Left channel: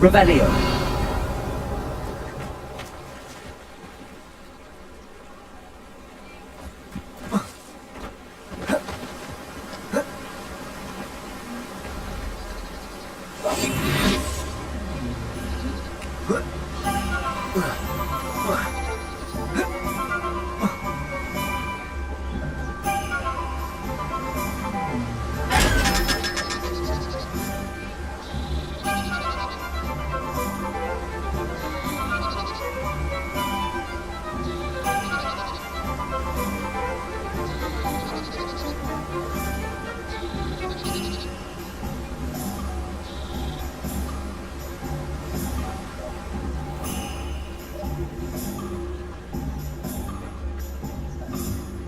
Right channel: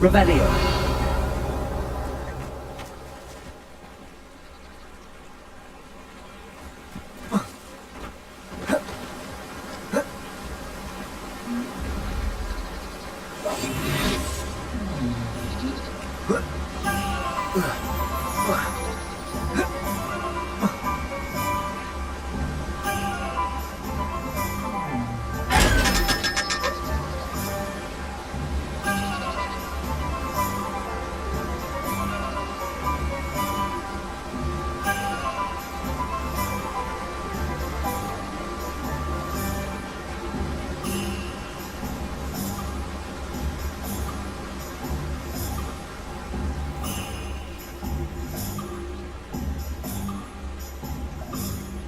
Revelio.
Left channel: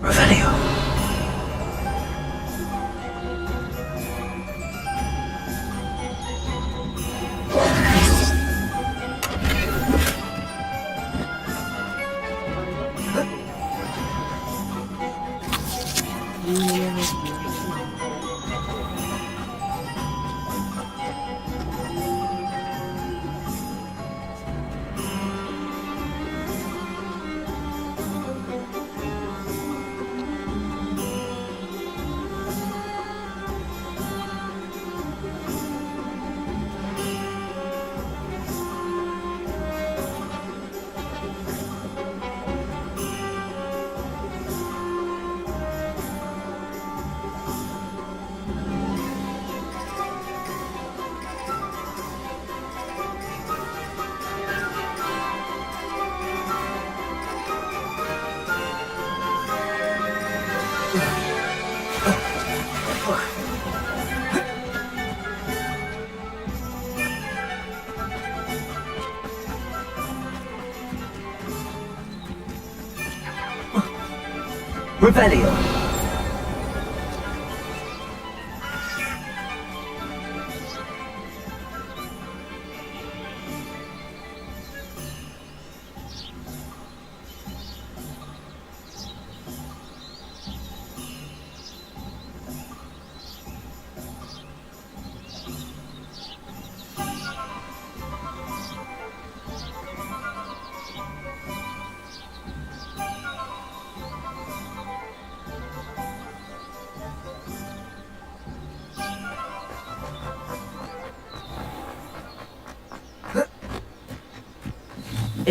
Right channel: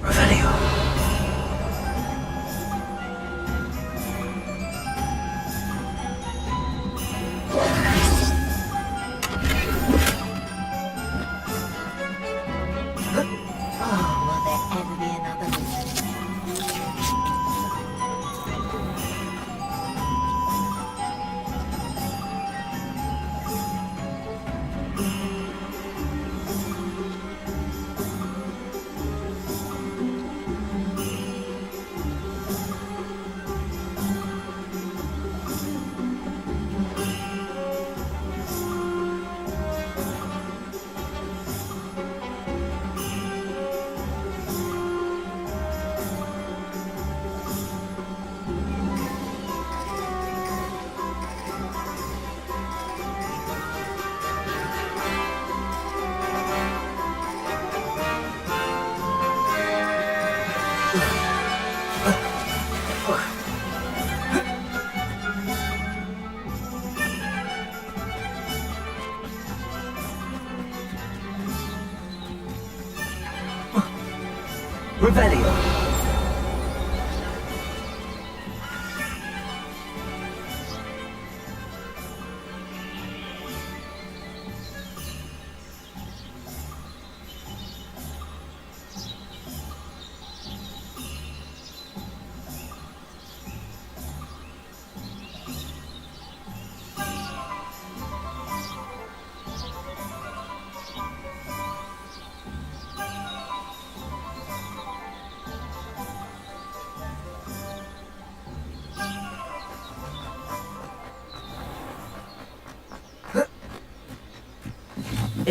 Revelio. Revelio.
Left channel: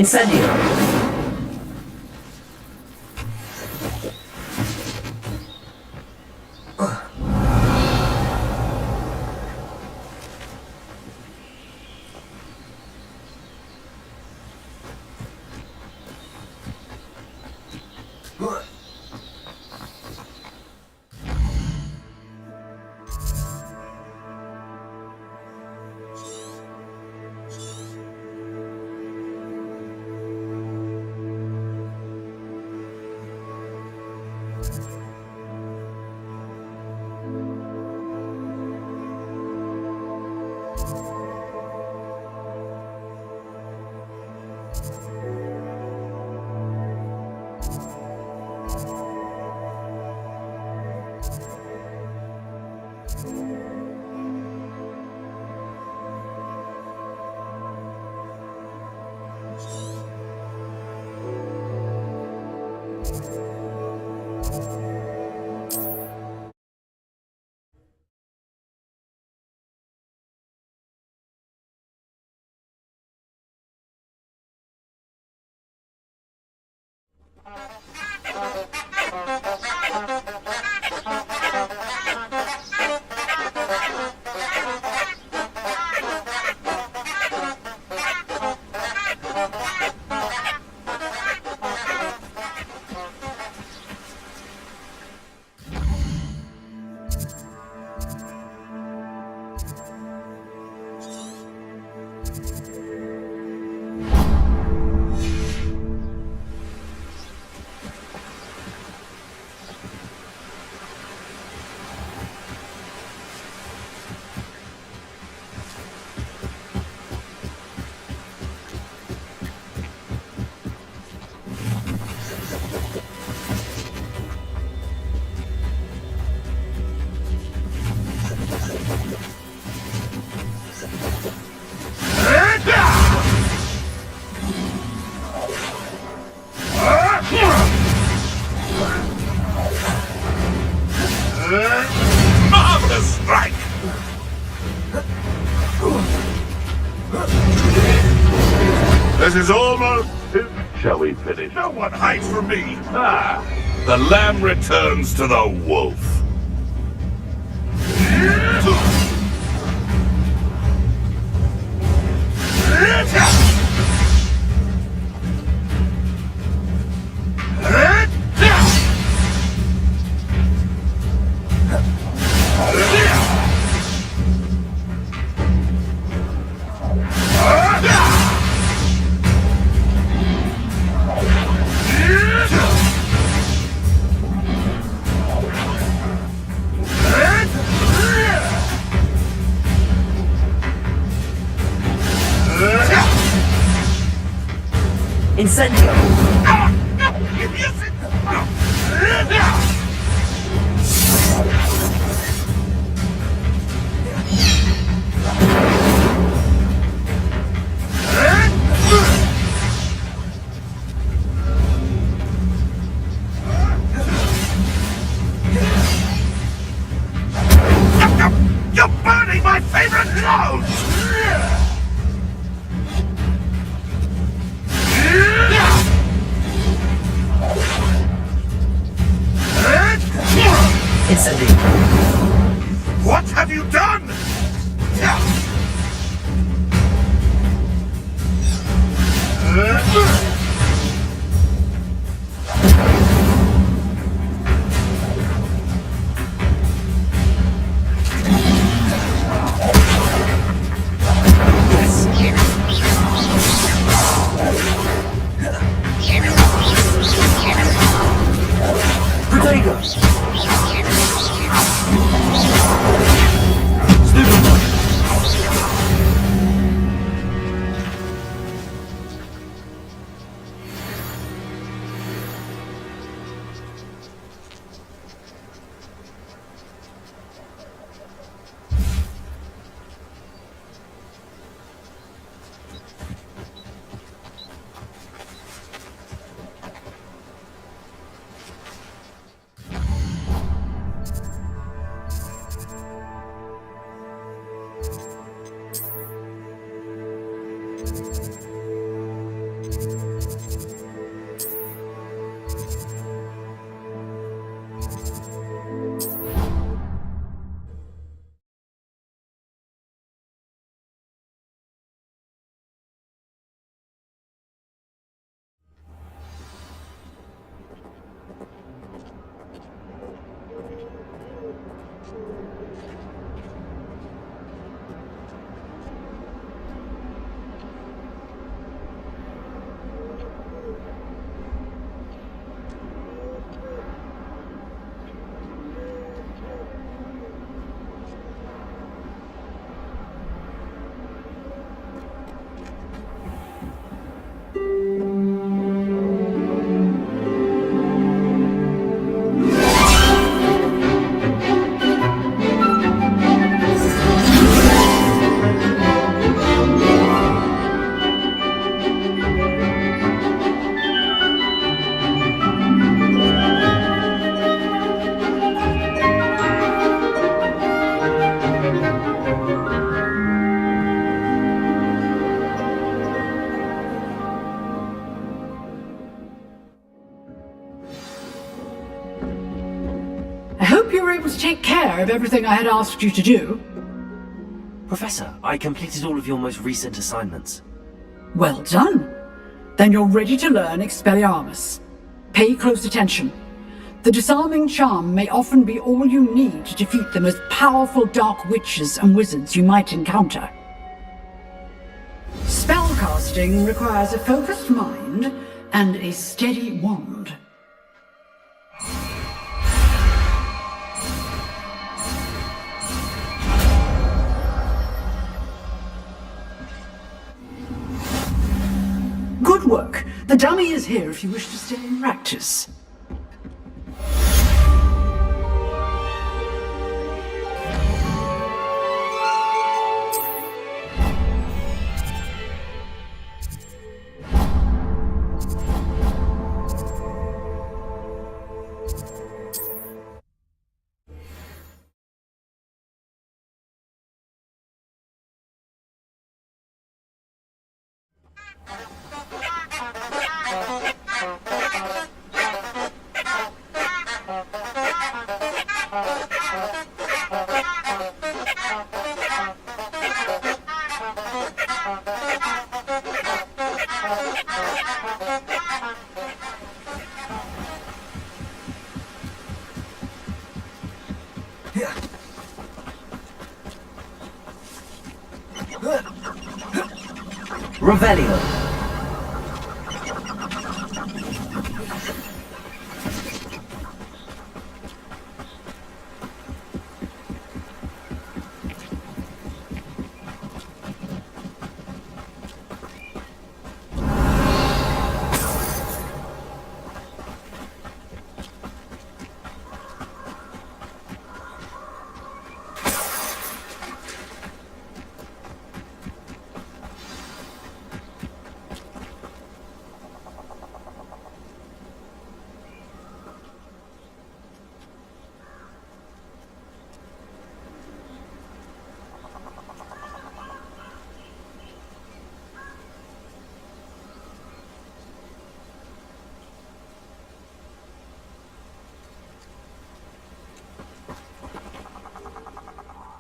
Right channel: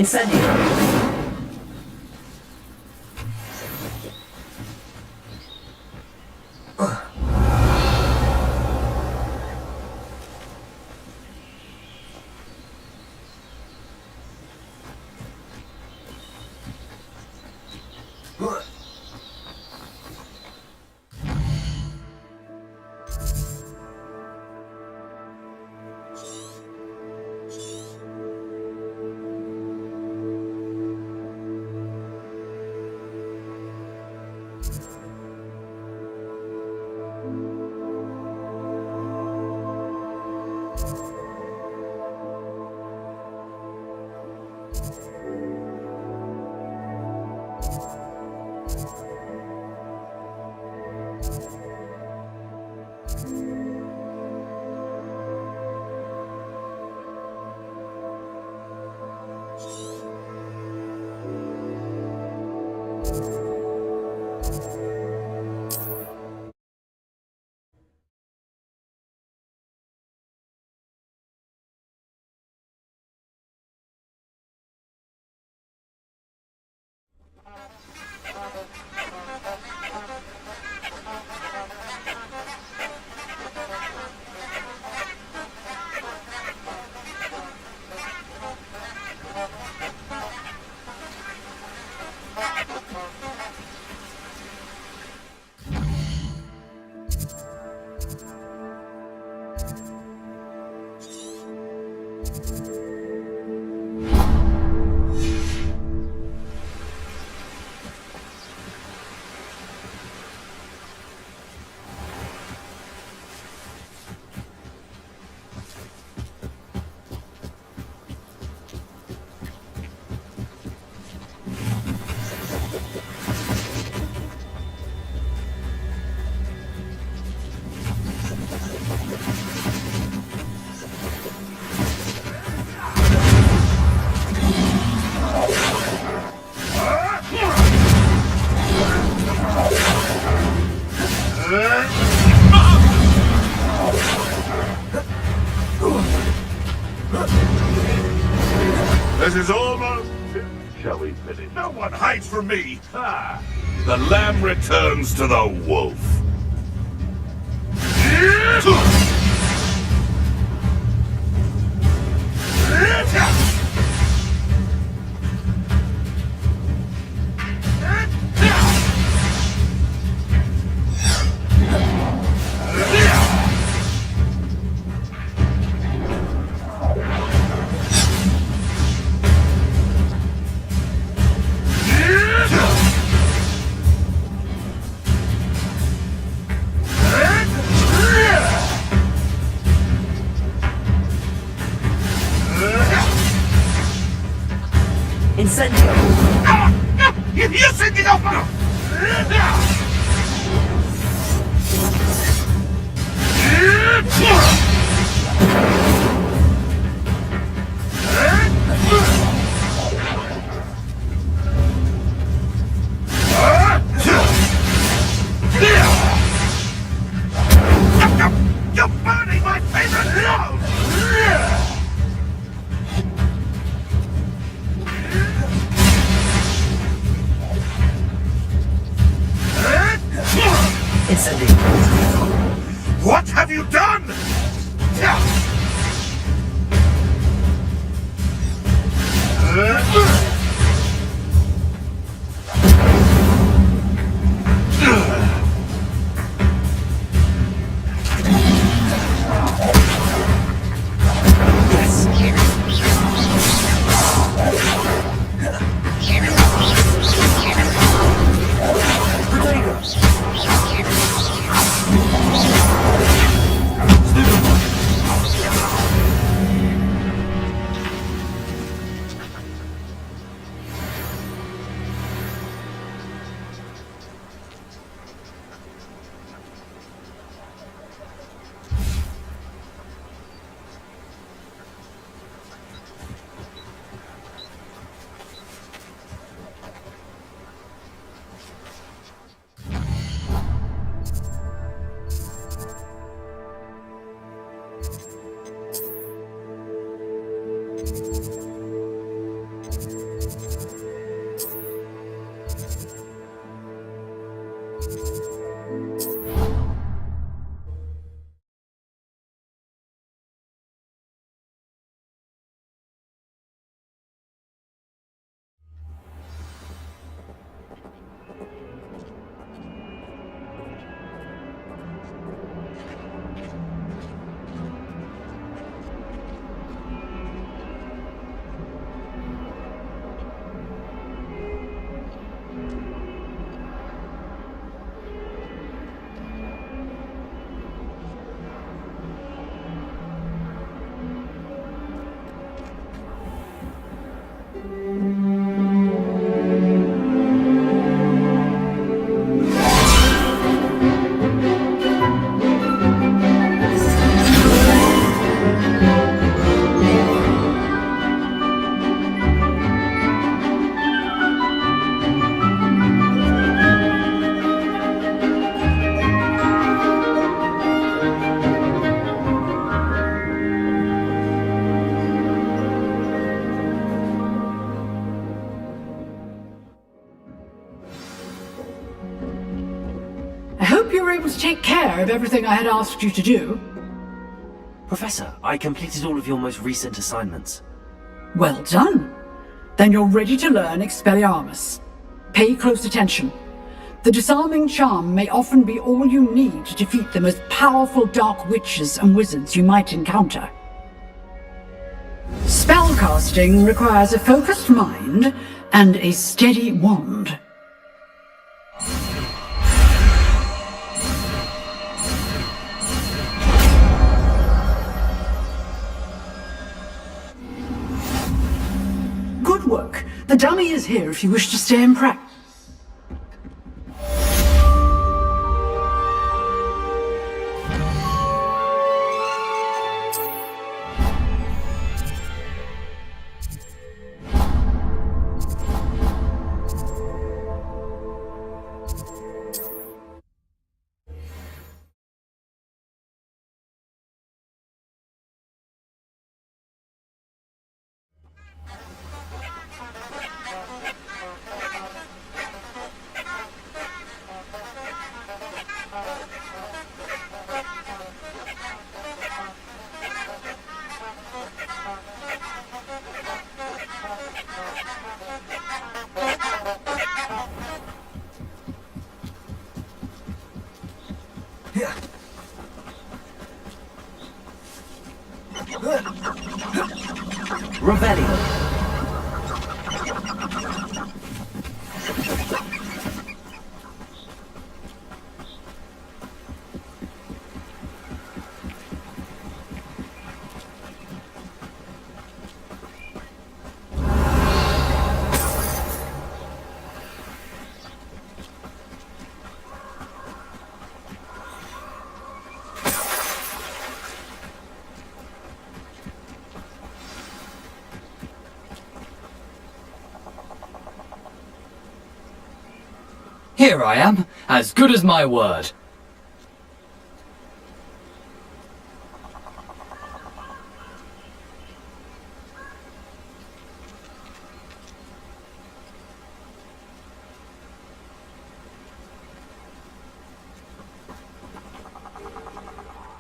Incendio. Marvelous strike! This is almost... Shall we finish? No one hides from me! Ah! The lamb returns to the wolf! Incendio! You sent it up! You're burning my favorite clothes! Incendio! What have you done? I hope you were able to take care of everything I had asked you to do. Professor, I completed all of your most recent assignments. Well done. Then you're ready to learn Expelliarmus. Pay close attention. The disarming charm may often be all you need to defeat the most powerful dark witches and wizards you might encounter. Spellcasting requires a focused mind and a steady wand. Good work. The dummy is here if you wish to stay and practice. Revelio. Here I am, as good as my word.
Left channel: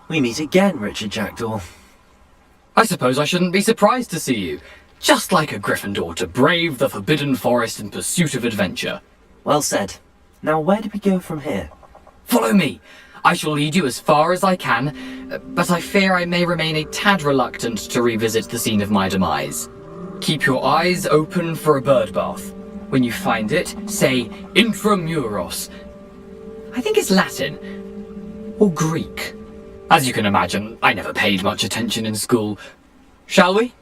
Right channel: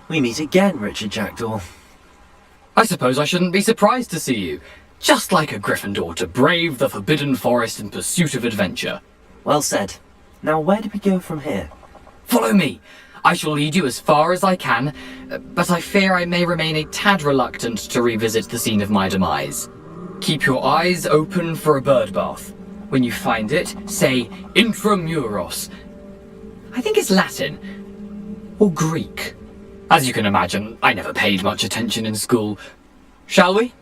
We meet again, Richard Jackdaw. I suppose I shouldn't be surprised to see you. Just like a Gryffindor to brave the Forbidden Forest in pursuit of adventure. Well said. Now where do we go from here? Follow me. I shall lead you as far as I can, but I fear I may remain a tad reluctant to revisit the scene of my demise. Keep your eyes open for a bird bath. When you find it, say Intramuros. I think it's Latin. Or Greek. As you can imagine, I never paid much attention in school. Shall we?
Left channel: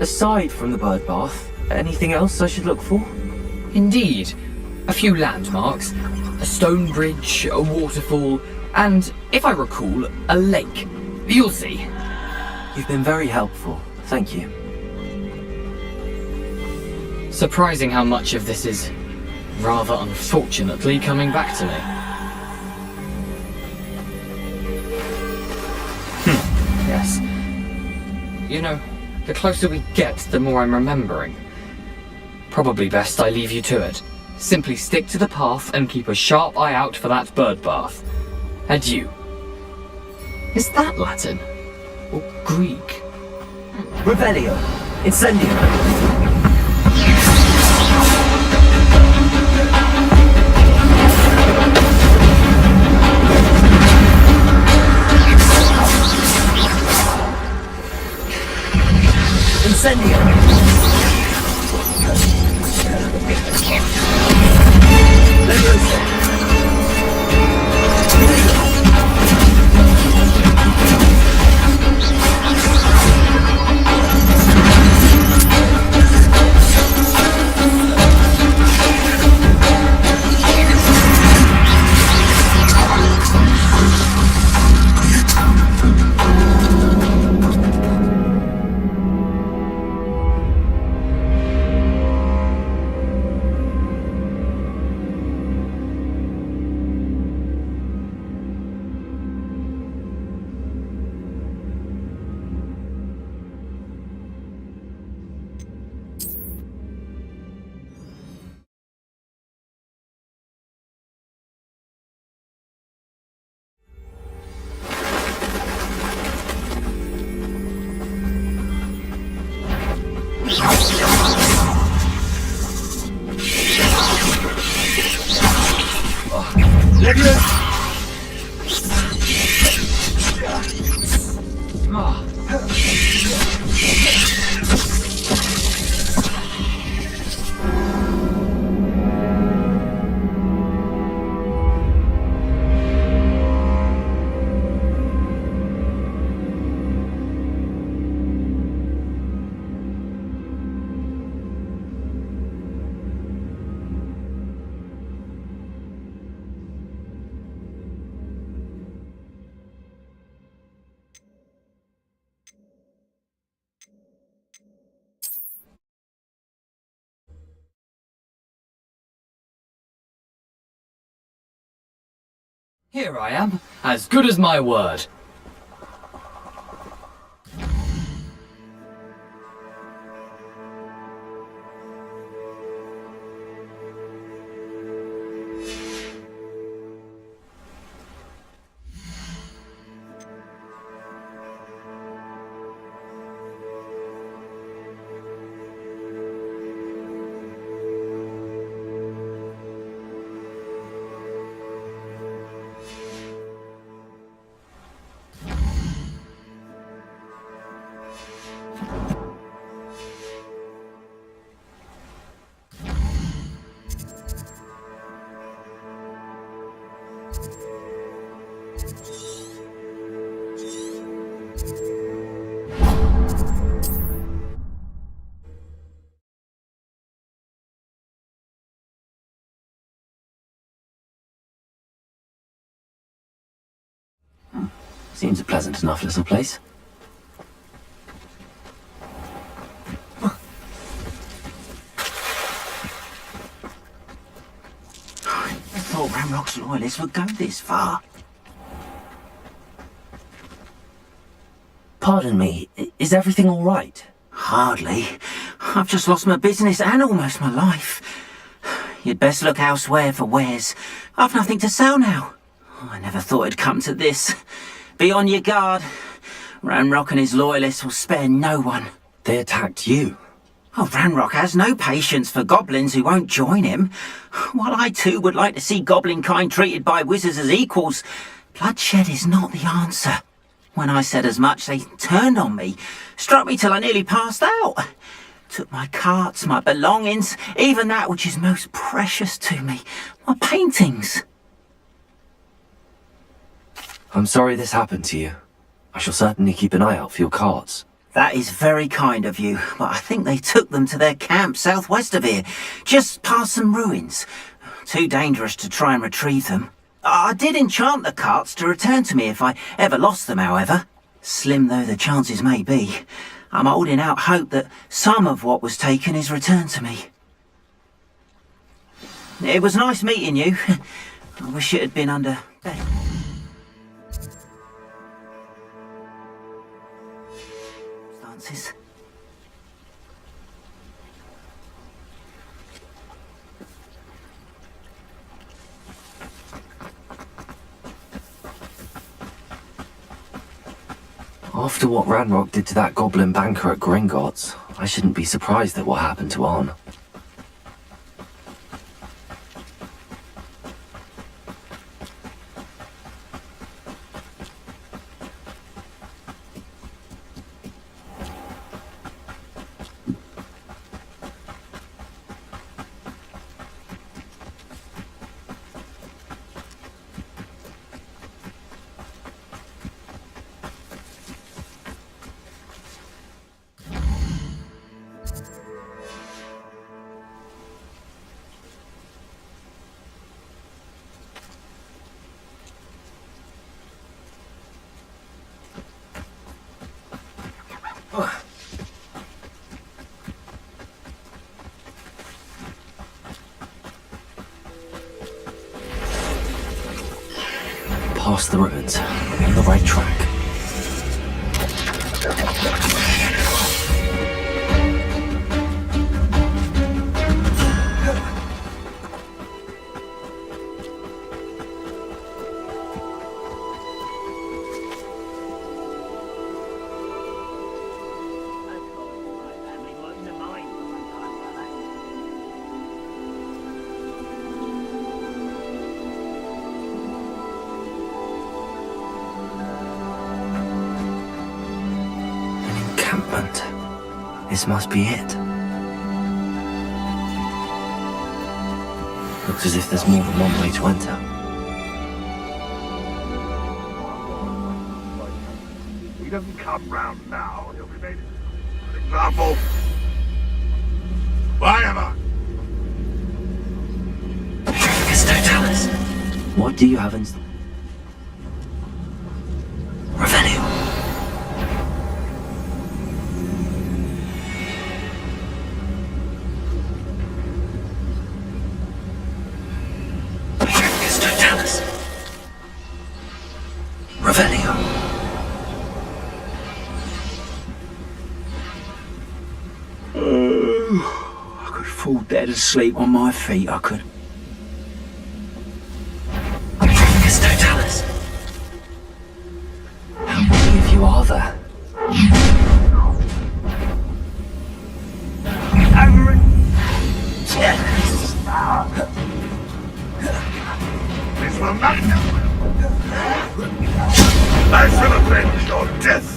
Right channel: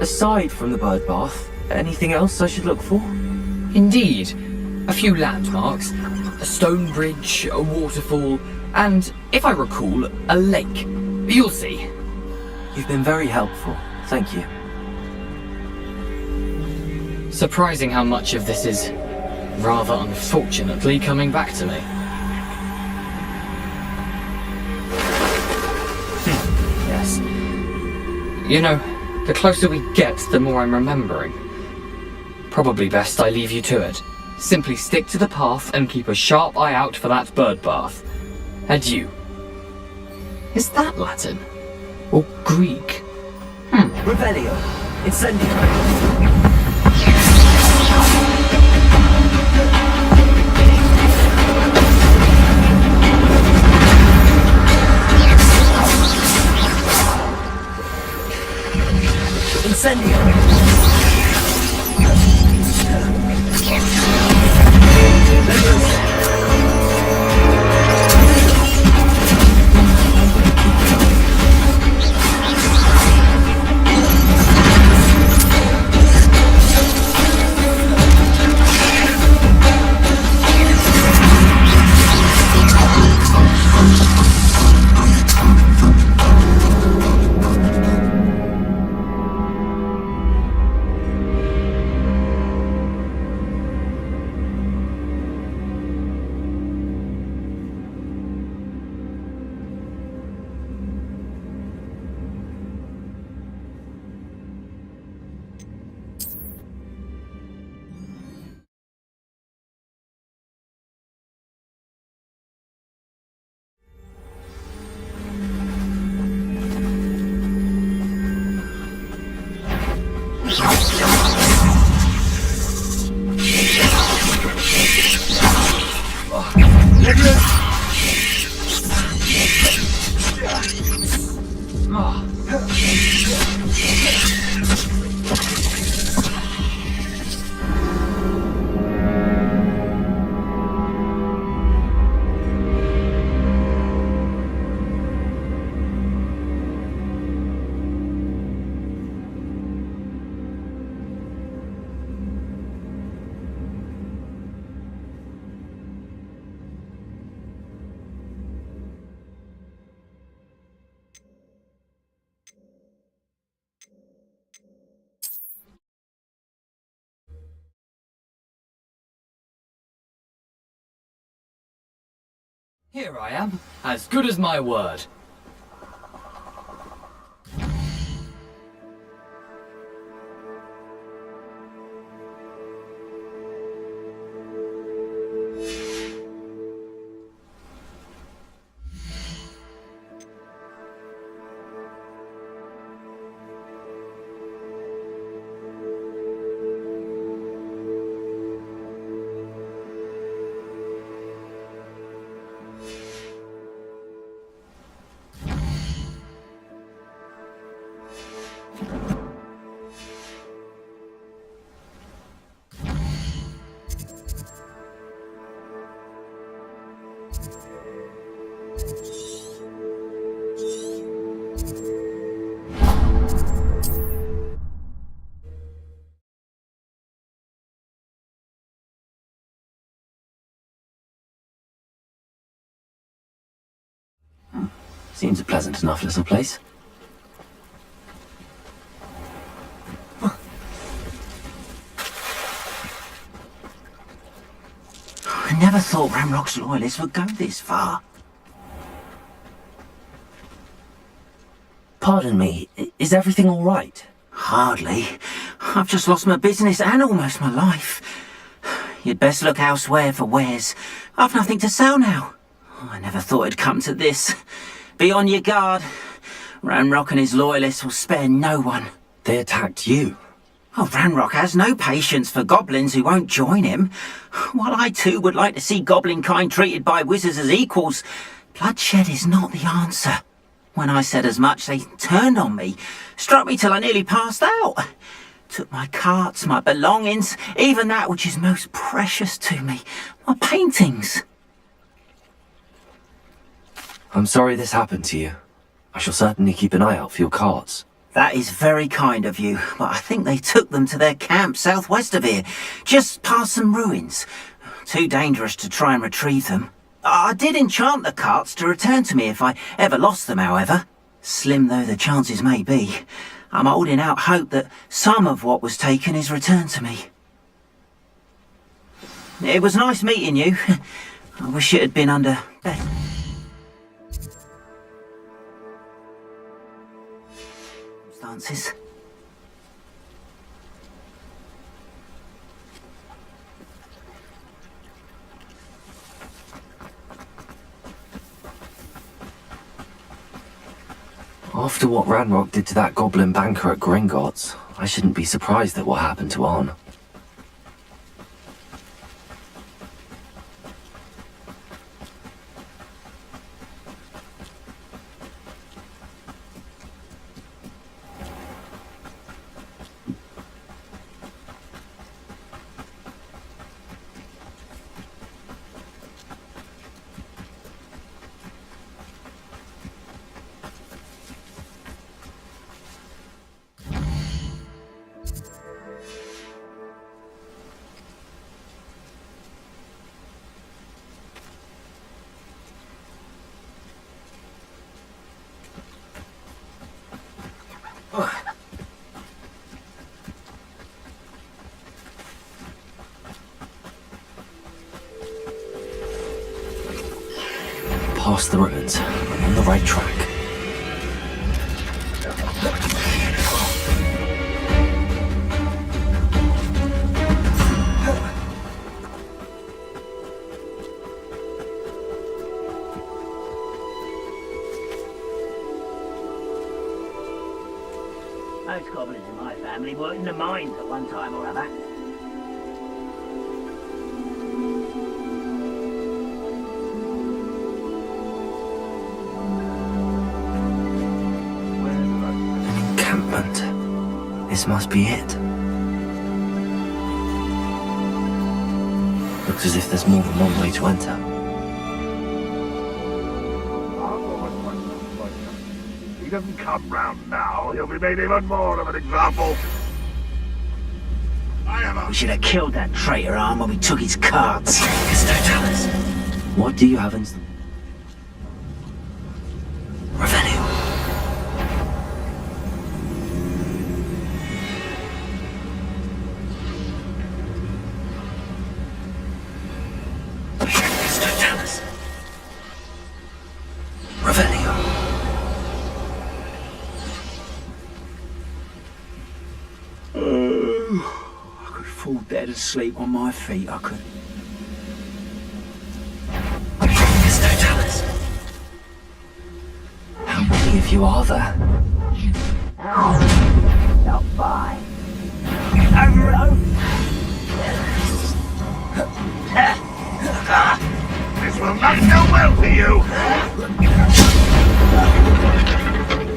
Aside from the bird bath, anything else I should look for? Indeed. A few landmarks, a stone bridge, a waterfall, and, if I recall, a lake. You'll see. You've been very helpful. Thank you. Surprising how much of this is, rather unfortunately, coming back to me. Yes. You know, the closer we get, the more I'm remembering. Probably best I leave you to it. Simply stick to the path and keep a sharp eye out for that bird bath. Adieu. Is that Latin? Or Greek? Revelio. Incendio. Incendio! Leviosa! Here I am, as good as my word. Seems a pleasant enough little place. I never thought Ramrock's loyalists would go this far. Pardon me, is everything all right? Hardly. I've just lost my business and almost my life. You'd best look elsewhere for wares. I've nothing to sell now. I never thought it'd come to this. Be on your guard. Ranrock and his loyalists will spare no one. They attacked you. Oh, Ranrock has no patience for goblins who won't join him. While I too would like to see goblin kind treated by wizards as equals, bloodshed is not the answer. When I said as much, they turned on me, struck me till I nearly passed out. Took my carts, my belongings, even that which is most precious to me, my paintings. I'm sorry this happened to you. I shall certainly keep an eye out for your carts. That is very kind of you, but I think they took them to their camp southwest of here, just past some ruins. Too dangerous to try and retrieve them. I did enchant the carts to return to me if I ever lost them, however. Slim though the chances may be, I'm holding out hope that some of what was taken is returned to me. It was nice meeting you. I wish it had been under better circumstances. After what Ranrock did to that goblin banker at Gringotts, I shouldn't be surprised at what happened to Arn. Past the ruins. I'm on the right track. Those goblins in my family were in the mines at one time or other. An encampment. This must be it. Looks as if there's more than one way to enter. He doesn't come round now, he'll be made even more of an example. Whatever. We should have killed that traitor arm when we took his carts. Totalis. What do you have in... Revelio. Totalis. Revelio. I could fall dead asleep on my feet, I could. Totalis. How many of you are there? Not fine. Over it. This will not go well for you. I shall avenge your death.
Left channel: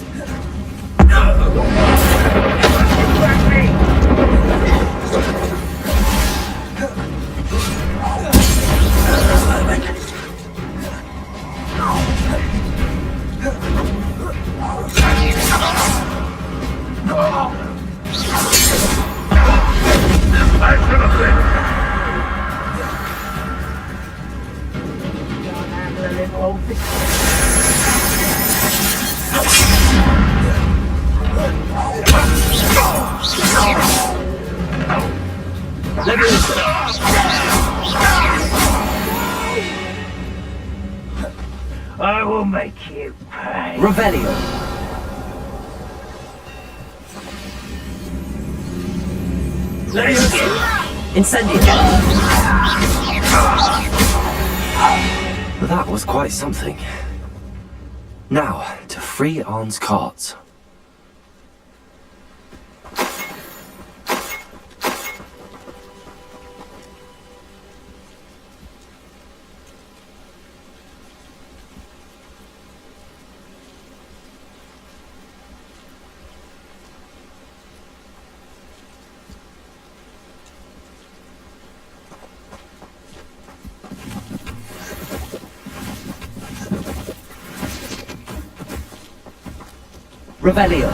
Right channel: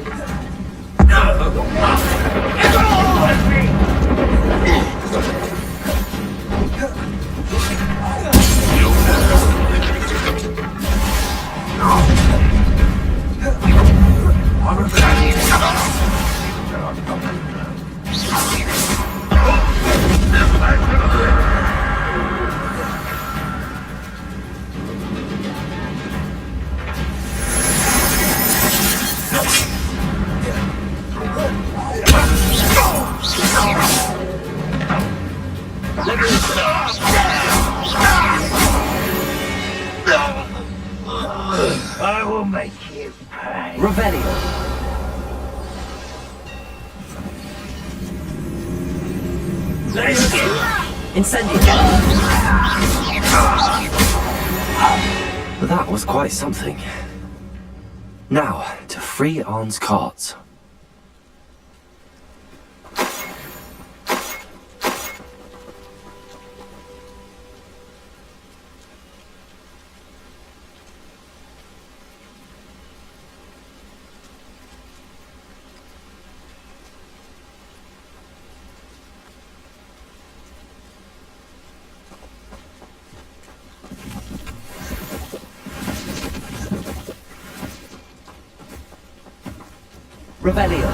I will make you pay. Revelio. Let's go. Incendio. That was quite something. Now, to free Arn's carts. Revelio.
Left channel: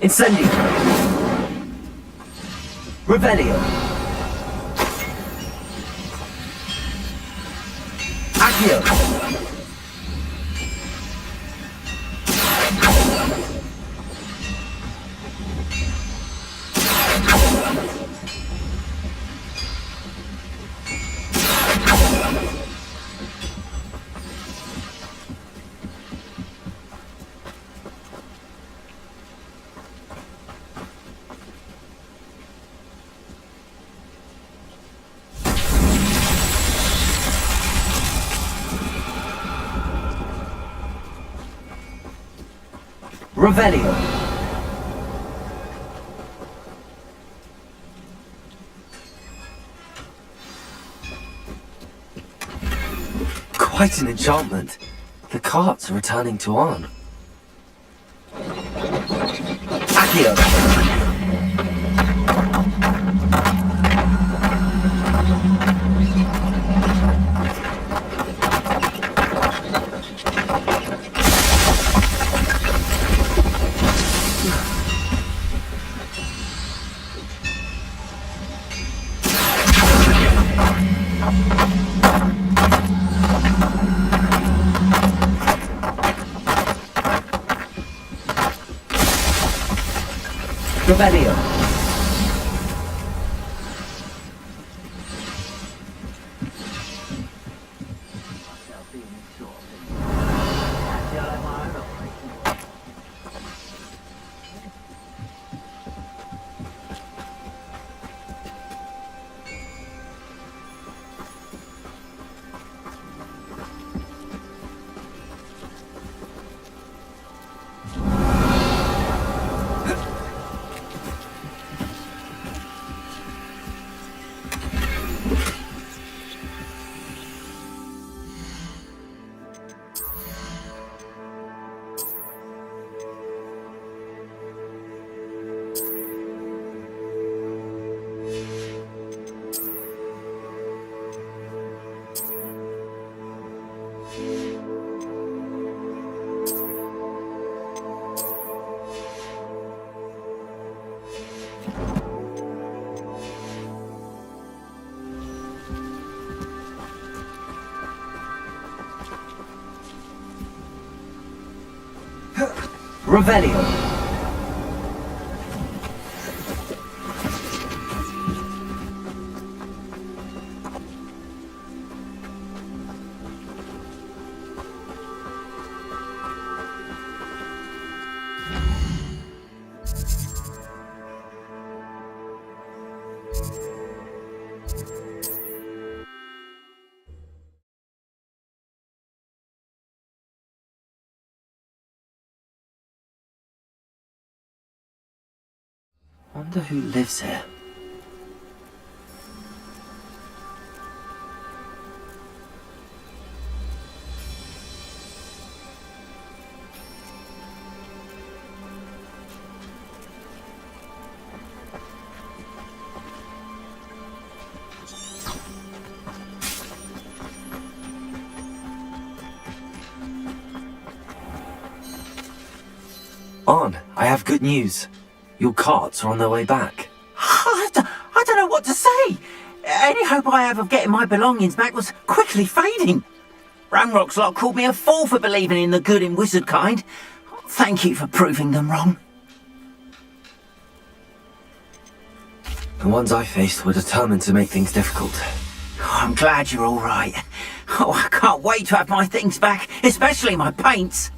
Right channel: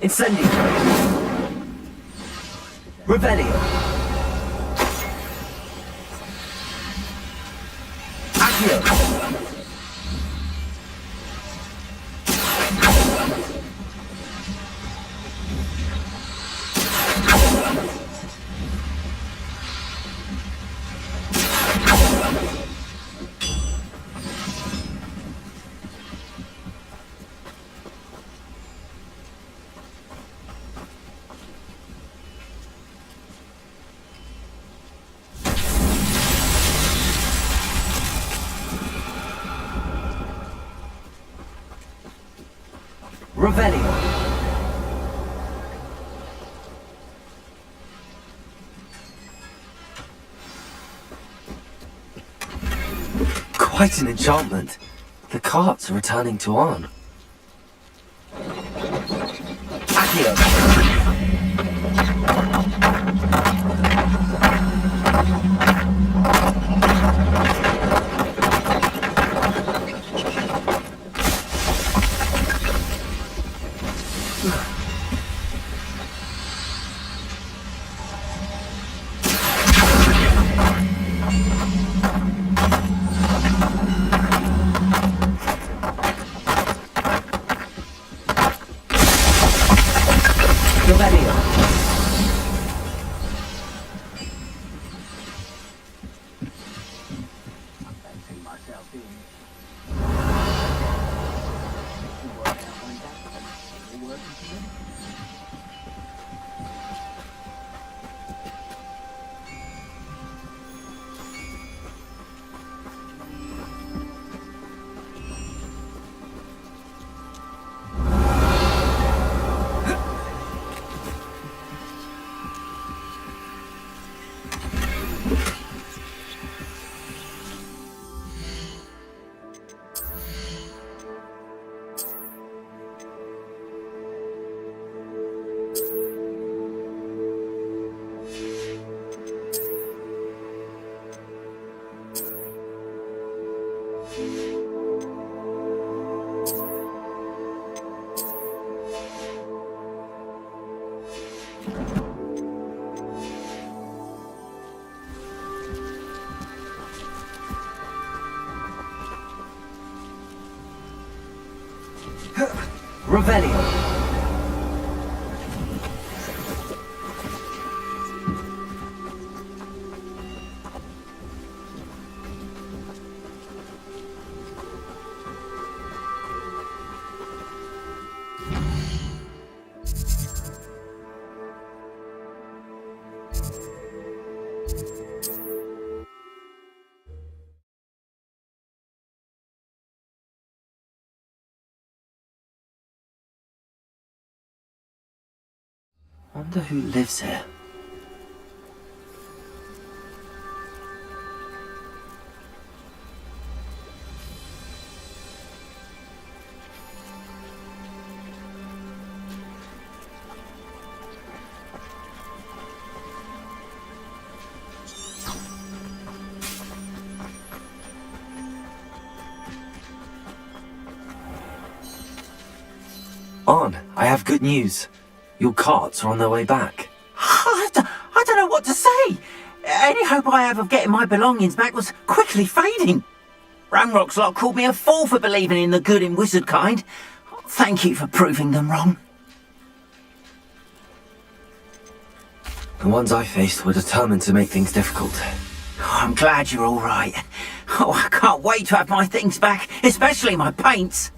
Incendio. Revelio. Accio. Revelio. Quite an enchantment. The carts are returning to Arn. Accio. Revelio. Revelio. Wonder who lives here. Arn, I have good news. Your carts are on their way back. I don't know what to say. Any hope I have of getting my belongings back was quickly fading. Ranrock's lot called me a fool for believing in the good in wizard kind. Thank you for proving them wrong. The ones I faced were determined to make things difficult. Oh, I'm glad you're all right. Oh, I can't wait to have my things back, especially my paints.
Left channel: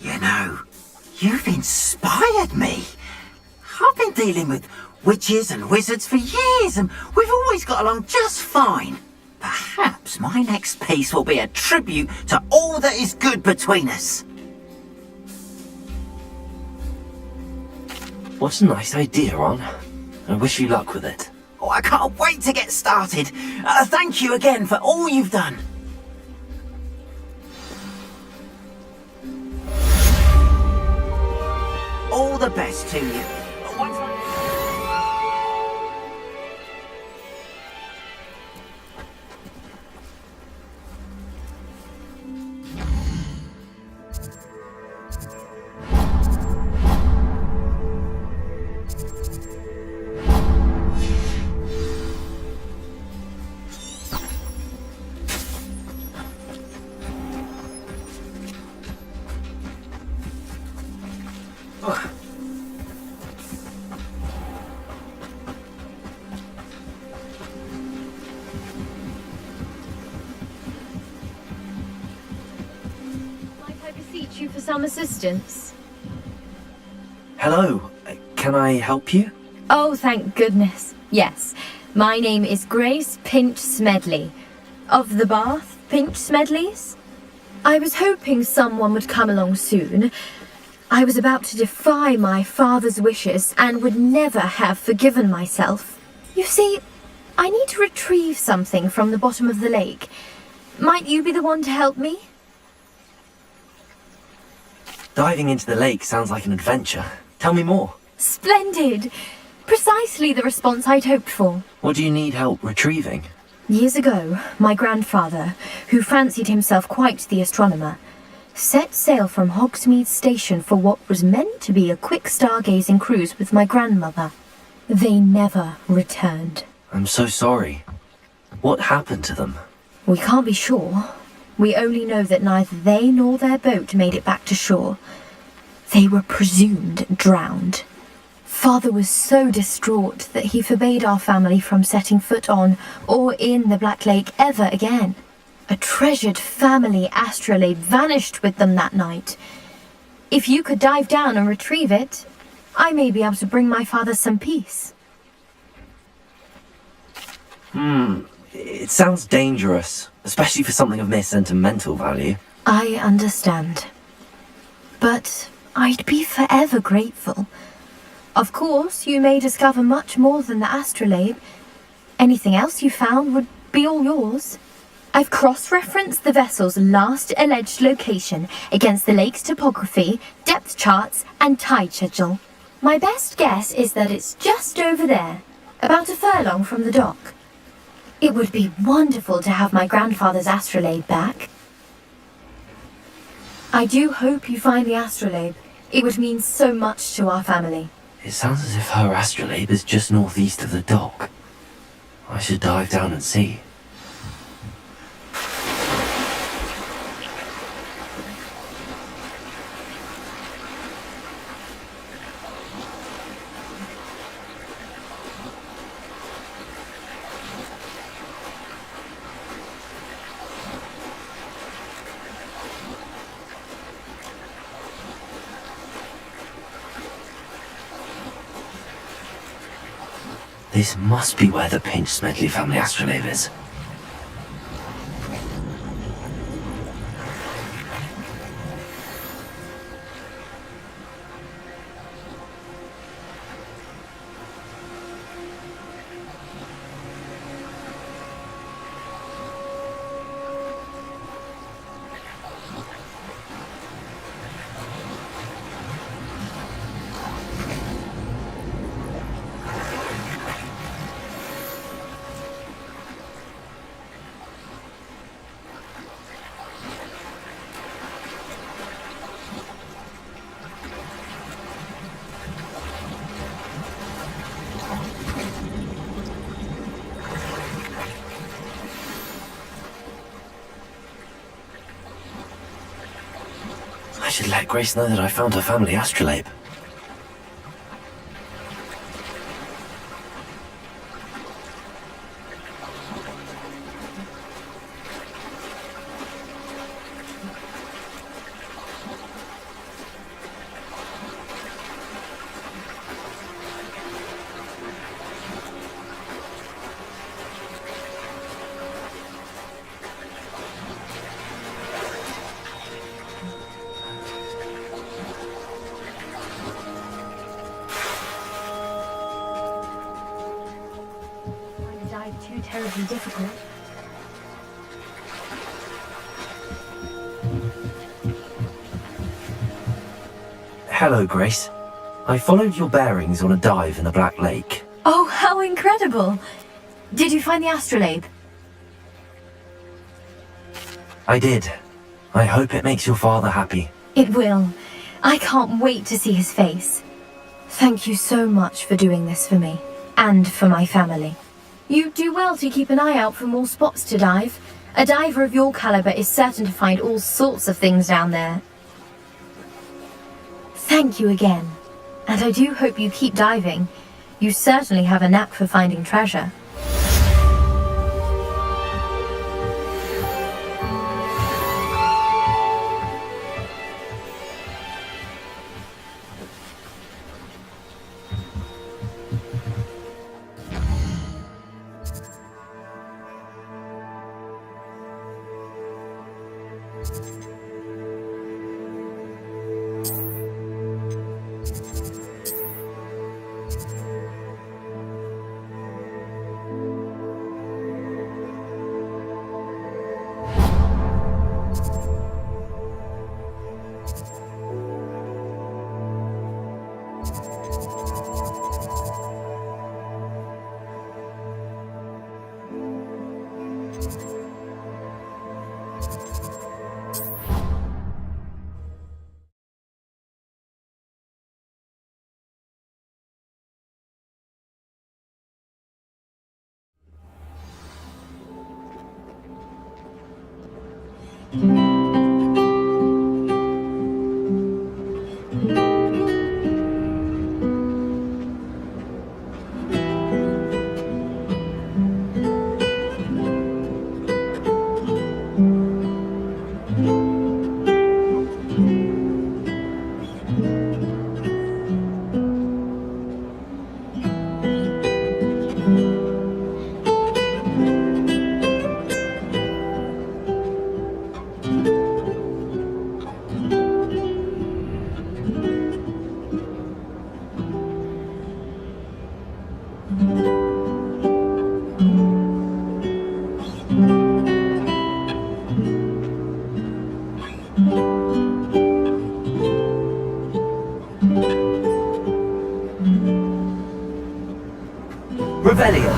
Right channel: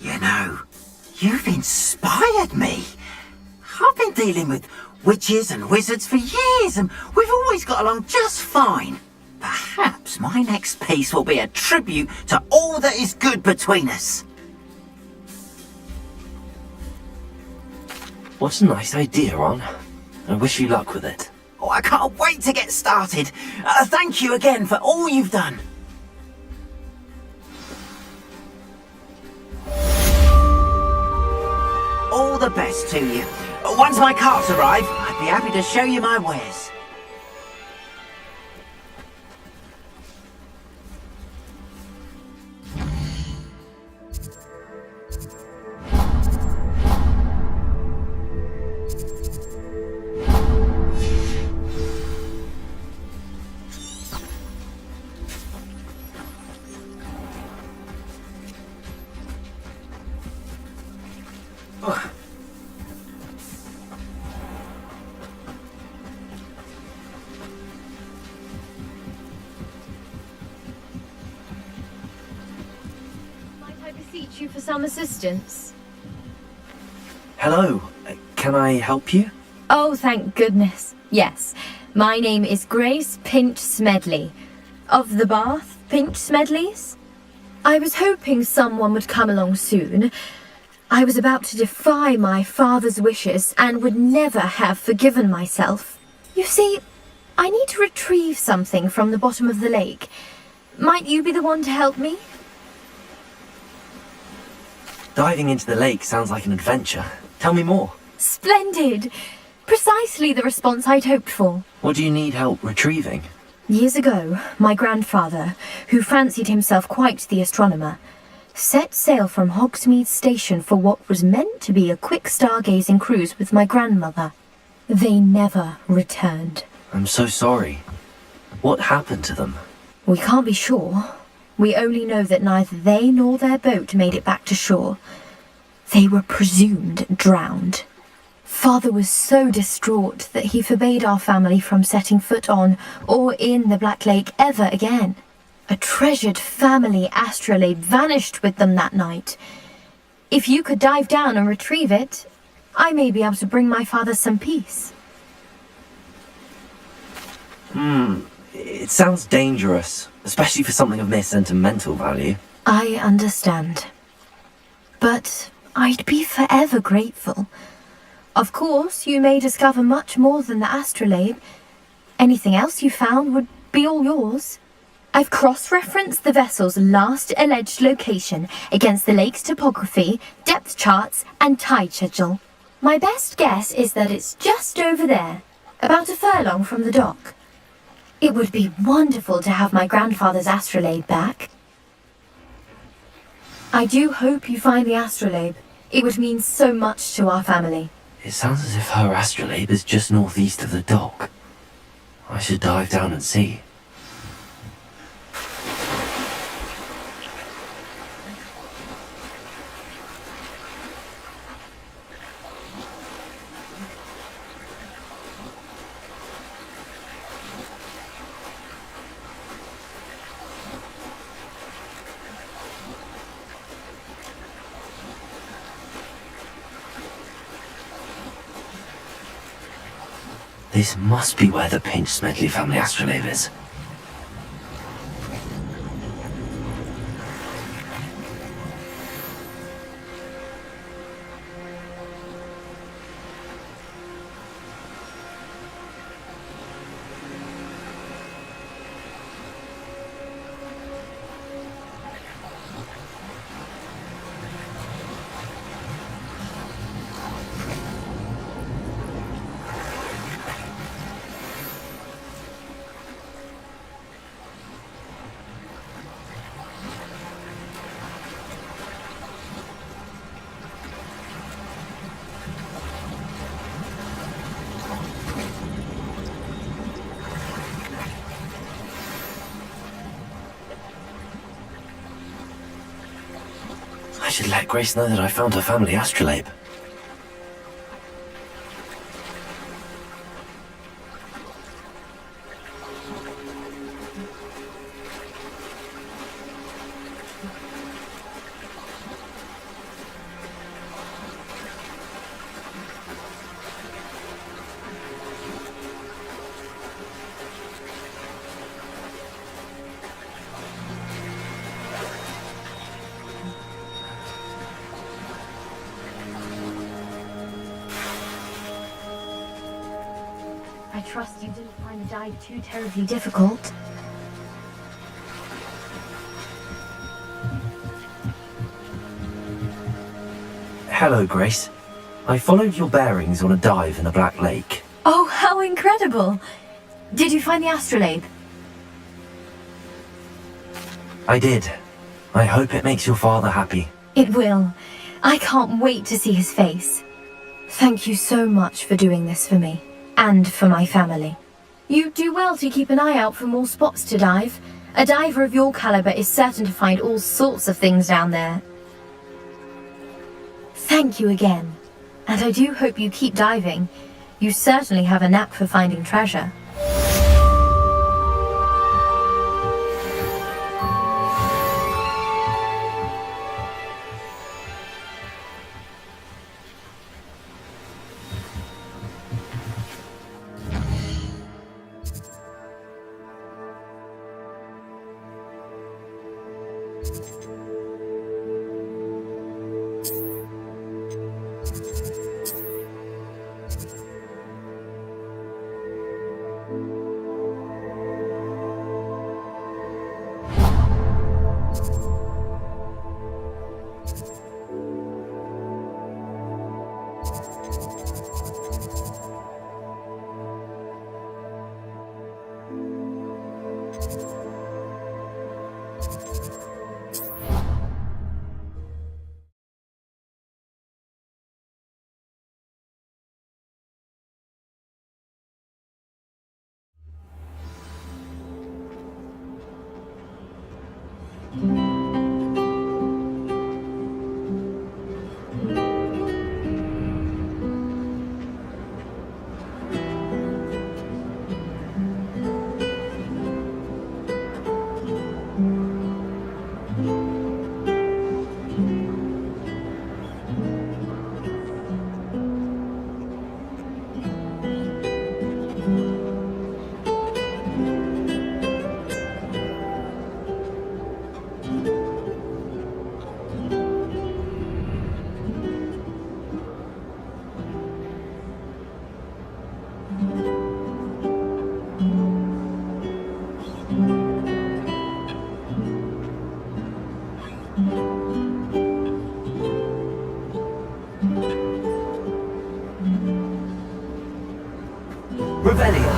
You know, you've inspired me. I've been dealing with witches and wizards for years, and we've always got along just fine. Perhaps my next piece will be a tribute to all that is good between us. What a nice idea, Ron. I wish you luck with it. Oh, I can't wait to get started. Thank you again for all you've done. All the best to you. Once my carts arrive, I'd be happy to show you my wares. Might I beseech you for some assistance? Hello. Can I help you? Oh, thank goodness. Yes. My name is Grace Pinch Smedley. Of the Bath Pinch Smedleys? I was hoping someone would come along soon. I was about to defy my father's wishes and would never have forgiven myself. You see, I need to retrieve something from the bottom of the lake. Might you be the one to help me? Diving into the lake sounds like an adventure. Tell me more. Splendid! Precisely the response I'd hoped for. What do you need help retrieving? Years ago, my grandfather, who fancied himself quite the astronomer, set sail from Hogsmeade Station for what was meant to be a quick stargazing cruise with my grandmother. They never returned. I'm so sorry. What happened to them? We can't be sure. We only know that neither they nor their boat made it back to shore. They were presumed drowned. Father was so distraught that he forbade our family from setting foot on or in the Black Lake ever again. A treasured family astrolabe vanished with them that night. If you could dive down and retrieve it, I may be able to bring my father some peace. It sounds dangerous, especially for something of mere sentimental value. I understand. But I'd be forever grateful. Of course, you may discover much more than the astrolabe. Anything else you found would be all yours. I've cross-referenced the vessel's last alleged location against the lake's topography, depth charts, and tide schedule. My best guess is that it's just over there, about a furlong from the dock. It would be wonderful to have my grandfather's astrolabe back. I do hope you find the astrolabe. It would mean so much to our family. It sounds as if her astrolabe is just northeast of the dock. I should dive down and see. This must be where the Pinch Smedley family astrolabe is. I should let Grace know that I found her family astrolabe. I trust you didn't find the dive too terribly difficult. Hello, Grace. I followed your bearings on a dive in the Black Lake. Oh, how incredible! Did you find the astrolabe? I did. I hope it makes your father happy. It will. I can't wait to see his face. Thank you so much for doing this for me, and for my family. You do well to keep an eye out for more spots to dive. A diver of your caliber is certain to find all sorts of things down there. Thank you again, and I do hope you keep diving. You certainly have a knack for finding treasure. Revelio!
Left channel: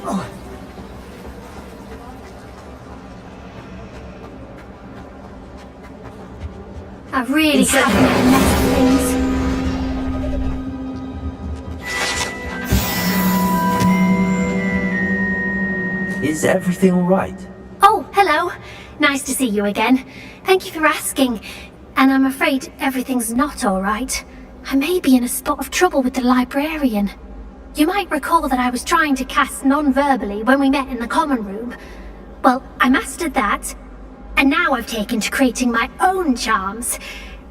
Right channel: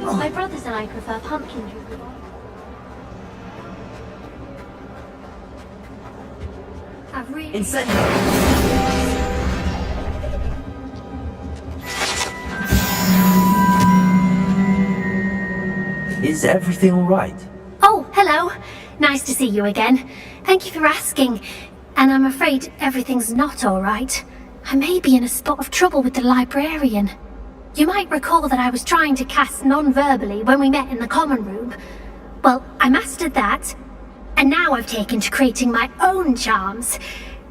My brothers and I prefer pumpkin juice. I've really Is everything alright? Oh, hello. Nice to see you again. Thank you for asking. And I'm afraid everything's not all right. I may be in a spot of trouble with the librarian. You might recall that I was trying to cast non-verbally when we met in the common room. Well, I mastered that, and now I've taken to creating my own charms.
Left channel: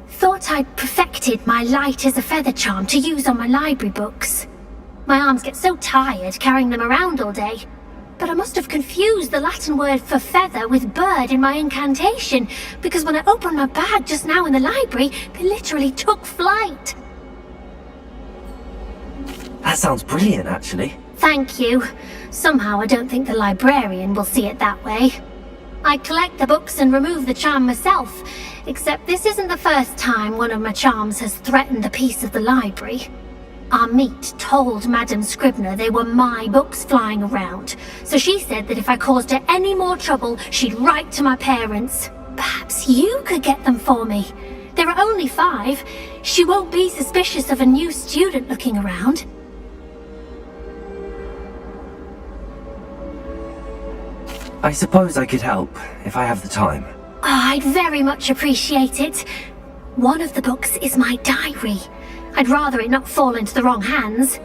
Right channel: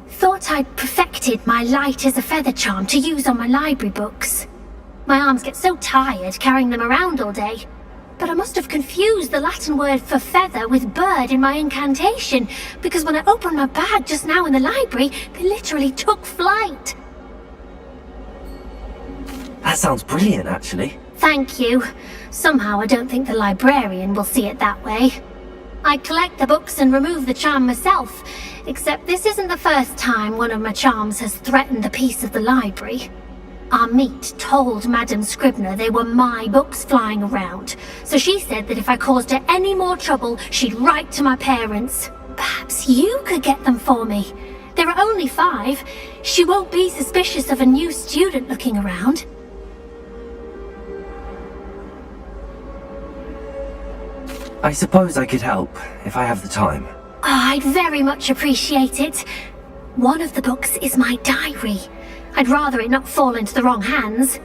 Thought I'd perfected my light as a feather charm to use on my library books. My arms get so tired carrying them around all day. But I must have confused the Latin word for feather with bird in my incantation, because when I opened my bag just now in the library, they literally took flight. That sounds brilliant, actually. Thank you. Somehow I don't think the librarian will see it that way. I collect the books and remove the charm myself, except this isn't the first time one of my charms has threatened the peace of the library. Our meet told Madame Scribner they were my books flying around, so she said that if I caused her any more trouble, she'd write to my parents. Perhaps you could get them for me. There are only 5. She won't be suspicious of a new student looking around. I suppose I could help, if I have the time. I'd very much appreciate it. One of the books is my diary. I'd rather it not fall into the wrong hands.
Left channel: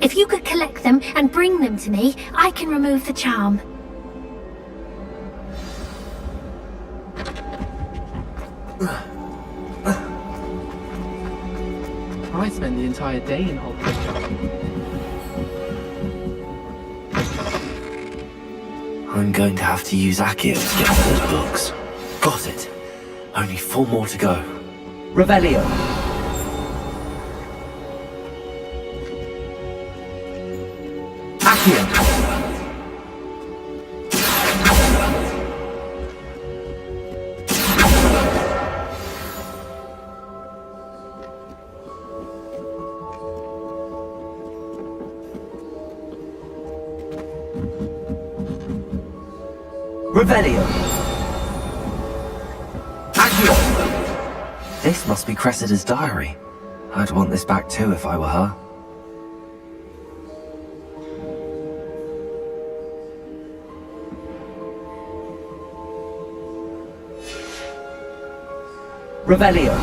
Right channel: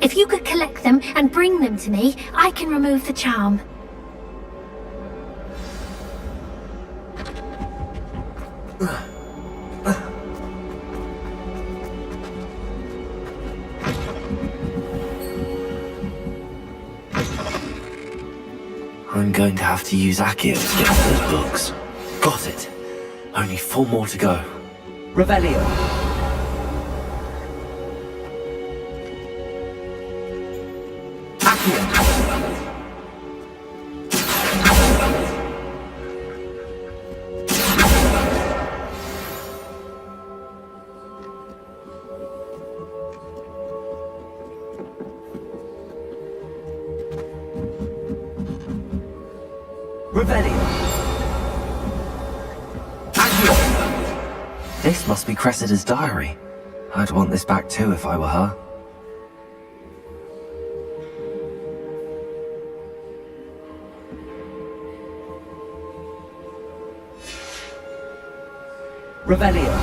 If you could collect them and bring them to me, I can remove the charm. I spend the entire day in Hogwarts. I'm going to have to use Accio to get to those books. Got it. Only 4 more to go. Revelio. Accio. Revelio. Accio. This must be Cressida's diary. I'd want this back too if I were her. Revelio.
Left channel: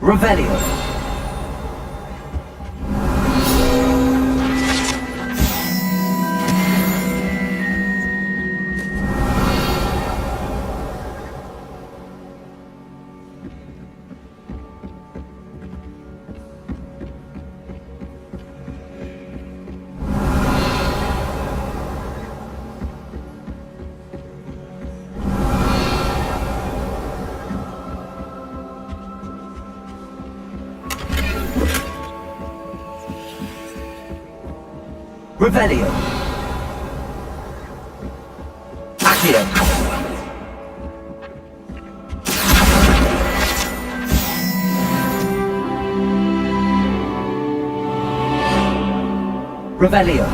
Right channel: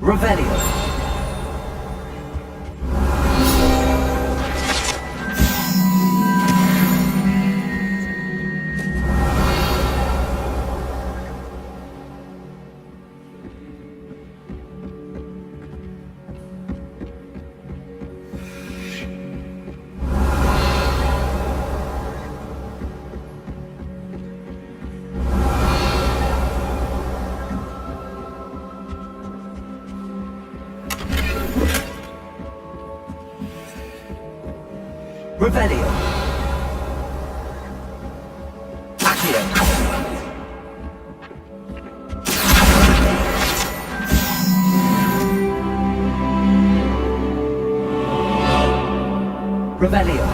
Revelio. Revelio. Accio. Revelio.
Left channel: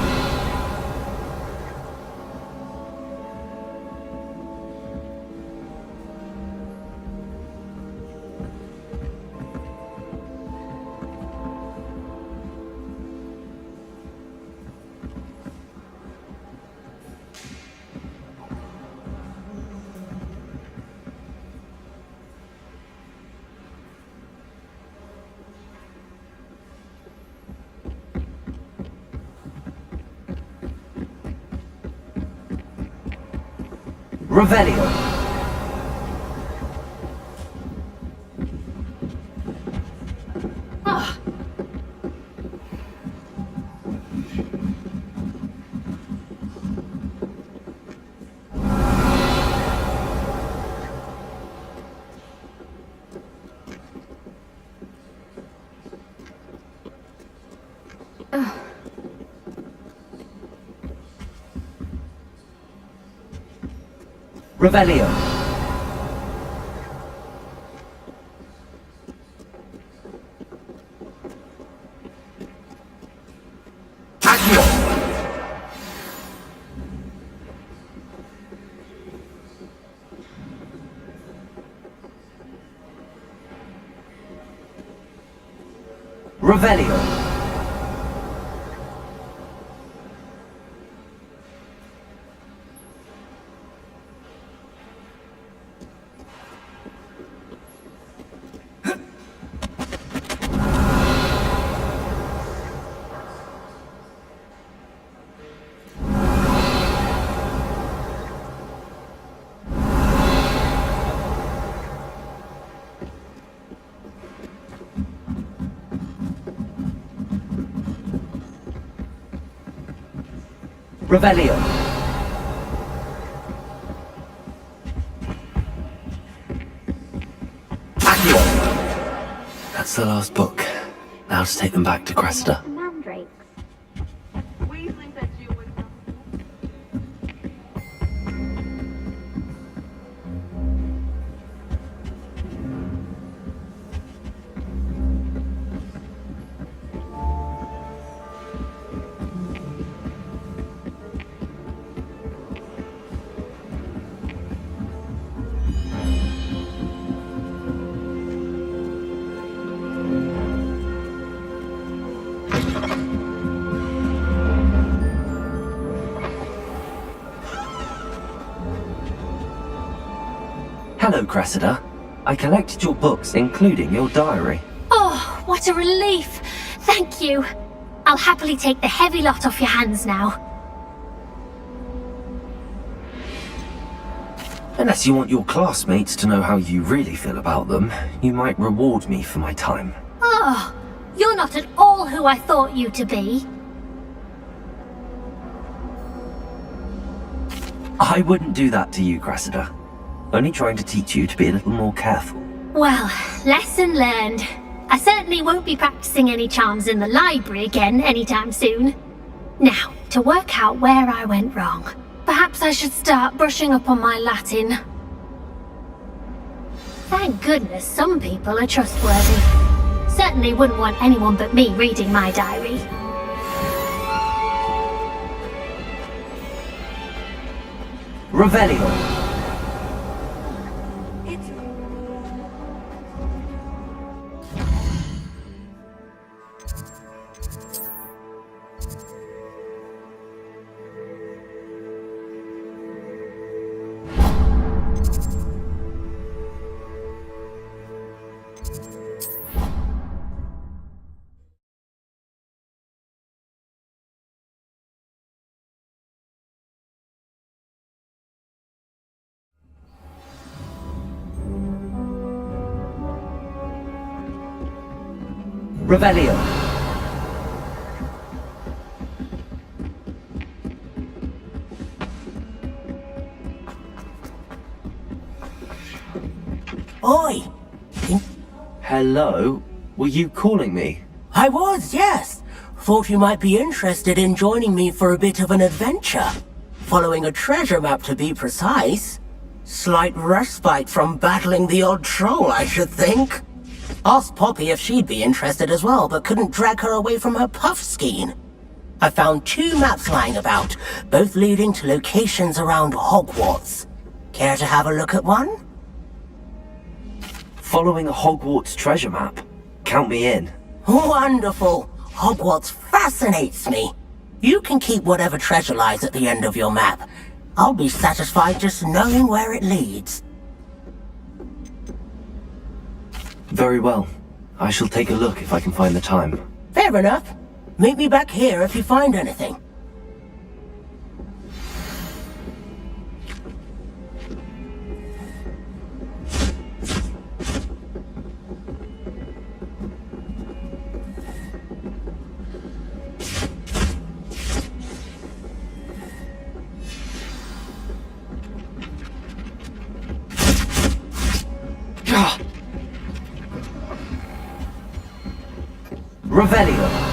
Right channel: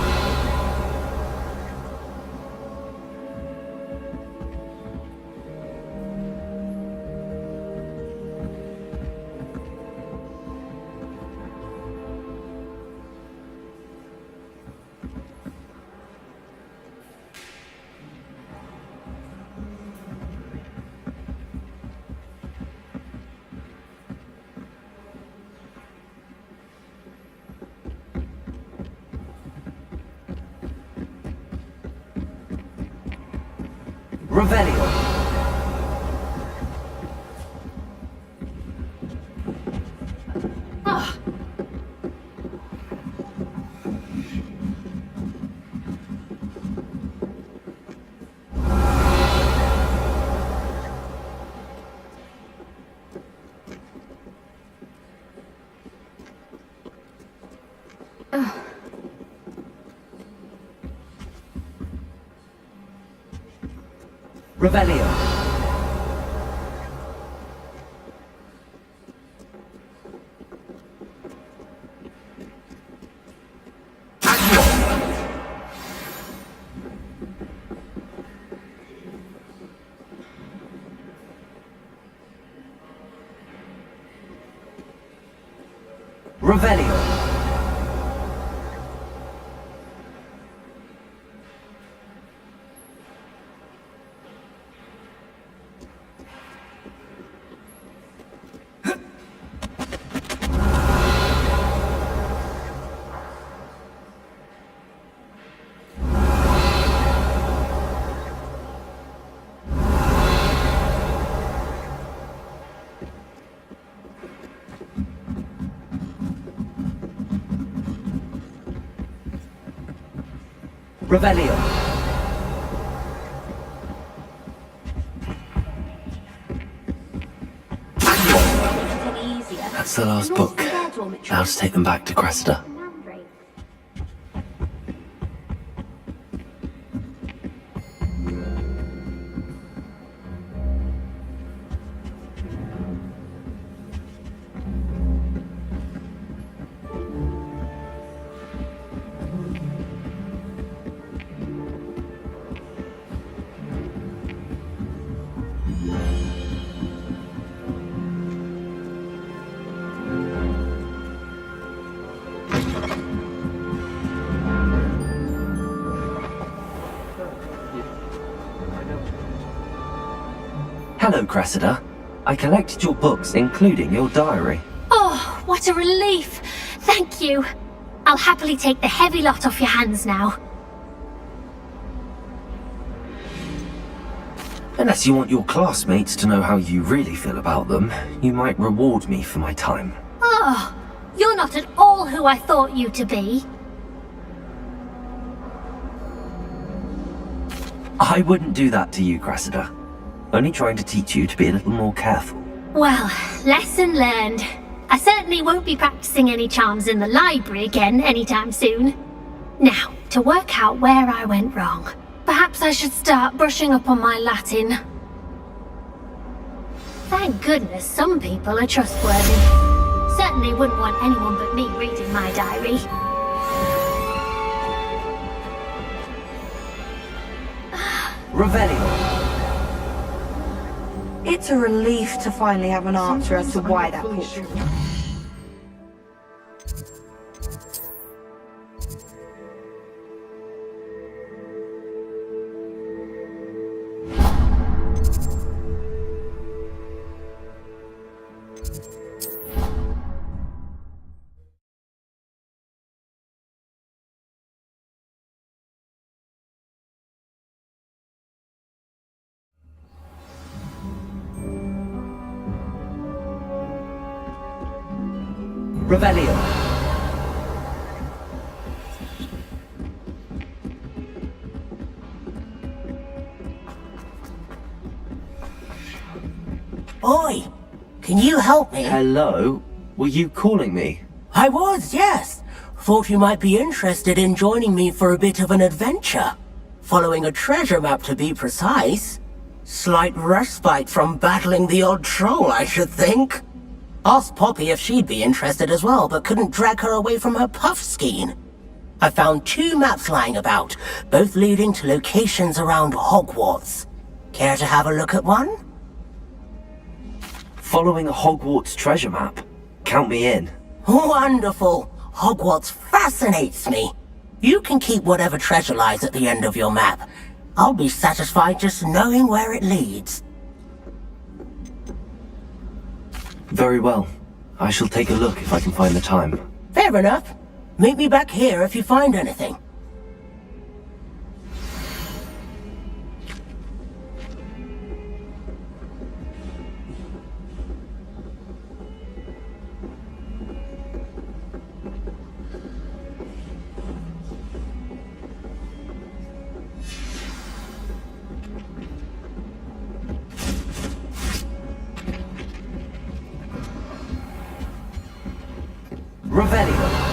Revelio. Revelio. Accio. Revelio. Revelio. Accio. That's the last book. Now to take them back to Cressida. Hello, Cressida. I collected your books, including your diary. Oh, what a relief! Thank you. I'll happily take the heavy lot off your hands now. Unless you want your classmates to know how you really feel about them, you might reward me for my time. Oh, you're not at all who I thought you to be. I wouldn't do that to you, Cressida. Only trying to teach you to be a little more careful. Well, lesson learned. I certainly won't be practicing any charms in the library again anytime soon. Now, to work out where I went wrong. Perhaps I should start brushing up on my Latin. Thank goodness some people are trustworthy. Certainly wouldn't want anyone but me reading my diary. Revelio. It's a relief to finally have an answer as to why that portrait. Revelio. Oi! Can you help me? Hello? Were you calling me? I was, yes. Thought you might be interested in joining me for a bit of an adventure. Following a treasure map, to be precise. Slight respite from battling the odd troll, I should think. Asked Poppy if she'd be interested as well, but couldn't drag her away from her puff skein. I found 2 maps lying about, both leading to locations around Hogwarts. Care to have a look at one? Following a Hogwarts treasure map? Count me in. Wonderful! Hogwarts fascinates me. You can keep whatever treasure lies at the end of your map. I'll be satisfied just knowing where it leads. Very well. I shall take a look if I can find the time. Fair enough. Meet me back here if you find anything. Revelio.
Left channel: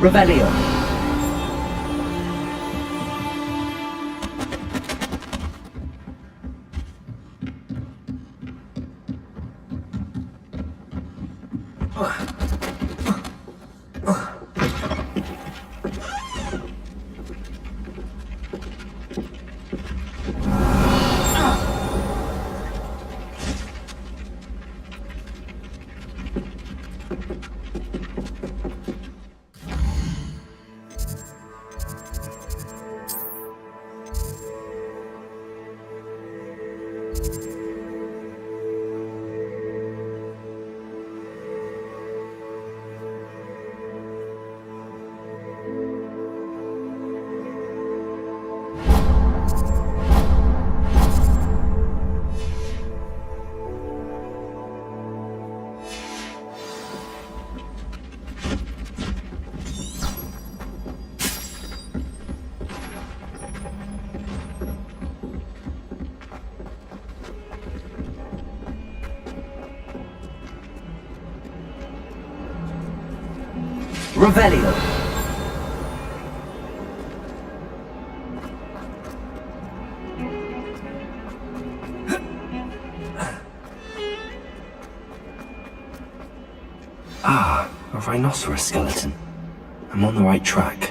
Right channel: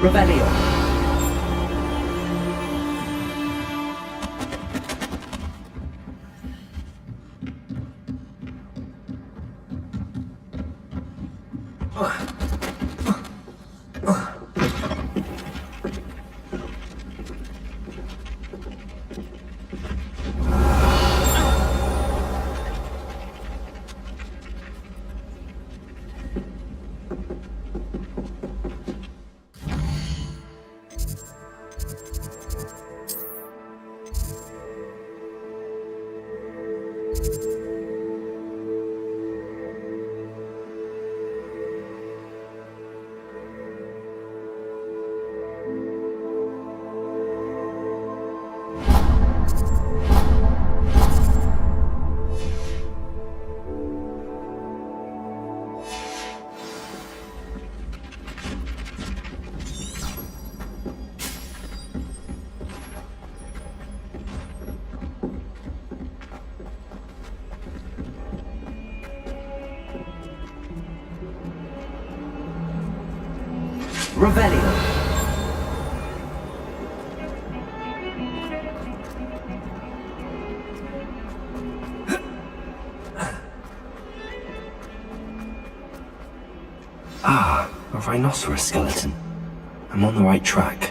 Revelio. Revelio. Ah, a rhinoceros skeleton. I'm on the right track.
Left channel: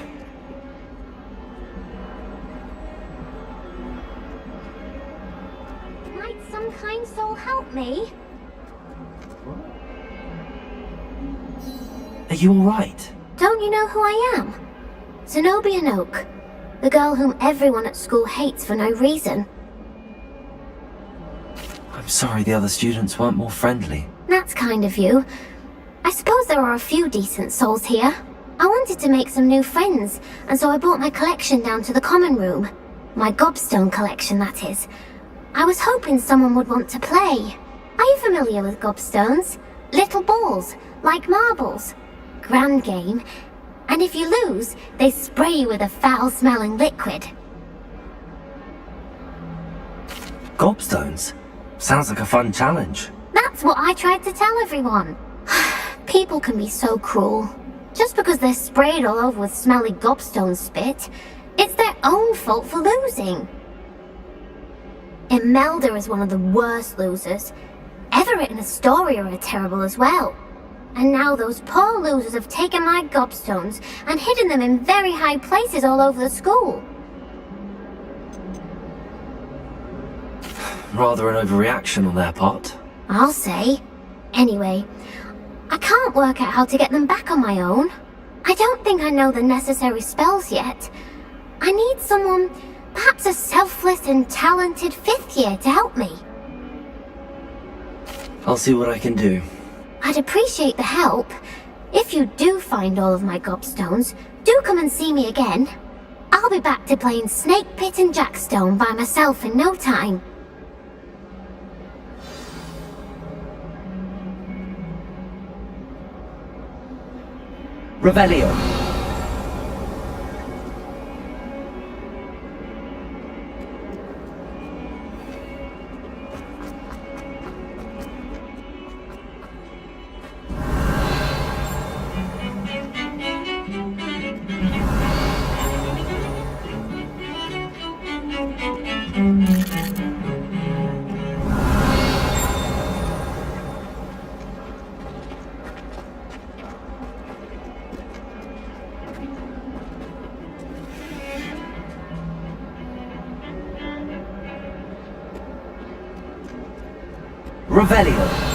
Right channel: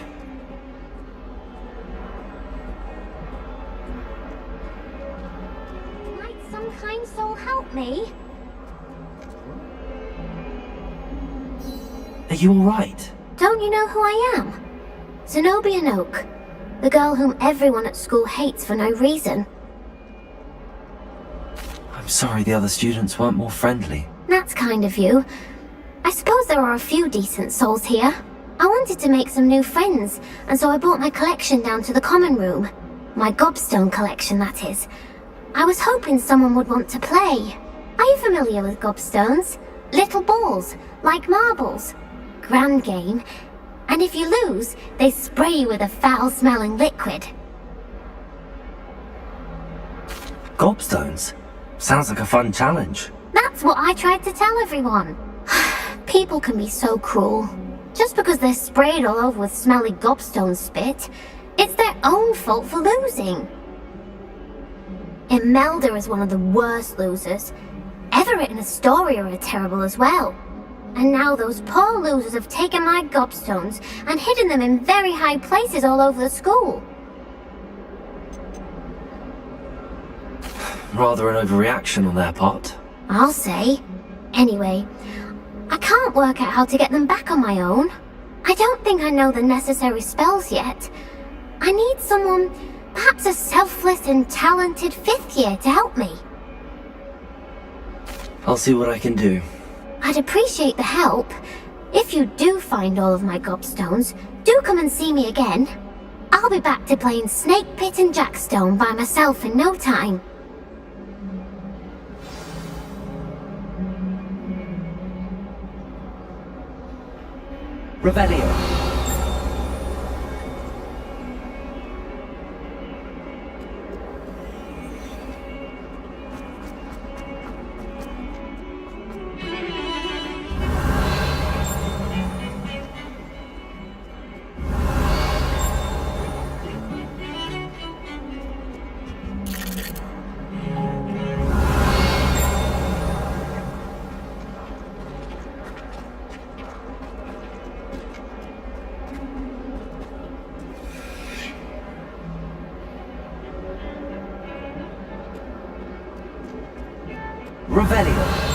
Might some kind soul help me? Are you alright? Don't you know who I am? Zenobia Noak, the girl whom everyone at school hates for no reason. I'm sorry the other students weren't more friendly. That's kind of you. I suppose there are a few decent souls here. I wanted to make some new friends, and so I brought my collection down to the common room. My gobstone collection, that is. I was hoping someone would want to play. Are you familiar with gobstones? Little balls, like marbles. Grand game. And if you lose, they spray you with a foul-smelling liquid. Gobstones? Sounds like a fun challenge. That's what I tried to tell everyone. People can be so cruel. Just because they're sprayed all over with smelly gobstone spit, it's their own fault for losing. Imelda is one of the worst losers. Everett and Astoria are terrible as well. And now those poor losers have taken my gobstones and hidden them in very high places all over the school. Rather an overreaction on their part. I'll say. Anyway, I can't work out how to get them back on my own. I don't think I know the necessary spells yet. I need someone, perhaps a selfless and talented 5th year to help me. I'll see what I can do. I'd appreciate the help. If you do find all of my gobstones, do come and see me again. I'll be back to playing Snake Pit and Jackstone by myself in no time. Revelio. Revelio.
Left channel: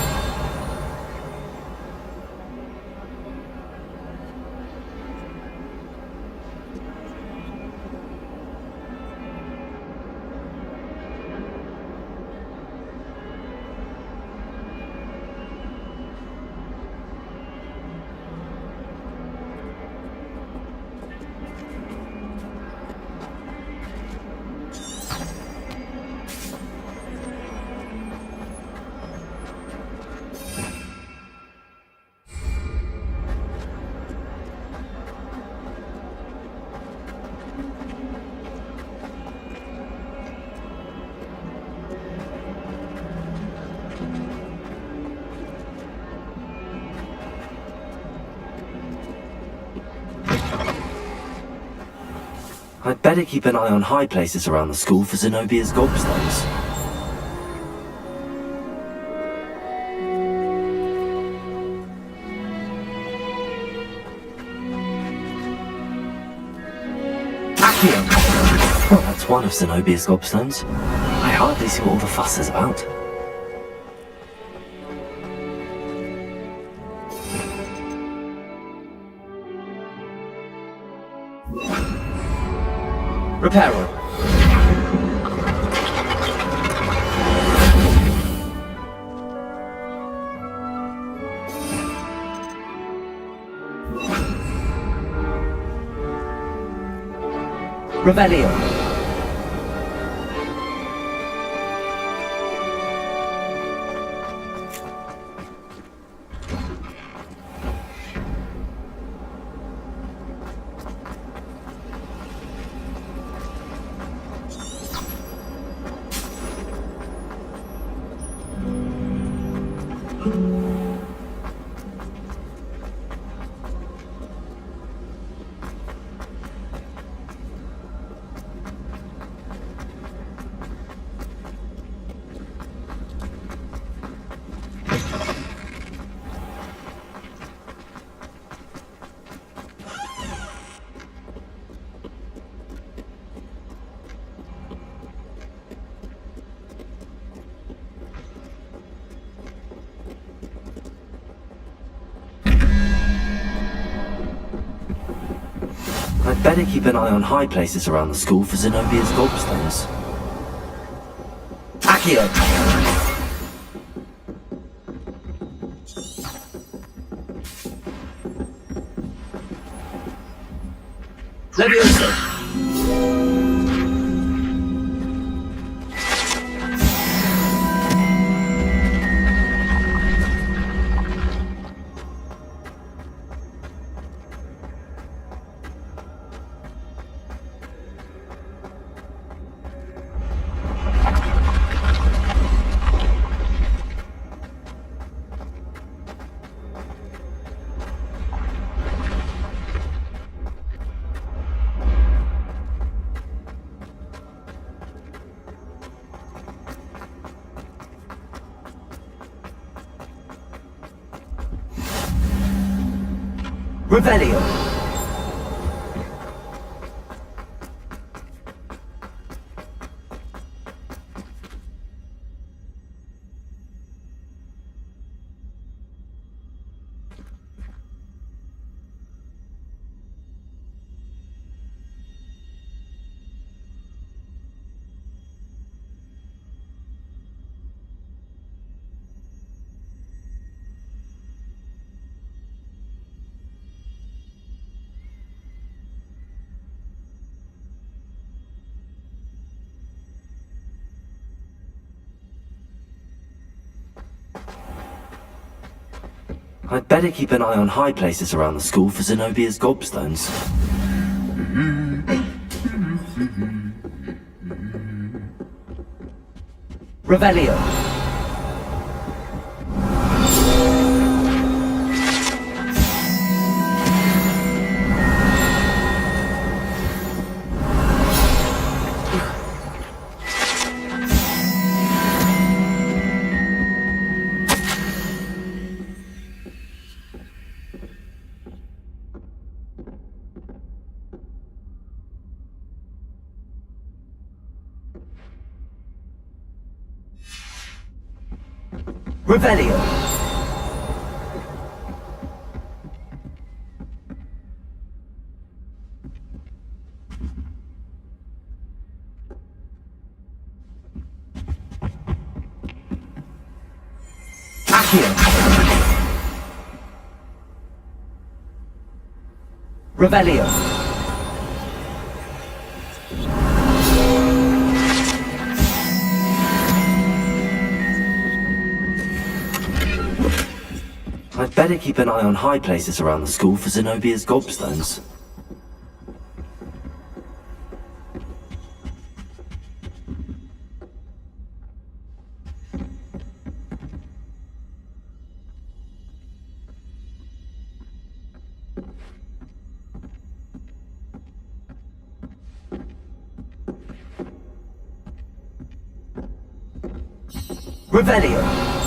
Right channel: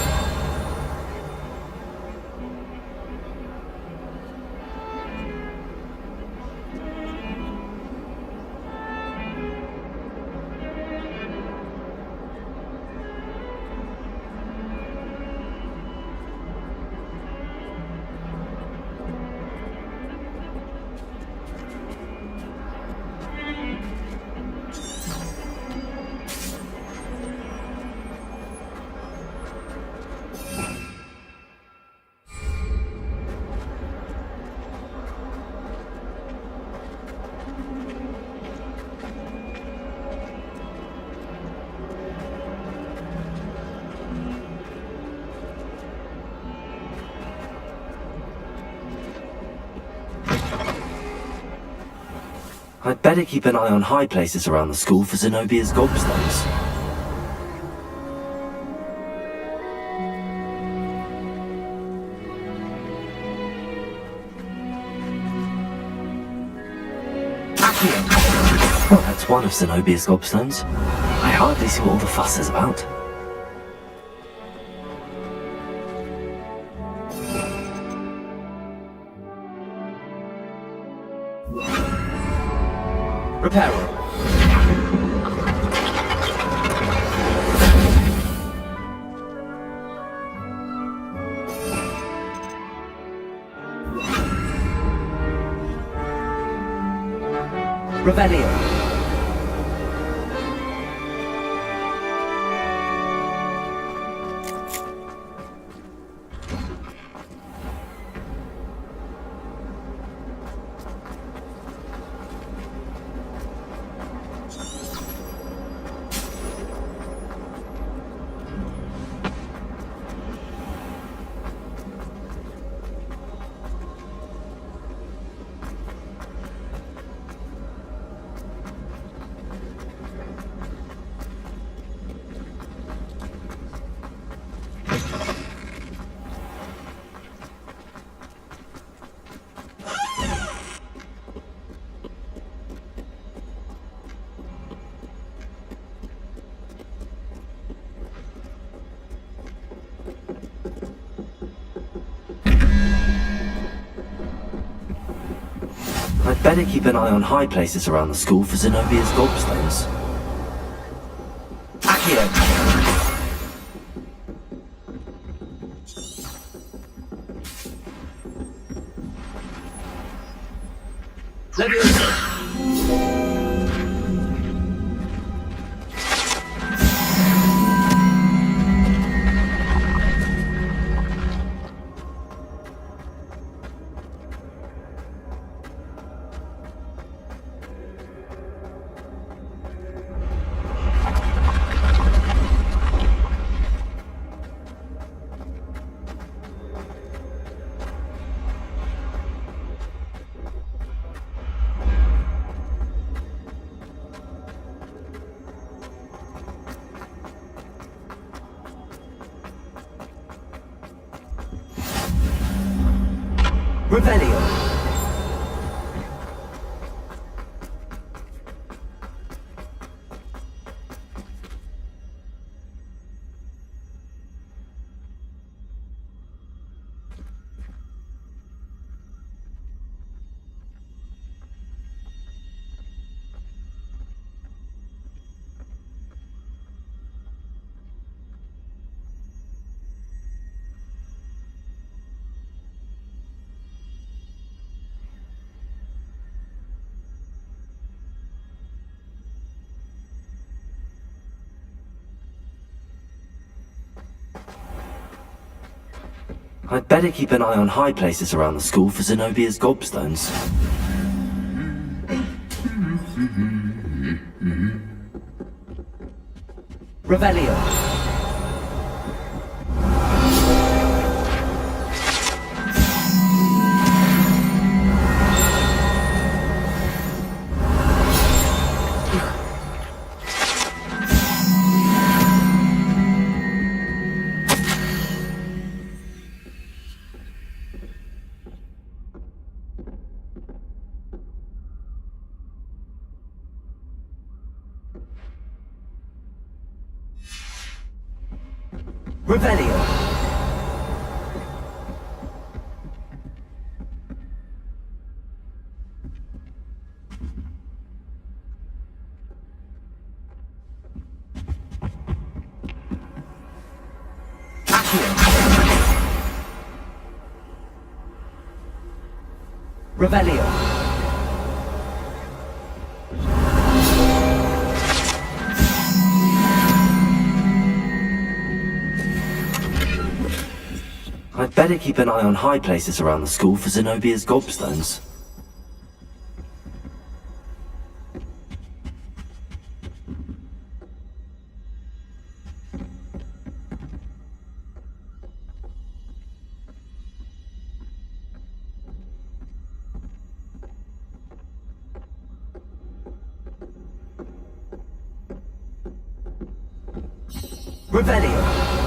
I'd better keep an eye on high places around the school for Zenobia's gobstones. Accio! Well, that's one of Zenobia's gobstones. I hardly see what all the fuss is about. Reparo. Revelio. better keep an eye on high places around the school for Zenobia's gobstones. Accio! Leviosa! Revelio! I'd better keep an eye on high places around the school for Zenobia's gobstones. Revelio! Revelio! Accio! Revelio! I'd better keep an eye on high places around the school for Zenobia's gobstones. Revelio!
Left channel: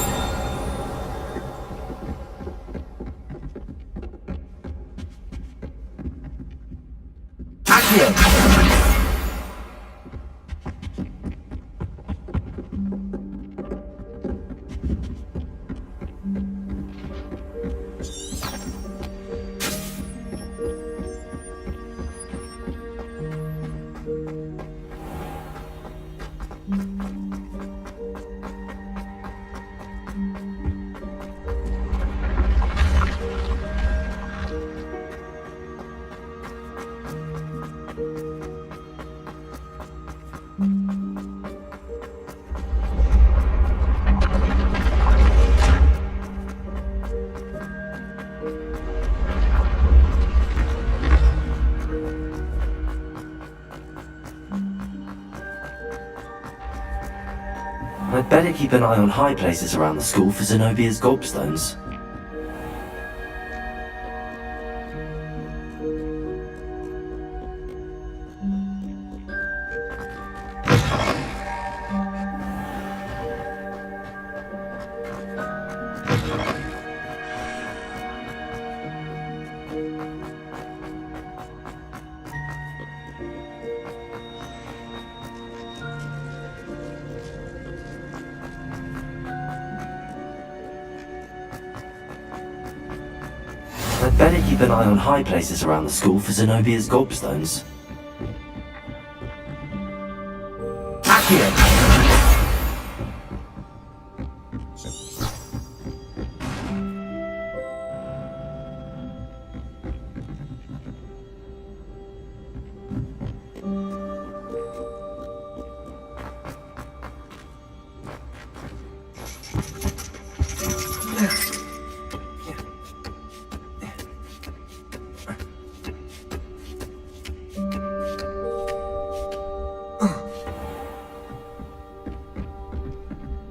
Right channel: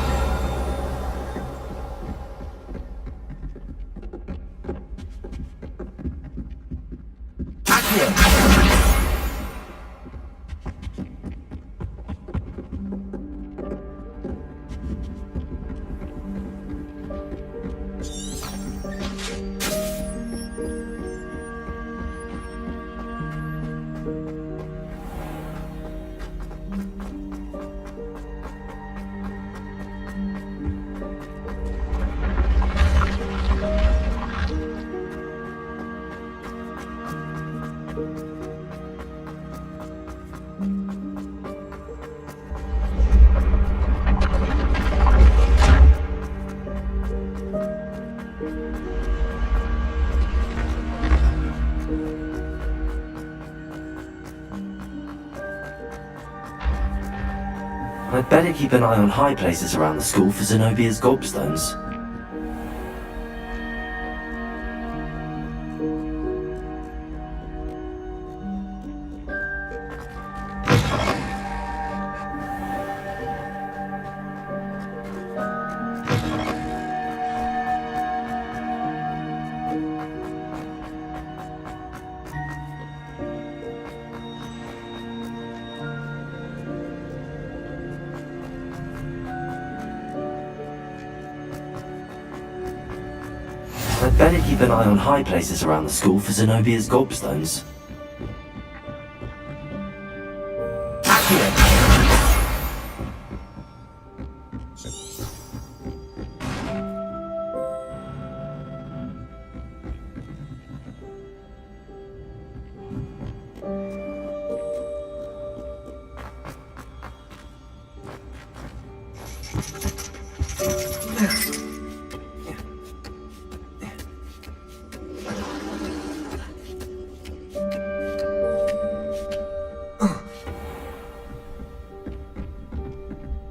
I'd better keep an eye on high places around the school for Zenobia's gobstones. I'd better keep an eye on high places around the school for Zenobia's gobstones. Accio!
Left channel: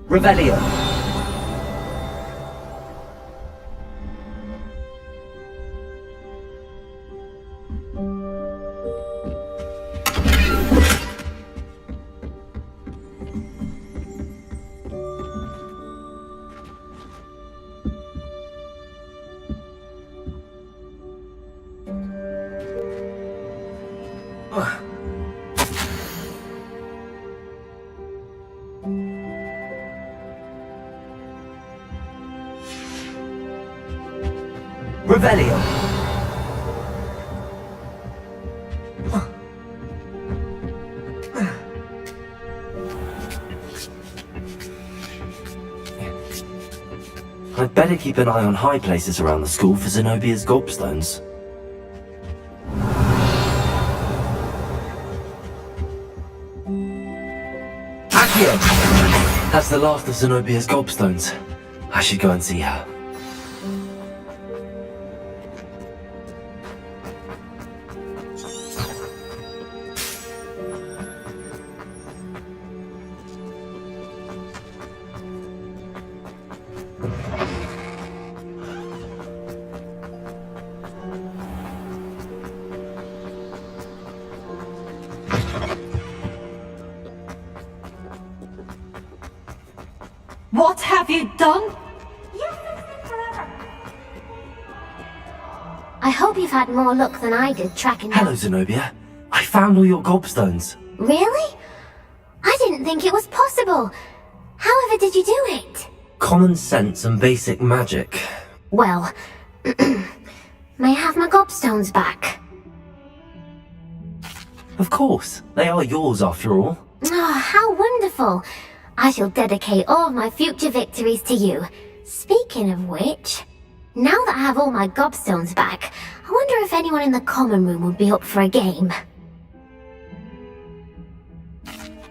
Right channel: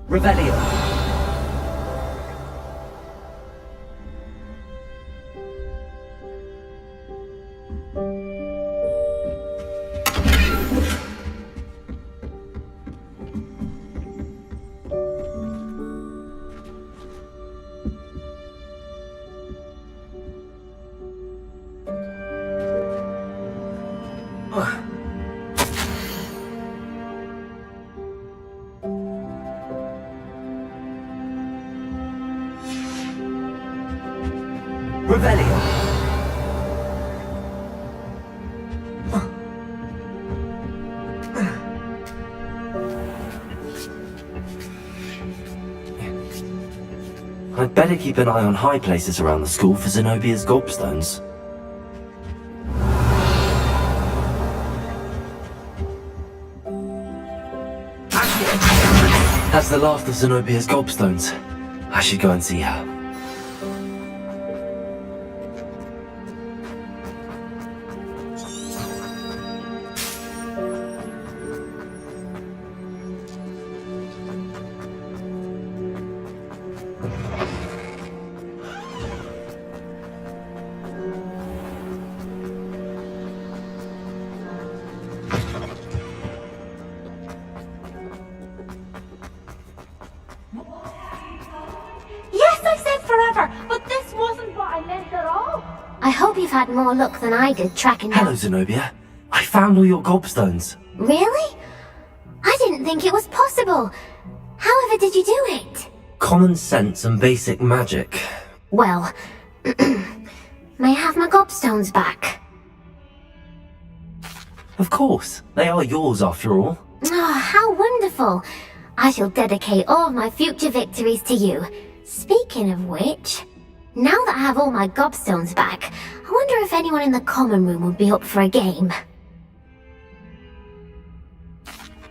Revelio. Revelio. I'd better keep an eye on high places around the school for Zenobia's gobstones. Accio! That's the last of Zenobia's gobstones. I should go and see her. What have you done? Yes, I said forever, but this wasn't what I meant at all. I hope you've had more luck than I did tracking Hello, down... Zenobia. I found all your gobstones. Really? I didn't think it was possible. However did you do it? Common sense and basic magic. Well, may I have my gobstones back? Of course. They are yours after all. Oh, how wonderful. I shall dedicate all of my future victories to you. Speaking of which, now that I have all my gobstones back, I wonder if anyone in the common room would be up for a game.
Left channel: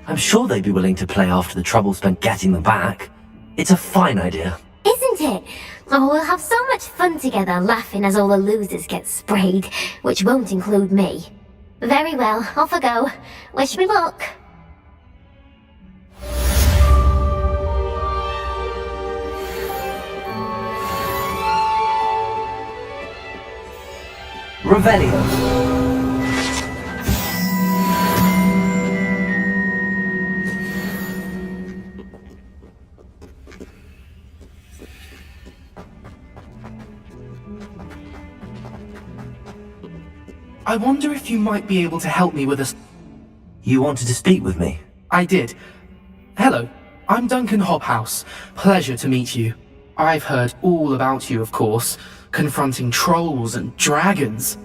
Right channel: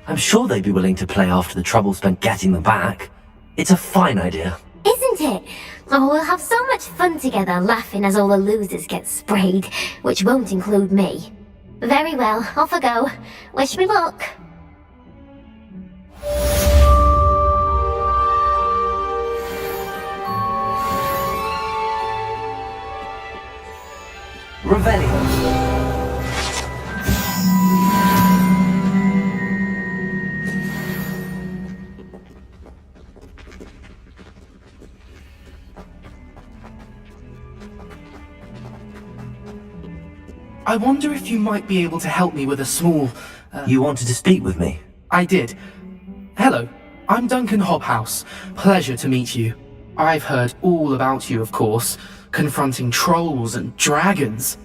I'm sure they'd be willing to play after the trouble spent getting them back. It's a fine idea. Isn't it? Oh, we'll have so much fun together laughing as all the losers get sprayed, which won't include me. Very well, off I go. Wish me luck. Revelio. I wonder if you might be able to help me with a small... You wanted to speak with me? I did. Hello, I'm Duncan Hobhouse. Pleasure to meet you. I've heard all about you, of course, confronting trolls and dragons.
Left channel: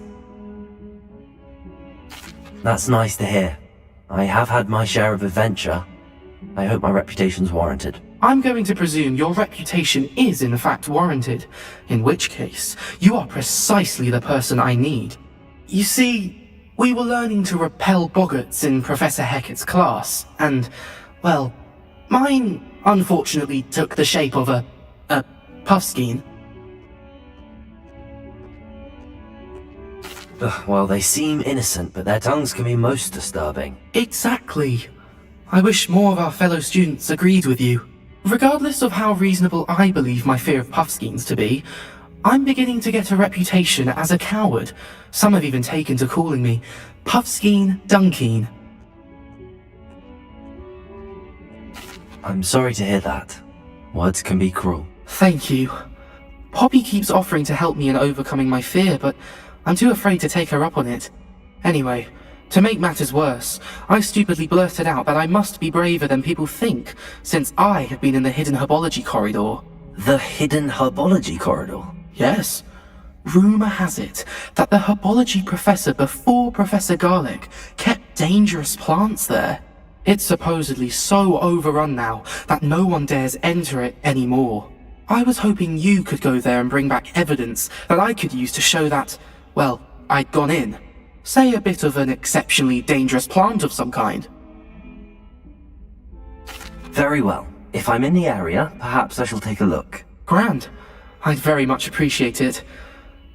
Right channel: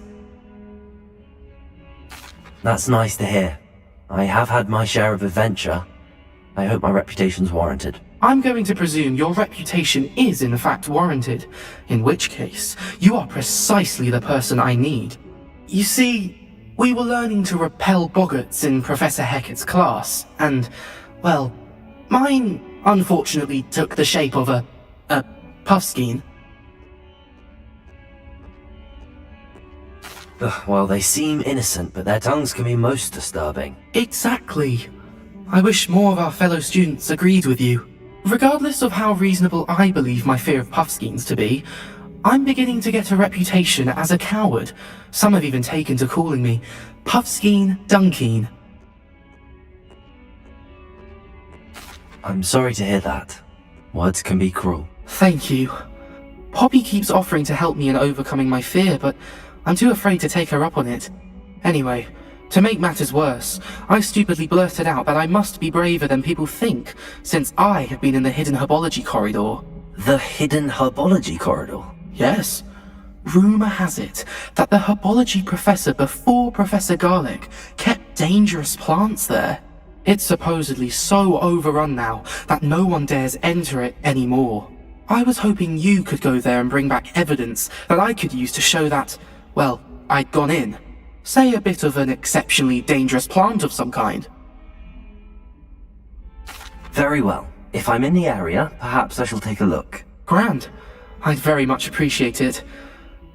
That's nice to hear. I have had my share of adventure. I hope my reputation's warranted. I'm going to presume your reputation is in fact warranted, in which case, you are precisely the person I need. You see, we were learning to repel boggarts in Professor Hecat's class, and, well, mine unfortunately took the shape of a puffskein. Well, they seem innocent, but their tongues can be most disturbing. Exactly. I wish more of our fellow students agreed with you. Regardless of how reasonable I believe my fear of puffskeins to be, I'm beginning to get a reputation as a coward. Some have even taken to calling me Puffskein Dunkeen. I'm sorry to hear that. Words can be cruel. Thank you. Poppy keeps offering to help me in overcoming my fear, but I'm too afraid to take her up on it. Anyway, to make matters worse, I stupidly blurted out that I must be braver than people think, since I have been in the hidden herbology corridor. The hidden herbology corridor? Yes. Rumour has it that the herbology professor before Professor Garlic kept dangerous plants there. It's supposedly so overrun now that no one dares enter it anymore. I was hoping you could go there and bring back evidence that I could use to show that, well, I'd gone in. Say a bit of an exceptionally dangerous plant of some kind. Very well. If I'm in the area, perhaps I shall take a look. Grand. I'd very much appreciate it.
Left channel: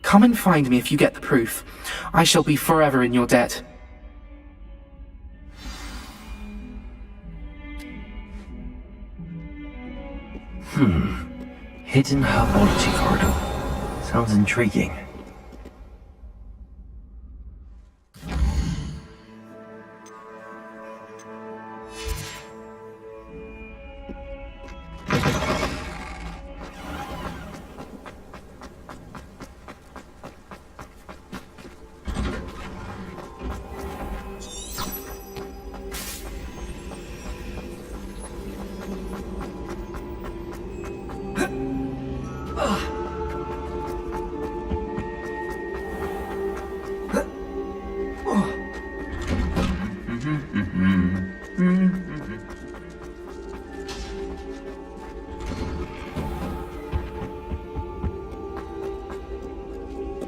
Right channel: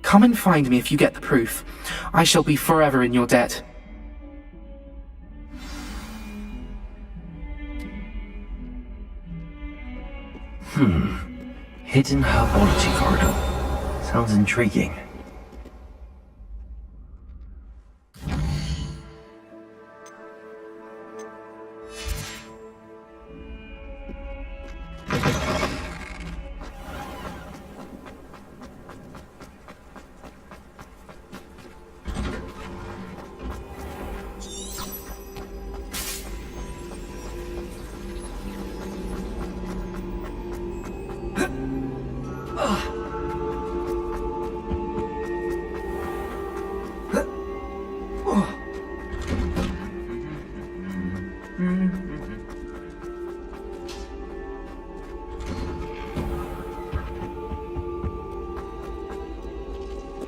Come and find me if you get the proof. I shall be forever in your debt. Hidden herbology corridor. Sounds intriguing.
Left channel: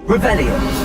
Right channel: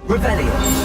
Revelio.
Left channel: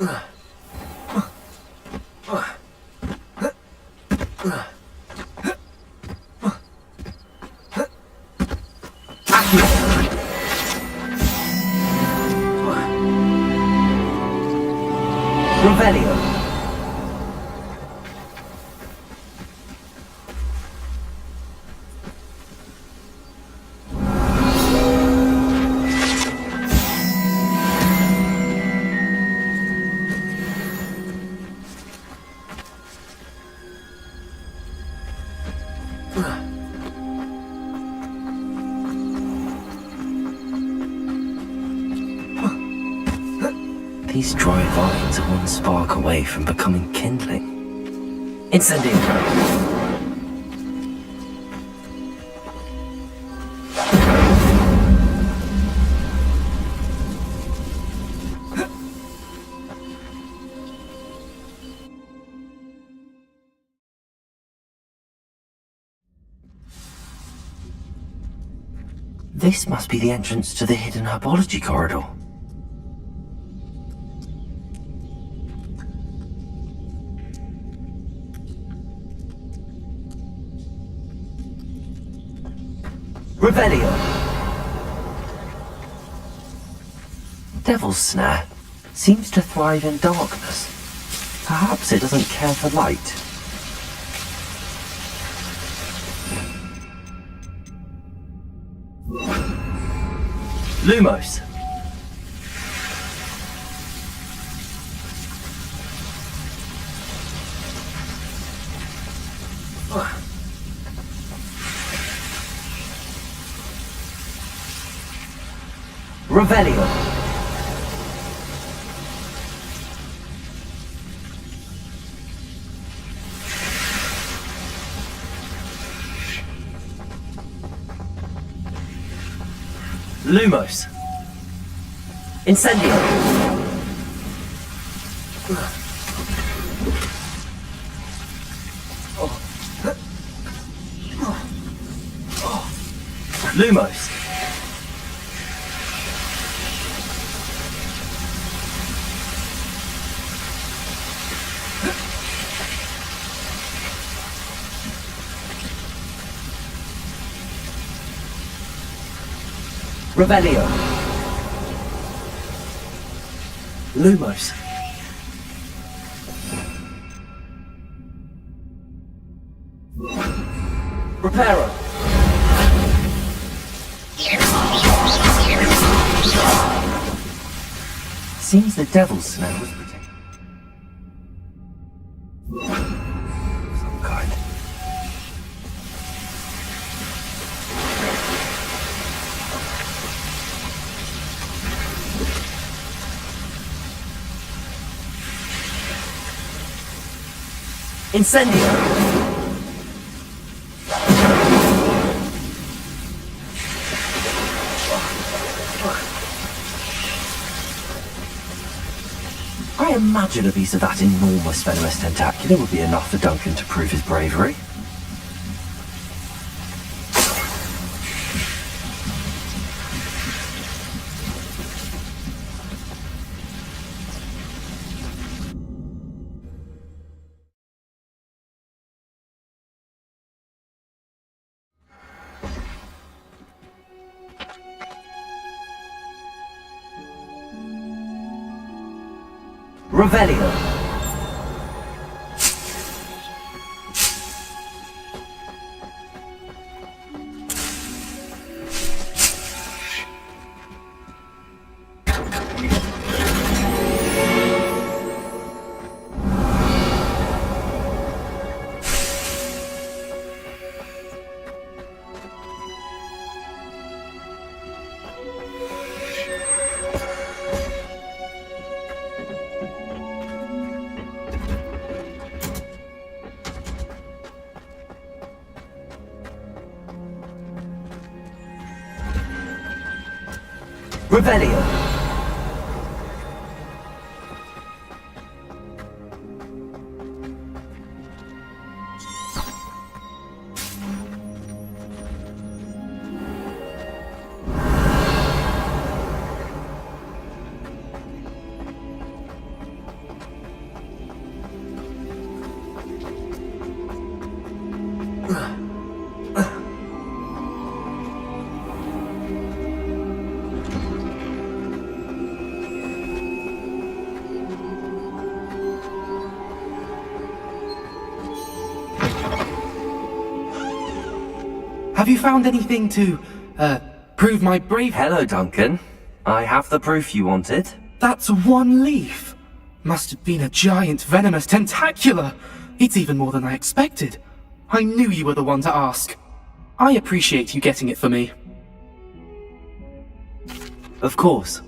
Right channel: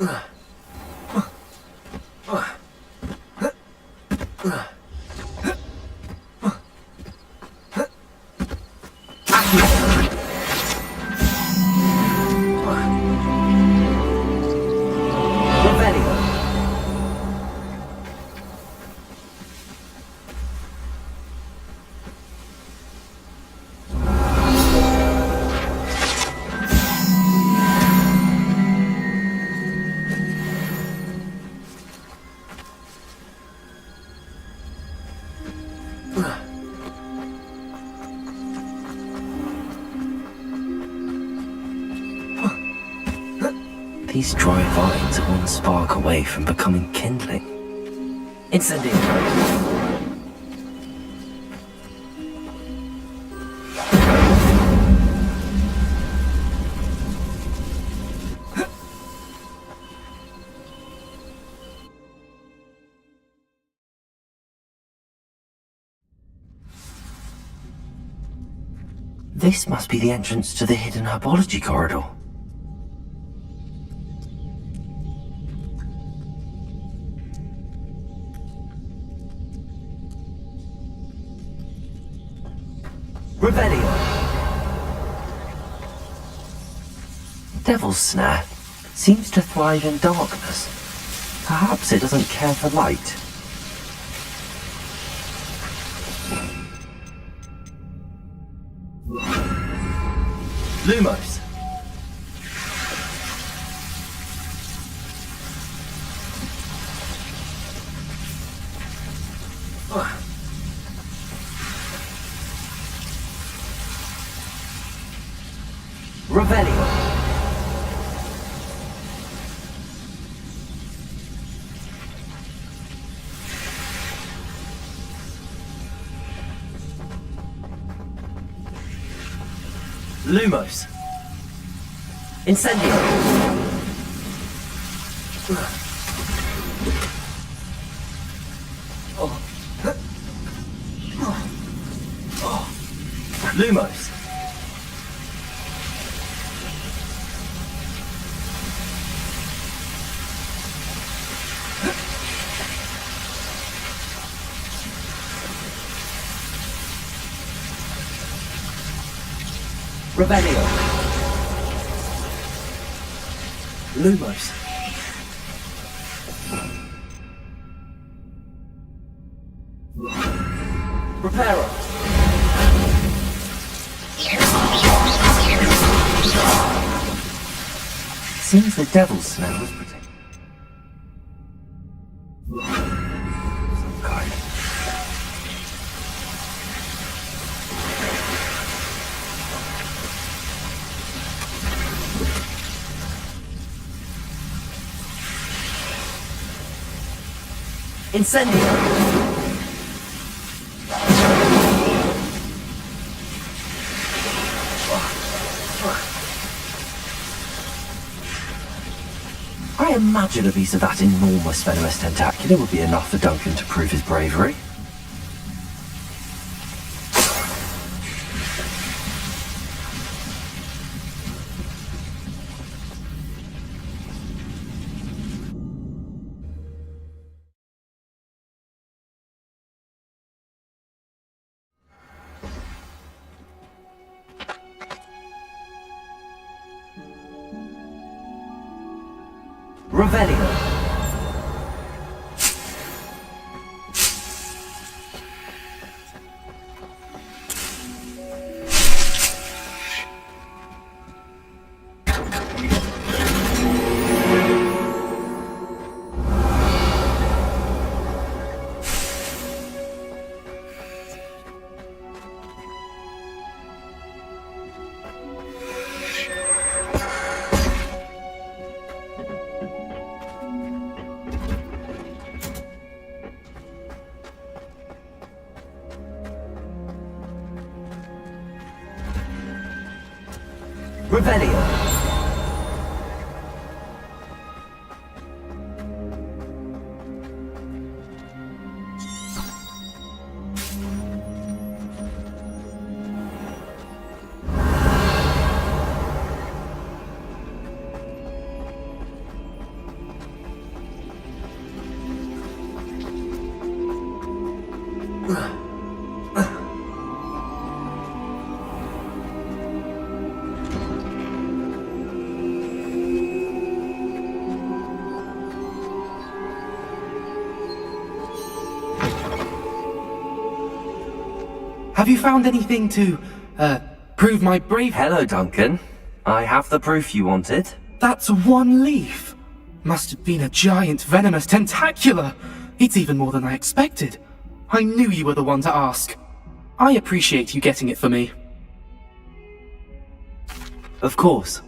Revelio. These dry vines are one spark away from becoming kindling. Incendio. This must be the entrance to the hidden herbology corridor. Revelio. Devil's Snare seems to thrive in darkness. Perhaps it doesn't care for light. Lumos. Revelio. Lumos. Incendio. Lumos. Revelio. Lumos. Reparo. Seems the Devil's Snare was protected. Some kind. Incendio. I imagine a piece of that enormous venomous tentacular would be enough for Duncan to prove his bravery. Revelio. Revelio. Have you found anything to, prove my bravery? Hello, Duncan. I have the proof you wanted. That's one leaf. Must have been a giant venomous tentacula. It's even more than I expected. I knew you were the one to ask. I appreciate you getting it for me. Of course.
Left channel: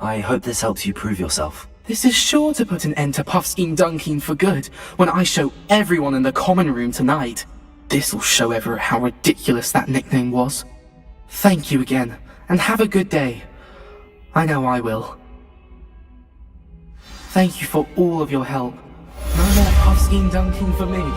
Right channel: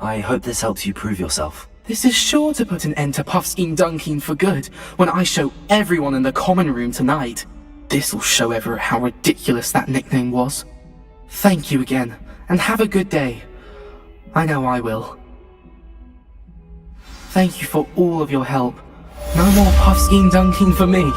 I hope this helps you prove yourself. This is sure to put an end to Puffskein Dunkin for good when I show everyone in the common room tonight. This'll show Everett how ridiculous that nickname was. Thank you again, and have a good day. I know I will. Thank you for all of your help. No more Puffskein Dunkin for me.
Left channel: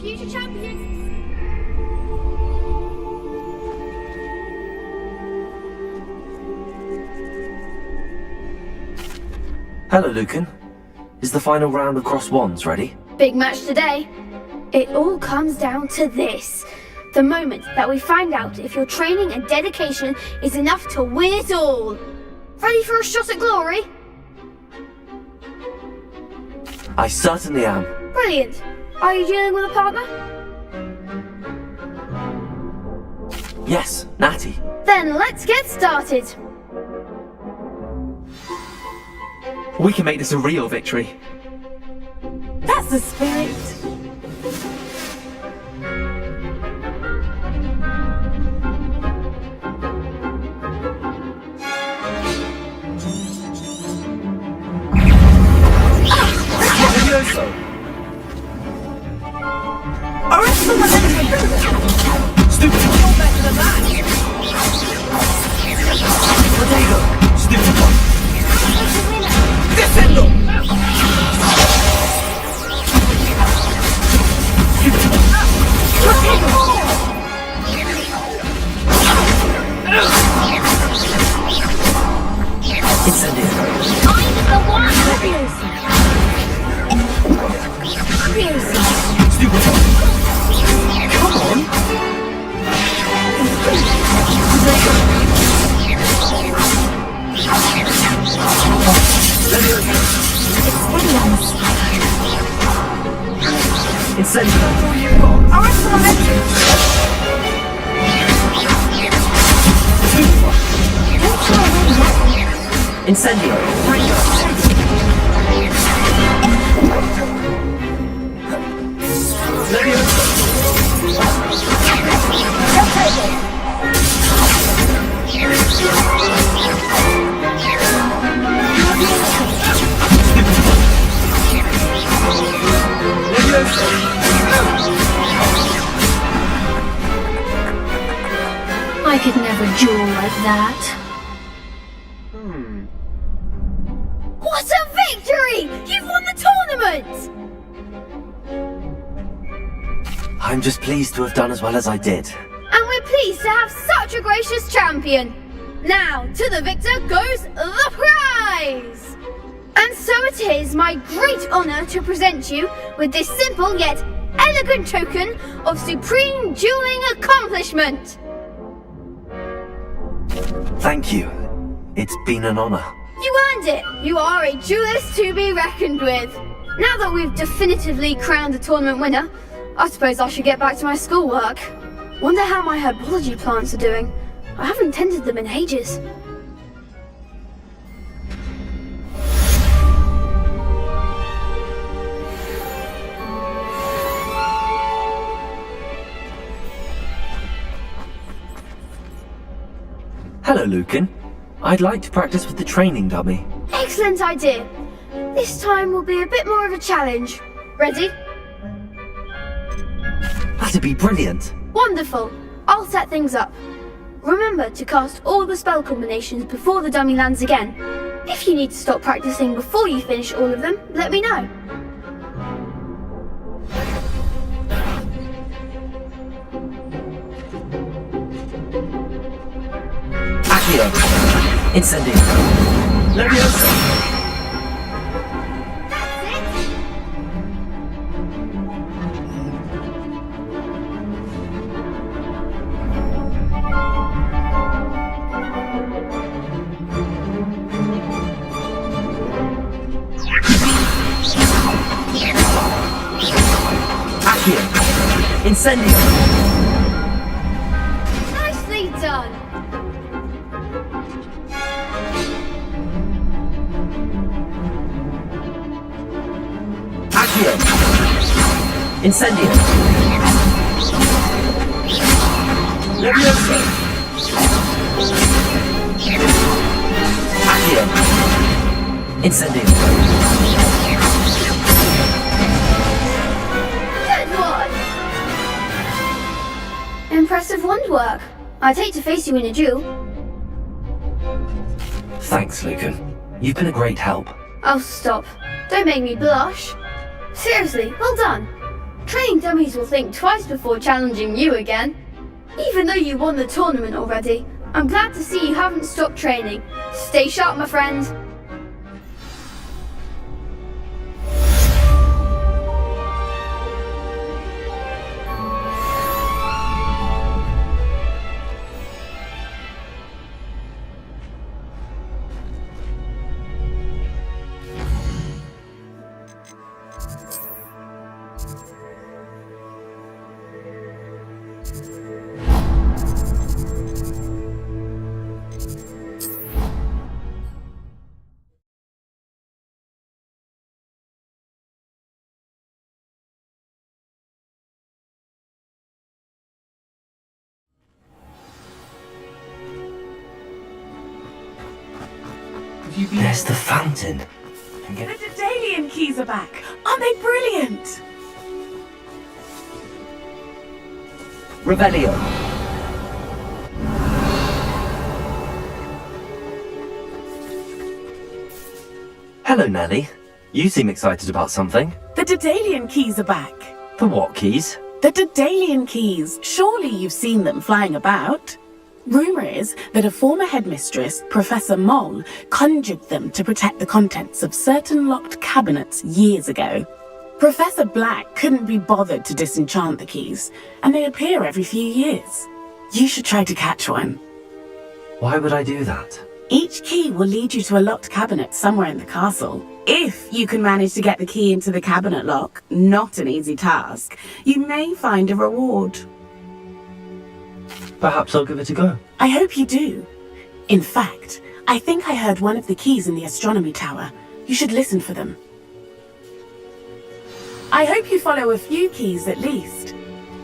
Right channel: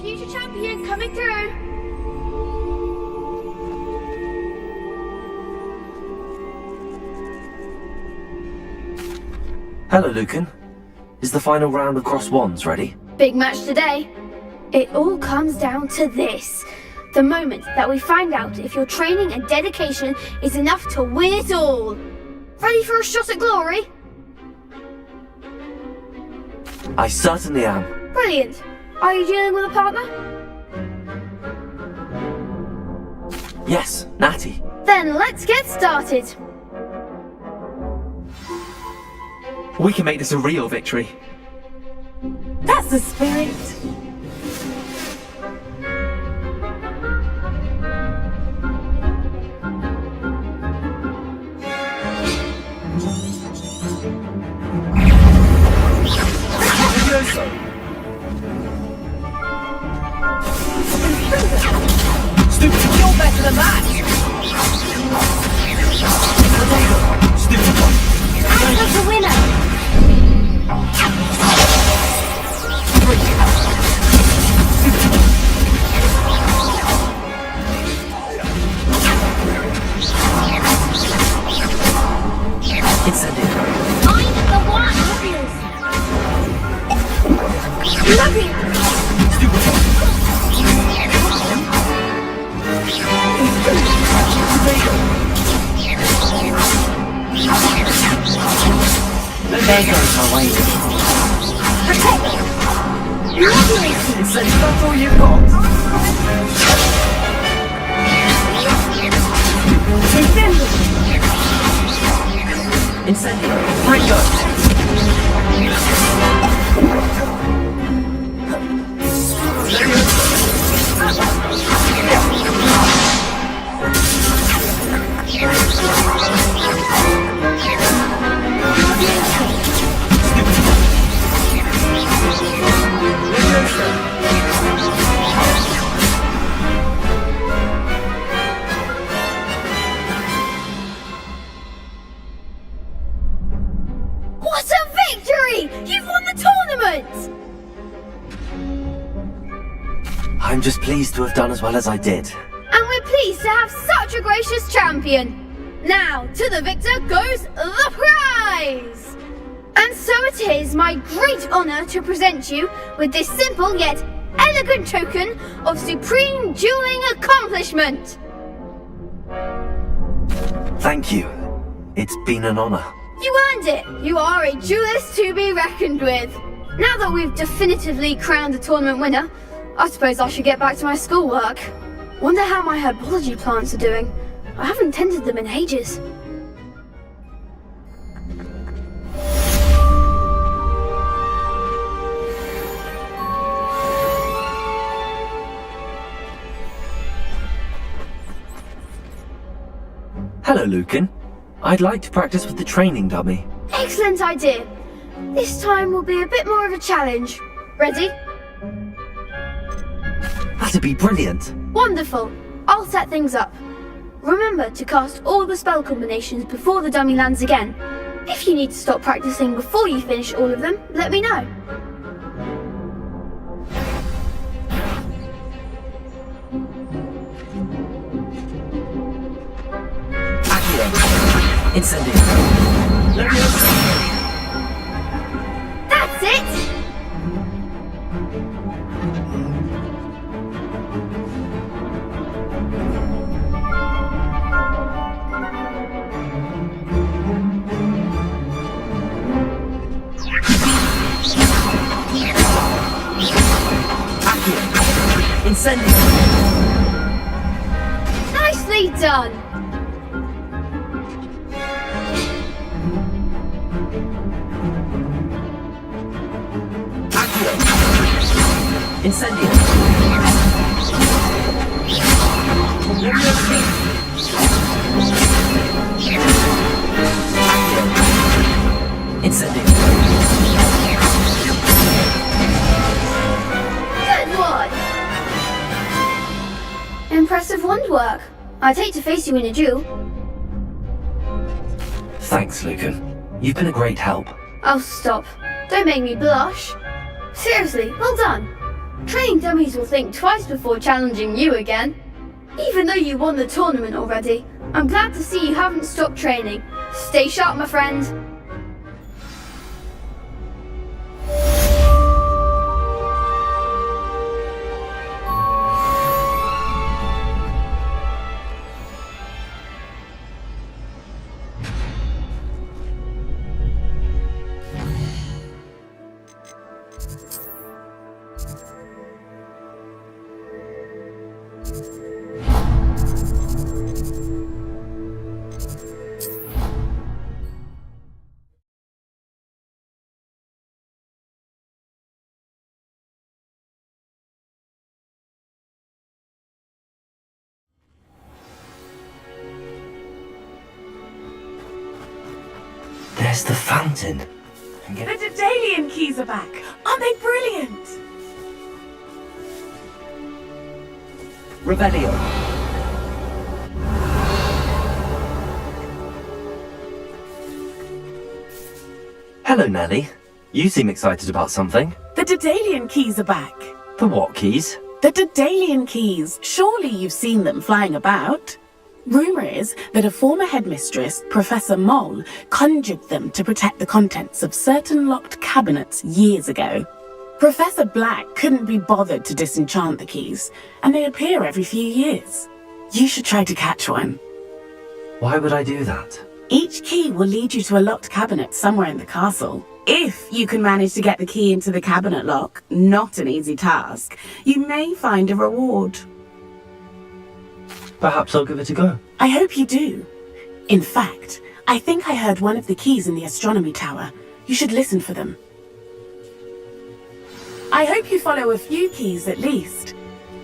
Future champion coming through. Hello, Lucan. Is the final round of Cross Wands ready? Big match today. It all comes down to this. The moment that we find out if your training and dedication is enough to win it all. Ready for a shot at glory? I certainly am. Brilliant. Are you dealing with a partner? Yes, Natty. Then let's get started. We can make this a real victory. That's the spirit. Stupid one. You're better than that! Potato. Stupid one. That's the winner! Defendo. Incendio. I'm the one! Leviosa! Stupid one. Come on. Potato. Incendio. That's all you've got. Incendio. Ringo. Leviosa. I could never duel like that. What a victory! You've won the tournament! I'm just pleased to have done as well as I did. And we're pleased to have such a gracious champion. Now, to the victor goes the prize! And so it is my great honour to present you with this simple yet elegant token of supreme dueling accomplishment. Thank you. It's been an honor. You earned it! You are a duelist to be reckoned with. Now that we've definitively crowned the tournament winner, I suppose I should get back to my schoolwork. Wonder how my herbology plants are doing. I haven't tended them in ages. Hello, Lucan. I'd like to practice with the training dummy. Excellent idea. This time will be a bit more of a challenge. Ready? That'd be brilliant. Wonderful. I'll set things up. Remember to cast all the spell combinations before the dummy lands again. If you need to stop practicing before you finish all of them, let me know. Accio. Incendio. Leviosa. That's it! Accio. Incendio. Nicely done! Accio. Incendio. Leviosa. Accio. Incendio. Good one! Impressive wand work. I'd hate to face you in a duel. Thanks, Lucan. You've been a great help. Oh, stop. Don't make me blush. Seriously, well done. Training dummies will think twice before challenging you again. Even though you won the tournament already, I'm glad to see you haven't stopped training. Stay sharp, my friend. There's the fountain. The Daedalian keys are back. Aren't they brilliant? Revelio. Hello, Nellie. You seem excited about something. The Daedalian keys are back. The what keys? The Daedalian keys. Surely you've seen them flying about. Rumour is that a former headmistress, Professor Moll, conjured them to protect the contents of certain locked cabinets years ago. Professor Black couldn't be bothered to disenchant the keys, and they appear every few years. You should try to catch one. Why would I do that? Each key will lead you to a locked cabinet somewhere in the castle. If you can manage to get the key into the cabinet lock, not an easy task, you may find a reward. Perhaps I'll give it a go. I hope you do. In fact, I think I heard one of the keys in the astronomy tower. You should listen for them. I hope you follow a few keys at least.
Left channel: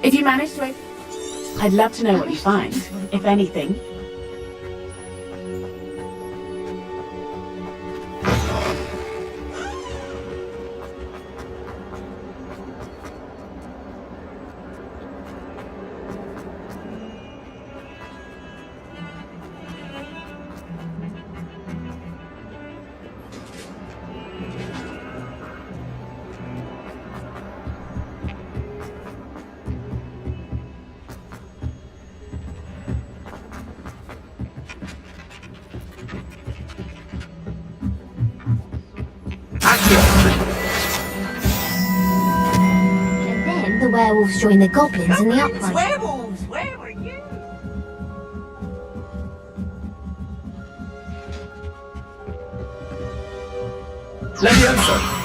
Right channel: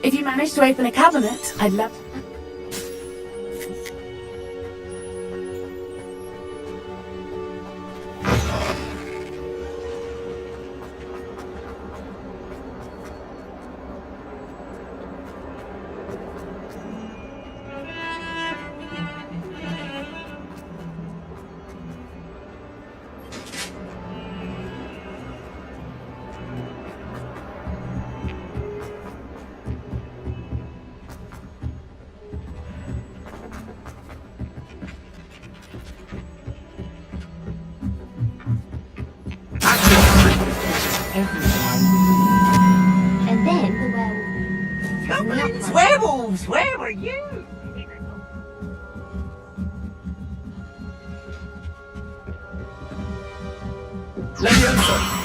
If you manage to open a cabinet, I'd love to know what you find, if anything. And then the werewolves join the goblins in the upright. Werewolves! Where were you? Leviosa!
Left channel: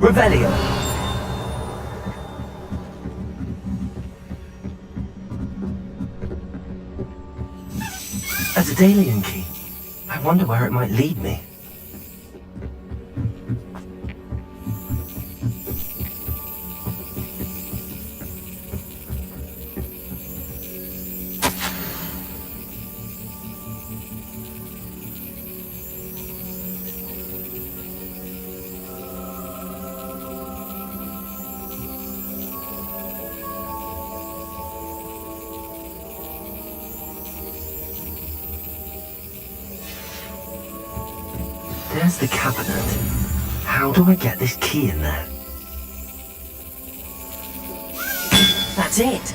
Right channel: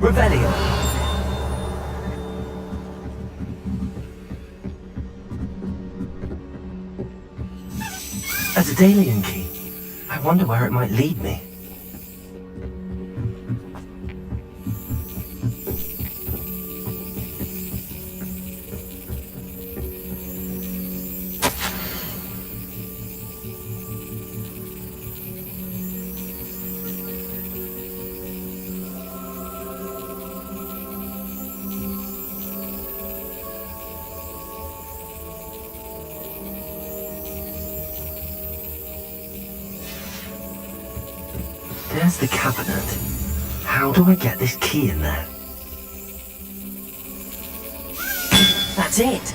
Revelio! A Daedalian key. I wonder where it might lead me. There's the cabinet. How do I get this key in there? That's it!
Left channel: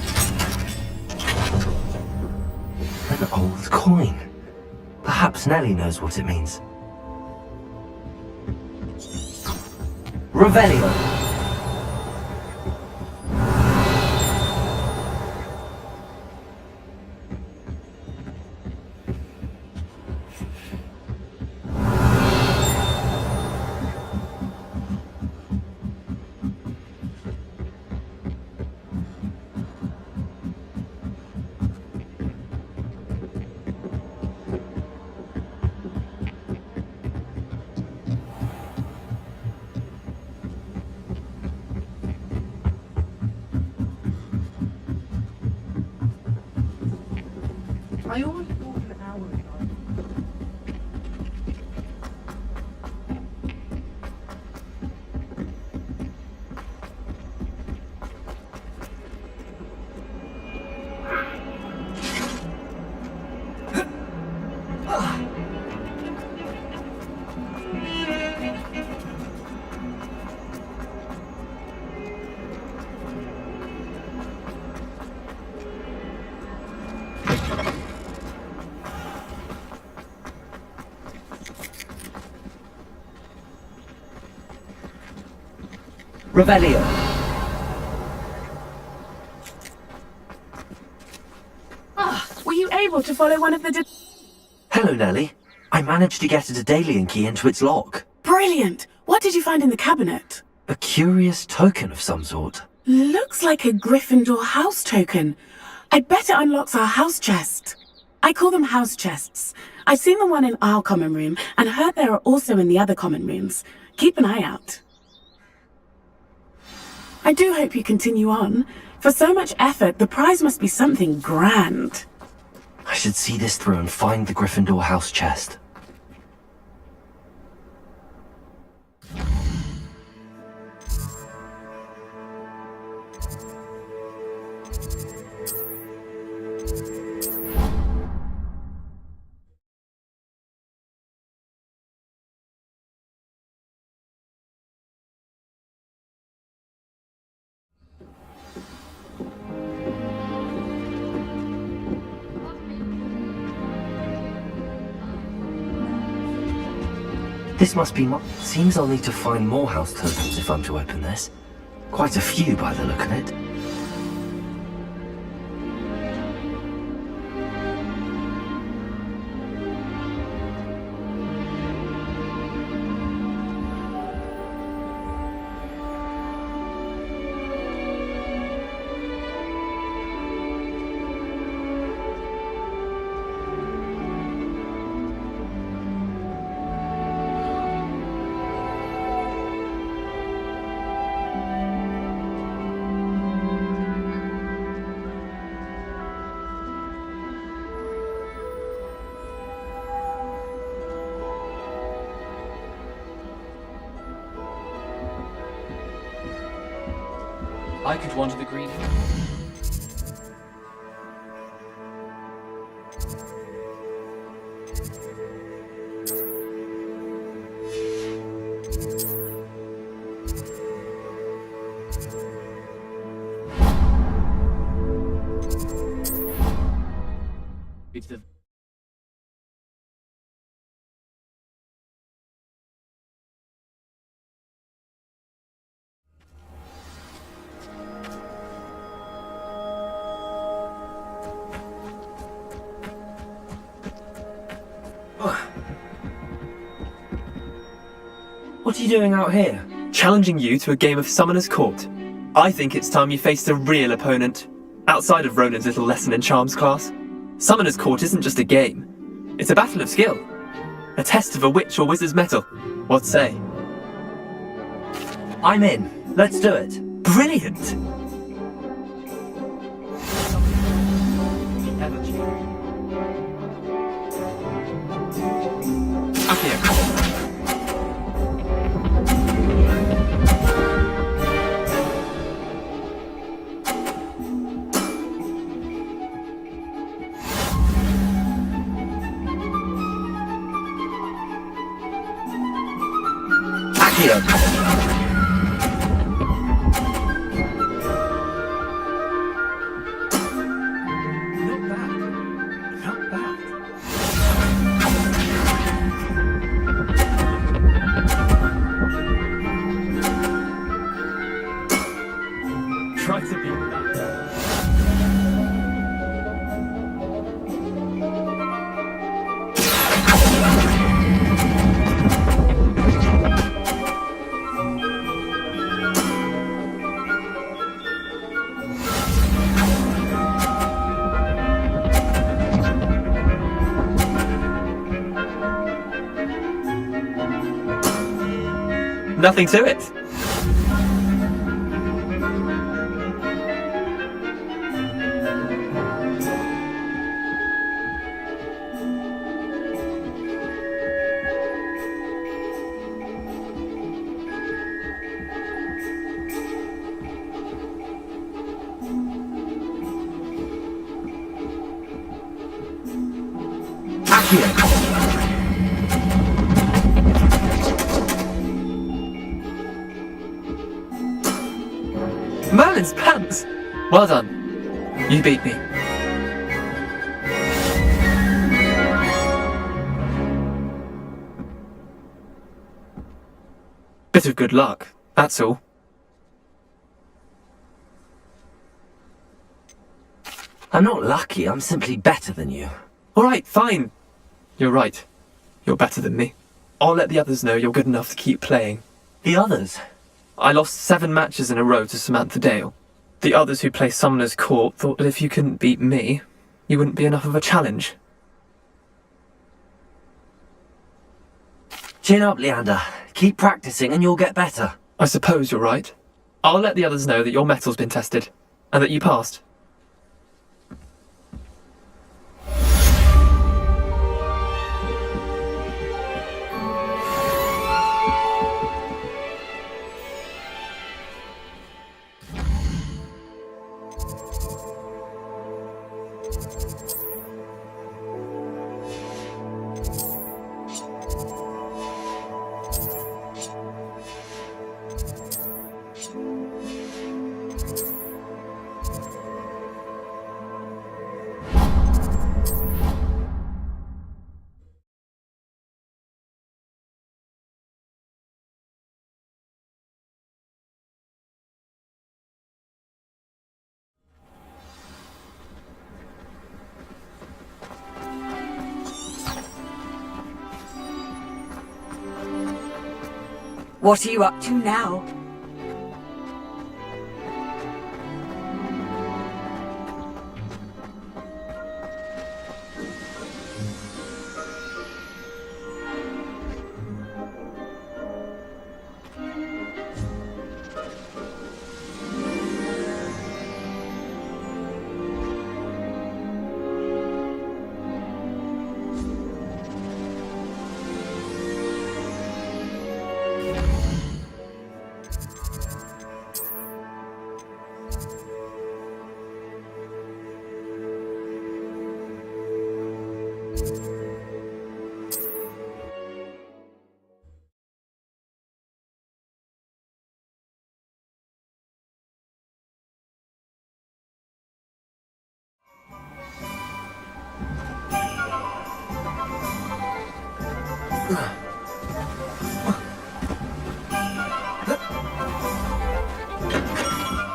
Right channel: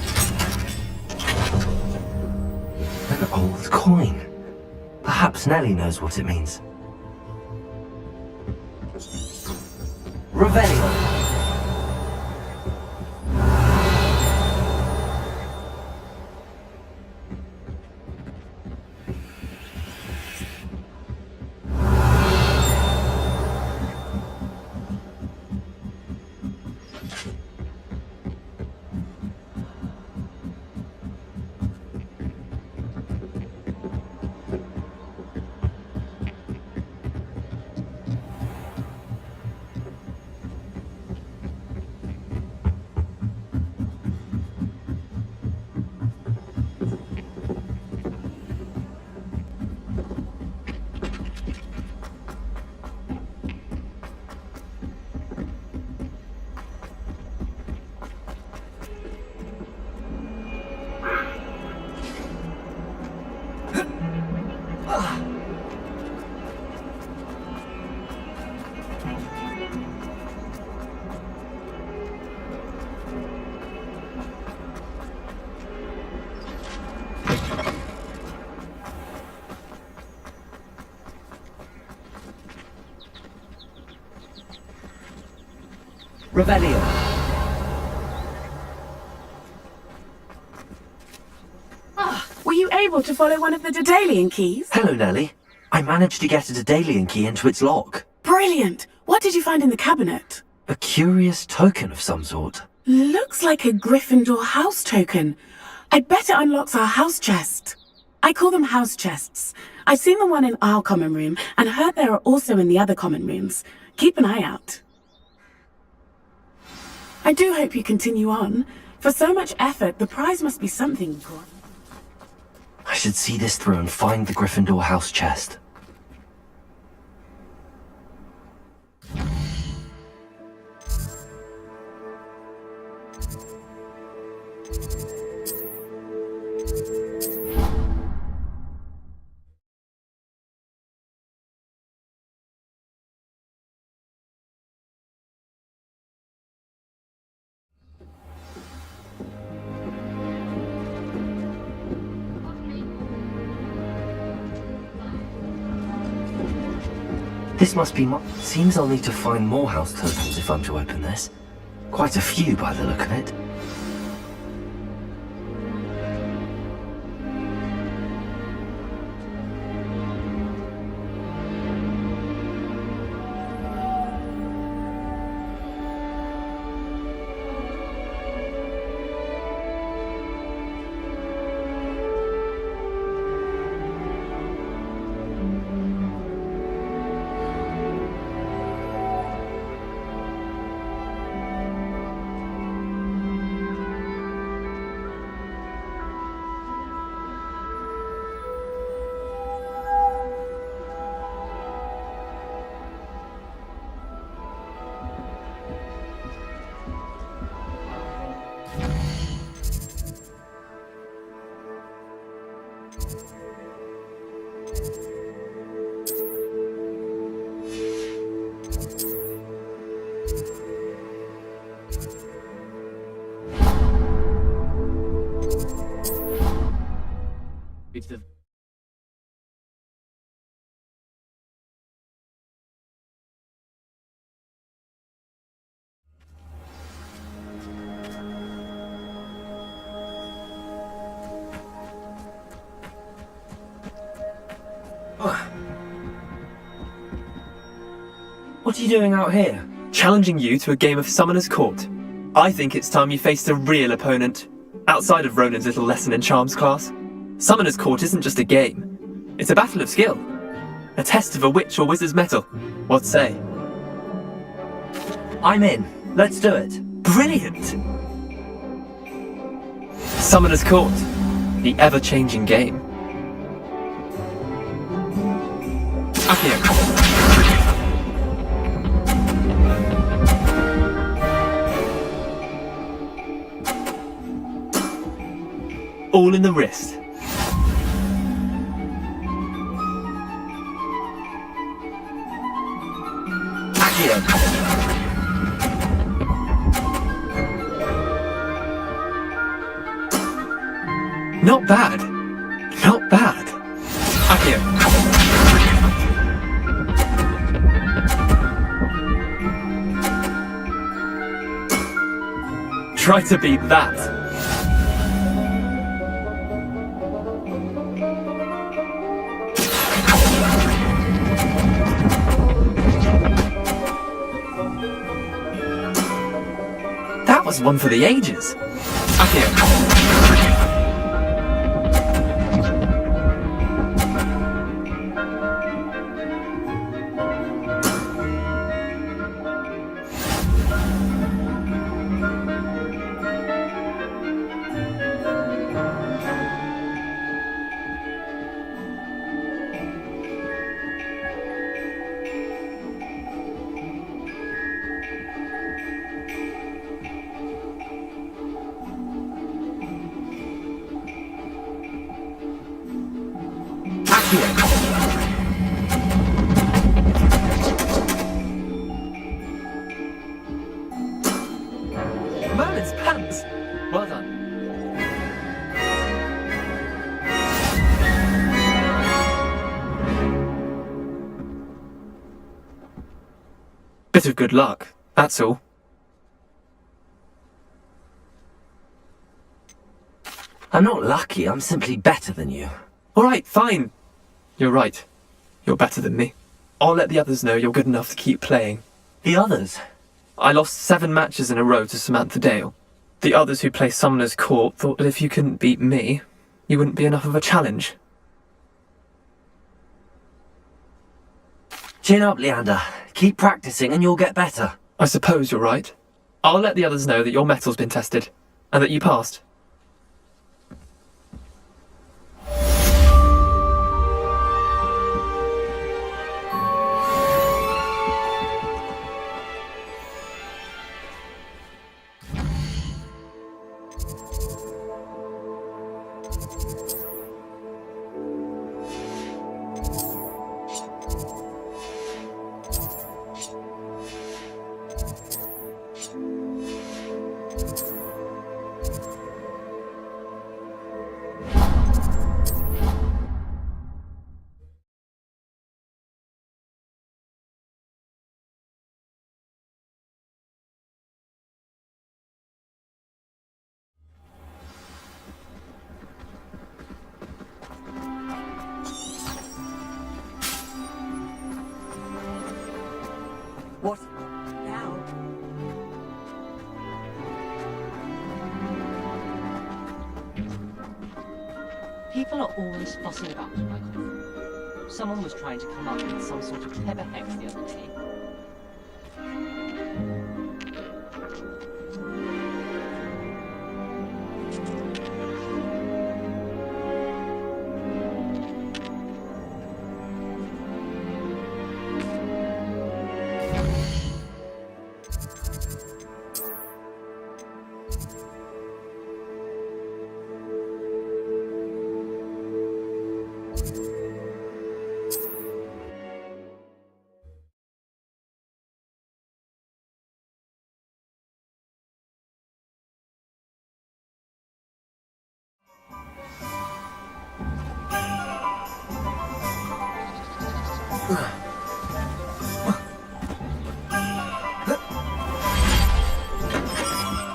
An old coin. Perhaps Nellie knows what it means. Revelio! Revelio. Were you able to follow one of the Daedalian keys? Hello, Nellie. I managed to get a Daedalian key into its lock. Brilliant! What did you find in the cabinet? A curious token of some sort. Looks like a Gryffindor house token. I bet it unlocks our house chest. I call them house chests. I've seen the one in our common room and heard there are also in the other common rooms. Keep an eye out. I do hope you continue on. For so much effort, the prize must be something grand. I should see this through and find the Gryffindor house chest. This must be Seems I'll need to find more house tokens if I'm to open this. Quite a few by the look of it. I could wander the green. It's the What are you doing out here? Challenging you to a game of Summoner's Court. I think it's time you faced a real opponent, outside of Ronan's little lesson in charms class. Summoner's Court isn't just a game. It's a battle of skill. A test of a witch or wizard's mettle. What say? I'm in. Let's do it. Brilliant! Summoner's Court. The ever-changing game. Accio. All in the wrist. Accio. Not bad. Not bad. Accio. Try to beat that. That was one for the ages. Nothing to it. Merlin's pants! Well done. You beat me. Bit of good luck, that's all. I'm not lucky, I'm simply better than you. Alright, fine. You're right. You're better than me. I'll let the others know you're good enough to keep playing. The others? I lost 7 matches in a row to Samantha Dale. The others who play Summoner's Court thought that if you couldn't beat me, you wouldn't be enough of a challenge. Chin up, Leander. Keep practicing and you'll get better. I suppose you're right. I'll let the others know that your metal's been tested, and that you passed. What are you up to now? People are always fussing up. Someone was trying to come up with some sort of clever hack the other day.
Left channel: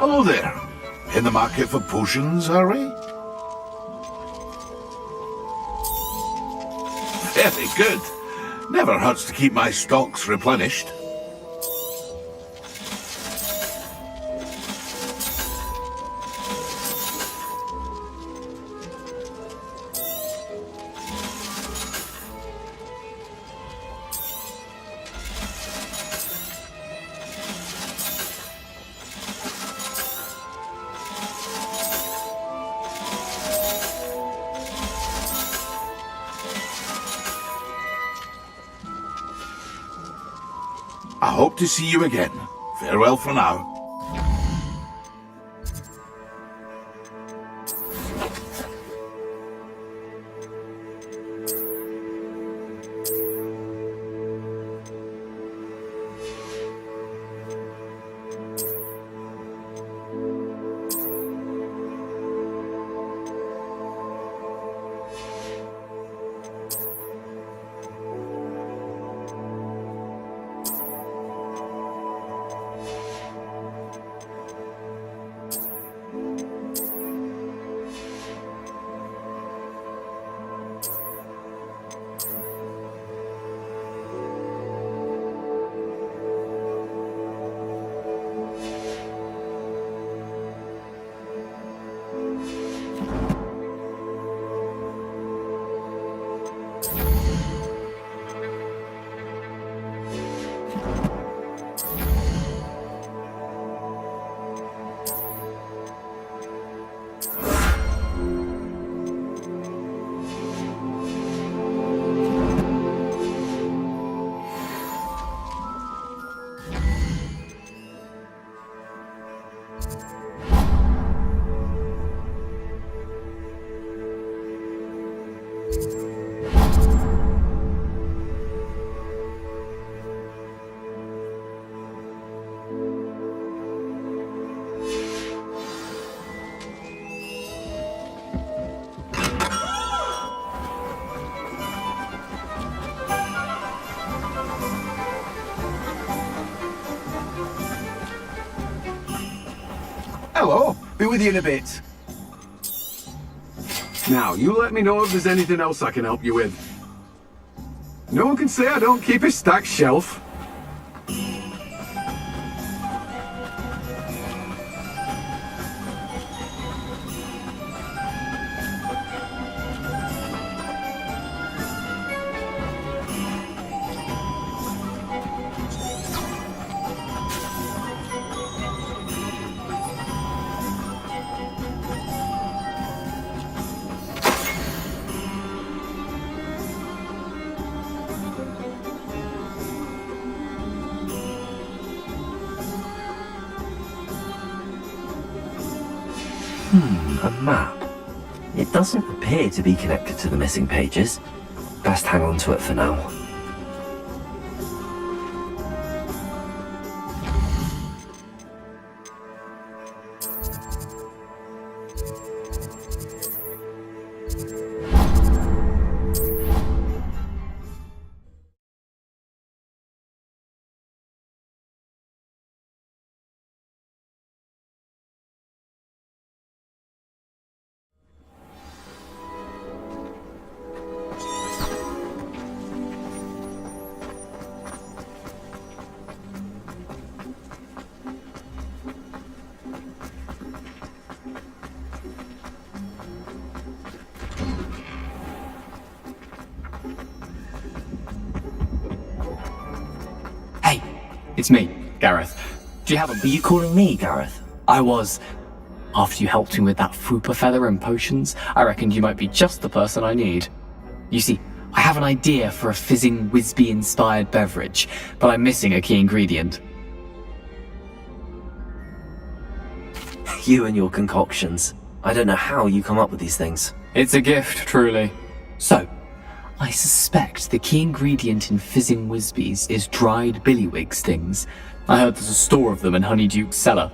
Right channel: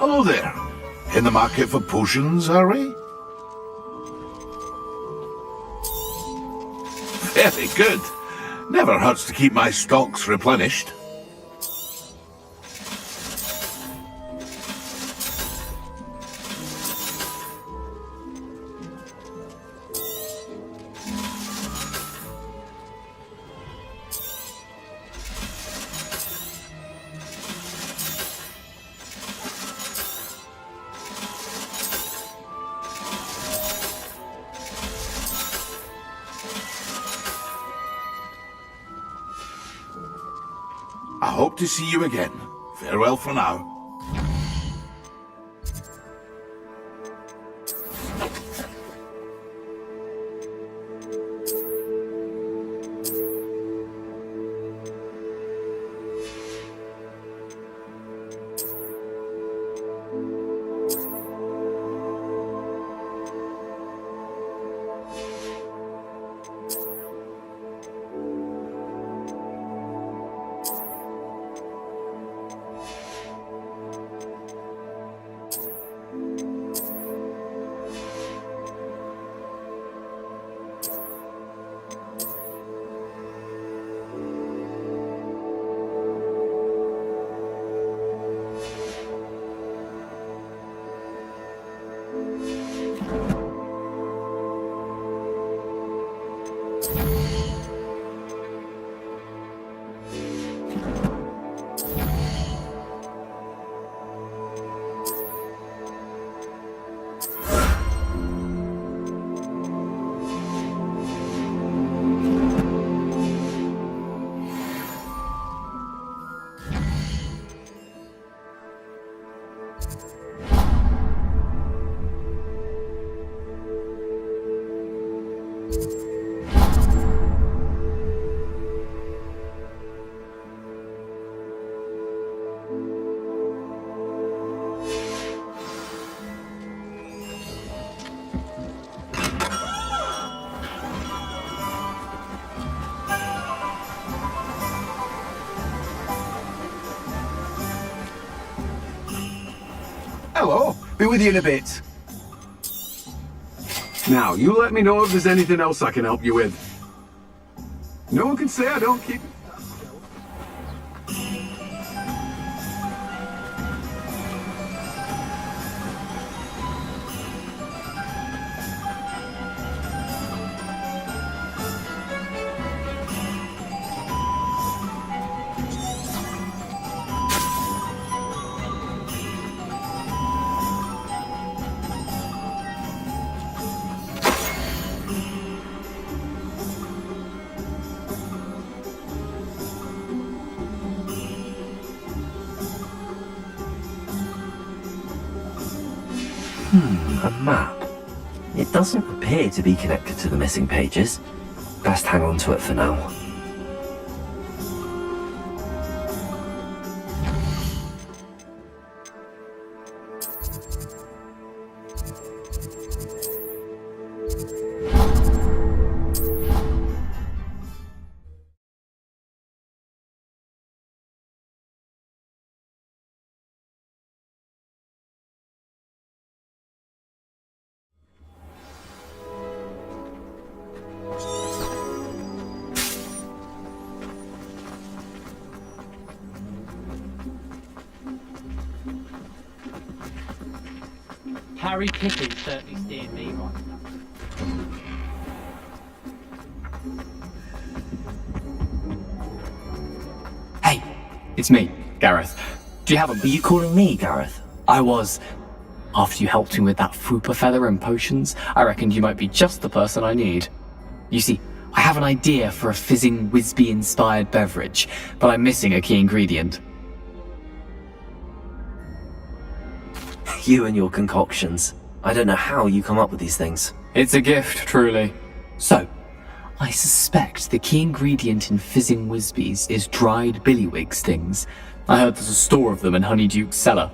Hello there. In the market for potions, are we? Very good. Never hurts to keep my stocks replenished. I hope to see you again. Farewell for now. Hello, be with you in a bit. Now, you let me know if there's anything else I can help you with. No one can say I don't keep a stacked shelf. A map. It doesn't appear to be connected to the missing pages. Best hang on to it for now. Harry Pippin certainly steered me right. Hey, it's me, Gareth. Do you have a... Are you calling me Gareth? I was. After you helped me with that Fupa feather and potions, I reckoned you might be just the person I need. You see, I have an idea for a fizzing Whizbee-inspired beverage, but I'm missing a key ingredient. You and your concoctions. I don't know how you come up with these things. It's a gift, truly. So, I suspect the key ingredient in fizzing Whizbees is dried billywig stings. I heard there's a store of them in Honeyduke's cellar.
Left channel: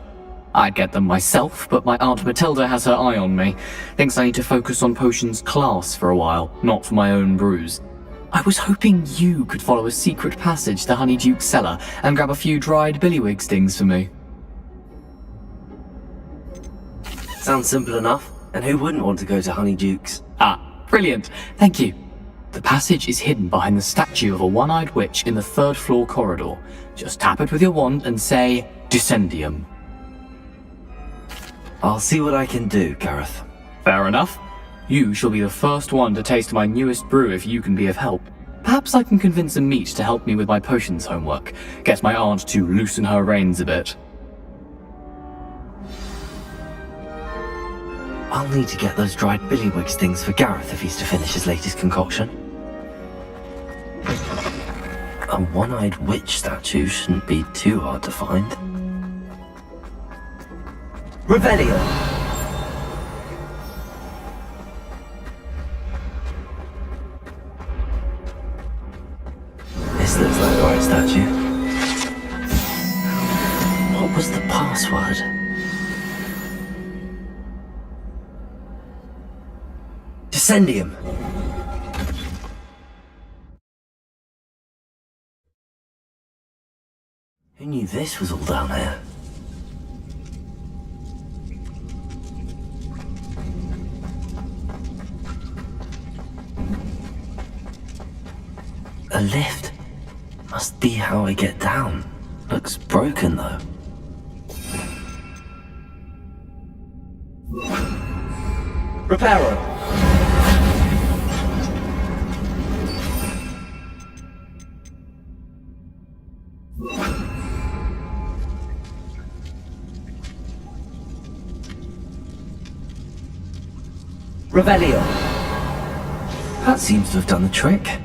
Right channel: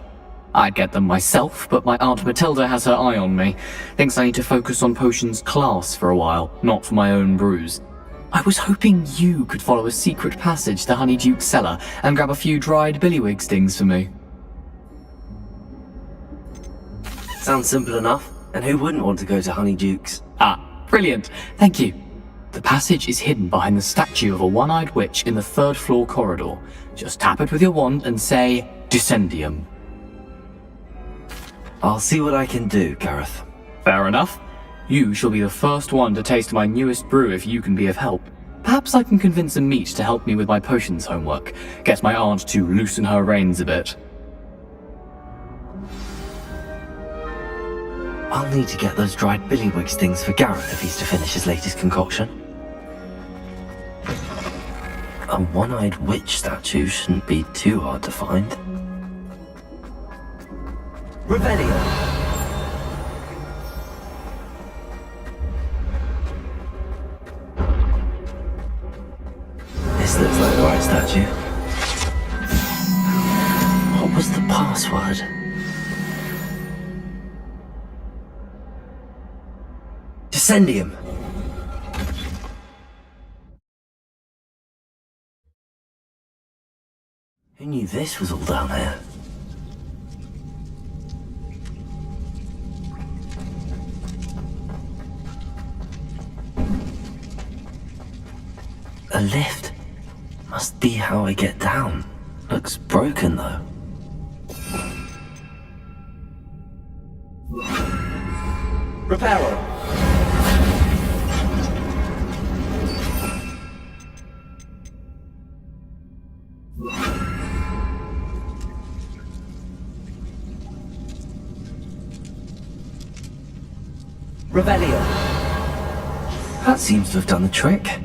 I'd get them myself, but my Aunt Matilda has her eye on me. Thinks I need to focus on potions class for a while, not for my own brews. I was hoping you could follow a secret passage to Honeyduke's cellar and grab a few dried billywig stings for me. Sounds simple enough. And who wouldn't want to go to Honeyduke's? Ah, brilliant. Thank you. The passage is hidden behind the statue of a one-eyed witch in the third-floor corridor. Just tap it with your wand and say, Descendium. I'll see what I can do, Gareth. Fair enough. You shall be the first one to taste my newest brew if you can be of help. Perhaps I can convince a meat to help me with my potions homework. Get my aunt to loosen her reins a bit. I'll need to get those dried billywig stings for Gareth if he's to finish his latest concoction. A one-eyed witch statue shouldn't be too hard to find. Revelio! This looks like the right statue. What was the password? Descendium! Who knew this was all down here? A lift. Must be how I get down. Looks broken though. Reparo! Revelio. That seems to have done the trick.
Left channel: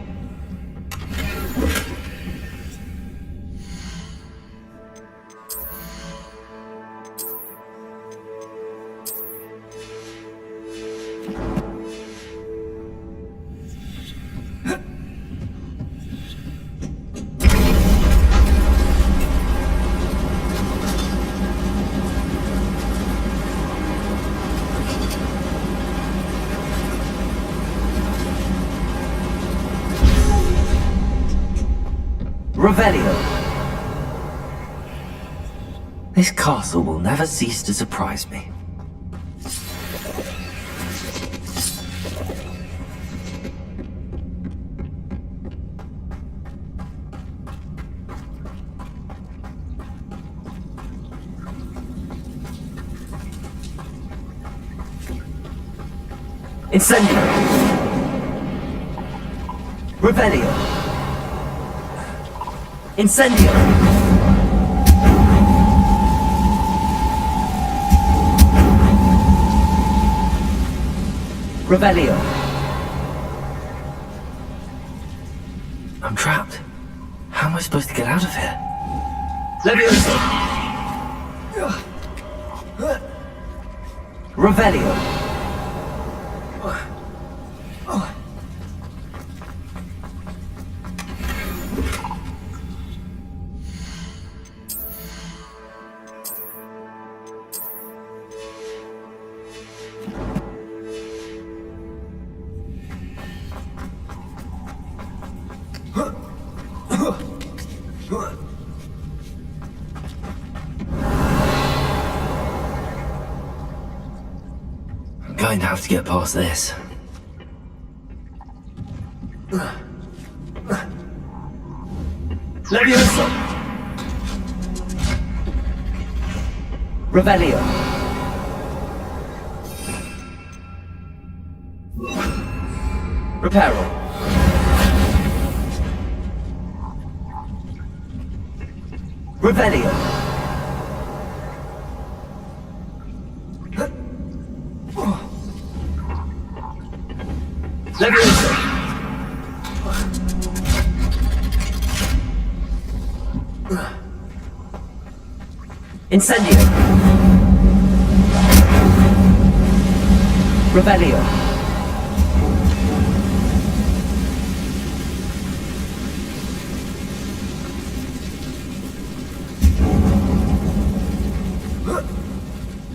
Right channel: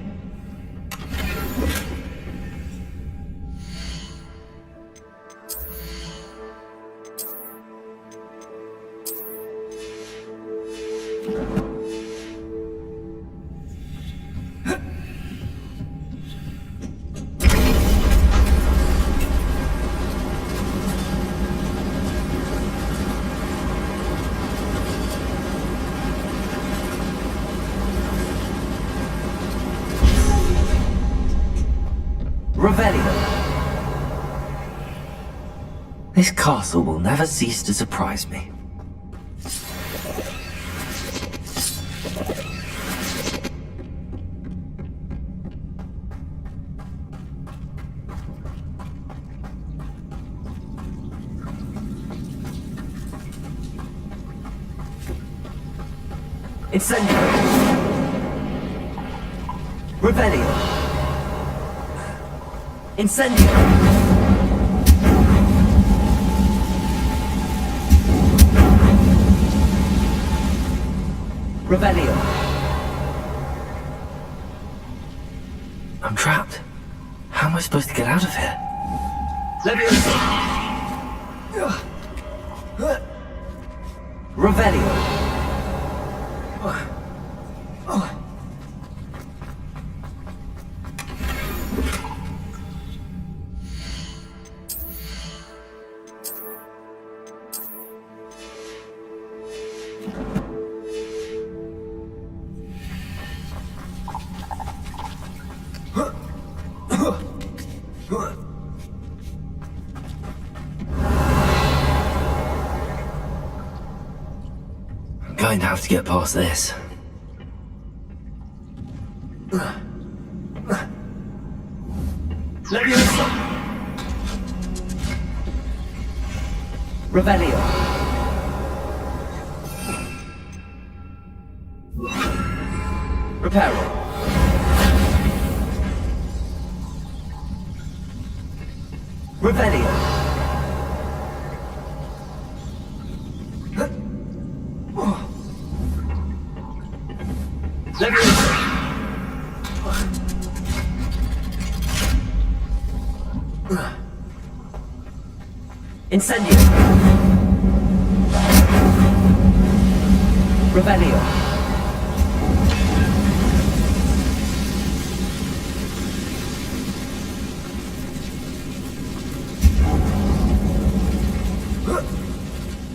Revelio. This castle will never cease to surprise me. Incendio. Revelio. Incendio! Revelio! I'm trapped. How am I supposed to get out of here? Leviosa! Revelio. I'm going to have to get past this. Leviosa! Revelio! Reparo! Revelio! Leviosa! Incendio! Revelio!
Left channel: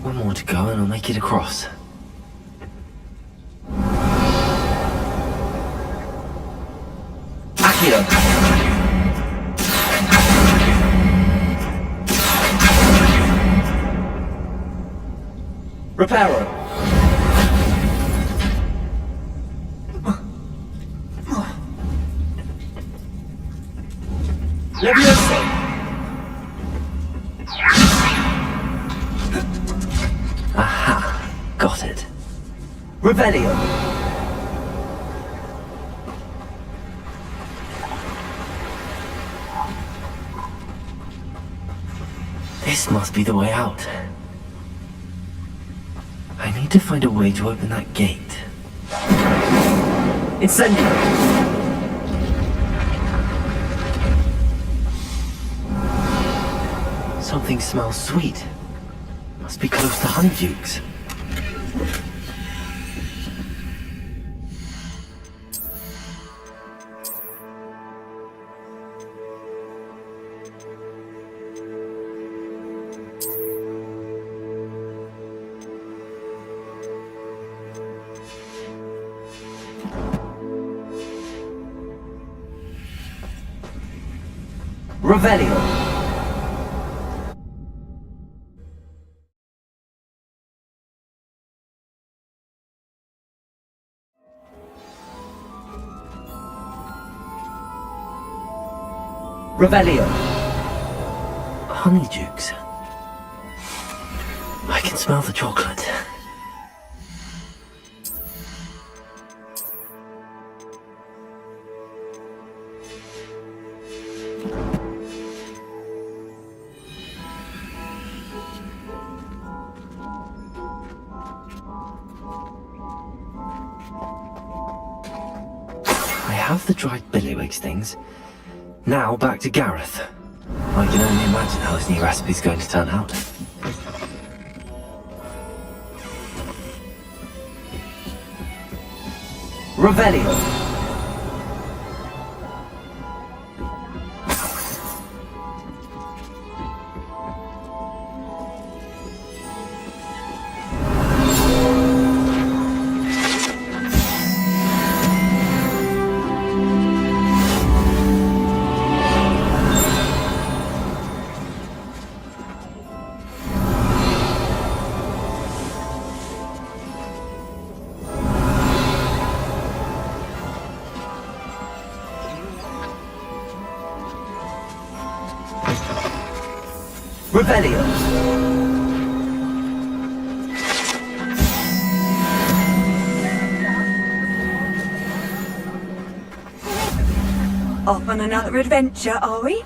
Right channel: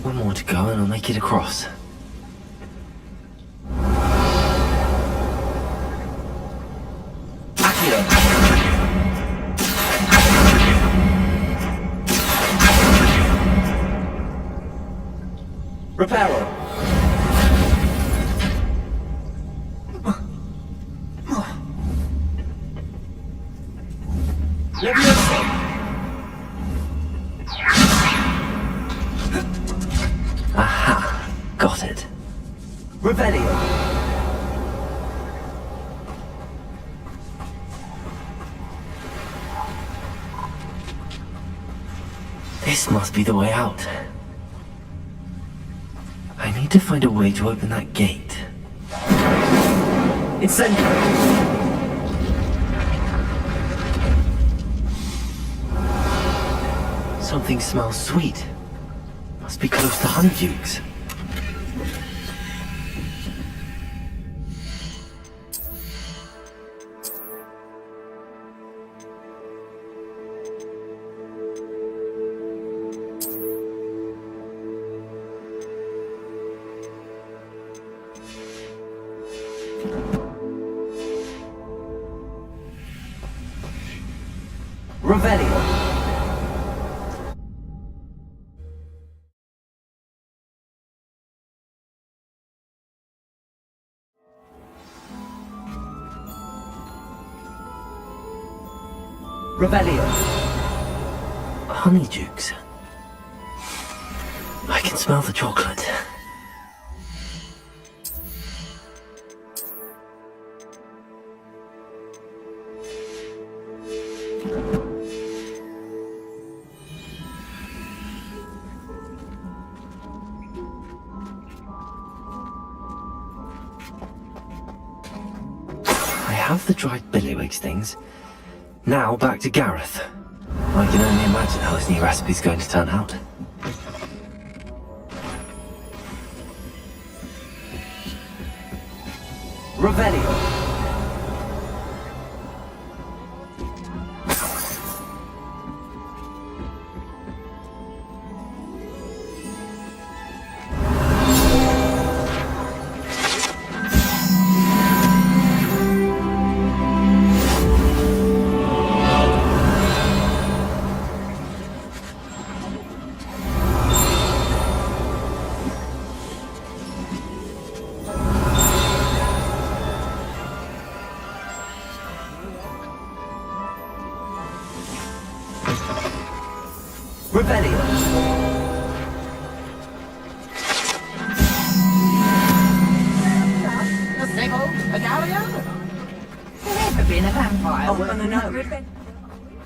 One more to go and I'll make it across. Accio! Reparo! Leviosa! Aha! Got it. Revelio! This must be the way out. I need to find a way to open that gate. Incendio! Something smells sweet. Must be close to Honeydukes. Revelio! Revelio! Honeydukes. I can smell the chocolate. I have the dried billywig things. Now back to Gareth. I can only imagine how his new recipe's going to turn out. Revelio! Revelio! Off on another adventure, are we?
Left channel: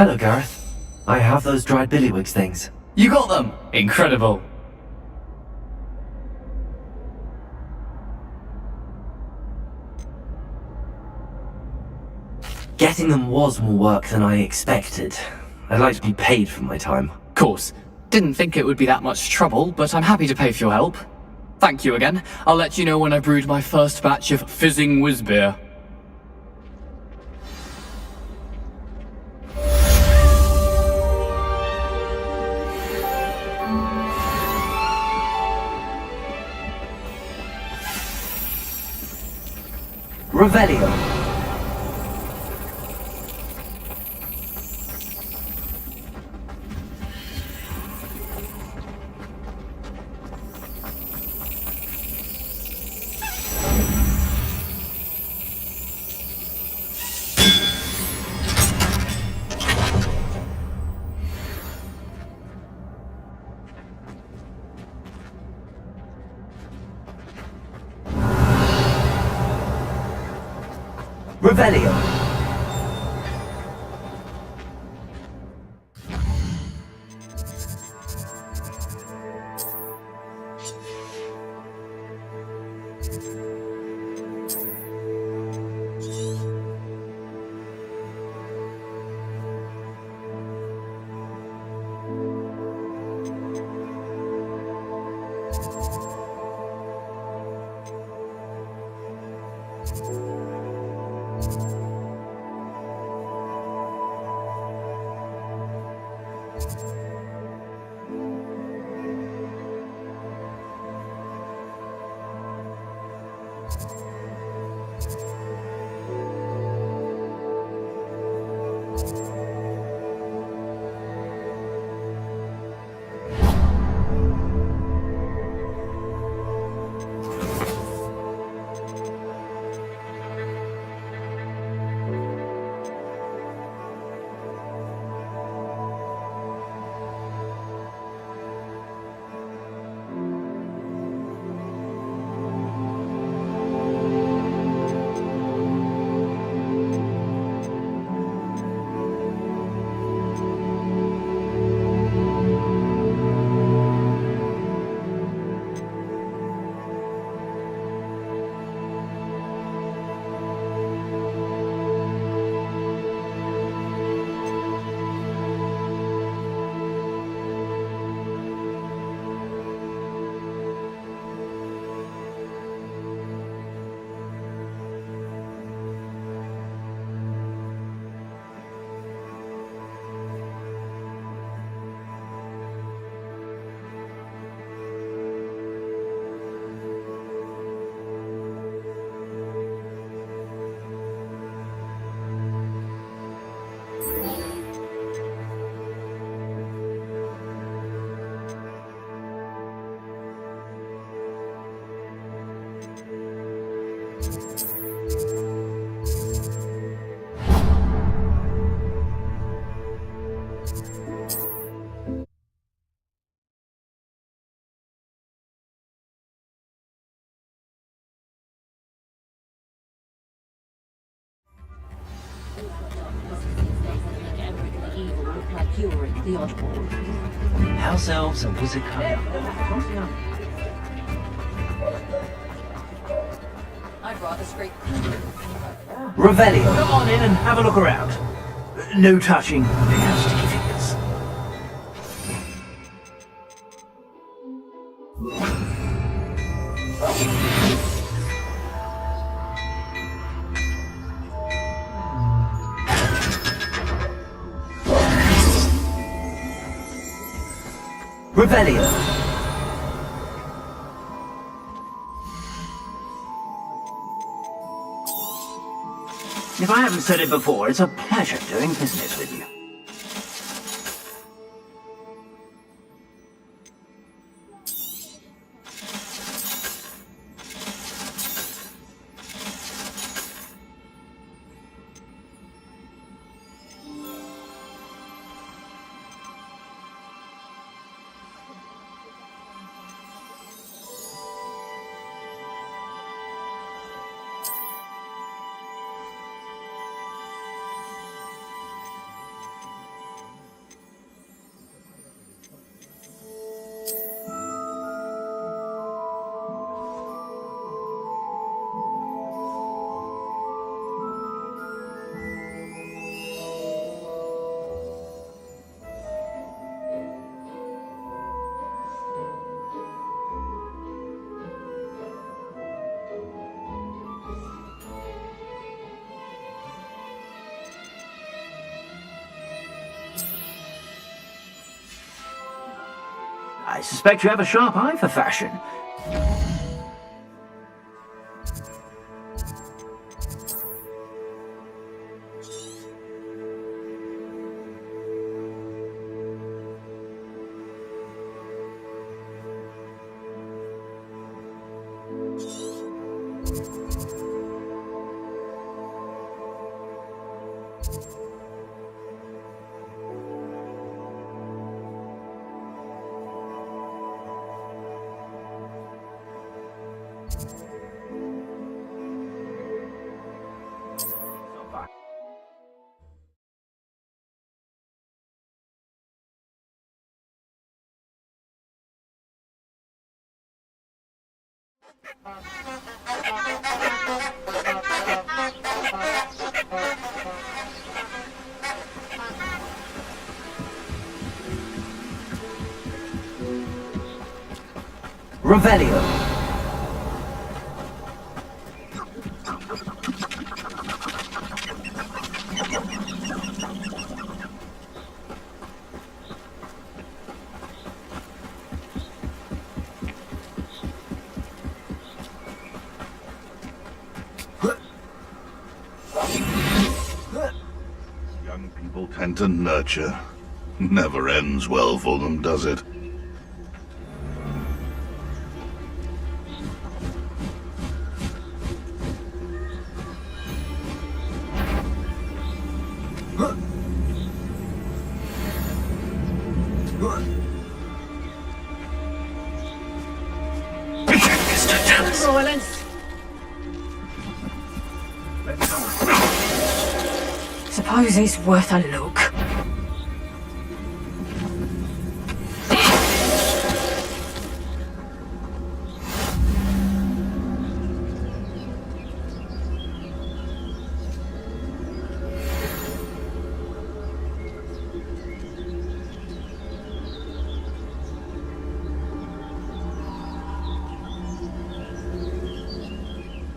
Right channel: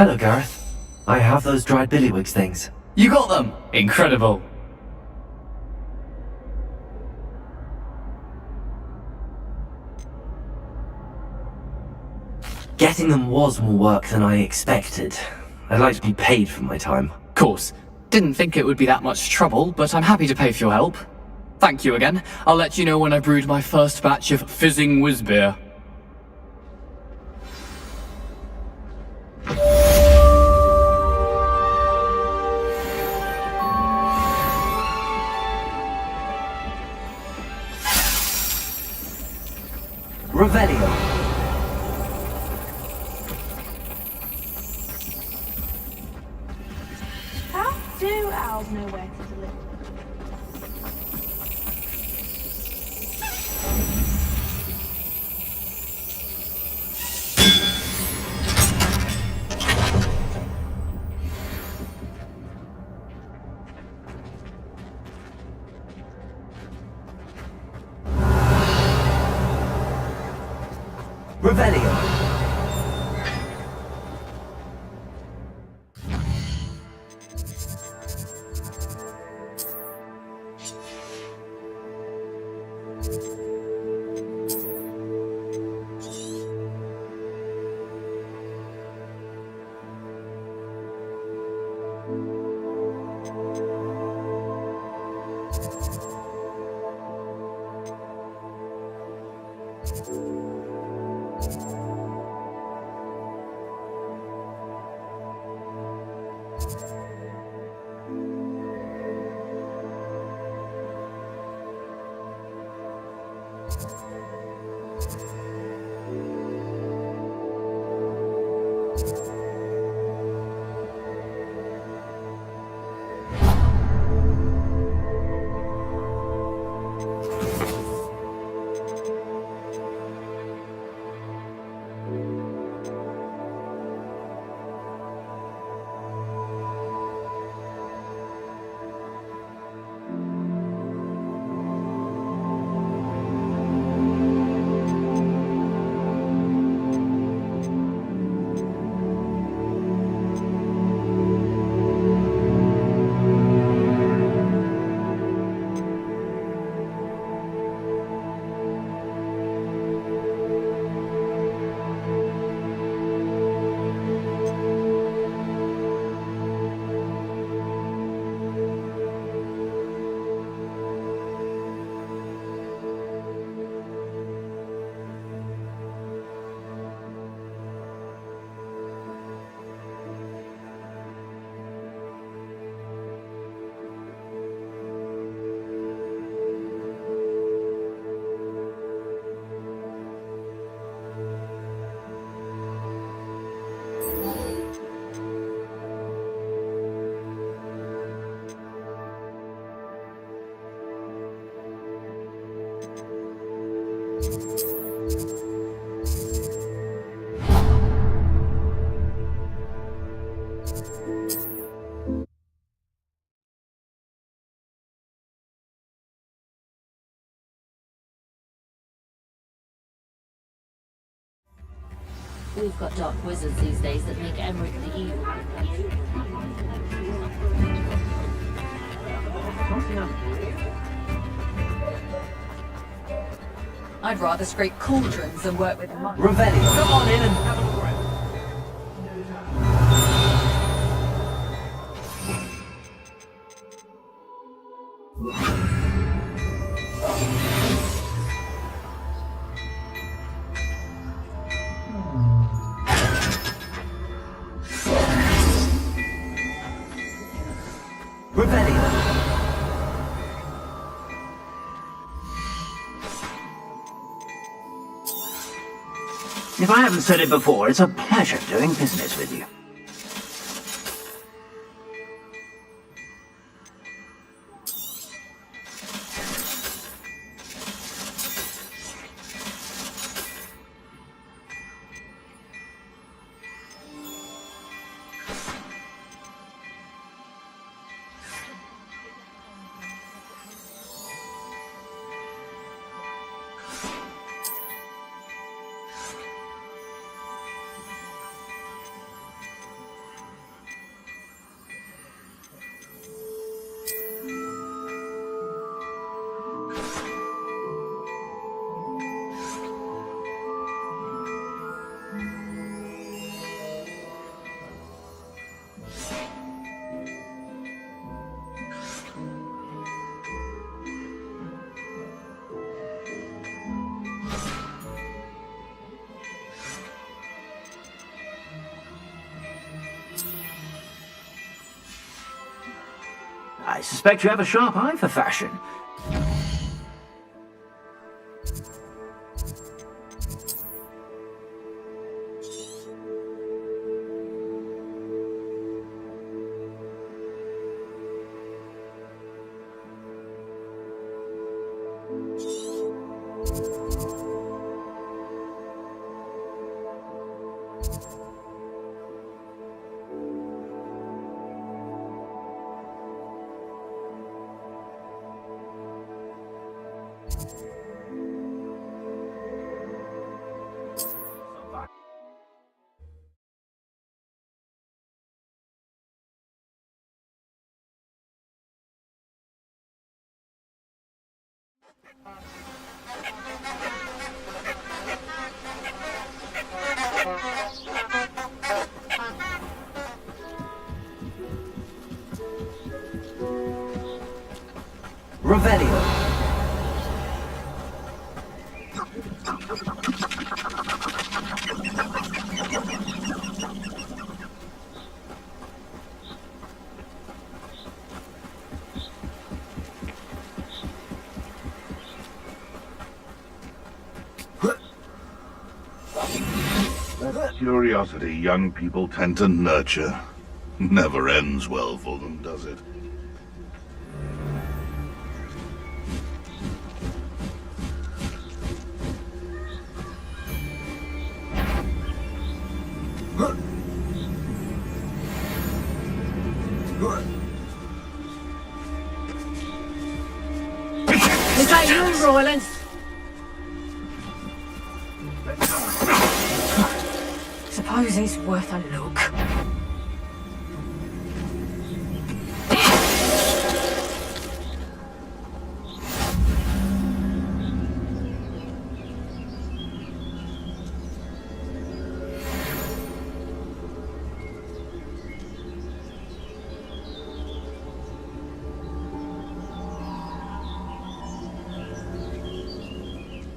Hello, Gareth. I have those dried billywigs things. You got them! Incredible. Getting them was more work than I expected. I'd like to be paid for my time. Course. Didn't think it would be that much trouble, but I'm happy to pay for your help. Thank you again. I'll let you know when I brewed my first batch of fizzing whiz beer. Revelio. Revelio. We've got dark wizards these days that make Emmerich the Evil look like you're in the oddball. House elves and music. I'd rather scrape cauldrons than work with them. Revelio. Come on in and have a look around. No touching. Revelio. If I haven't said it before, it's a pleasure doing business with you. I suspect you have a sharp eye for fashion. Revelio. Curiosity young people tend to nurture never ends well for them, does it? Suppose it's worth a look.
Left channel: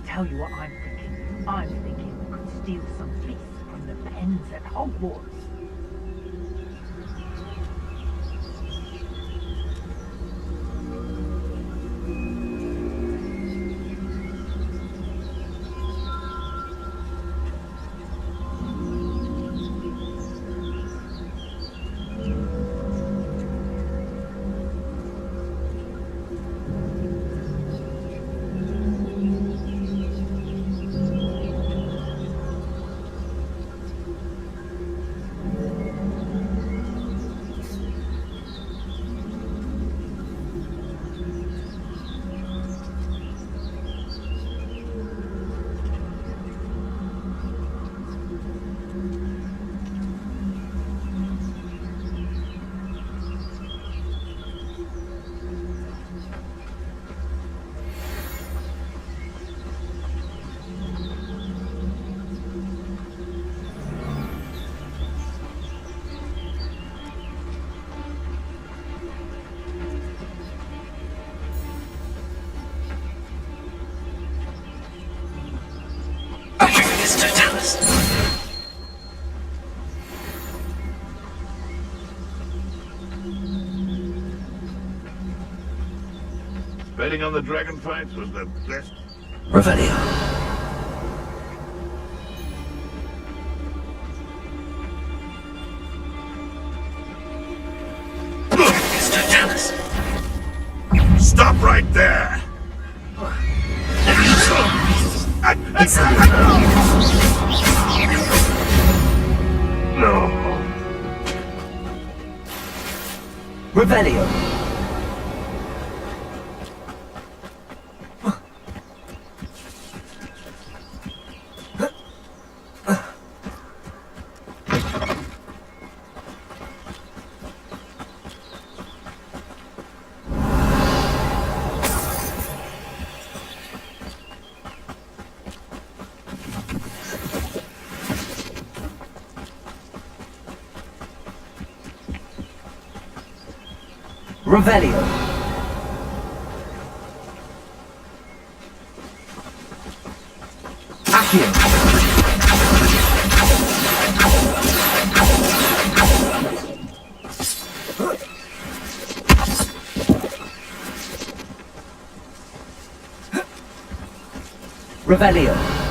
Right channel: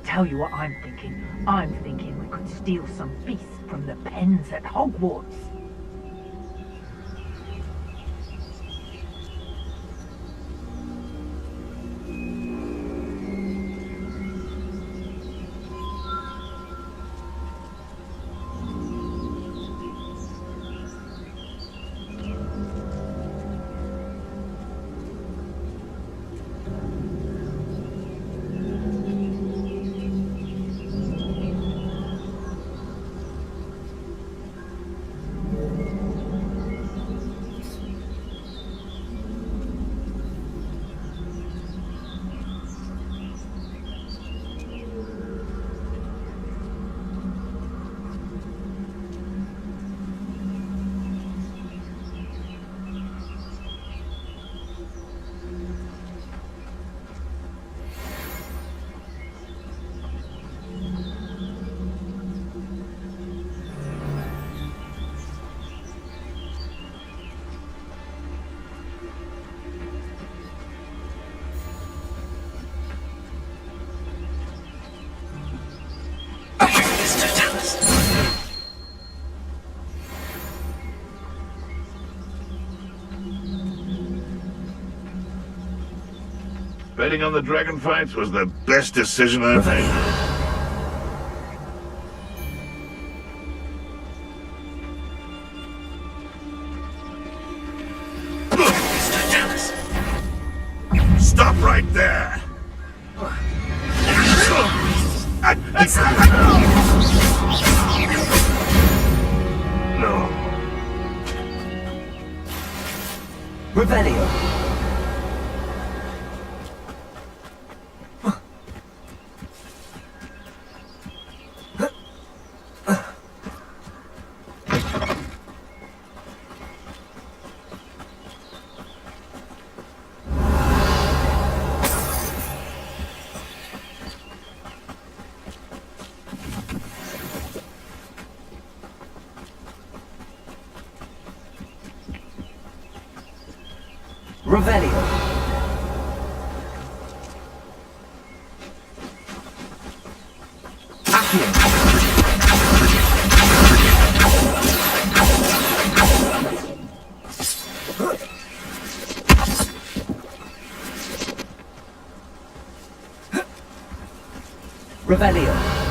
Tell you what I'm thinking. I'm thinking we could steal some beasts from the pens at Hogwarts. Betting on the dragon fights was the best decision I Revelio. Stop right there! No. Revelio. Revelio. Accio. Revelio.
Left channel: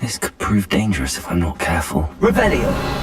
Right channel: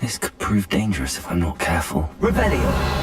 This could prove dangerous if I'm not careful. Revelio!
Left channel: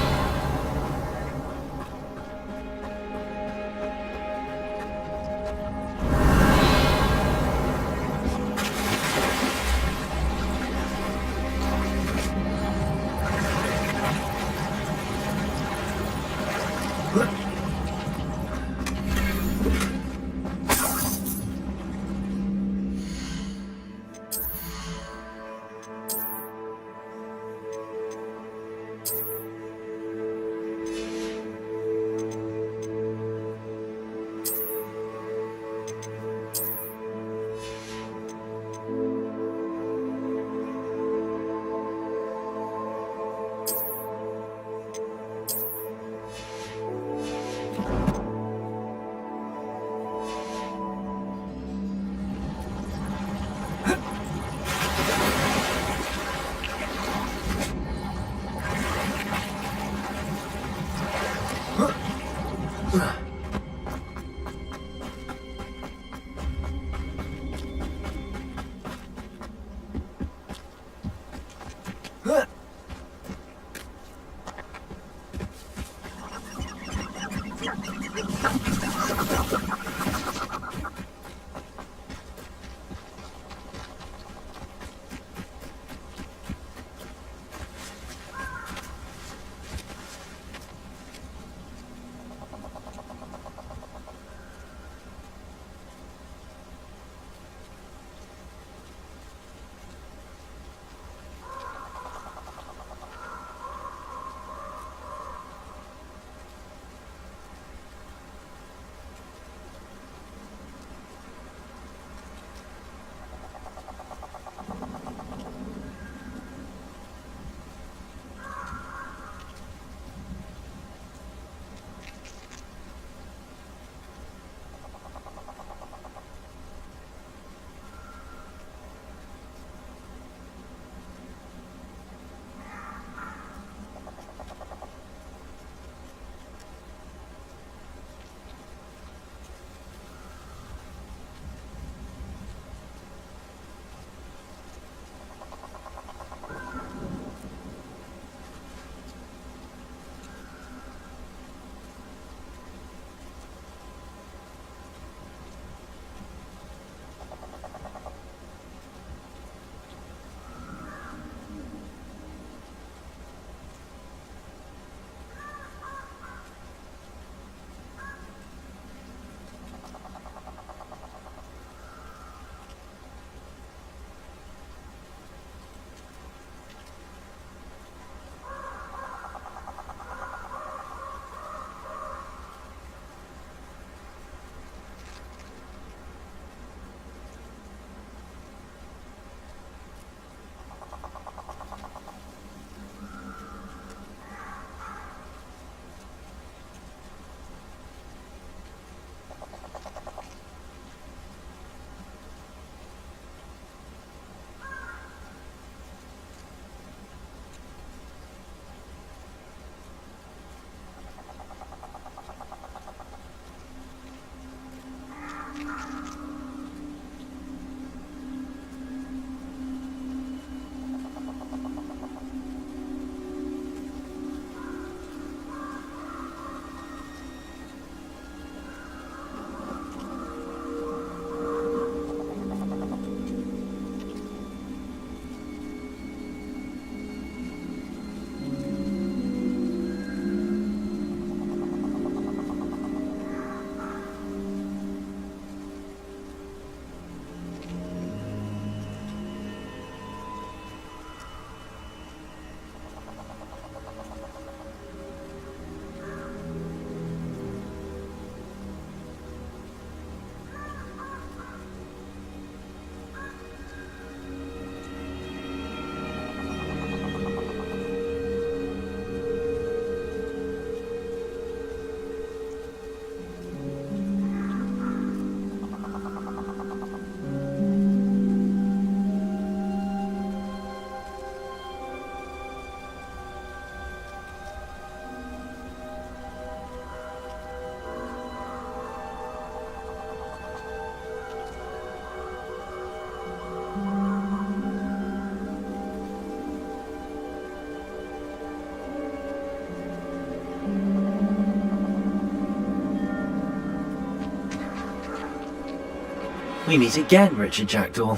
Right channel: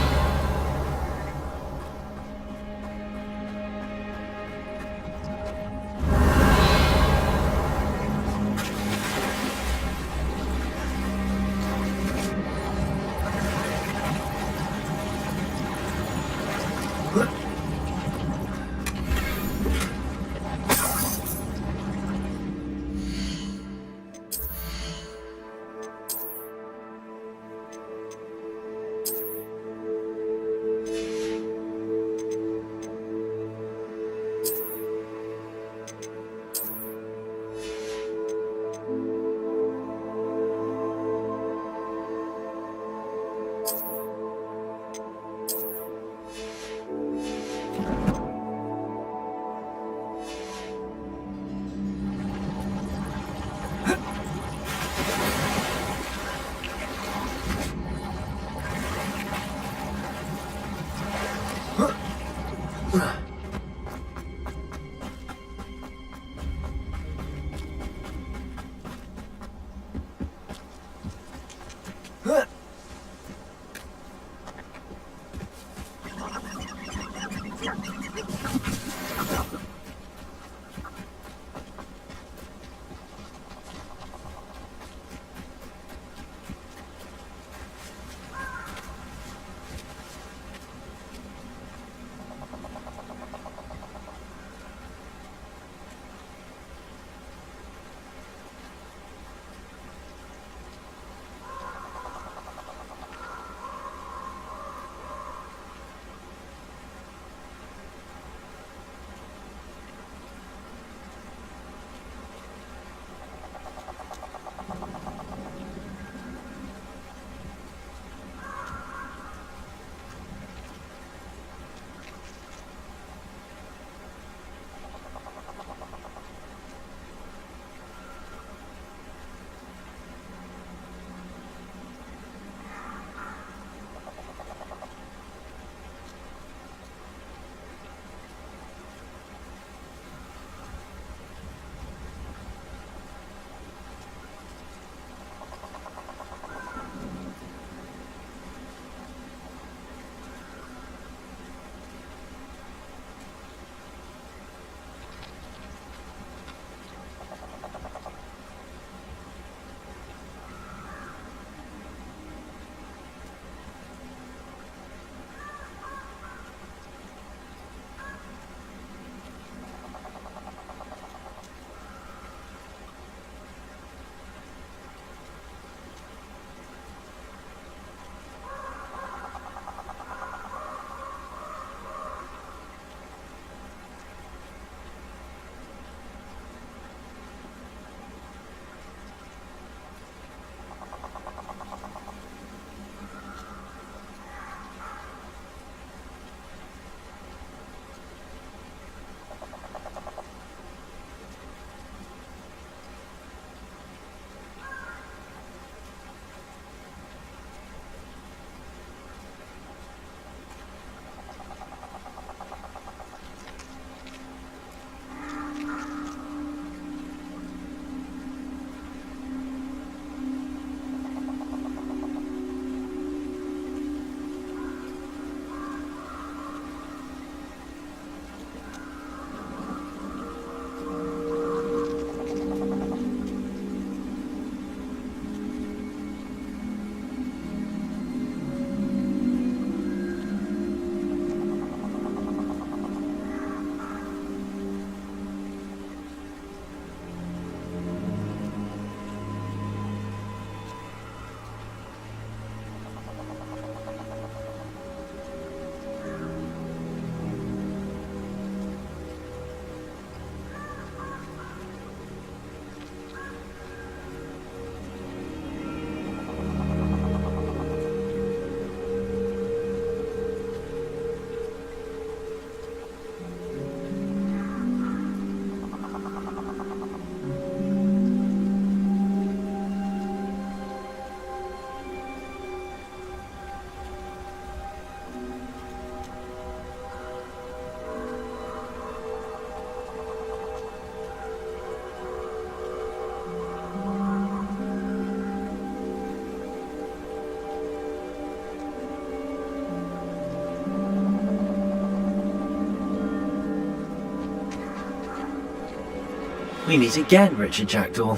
We meet again, Richard Jackdaw.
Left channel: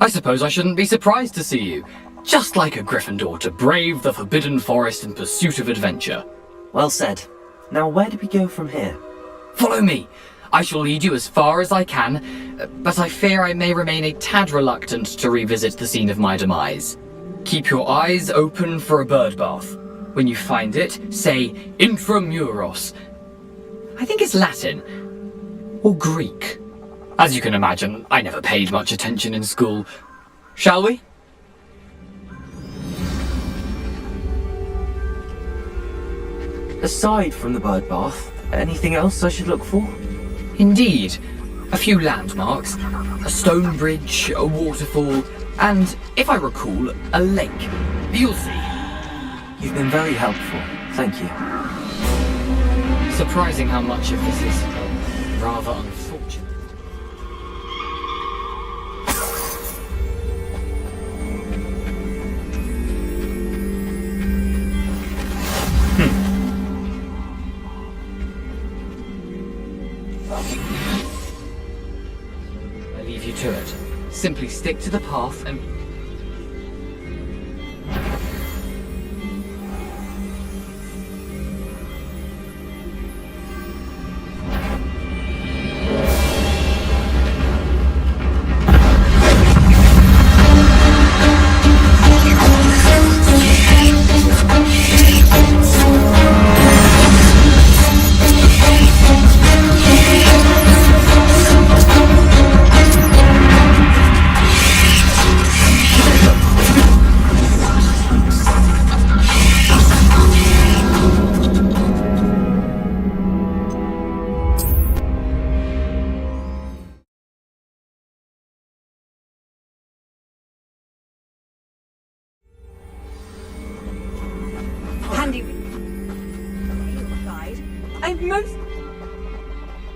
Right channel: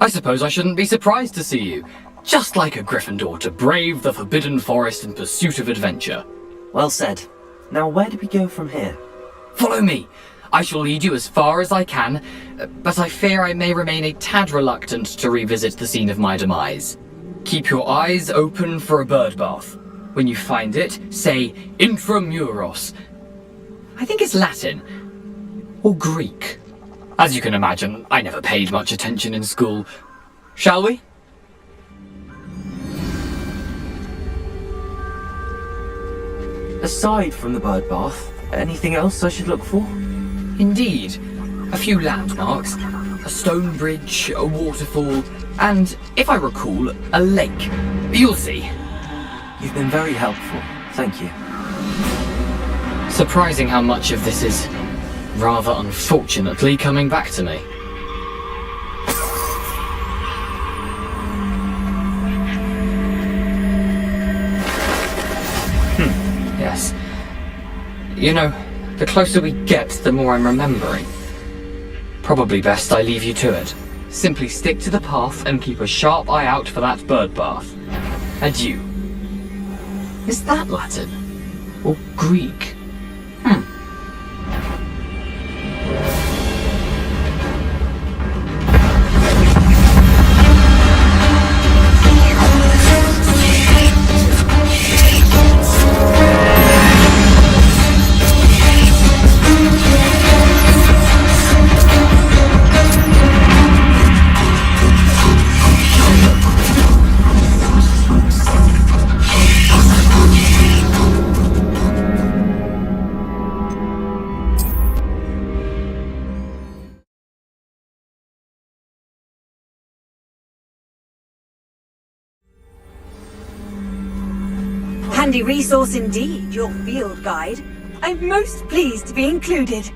I suppose I shouldn't be surprised to see you. Just like a Gryffindor to brave the Forbidden Forest in pursuit of adventure. Well said. Now where do we go from here? Follow me. I shall lead you as far as I can, but I fear I may remain a tad reluctant to revisit the scene of my demise. Keep your eyes open for a bird bath. When you find it, say Intramuros. I think it's Latin. Or Greek. As you can imagine, I never paid much attention in school. Shall we? Aside from the bird bath, anything else I should look for? Indeed. A few landmarks, a stone bridge, a waterfall, and, if I recall, a lake. You'll see. You've been very helpful. Thank you. Surprising how much of this is, rather unfortunately, coming back to me. Yes. You know, the closer we get, the more I'm remembering. Probably best I leave you to it. Simply stick to the path and keep a sharp eye out for that bird bath. Adieu. Is that Latin? Or Greek? Handy resource indeed, your field guide. I'm most pleased to be included.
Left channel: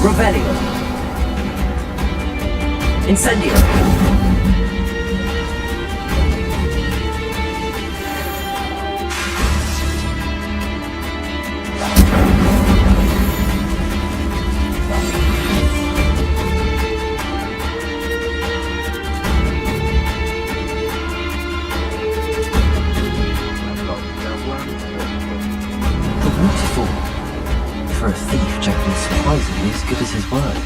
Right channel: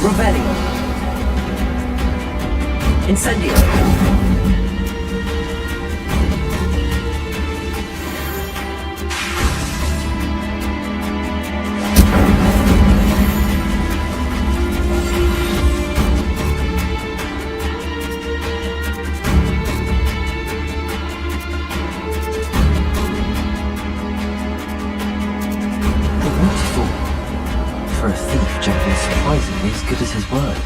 Revelio. Incendio. The waterfall. For a thief, Jack is surprisingly as good as his word.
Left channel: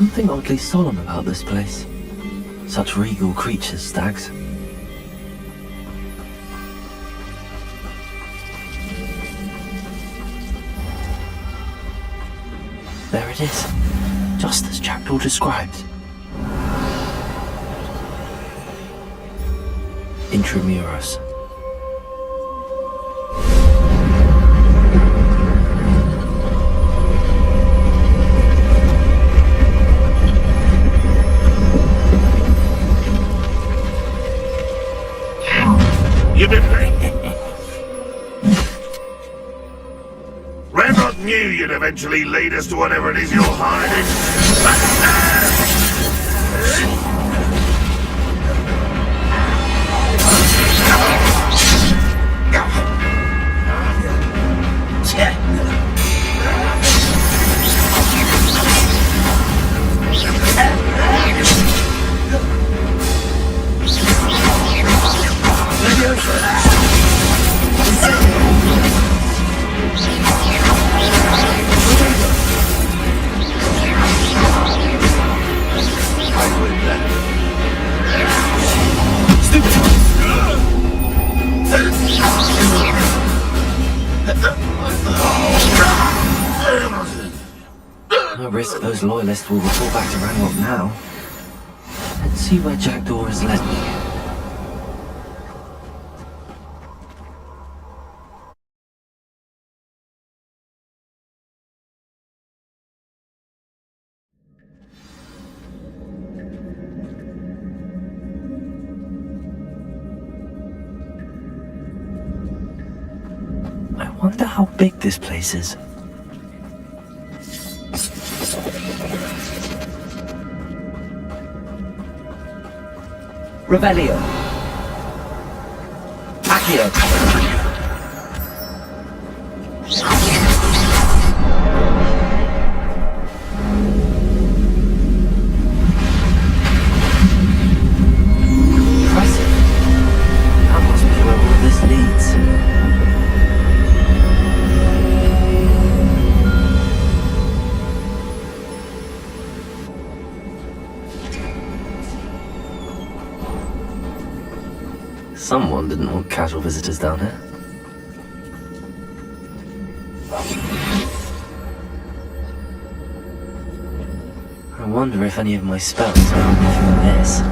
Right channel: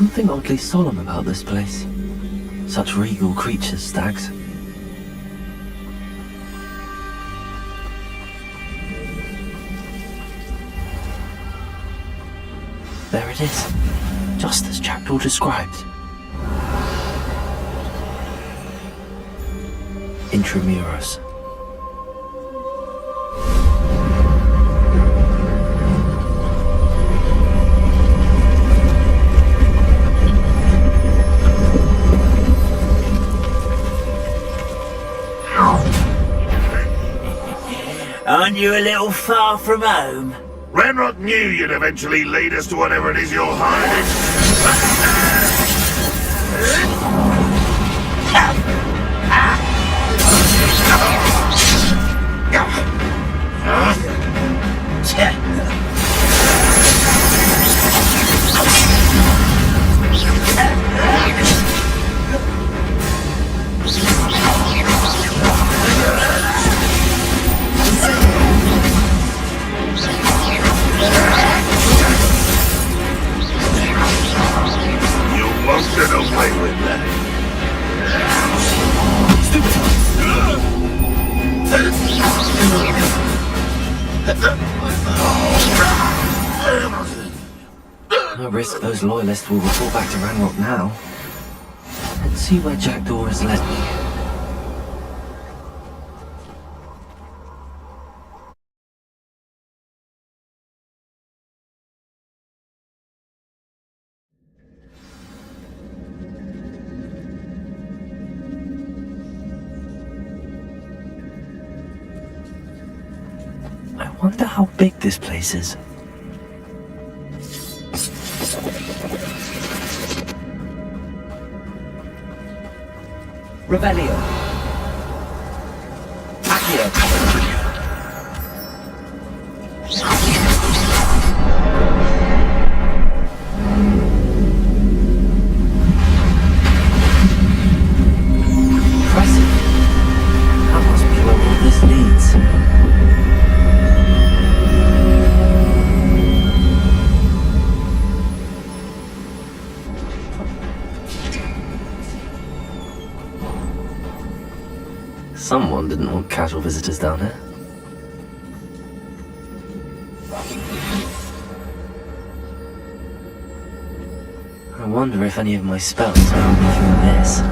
something oddly solemn about this place. Such regal creatures, stags. There it is, just as Jackdaw described. Intramuros. Aren't you a little far from home? Redrock knew you'd eventually lead us to whatever it is you're hiding. No risk those loyalists will report back to Ranrock now. Let's see where Jackdaw has led me. I wonder how big this place is. Revelio. Accio. Impressive. That must be where all this leads. Someone didn't want casual visitors down here. I wonder if any of my spells help me through this.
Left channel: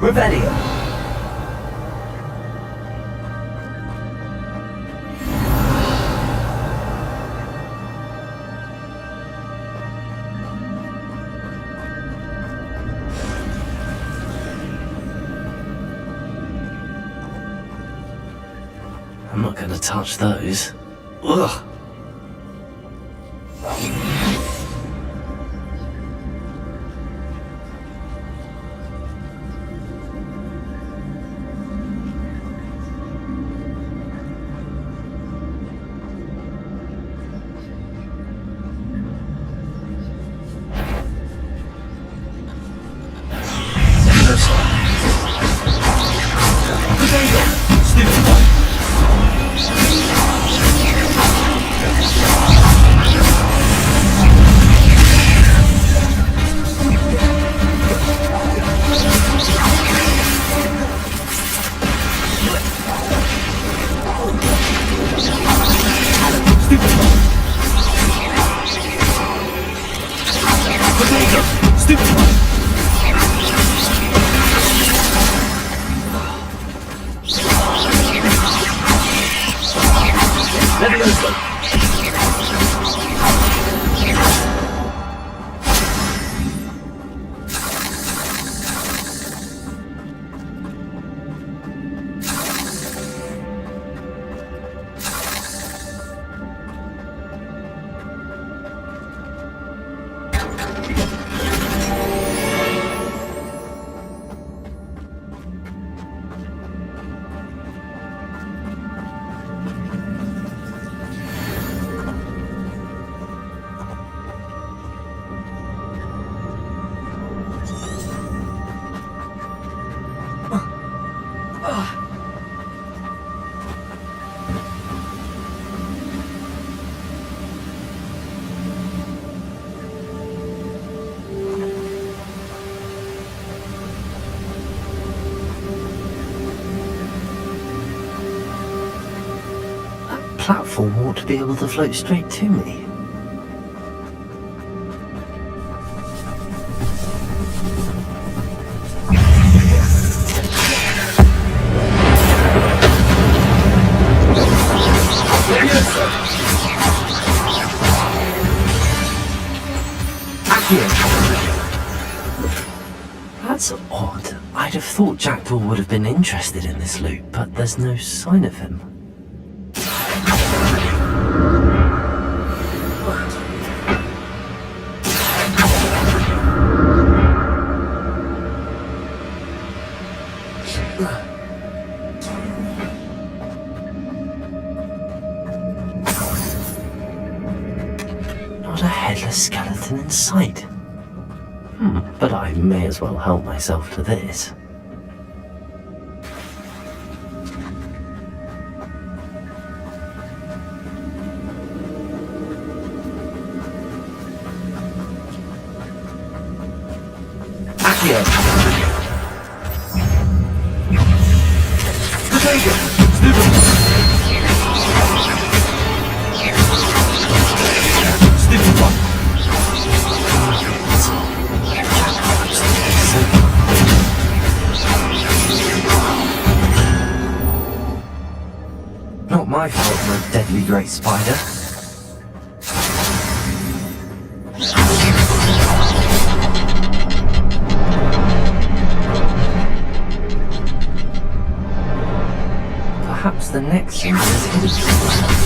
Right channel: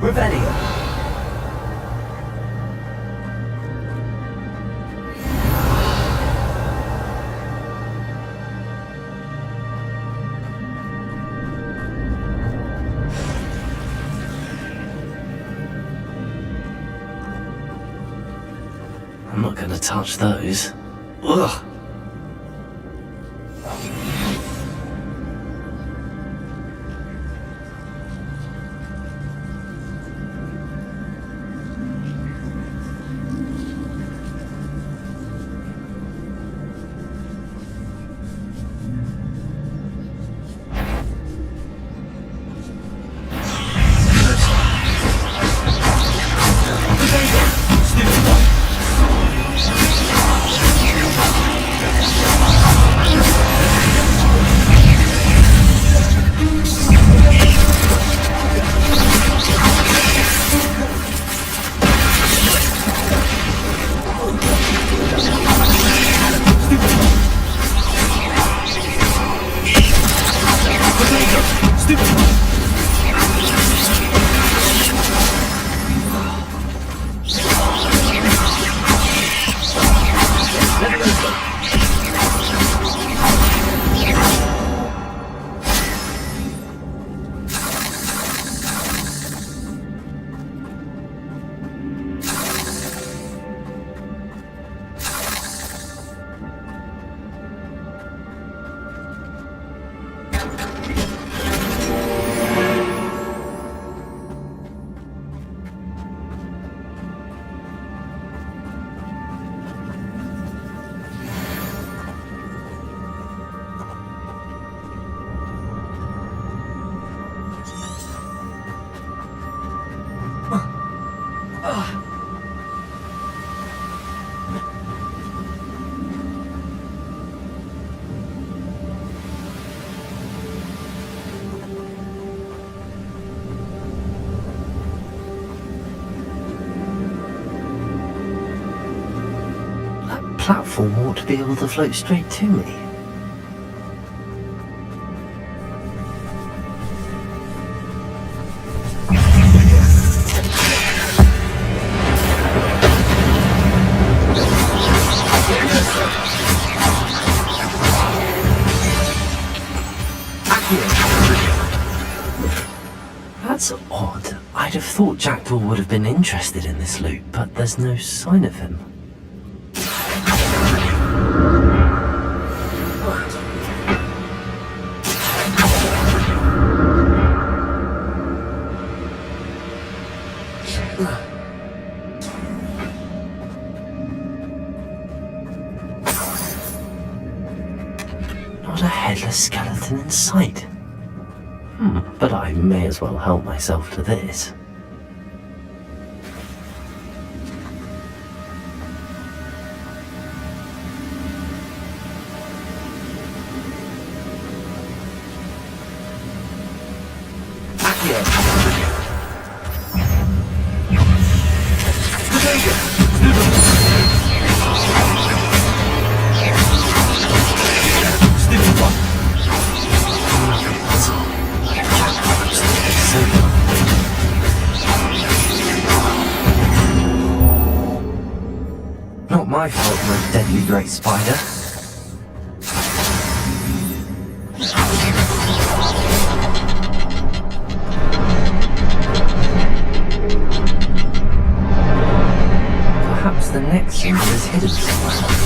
Revelio. I'm not gonna touch those. Ugh. platform ought to be able to float straight to me. That's odd. I'd have thought Jackdaw would have been interested in this loot, but there's no sign of him. Not a headless skeleton in sight. But I may as well help myself to this. Not my fault for a deadly great spider. Perhaps the next symbol is hidden somewhere.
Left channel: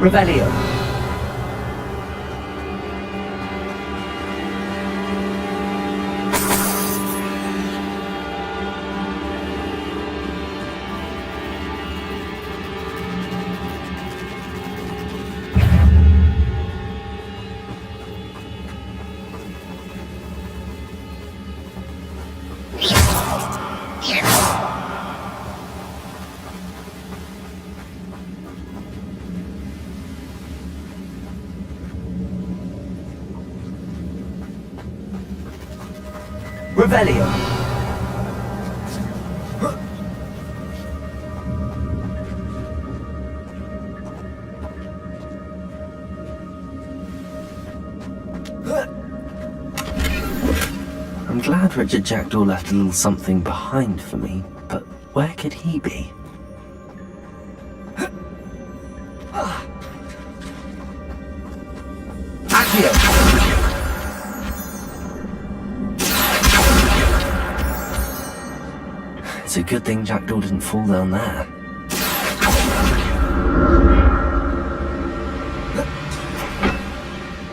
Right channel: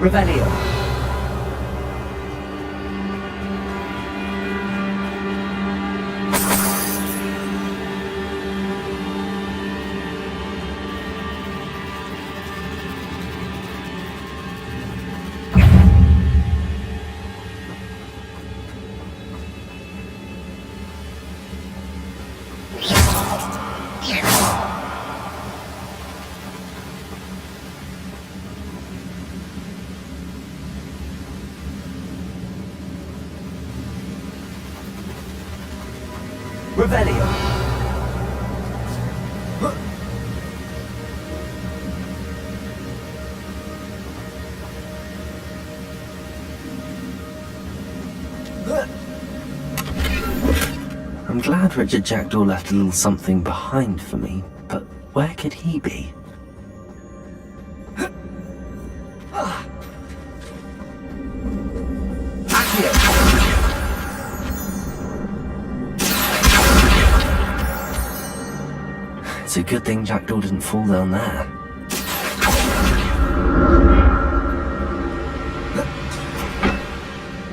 Revelio. Revelio. I'm glad Richard Jackdaw left a little something behind for me, but where could he be? It's a good thing Jackdaw didn't fall down there.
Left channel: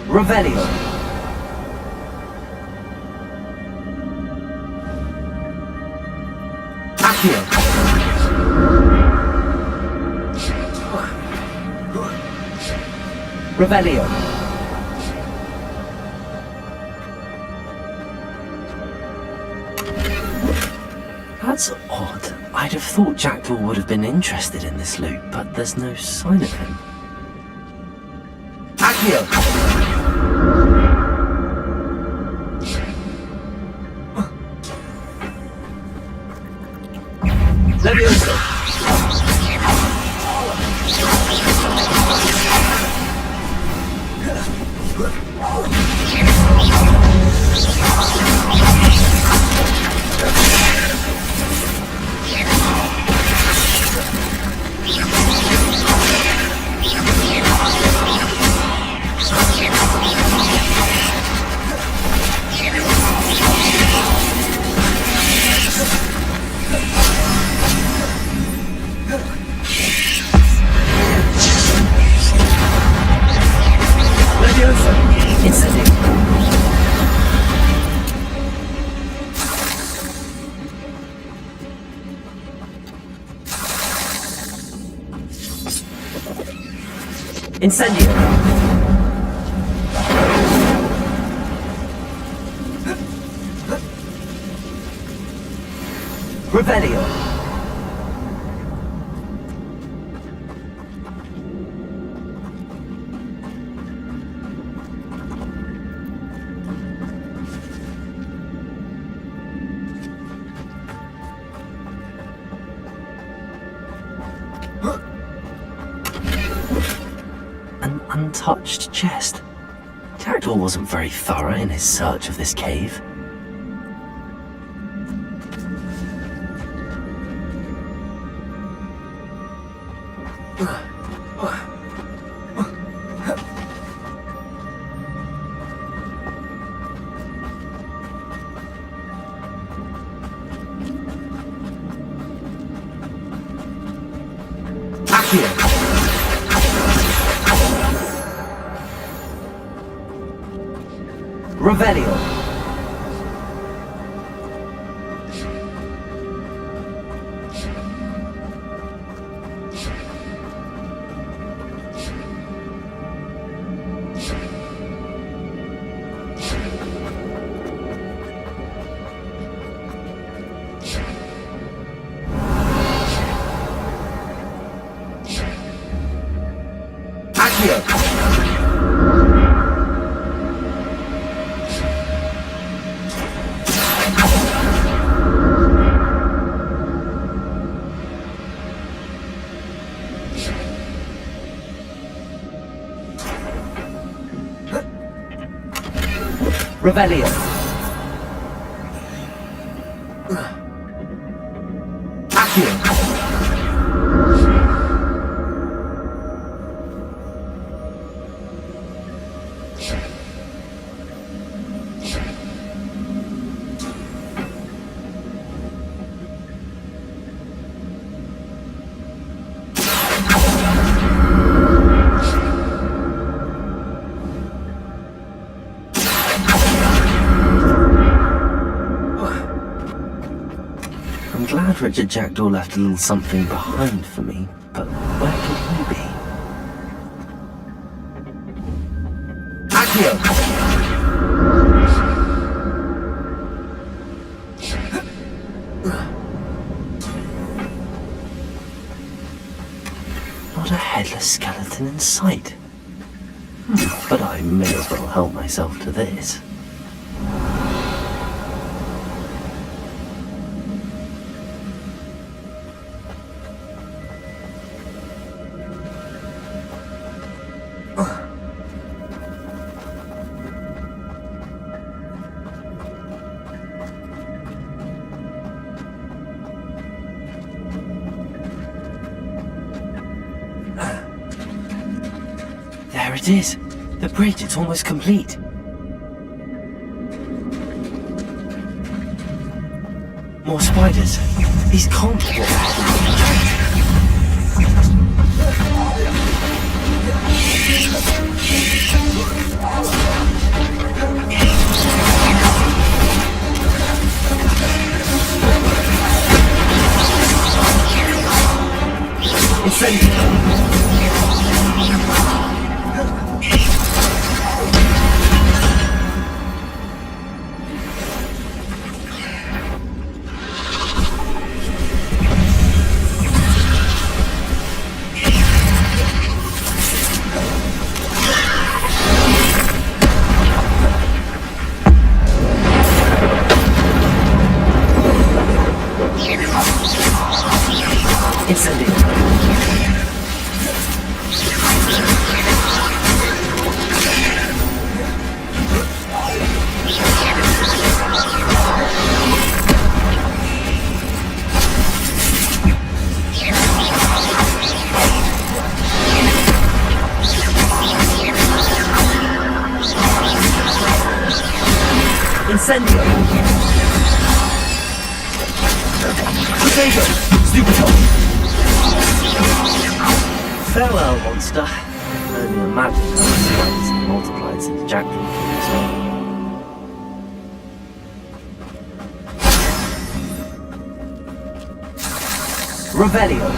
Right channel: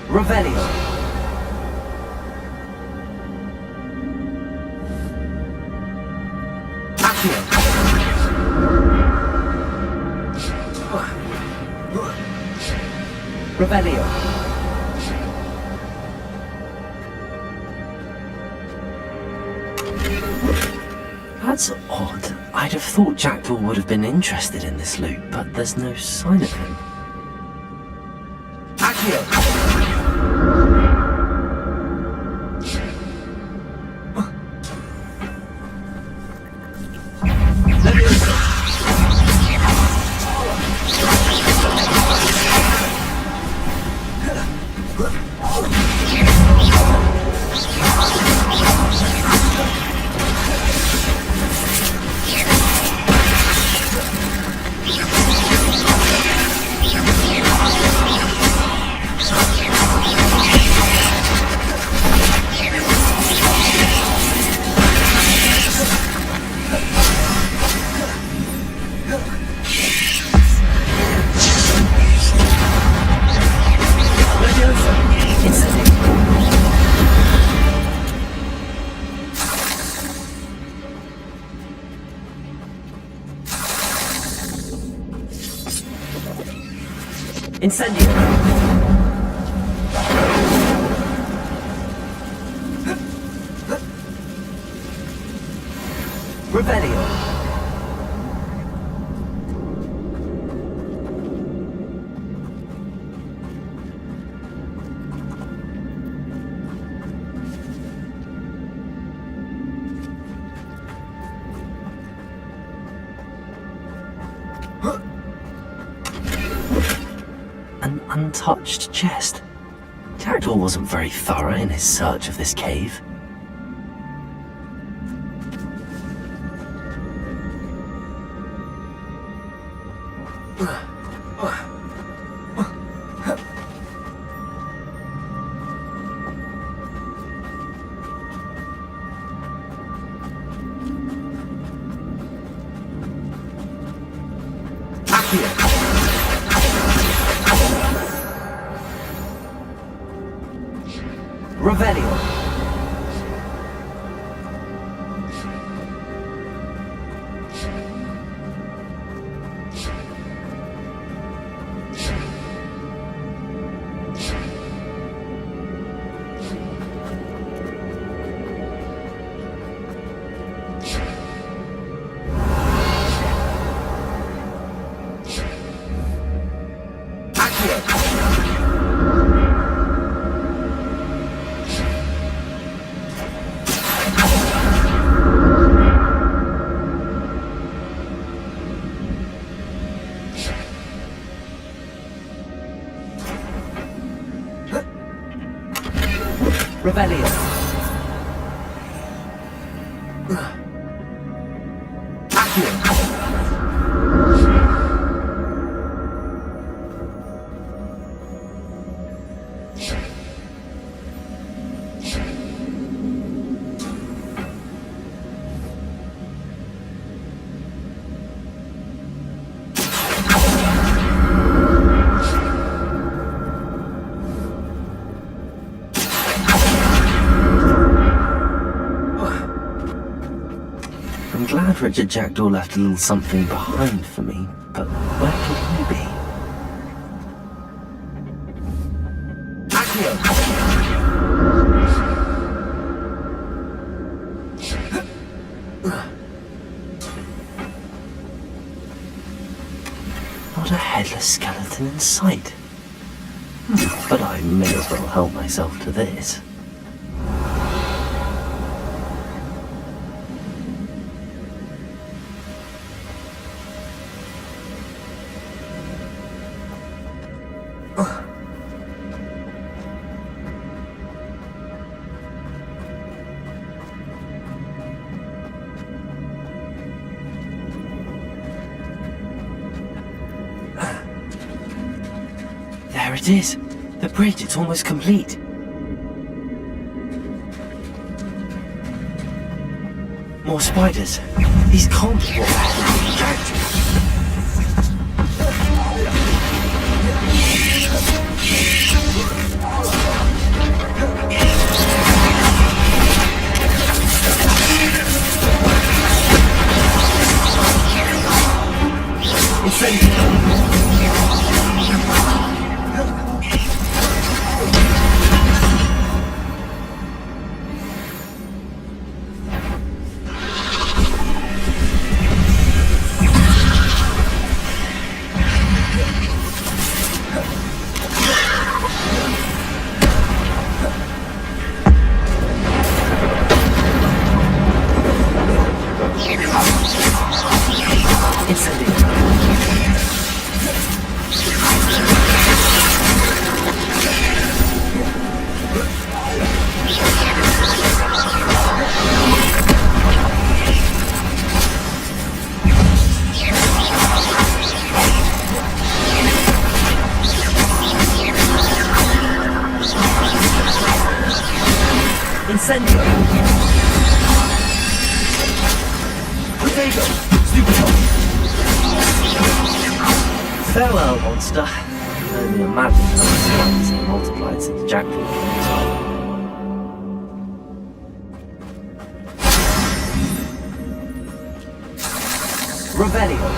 Revelio. Accio. Revelio. That's odd. I'd have thought Jackdaw would have been interested in this loot, but there's no sign of him. Accio! Incendio! Revelio. An untouched chest. Jackdaw wasn't very thorough in his search of this cave. Revelio. Revelio. I'm glad Richard Jackdaw left a little something behind for me, but where could he be? Accio! Not a headless skeleton in sight. But I may as well help myself to this. There it is. The bridge, it's almost complete. More spiders. These can't be what Incendio! Potato! Stupid hole! Farewell, monster. I can only imagine how the spiders have multiplied since Jackdaw came this way. Revelio.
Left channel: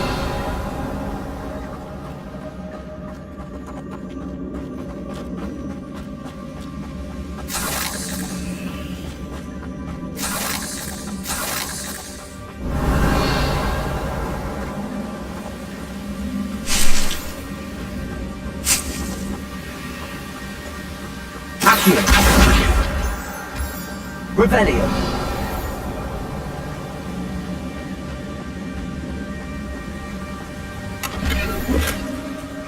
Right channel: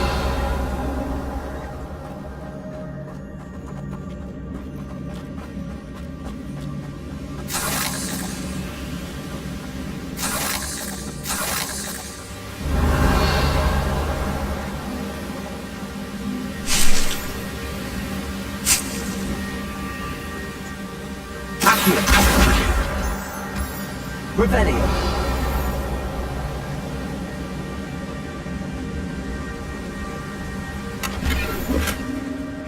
Accio. Revelio.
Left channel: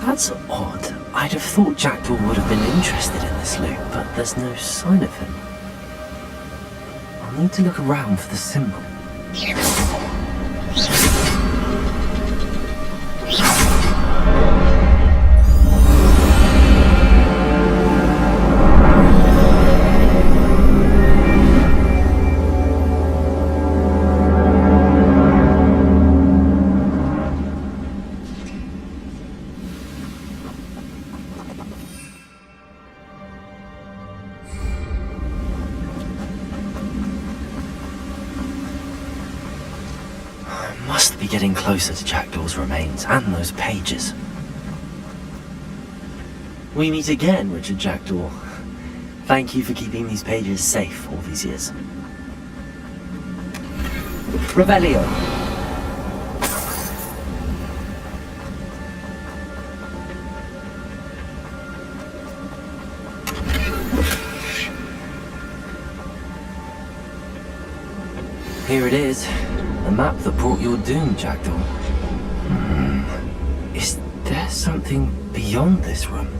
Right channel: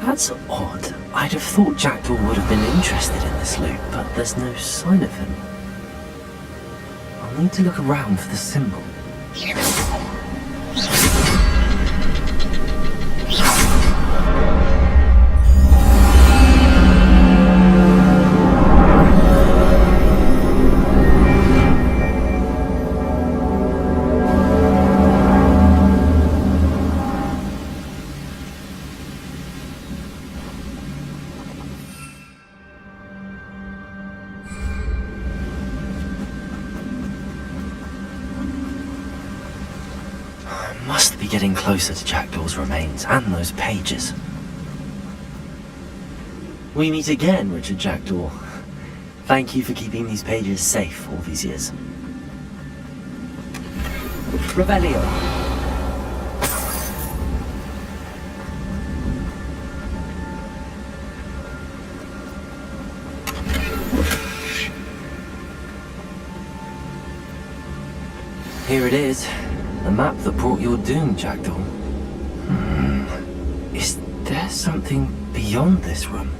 That's odd. I'd have thought Jackdaw would have been interested in this loot, but there's no sign of him. I'll need to look around for the symbol. Must be getting closer to Jackdaw's remains and those pages. We meet again, Richard Jackdaw. Thank you for keeping these pages safe all these years. Revelio. Here it is. The map that brought your doom, Jackdaw. Is there something beyond this room?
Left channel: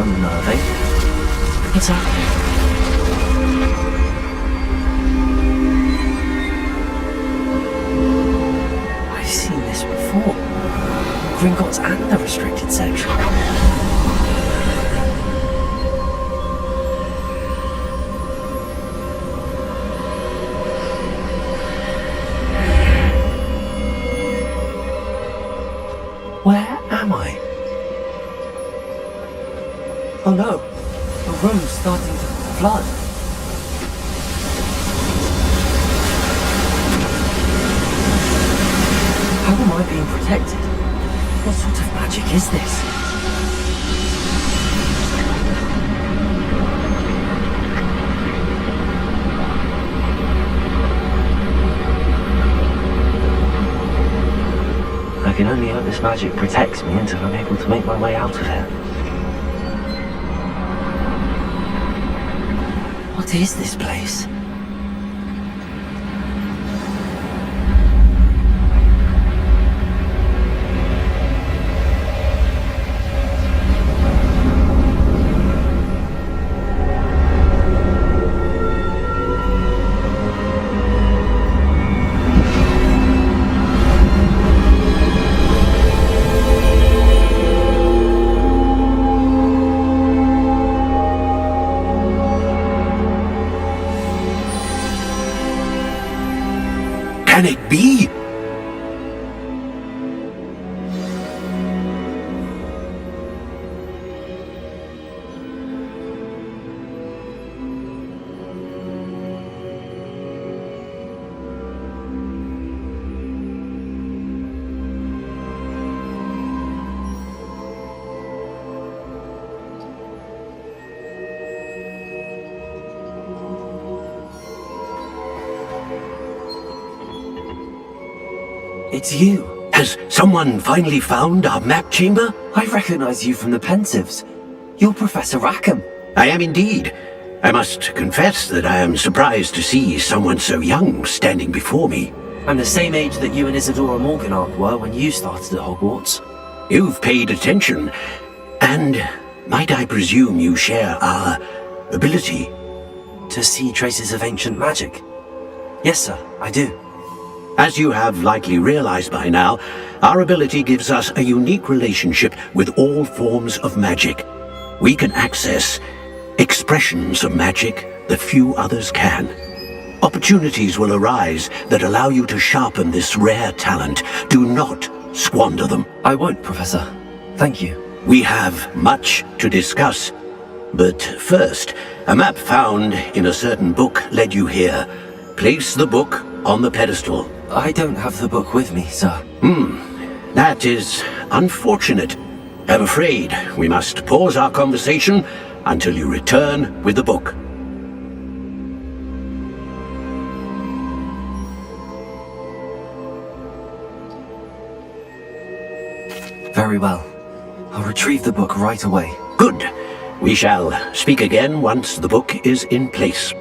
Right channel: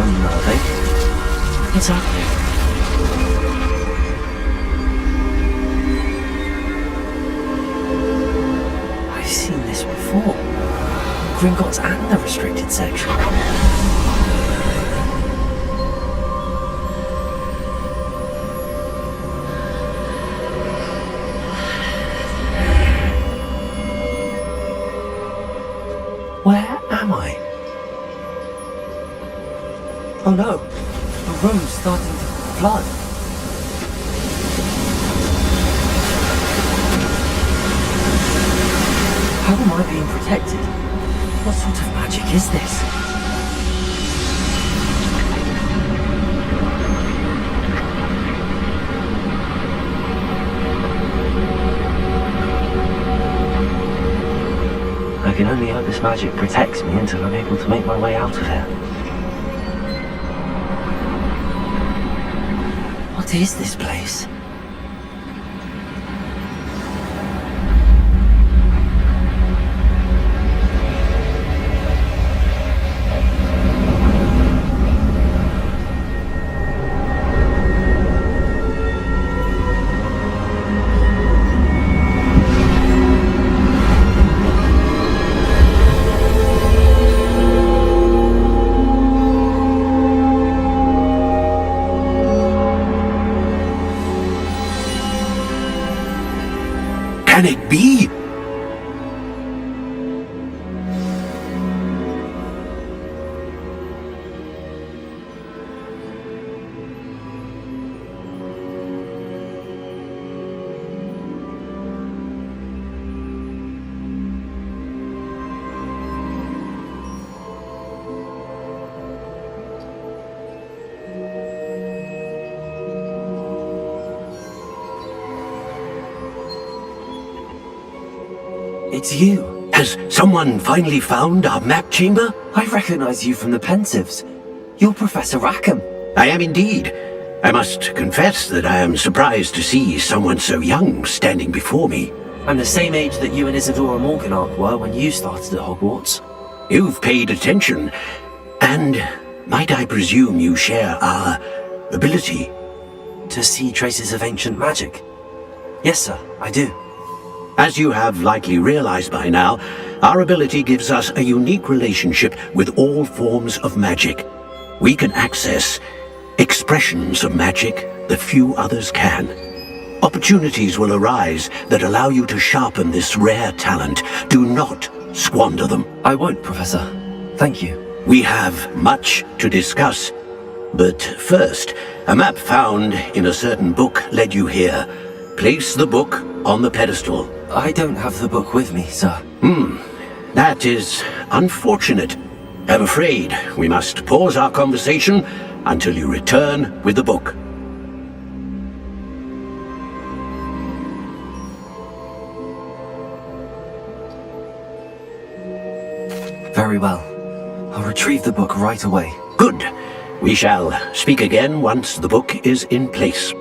Unnerving. What's happening? I've seen this before. Gringotts and the restricted section. Where am I? Oh no, the room's starting to flood. How am I being protected? What sort of magic is this? I can only hope this magic protects me until I'm able to make my way out of here. What is this place? Can it be? it's you. Has someone finally found our map chamber? I recognize you from the Pensives. You're Professor Rackham. I am indeed. I must confess that I am surprised to see someone so young standing before me. I'm the same age that you and Isadora Morganach were when you started at Hogwarts. You've paid attention, and might I presume you share our ability? To see traces of ancient magic? Yes, sir, I do. As you have likely realized by now, our ability gives us a unique relationship with all forms of magic. We can access expressions of magic that few others can. Opportunities will arise that allow you to sharpen this rare talent. Do not squander them. I won't, Professor. Thank you. We have much to discuss. But first, a map found in a certain book led you here. Place the book on the pedestal. I don't have the book with me, sir. That is unfortunate. I'm afraid we must pause our conversation until you return with the book. Very well. I'll retrieve the book right away. Good. We shall speak again once the book is in place.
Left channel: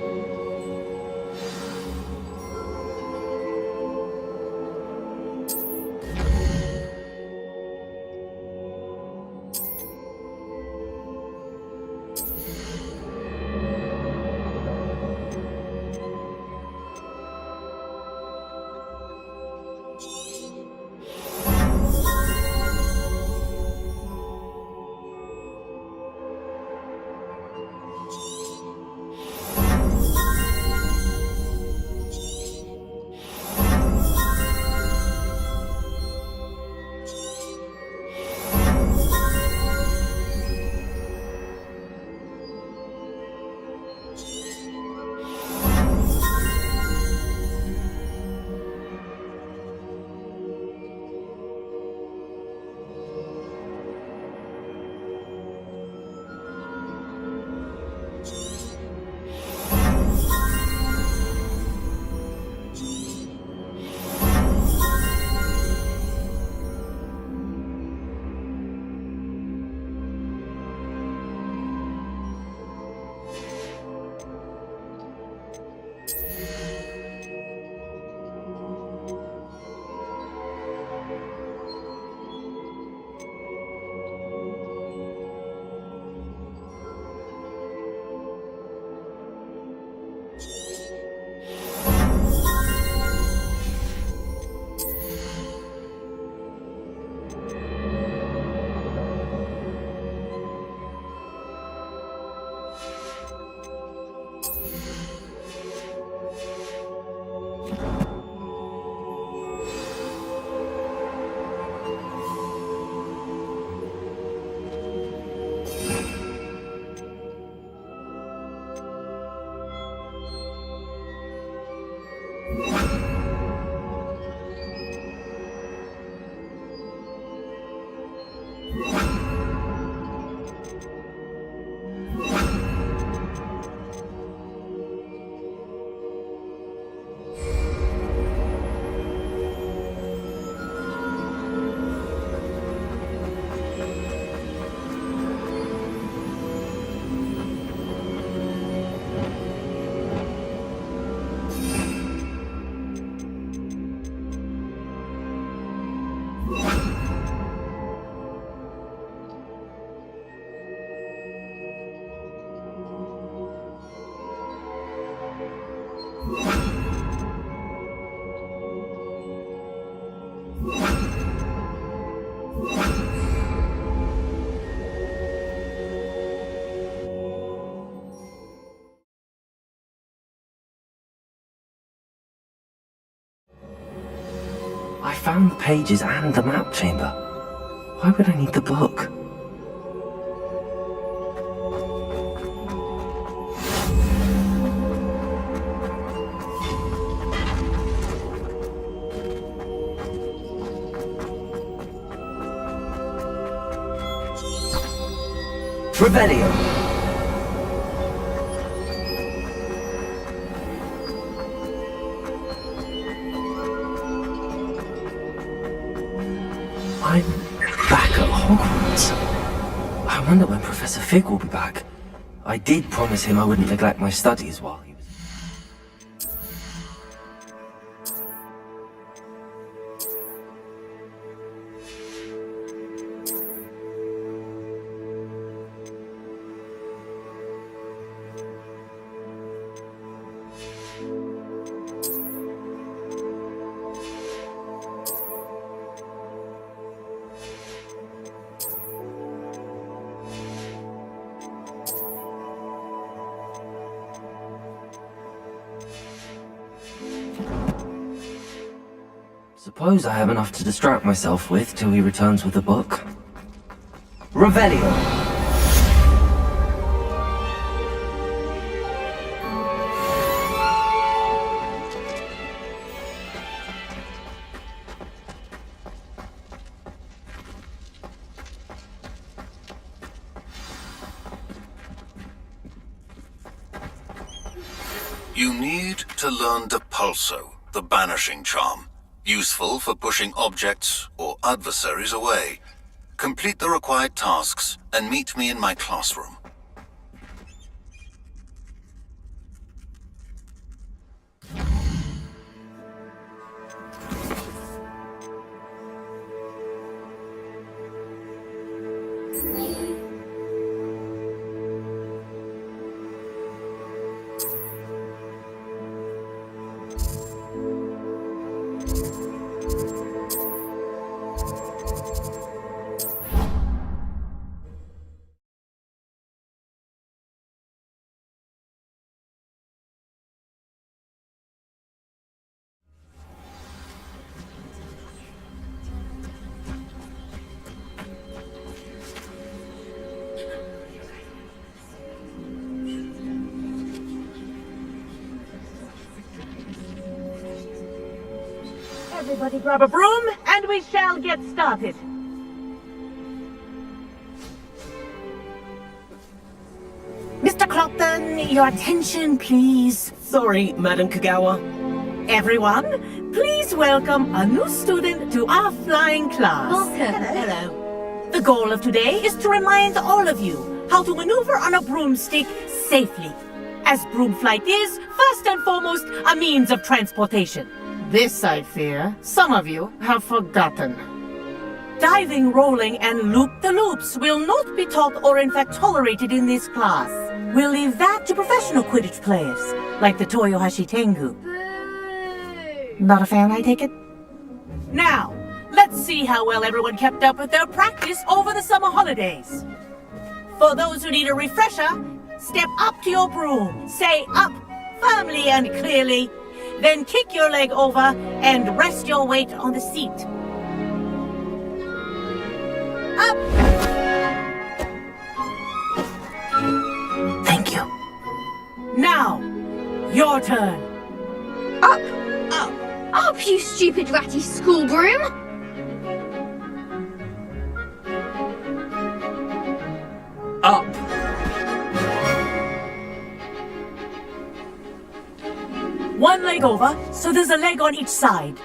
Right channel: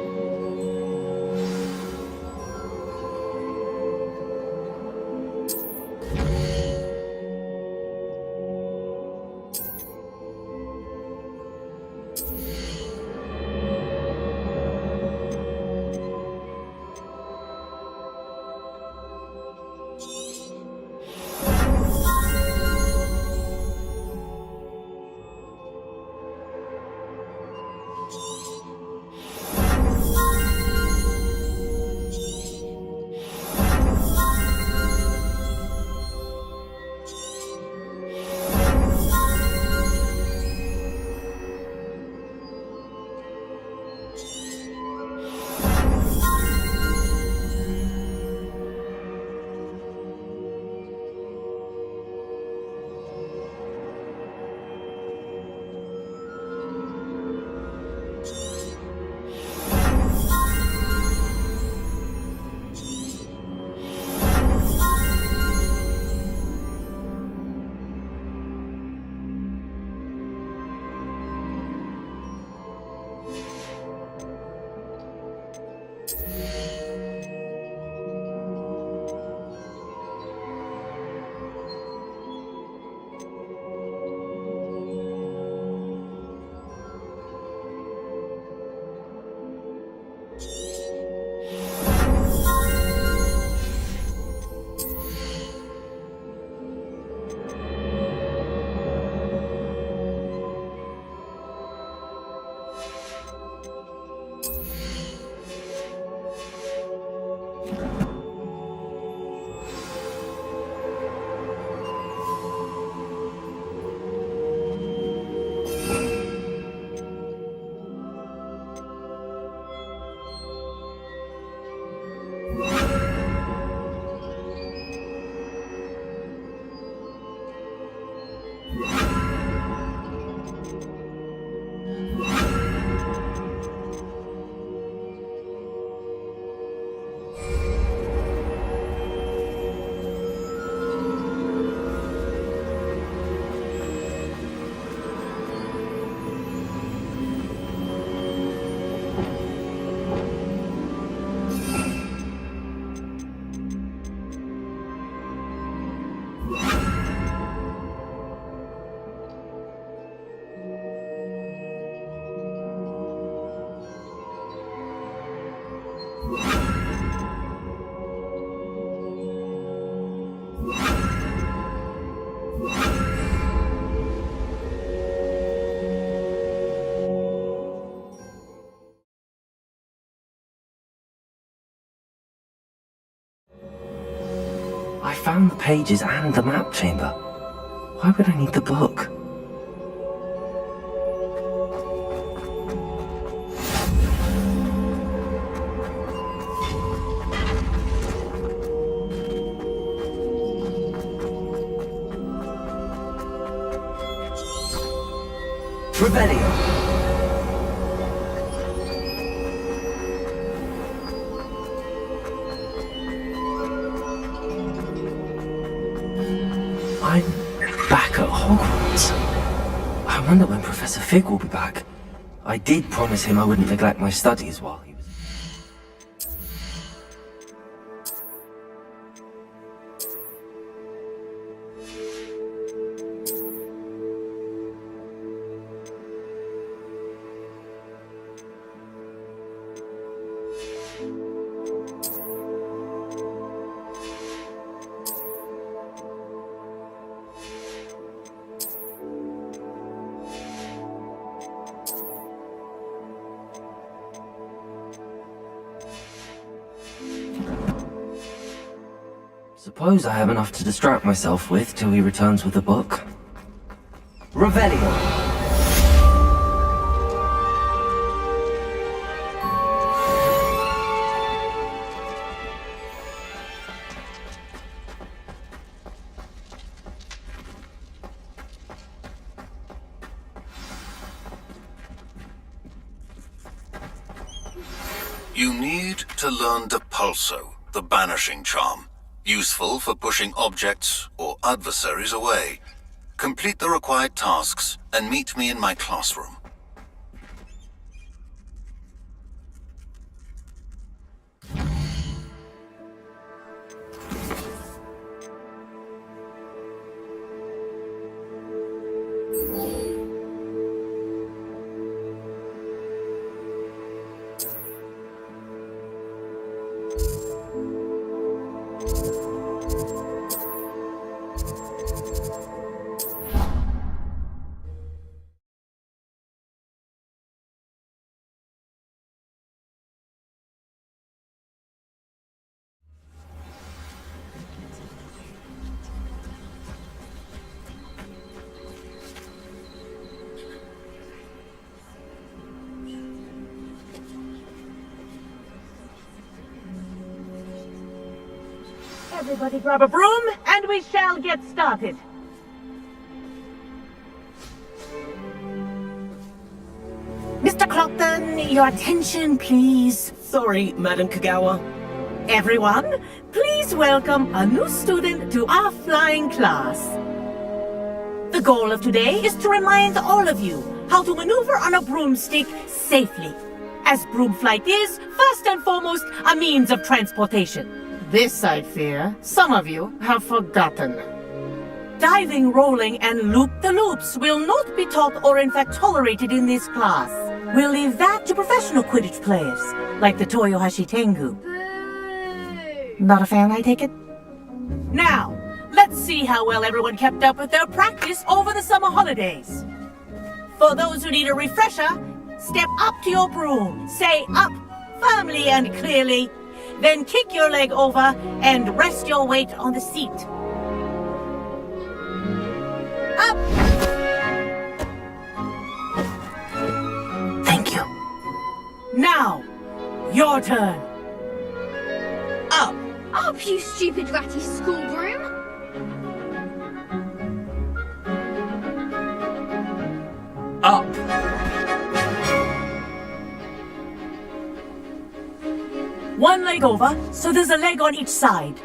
I found the pages and the map chamber. Why would I need the book? Revelio. I'm back at Hogwarts. I wonder when Professor Fig will be back. I did promise him I wouldn't neglect my studies while he was... Suppose I have enough to distract myself with till he returns with the book. Revelio! You need to learn Depulso, the banishing charm. Useful for pushing objects or adversaries away. Complete the required tasks and meet me in my classroom. Everybody grab a broom, and we shall get started. Mr. Clopton, your attention, please. Sorry, Madam Kagawa. Everyone, please welcome a new student to our flying class. Hello. The goal of today is to remind all of you how to maneuver on a broomstick safely, as broom flight is, first and foremost, a means of transportation. This, I fear, some of you have forgotten. Diving, rolling, and loop-the-loops will not be taught or in fact tolerated in this class. We'll leave that to professional Quidditch players, like the Toyohashi Tengu. Not a fan, I take it? Now, let's see how well everyone kept up with their practice over the summer holidays. For those who need a refresher, step up to your broom, say up, firmly and clearly, then kick your leg over and rest your weight on the seat. Up! Thank you. Now, your turn. Up! Up! Up, you stupid ratty school broom! Up. One leg over, so there's a leg on each side.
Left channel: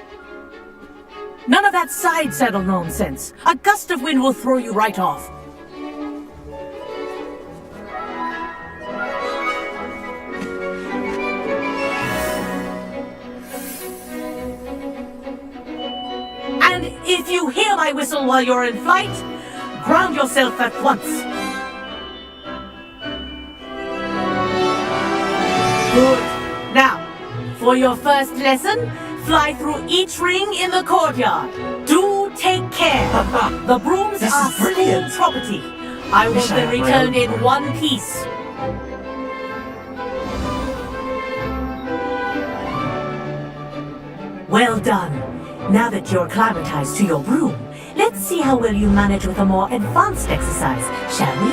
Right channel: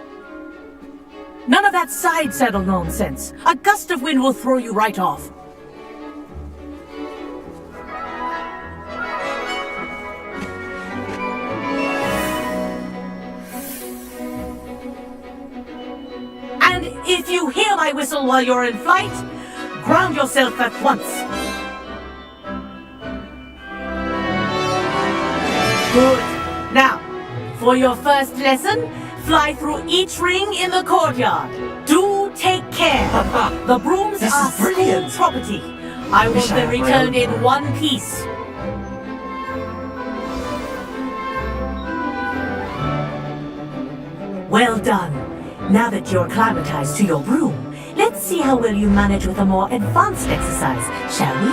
None of that side saddle nonsense. A gust of wind will throw you right off. And if you hear my whistle while you're in flight, ground yourself at once. Good. Now, for your first lesson, fly through each ring in the courtyard. Do take care. The brooms are school property. I want them returned in one piece. Well done. Now that you're acclimatized to your broom, let's see how well you manage with a more advanced exercise, shall we?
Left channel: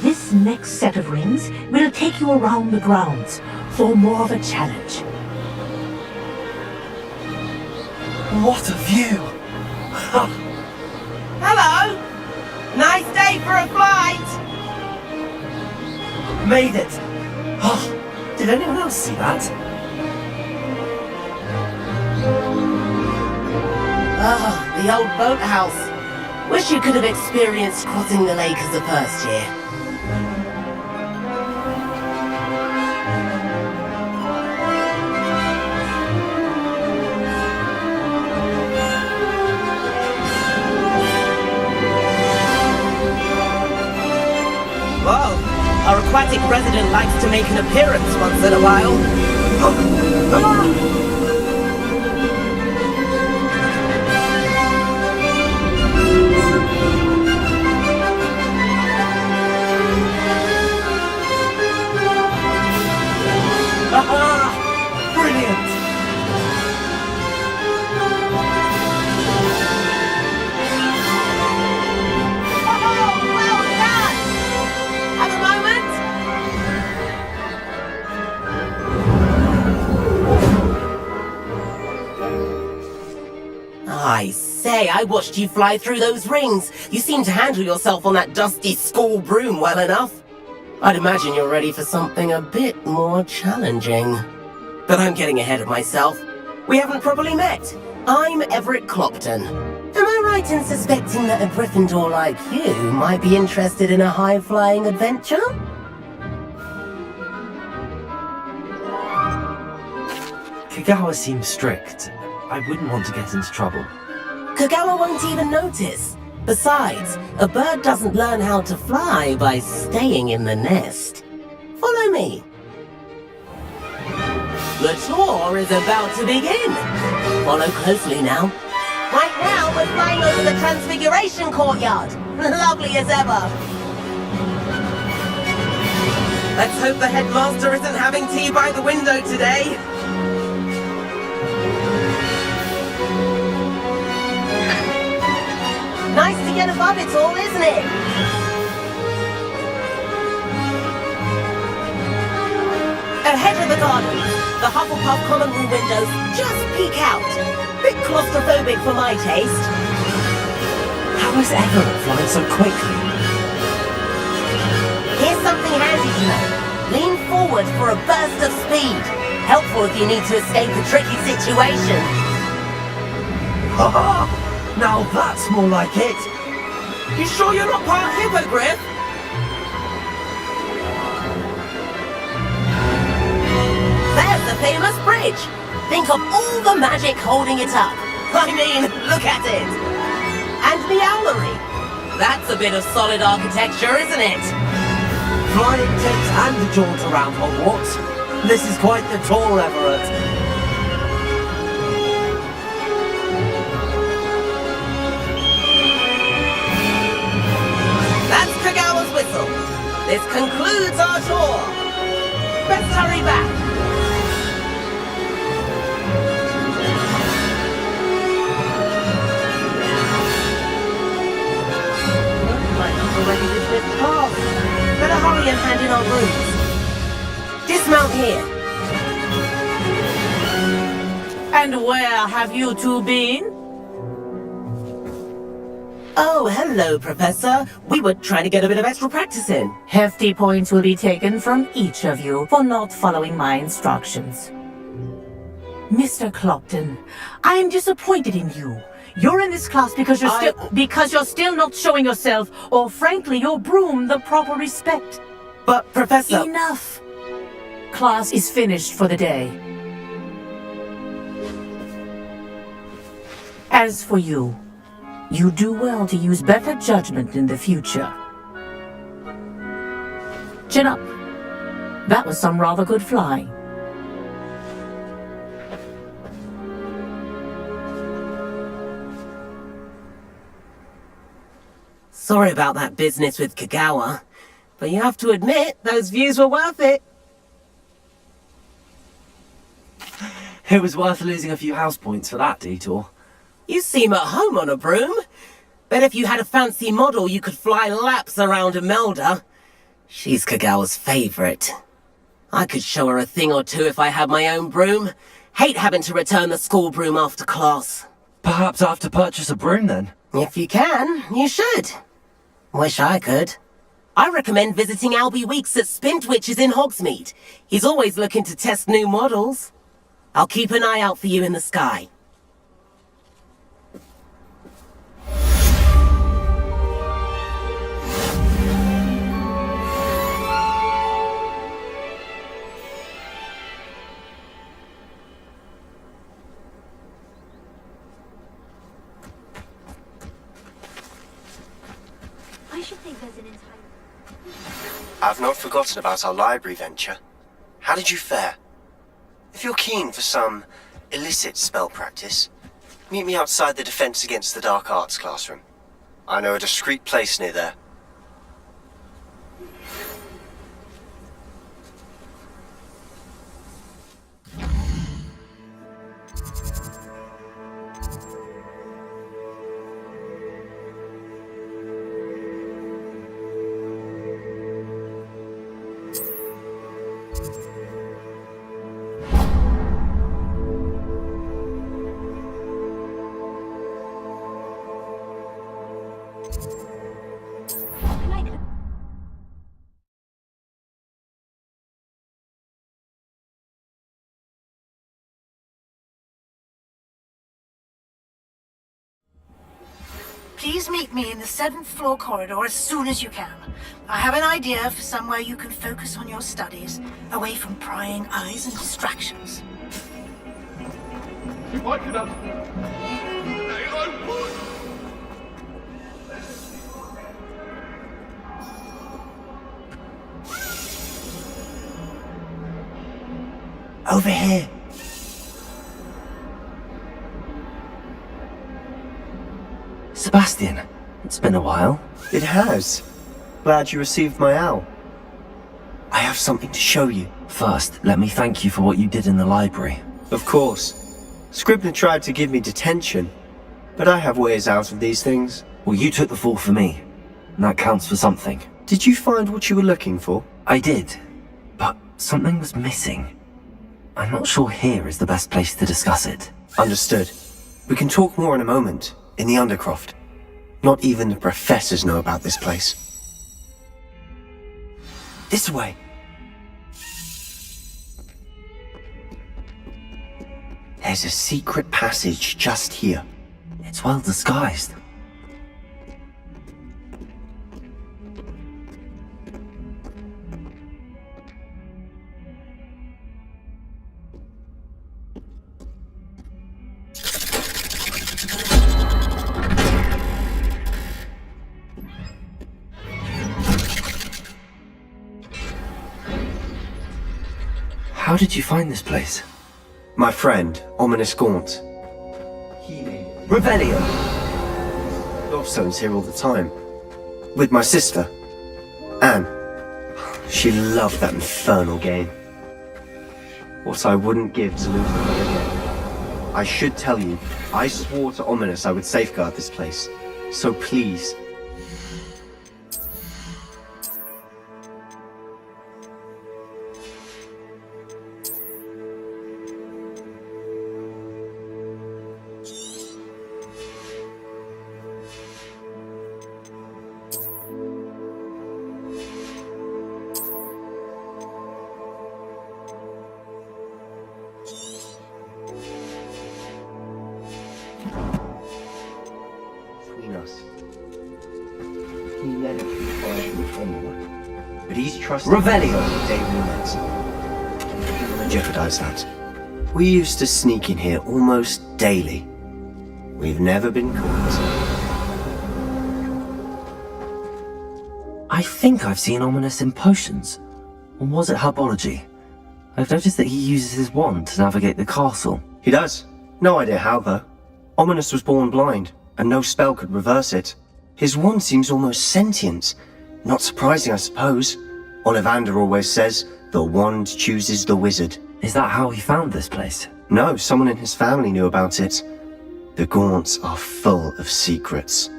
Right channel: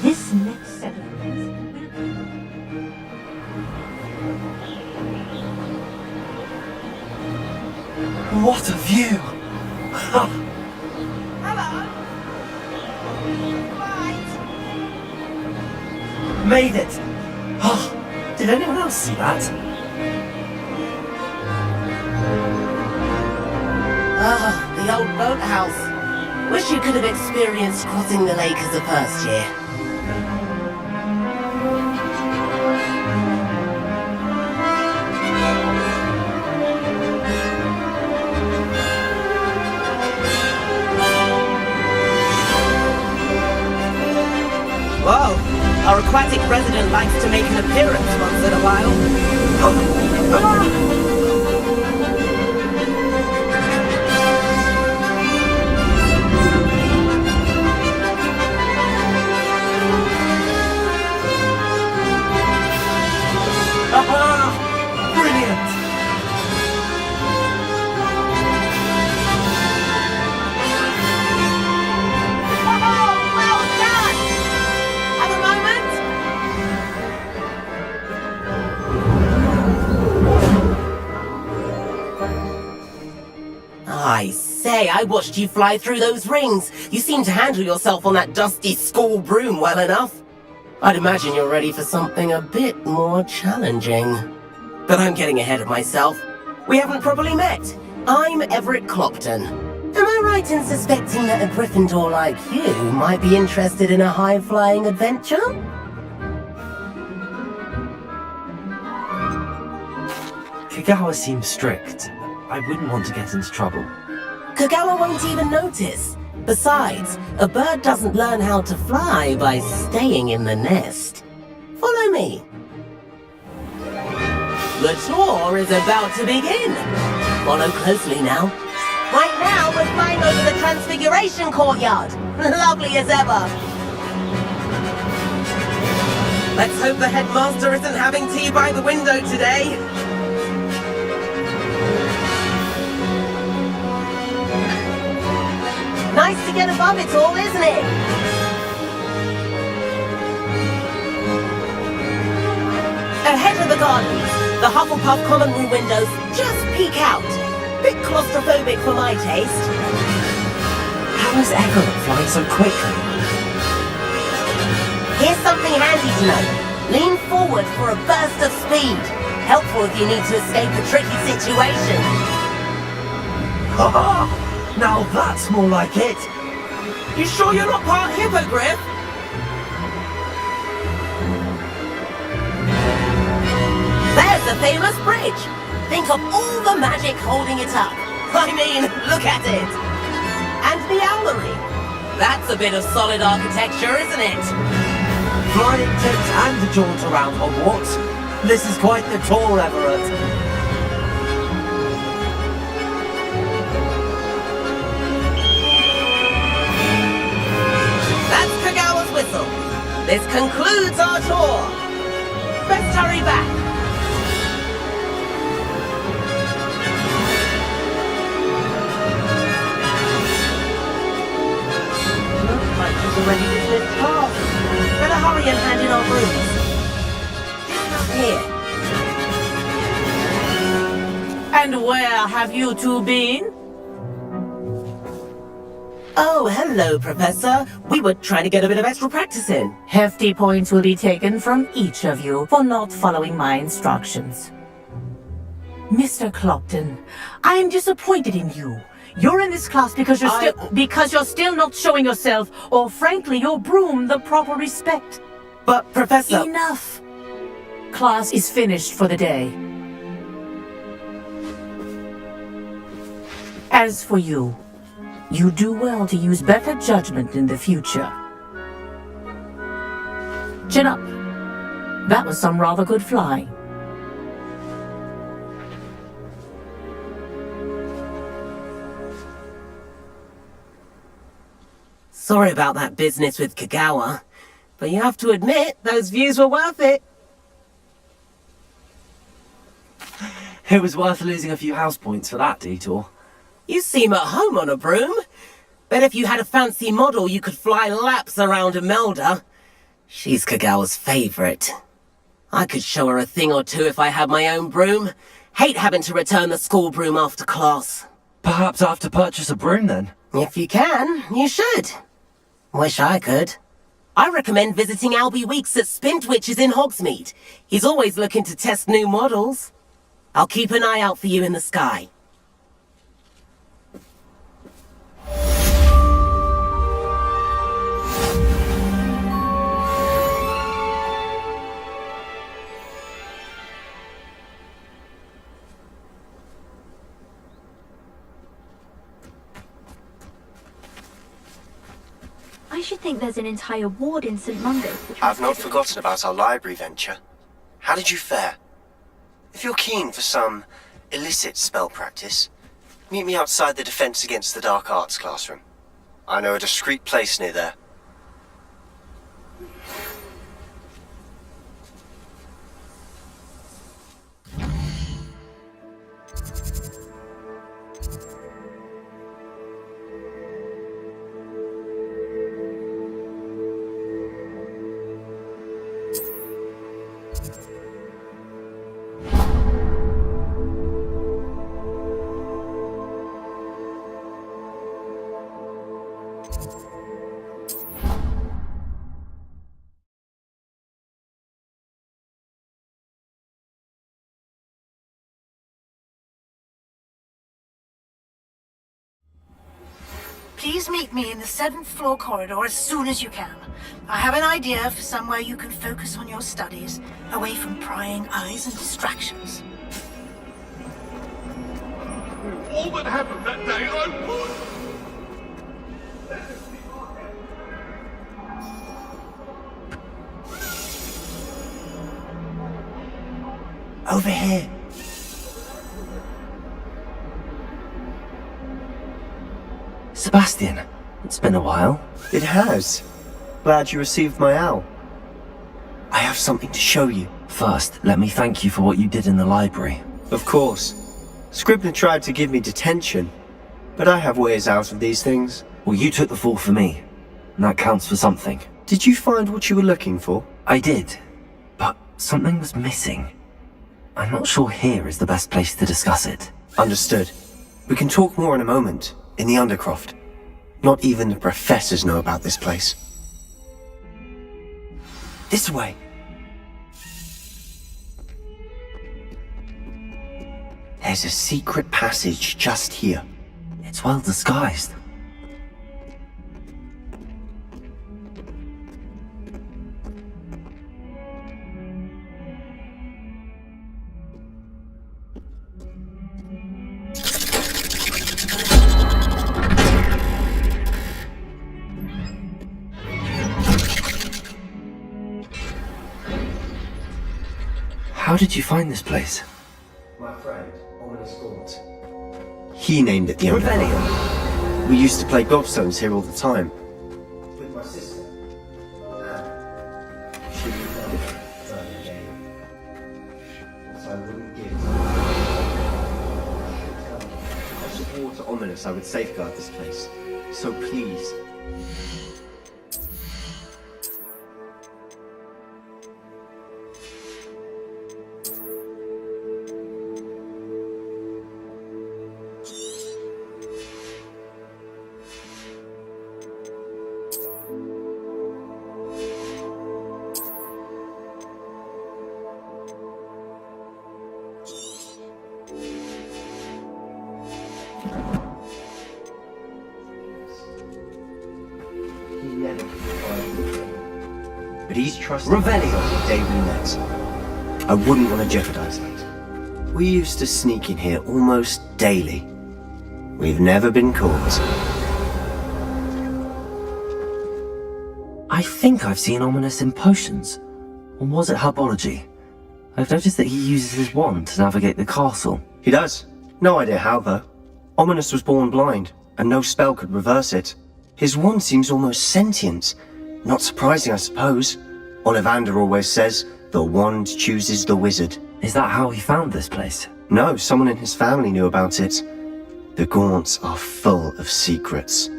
This next set of rings will take you around the grounds for more of a challenge. What a view! Hello! Nice day for a flight! Made it! Oh, did Did anyone else see that? Ah, the old boathouse. Wish you could have experienced crossing the lake as a first year. Whoa! Our aquatic resident likes to make an appearance once in a while. Aha! Brilliant! Oh, well done! Have a moment? I say, I watched you fly through those rings. You seem to handle yourself on that dusty school broom well enough. I'd imagine you're ready for something a bit more challenging. But I'm getting ahead of myself. We haven't properly met. I'm Everett Clopton. Am I right in suspecting that a Gryffindor like you might be interested in a high-flying adventure? Kagawa seems strict. I wouldn't want to get into trouble. Kagawa won't even notice. Besides, a bird doesn't learn how to fly by staying in the nest. Follow me. The tour is about to begin. Follow closely now. Right now, we're flying over the Transfiguration Courtyard. Lovely as ever. Let's hope the headmaster isn't having tea by the window today. Nice to get above it all, isn't it? Ahead of the gardens, the Hufflepuff common room windows just peek out. Bit claustrophobic for my taste. How is Everett flying so quickly? Here's something handy to know. Lean forward for a burst of speed. Helpful if you need to escape a tricky situation. Haha! Now that's more like it! You sure you're not part hippogriff? There's the famous bridge! Think of all the magic holding it up. I mean, look at it! And the owlery. That's a bit of solid architecture, isn't it? Flying tips and a jaunt around Hogwarts. This is quite the tour, Everett. That's Kagawa's whistle. This concludes our tour. Best hurry back. Looks like she's already dismissed class. Better hurry and hand in our brooms. Dismount here. And where have you two been? Oh, hello, Professor. We were trying to get a bit of extra practice in. Hefty points will be taken from each of you for not following my instructions. Mr. Clopton, I am disappointed in you. You're in this class because you're still not showing yourself, or frankly, your broom the proper respect. But, Professor... Enough! Class is finished for the day. As for you, you do well to use better judgment in the future. Chin up. That was some rather good flying. Sorry about that business with Kagawa, but you have to admit, those views were worth it. It was worth losing a few house points for that detour. You seem at home on a broom. Bet if you had a fancy model, you could fly laps around Imelda. She's Kagawa's favourite. I could show her a thing or two if I had my own broom. Hate having to return the school broom after class. Perhaps I have to purchase a broom then? If you can, you should. Wish I could. I recommend visiting Albie Weeks at Spintwitches in Hogsmeade. He's always looking to test new models. I'll keep an eye out for you in the sky. I should think there's an entire ward in St. Mungo's. I've not forgotten about our library venture. How did you fare? If you're keen for some illicit spell practice, meet me outside the Defense Against the Dark Arts classroom. I know a discreet place near there. Please meet me in the 7th floor corridor as soon as you can. I have an idea for somewhere you can focus on your studies, away from prying eyes and distractions. I can undo all that happened that day. I would! Over here. Sebastian, it's been a while. It has. Glad you received my owl. I have something to show you. First, let me thank you for what you did in the library. Of course. Scribner tried to give me detention, but I have ways out of these things. Well, you took the fall for me, and that counts for something. Did you find what you were looking for? I did, but something was missing. I'm not sure here is the best place to discuss it. Understood. We can talk more in a moment, in the Undercroft. Not even the professors know about this place. This way. There's a secret passage just here. It's well disguised. How did you find this place? My friend, Ominous Gaunt. He named it the Revelio. We used to play gobstones here all the time. With my sister, Anne. She loved that infernal game. What I wouldn't give to lose it. I should tell you, I swore to Ominous I would safeguard this place. So please, he never confided with anyone. But he's trusted Revelio. the day we met. I wouldn't want to jeopardize that. We used to sneak in here almost daily. We've never been caught. I think I've seen Ominous in potions. Or was it herbology? I've noticed that he uses his wand to navigate the castle. He does. No idea how, though. Ominous was born blind, and no spell could reverse it. His wand seems almost sentient. Not surprising, I suppose. Ollivander always says, the wand chooses the wizard. Is that how he found this place? No, someone in his family knew about it. The Gaunts are full of secrets.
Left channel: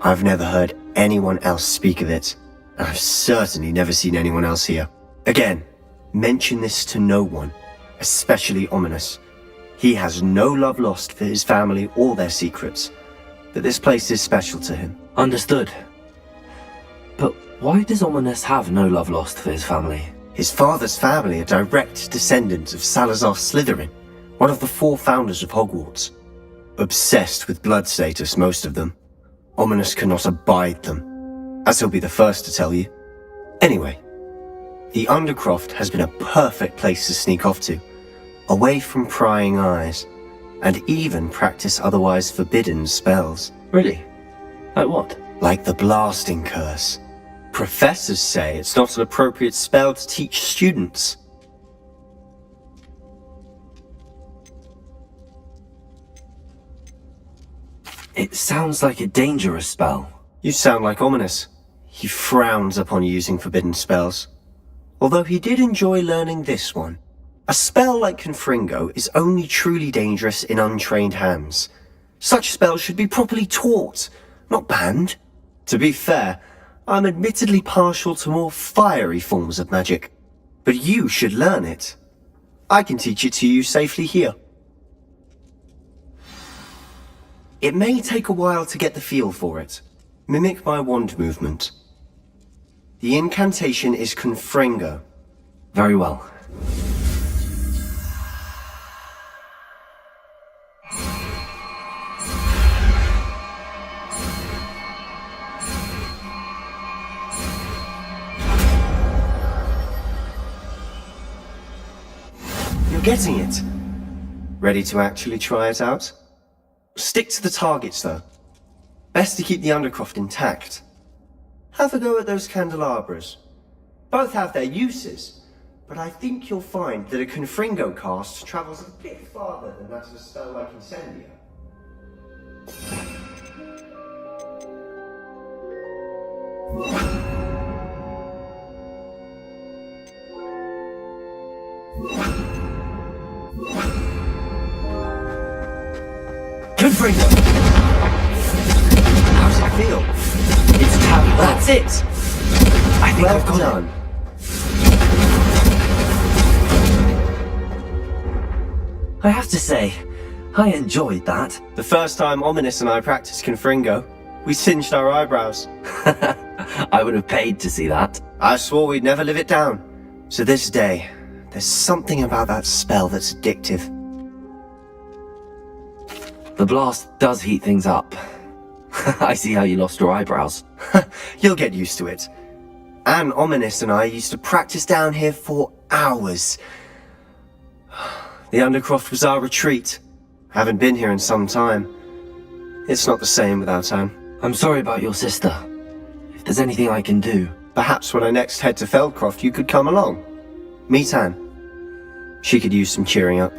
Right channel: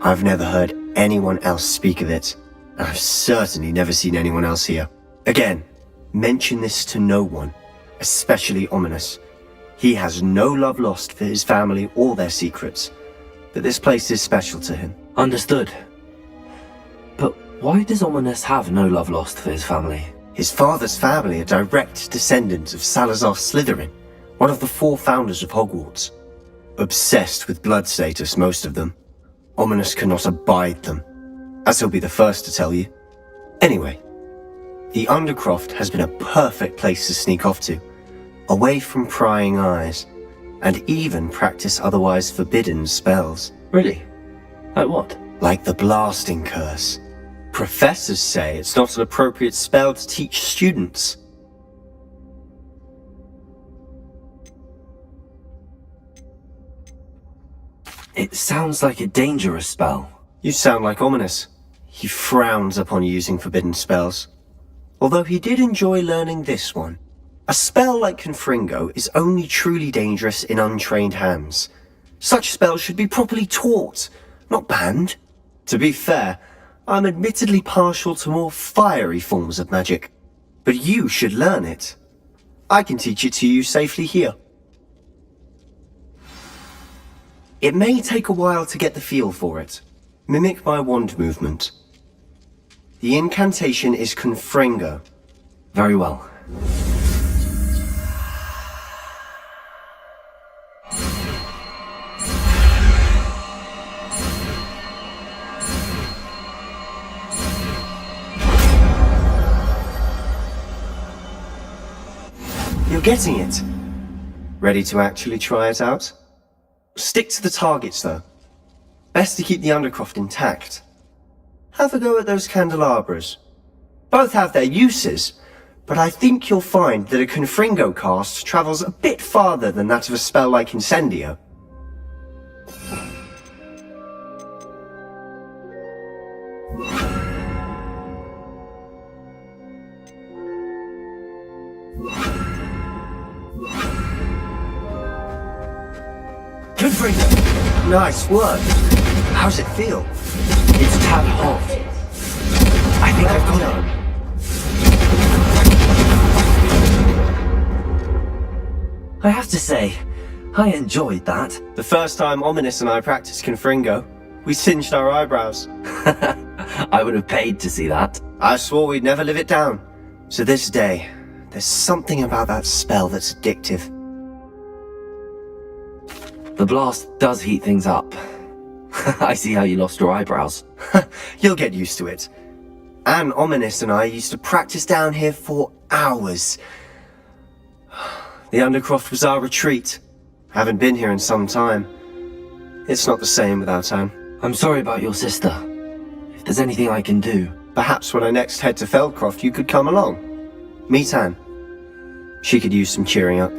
I've never heard anyone else speak of it, and I've certainly never seen anyone else here. Again, mention this to no one, especially Ominous. He has no love lost for his family or their secrets, but this place is special to him. Understood. But Why does Ominous have no love lost for his family? His father's family are direct descendants of Salazar Slytherin, one of the 4 founders of Hogwarts. Obsessed with blood status, most of them. Ominous cannot abide them, as he'll be the first to tell you. Anyway, the Undercroft has been a perfect place to sneak off to, away from prying eyes, and even practice otherwise forbidden spells. Really? Like what? Like the Blasting Curse. Professors say it's not an appropriate spell to teach students. It sounds like a dangerous spell. You sound like Ominous. He frowns upon using forbidden spells. Although he did enjoy learning this one. A spell like Confringo is only truly dangerous in untrained hands. Such spells should be properly taught, not banned. To be fair, I'm admittedly partial to more fiery forms of magic. But you should learn it. I can teach it to you safely here. It may take a while to get the feel for it. Mimic my wand movement. The incantation is Confringo. Very well. You're getting it. Ready to actually try it out? Stick to the targets, though. Best to keep the Undercroft intact. Have a go at those candelabras. Both have their uses, but I think you'll find that a Confringo cast travels a bit farther than that of a spell like Incendio. Confringo! Nice work. How's it feel? It's tab. That's it. I think I've got done. I have to say, I enjoyed that. The first time Ominous and I practiced Confringo, we singed our eyebrows. I would have paid to see that. I swore we'd never live it down. To this day, there's something about that spell that's addictive. The blast does heat things up. I see how you lost your eyebrows. You'll get used to it. Anne, Ominous and I used to practice down here for hours. The Undercroft was our retreat. Haven't been here in some time. It's not the same without Anne. I'm sorry about your sister. If there's anything I can do... Perhaps when I next head to Feldcroft you could come along. Meet Anne. She could use some cheering up.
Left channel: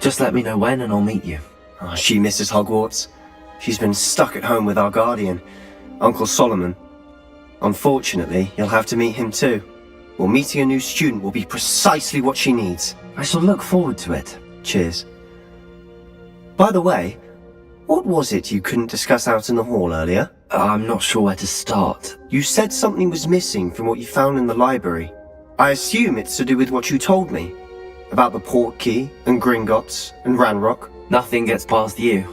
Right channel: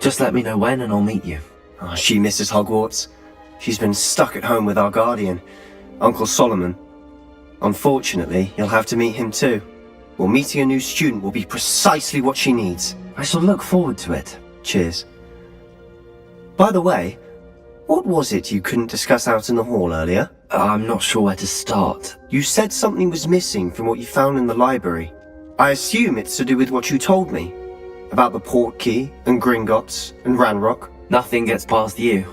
Just let me know when and I'll meet you. Oh, she misses Hogwarts. She's been stuck at home with our guardian, Uncle Solomon. Unfortunately, you'll have to meet him too. Well, meeting a new student will be precisely what she needs. I shall look forward to it. Cheers. By the way, what was it you couldn't discuss out in the hall earlier? I'm not sure where to start. You said something was missing from what you found in the library. I assume it's to do with what you told me. About the Portkey, and Gringotts, and Ranrock. Nothing gets past you.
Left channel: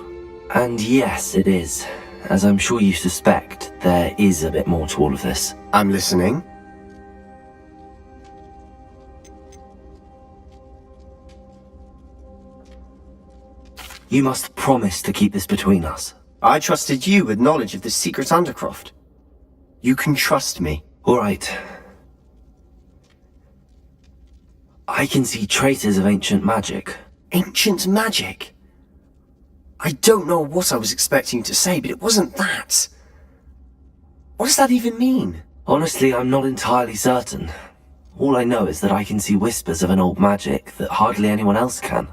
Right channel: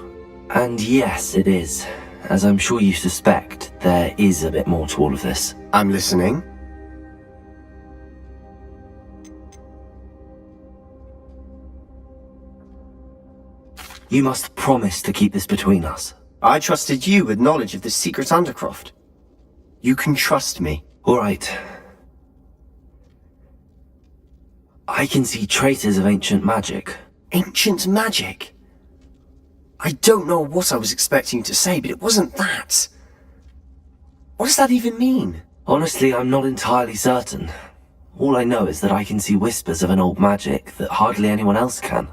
And yes, it is. As I'm sure you suspect, there is a bit more to all of this. I'm listening. You must promise to keep this between us. I trusted you with knowledge of the secret Undercroft. You can trust me. All right. I can see traces of ancient magic. Ancient magic? I don't know what I was expecting you to say, but it wasn't that. What does that even mean? Honestly, I'm not entirely certain. All I know is that I can see whispers of an old magic that hardly anyone else can.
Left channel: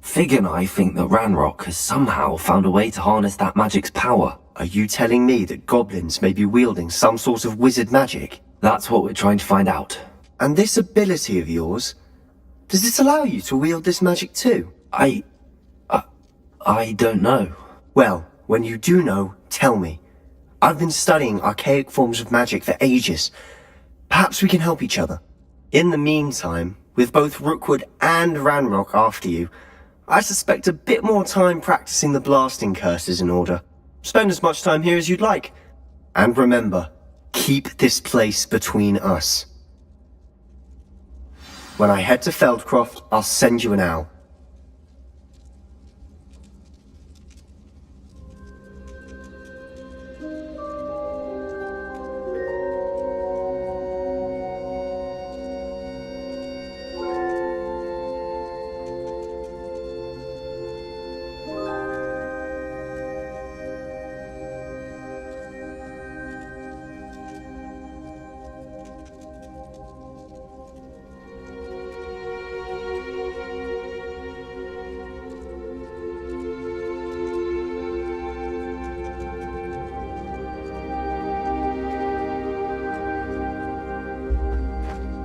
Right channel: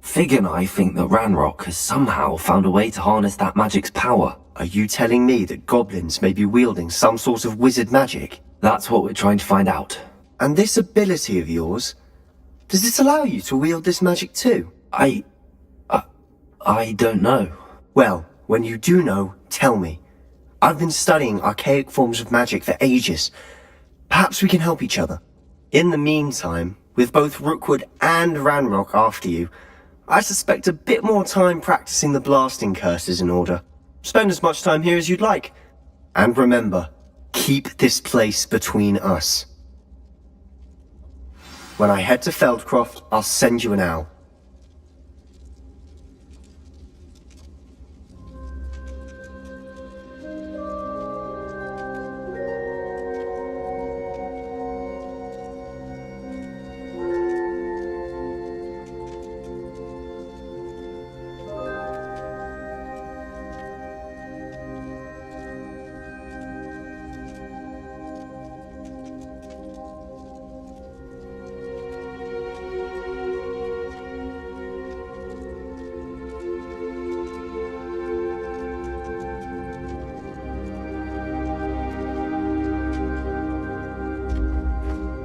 Fig and I think that Ranrock has somehow found a way to harness that magic's power. Are you telling me that goblins may be wielding some sort of wizard magic? That's what we're trying to find out. And this ability of yours, does it allow you to wield this magic too? I don't know. Well, when you do know, tell me. I've been studying archaic forms of magic for ages. Perhaps we can help each other. In the meantime, with both Rookwood and Ranrock after you, I suspect a bit more time practicing the blasting curse is in order. Spend as much time here as you'd like. And remember, keep this place between us. When I head to Feldcroft, I'll send you an owl.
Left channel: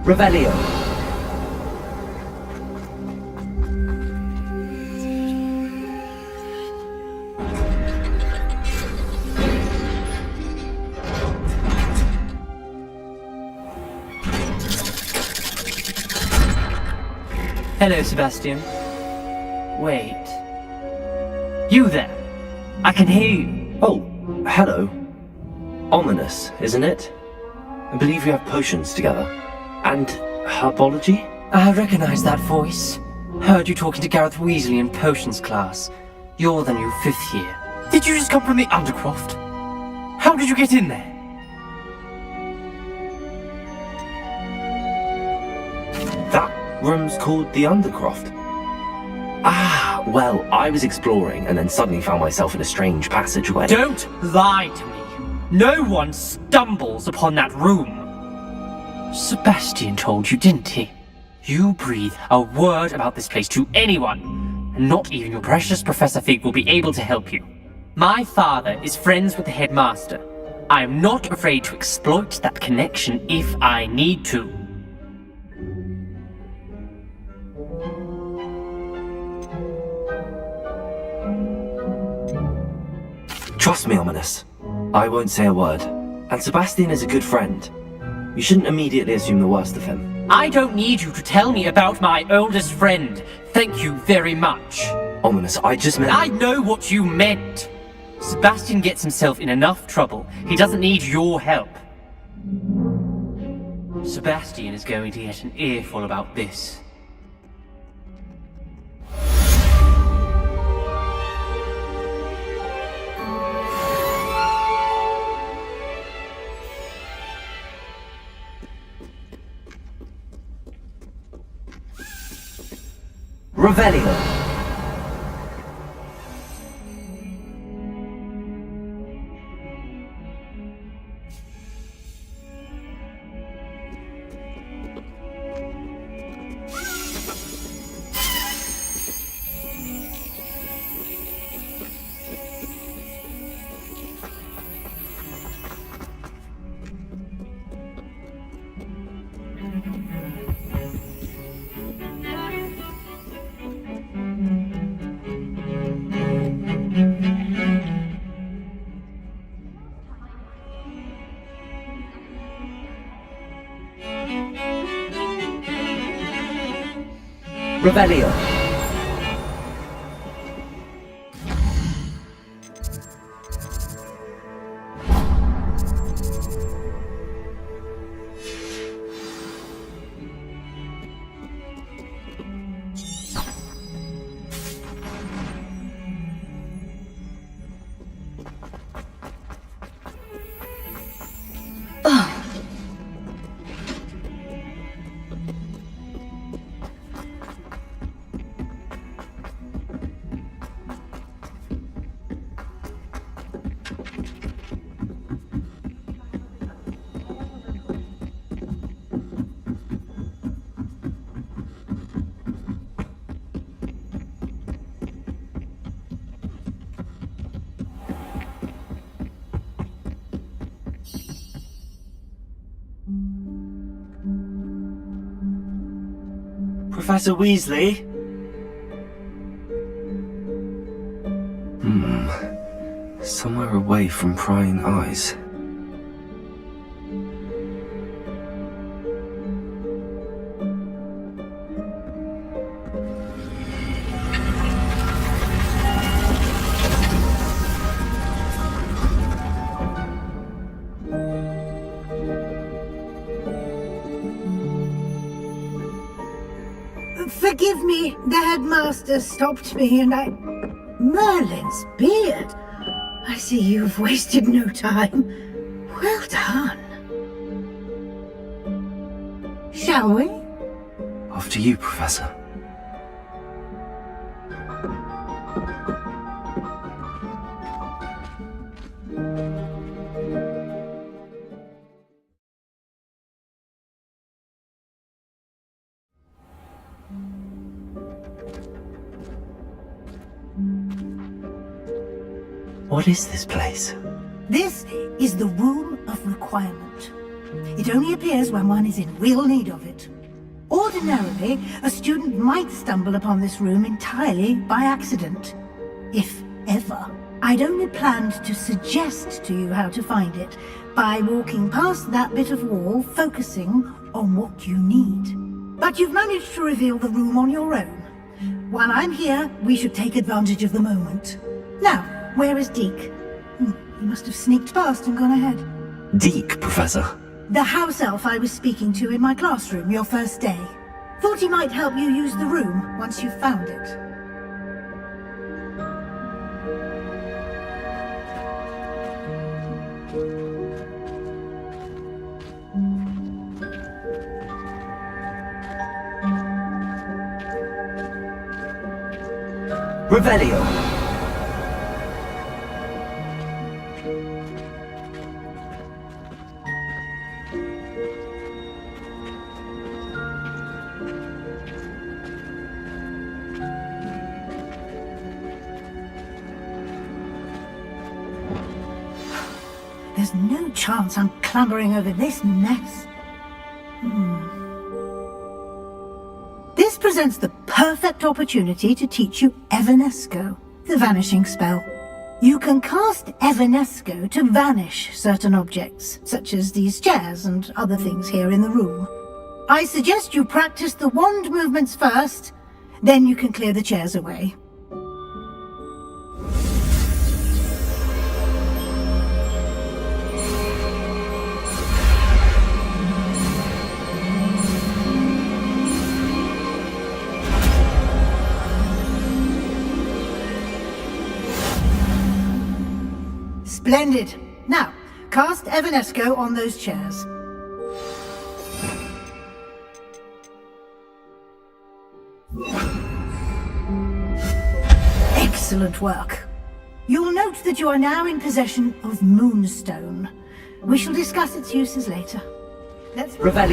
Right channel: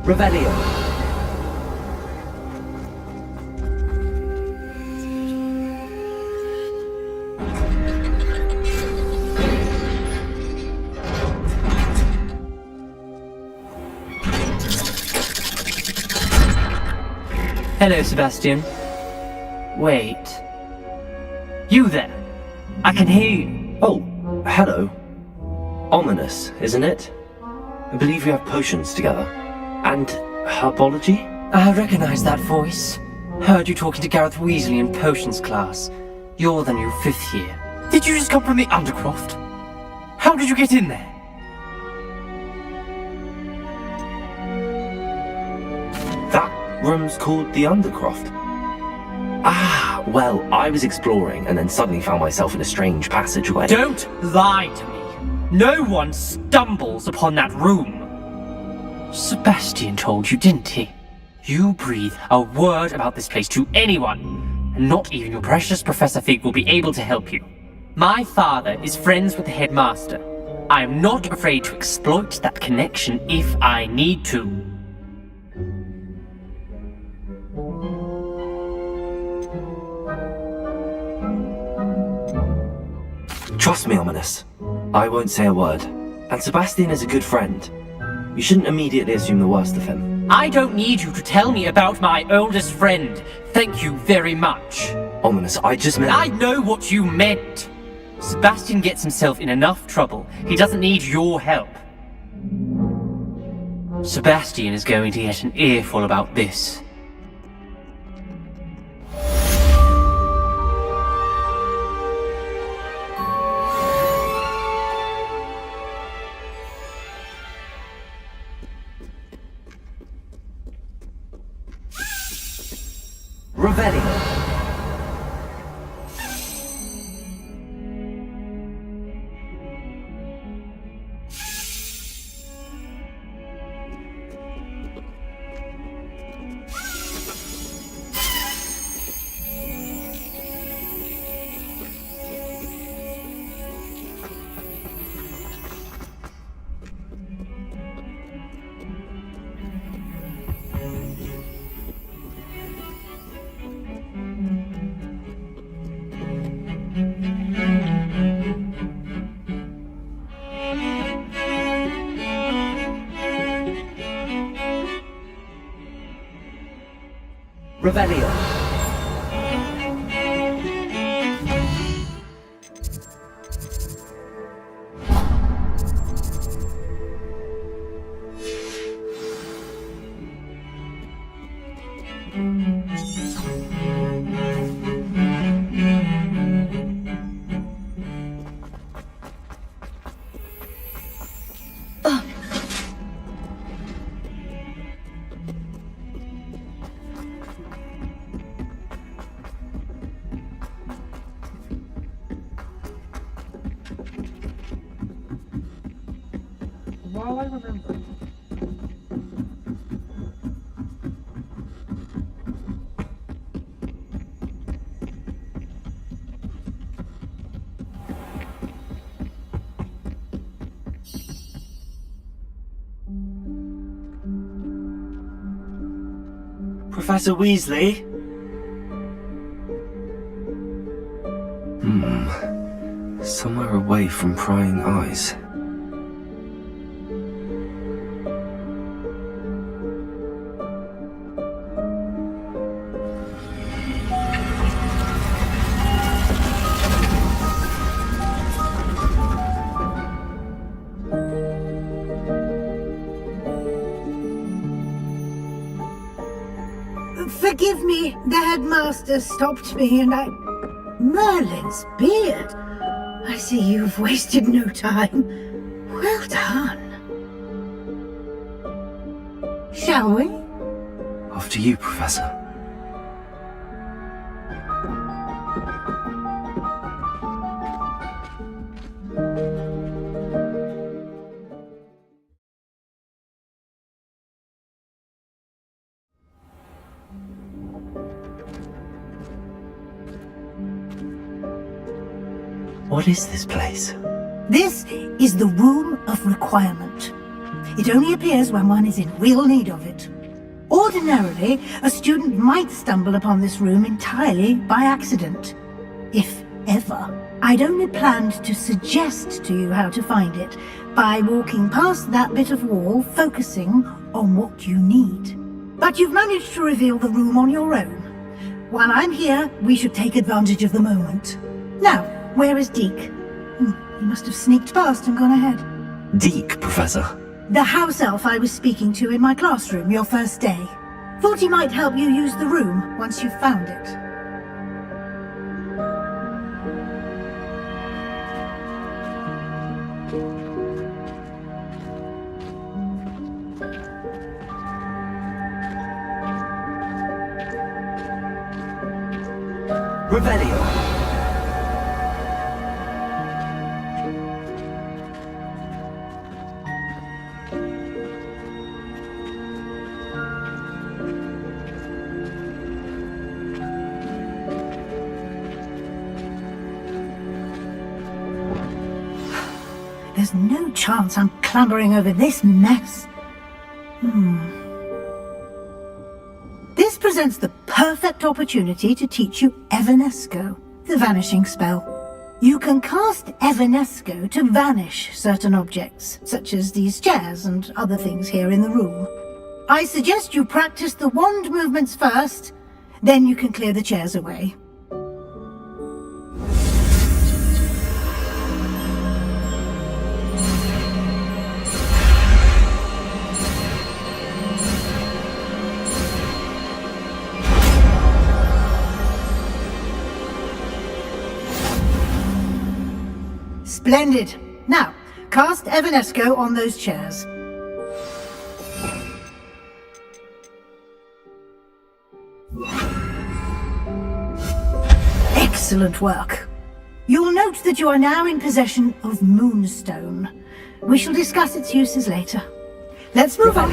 Revelio. Hello, Sebastian. Wait. You there? I can hear you. Oh, hello. Ominous, isn't it? I believe we have potions together. And herbology? I recognize that voice. Heard you talking to Gareth Weasley in potions class. You're the new 5th year. Did you just come from the Undercroft? How did you get in there? That room's called the Undercroft. Ah, well, I was exploring and then suddenly found myself in a strange passageway. Don't lie to me. No one stumbles upon that room. Sebastian told you, didn't he? You breathe a word about this place to anyone, and not even your precious Professor Fig will be able to help you. My father is friends with the headmaster. I am not afraid to exploit that connection if I need to. Trust me, Ominous. I won't say a word. And Sebastian is a good friend. You shouldn't immediately assume the worst of him. I don't need you to tell me about my oldest friend. Thank you very much. Ominous, I just meant... I know what you meant. Sebastian gets himself in enough trouble. He doesn't need your help. Sebastian is going to get an earful about this. Revelio. Revelio. Professor Weasley? Somewhere away from prying eyes. Forgive me. The headmaster stopped me and I... Merlin's beard. I see you've wasted no time. Well done. Shall we? After you, Professor. What is this place? This is the Room of Requirement. It only appears when one is in real need of it. Ordinarily, a student might stumble upon this room entirely by accident. If ever. I'd only planned to suggest to you how to find it by walking past that bit of wall, focusing on what you need. But you've managed to reveal the room on your own. While I'm here, we should take advantage of the moment. Now, where is Deke? He must have sneaked past and gone ahead. Deke, Professor. The house elf I was speaking to in my classroom your first day. Thought he might help you use the room once you've found it. Revelio. There's no chance I'm clambering over this mess. This presents the perfect opportunity to teach you Evanesco, the vanishing spell. You can cast Evanesco to vanish certain objects, such as these chairs and other things here in the room. I suggest you practice the wand movements first, then you can clear the chairs away. Splendid. Now, cast Evanesco on those chairs. Excellent work. You'll note that you are now in possession of Moonstone. We shall discuss its uses later. Let's move on.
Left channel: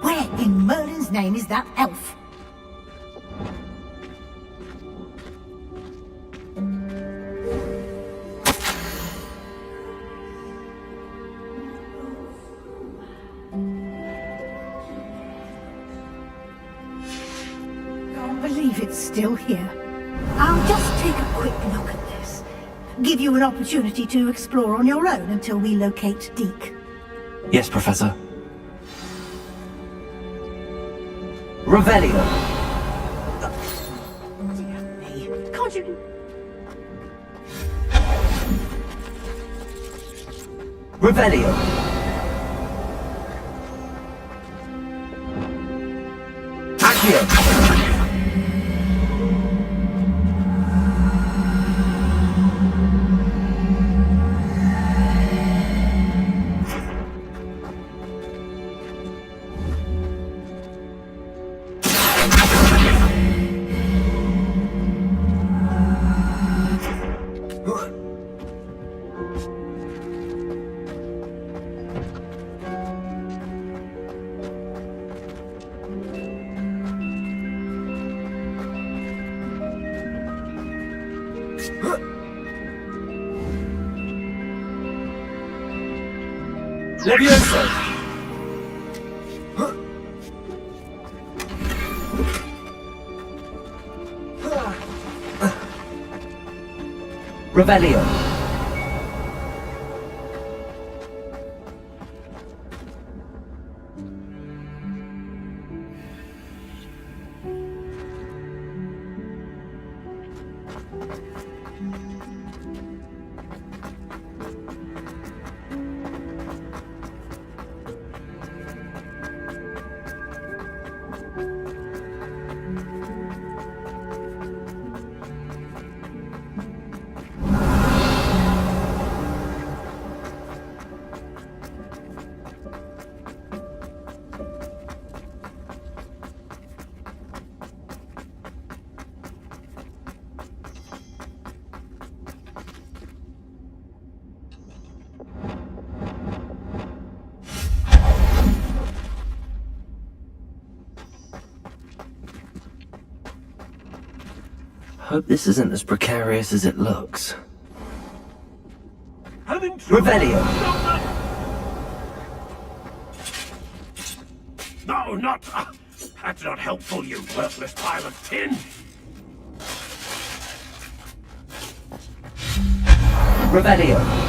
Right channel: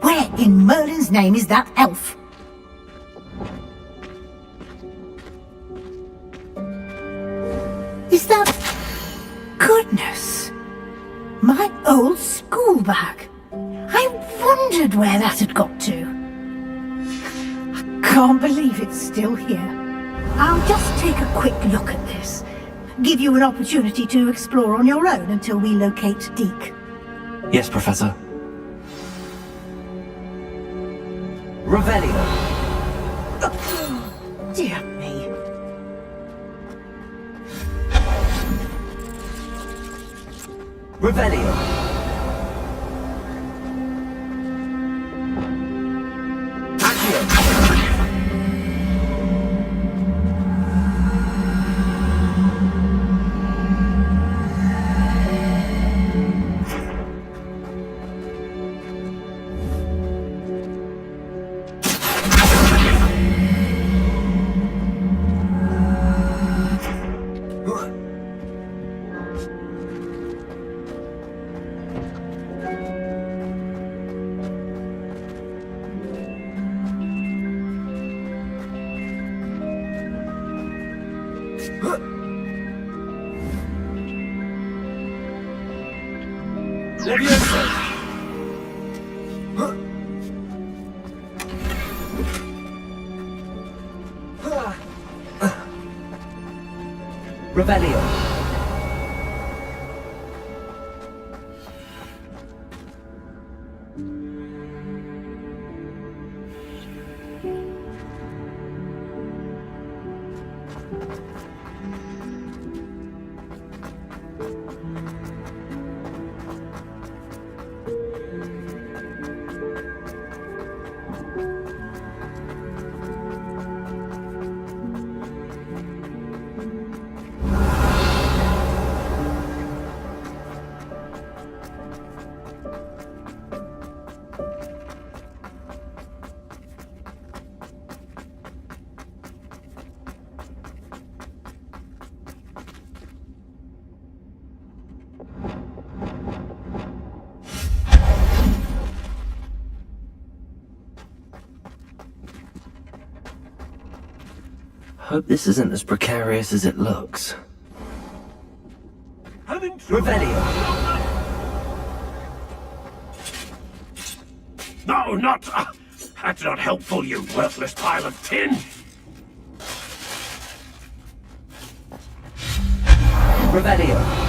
Where in Merlin's name is that elf? Is that... Goodness! My old school bag. I wondered where that had got to. I can't believe it's still here. I'll just take a quick look at this. Give you an opportunity to explore on your own until we locate Deke. Yes, Professor. Revelio. Dear me. Can't you... Revelio. Accio. Levioso! Revelio. Hope this isn't as precarious as it looks. Revelio. No, not... that's not helpful, you worthless pile of tin. Revelio.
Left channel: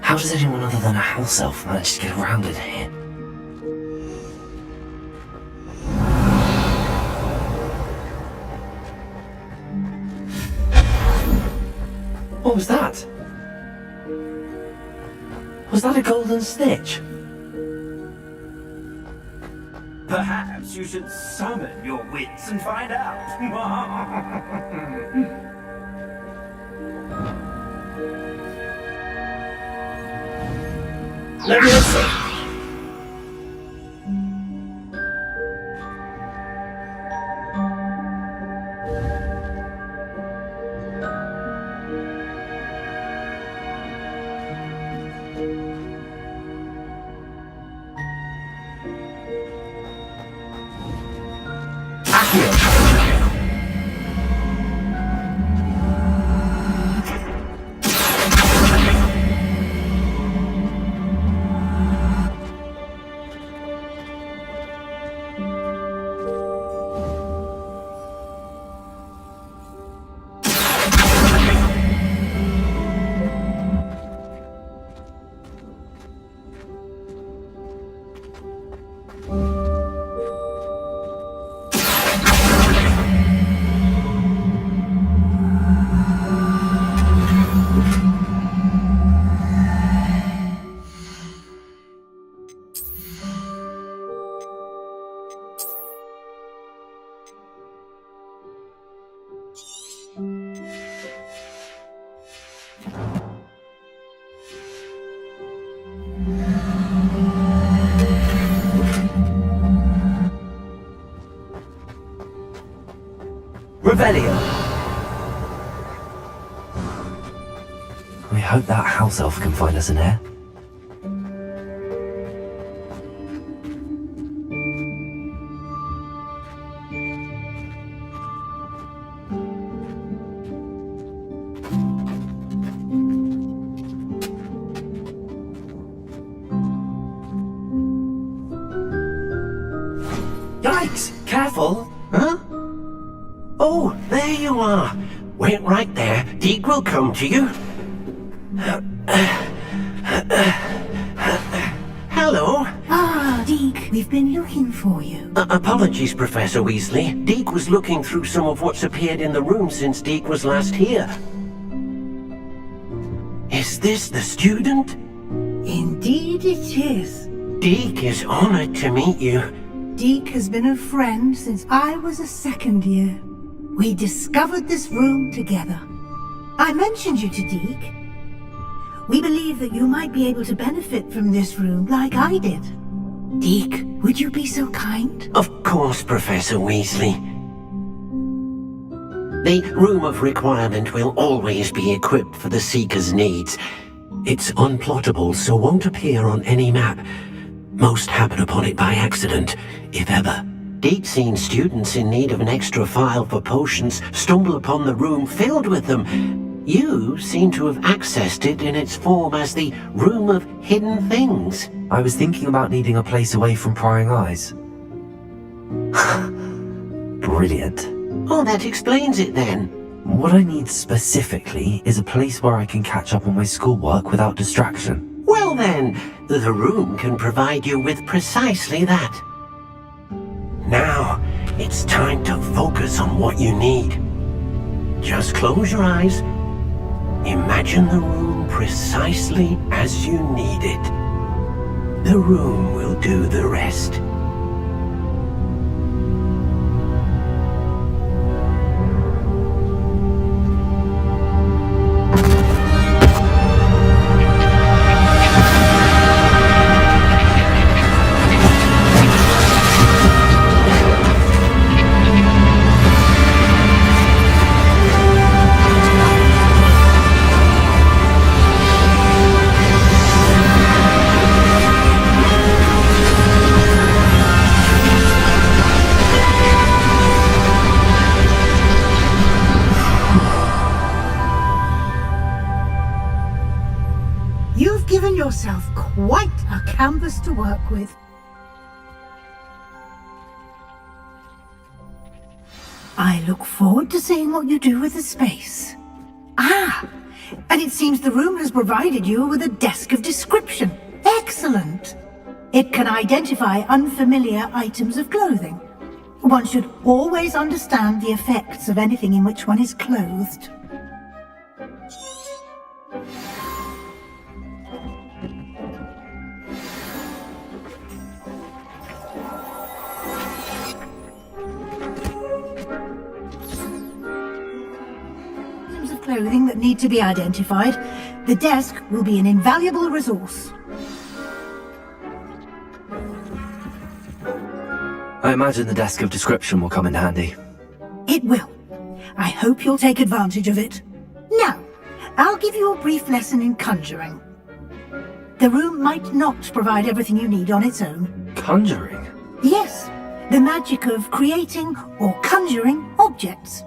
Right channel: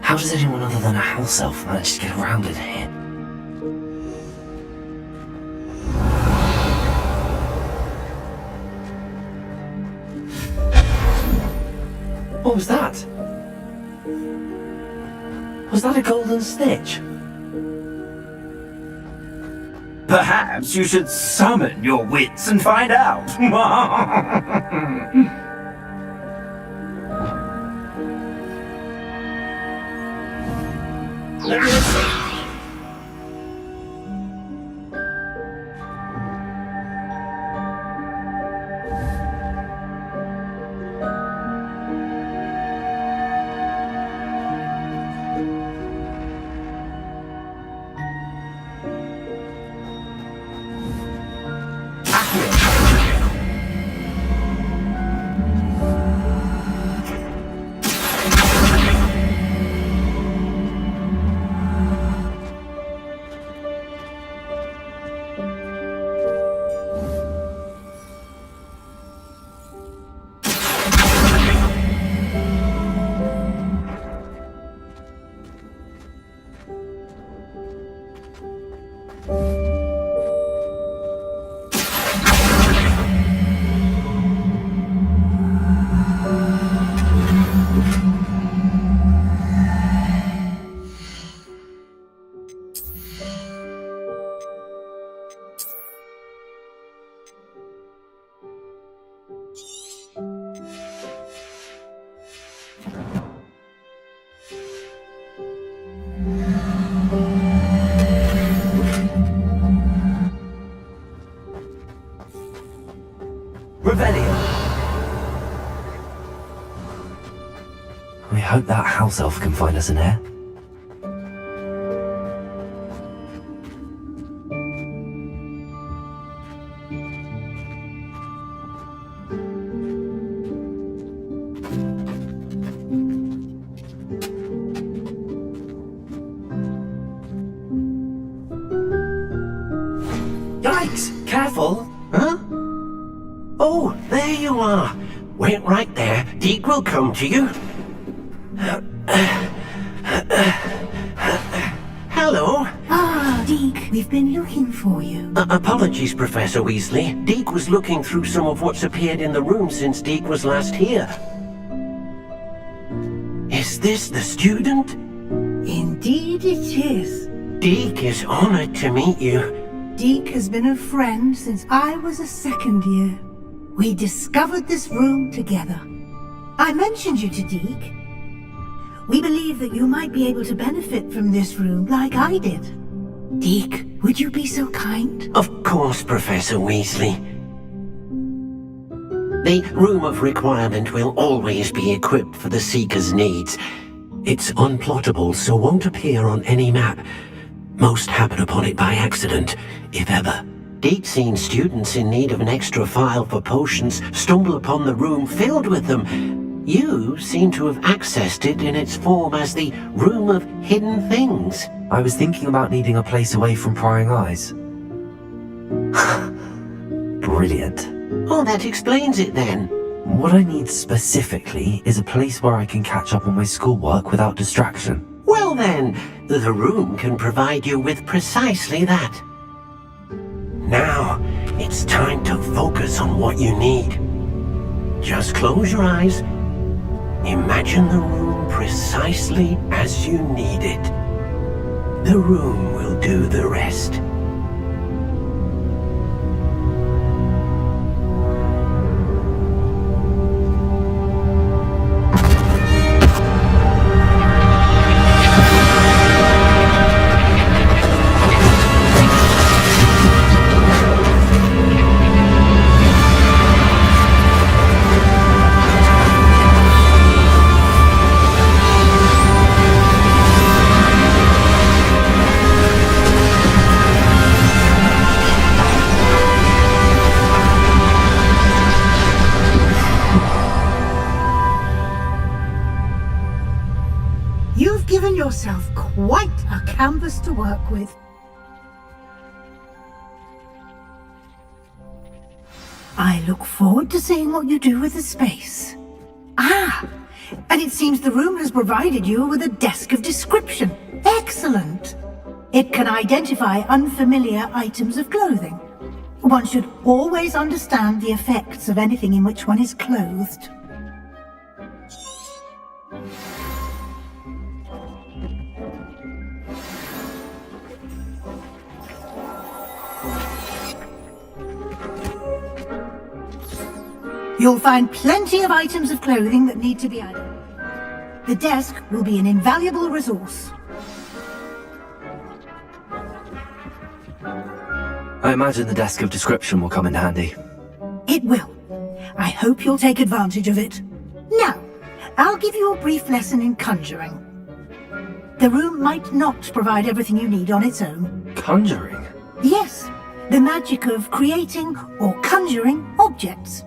How does anyone other than a house elf manage to get around in here? What was that? Was that a golden stitch? Perhaps you should summon your wits and find out. Let me see. Revelio. We hope that house elf can find us in here. Yikes! Careful! Huh? Oh, there you are. Wait right there. Deke will come to you. Hello. Ah, Deke, we've been looking for you. Apologies, Professor Weasley. Deke was looking through some of what's appeared in the room since Deke was last here. Is this the student? Indeed it is. Deke is honored to meet you. Deke has been a friend since I was a second year. We discovered this room together. I mentioned you to Deke. We believe that you might be able to benefit from this room like I did. Deke, would you be so kind? Of course, Professor Weasley. The Room of Requirement will always be equipped for the Seeker's needs. It's unplottable, so won't appear on any map. Most happen upon it by accident, if ever. Deke's seen students in need of an extra file for potions stumble upon the room filled with them. You seem to have accessed it in its form as the Room of Hidden Things. I was thinking about needing a place away from prying eyes. Brilliant. Oh, that explains it then. What I need specifically is a place where I can catch up on my schoolwork without distraction. Well then, the room can provide you with precisely that. Now, it's time to focus on what you need. Just close your eyes. Imagine the room precisely as you need it. The room will do the rest. yourself quite a canvas to work with. I look forward to seeing what you do with the space. Ah, and it seems the room has provided you with a desk of description. Excellent. It can identify unfamiliar items of clothing. One should always understand the effects of anything in which one is clothed. You'll find plenty of items of clothing that need to be identified. The desk will be an invaluable resource. I imagine the desk of description will come in handy. It will. I hope you'll take advantage of it. Now, I'll give you a brief lesson in conjuring. The room might not provide everything you need on its own. Conjuring? Yes, the magic of creating or conjuring objects.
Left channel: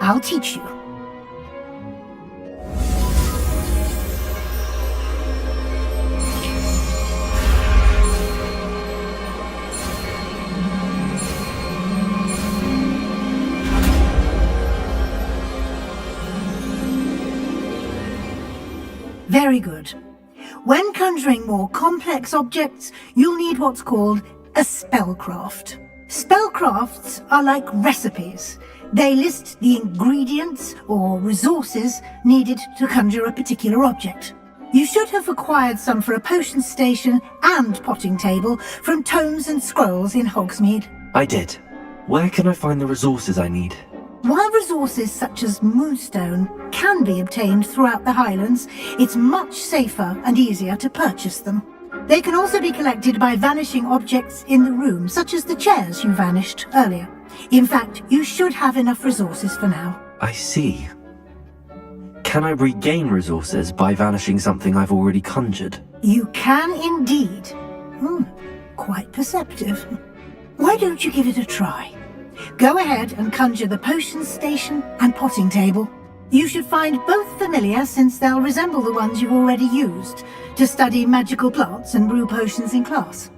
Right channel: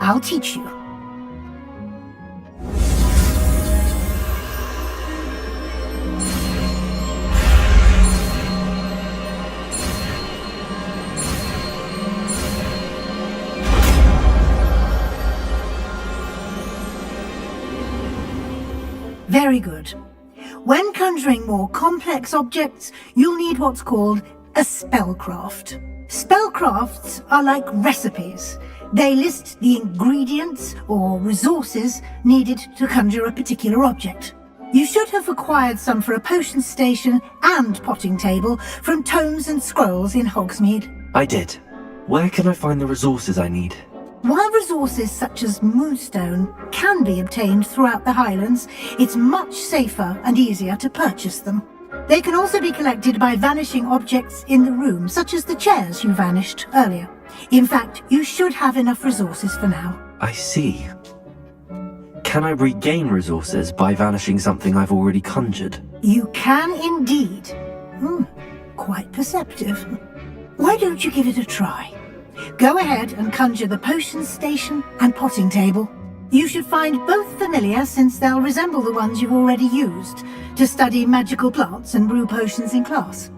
I'll teach you. Very good. When conjuring more complex objects, you'll need what's called a spellcraft. Spellcrafts are like recipes. They list the ingredients or resources needed to conjure a particular object. You should have acquired some for a potion station and potting table from tomes and scrolls in Hogsmeade. I did. Where can I find the resources I need? While resources such as moonstone can be obtained throughout the Highlands, it's much safer and easier to purchase them. They can also be collected by vanishing objects in the room, such as the chairs you vanished earlier. In fact, you should have enough resources for now. I see. Can I regain resources by vanishing something I've already conjured? You can indeed. Quite perceptive. Why don't you give it a try? Go ahead and conjure the potion station and potting table. You should find both familiar, since they'll resemble the ones you've already used to study magical plants and brew potions in class.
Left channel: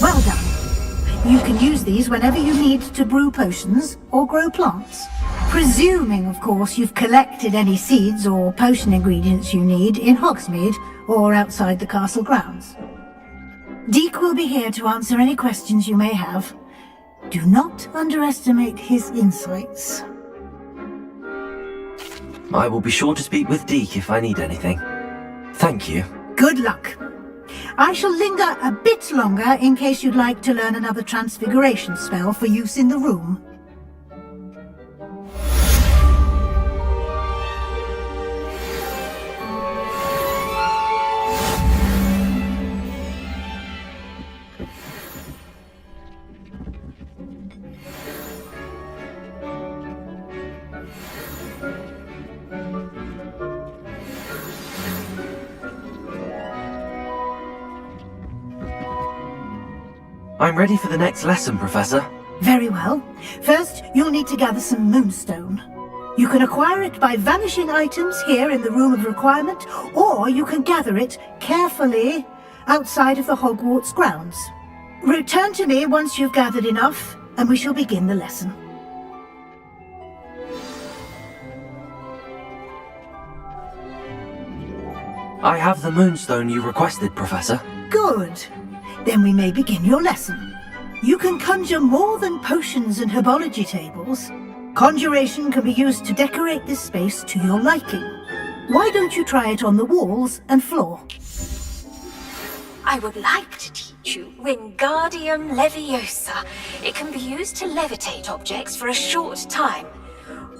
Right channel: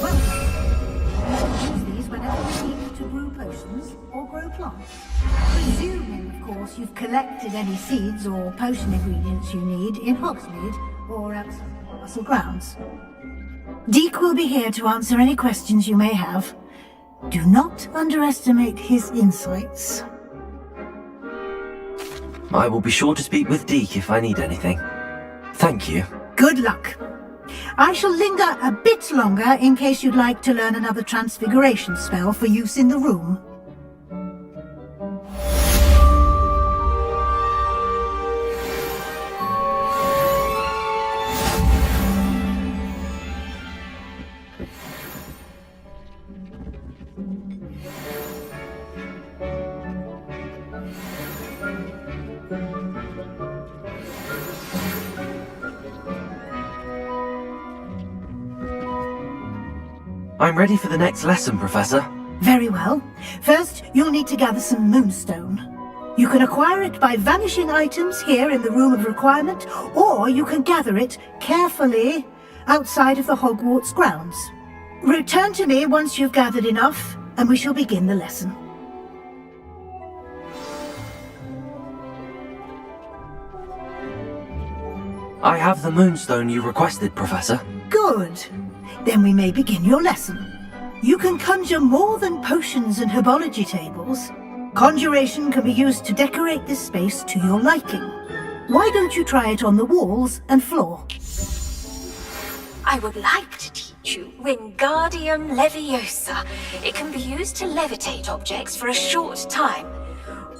Well done. You can use these whenever you need to brew potions or grow plants. Presuming, of course, you've collected any seeds or potion ingredients you need in Hogsmeade or outside the castle grounds. Deek will be here to answer any questions you may have. Do not underestimate his insights. I will be sure to speak with Deke if I need anything. Thank you. Good luck. I shall linger a bit longer in case you'd like to learn another transfiguration spell for use in the room. I'm ready for the next lesson, Professor. Very well. First, you'll need to gather some moonstone. You can acquire it by vanishing items here in the Room of Requirement, or you can gather it carefully outside of the Hogwarts grounds. Return to me once you've gathered enough, and we shall begin the lesson. I have the moonstone you requested, Professor. Good. Then we may begin your lesson. You can conjure more than potions and herbology tables. Conjuration can be used to decorate this space to your liking. Why don't you try it on the walls and floor? I would like to teach you Wingardium Leviosa. It can be used to levitate objects for a short time.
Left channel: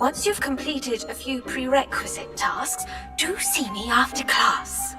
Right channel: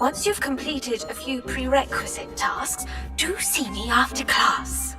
Once you've completed a few prerequisite tasks, do see me after class.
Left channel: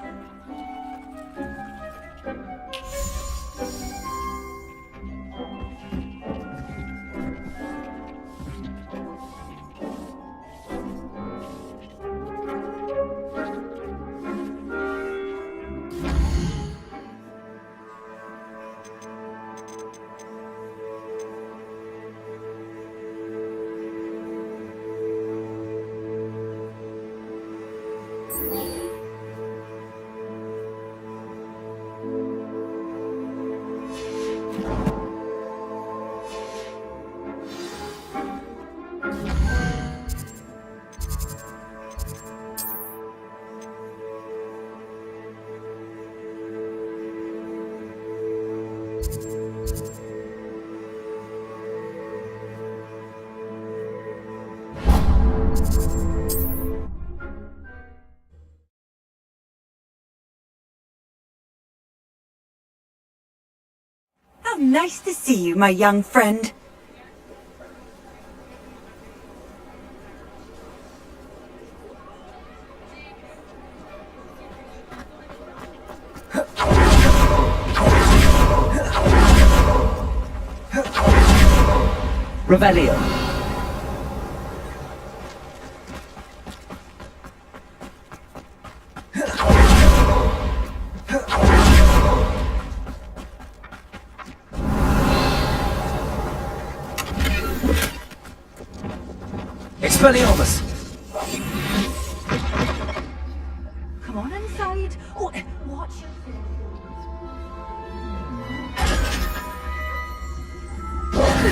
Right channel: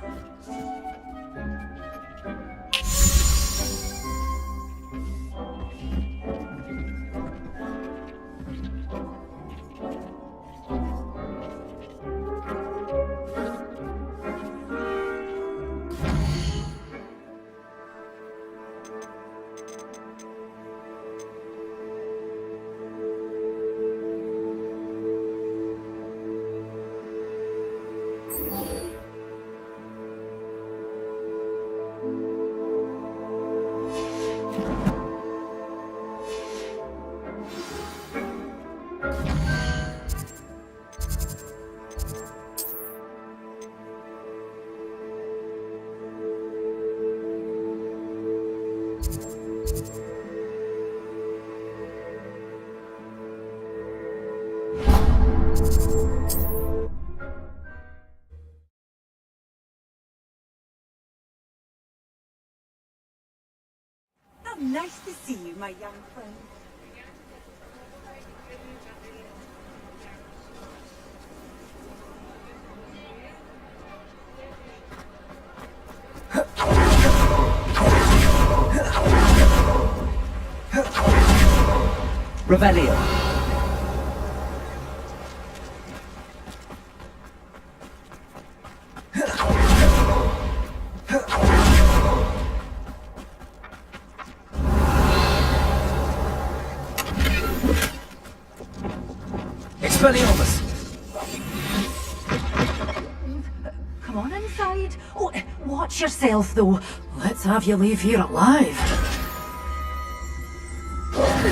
How nice to see you, my young friend. Revelio. Expelliarmus! Come on inside. Oh, watch yourself, though. Let's have you leave here alive.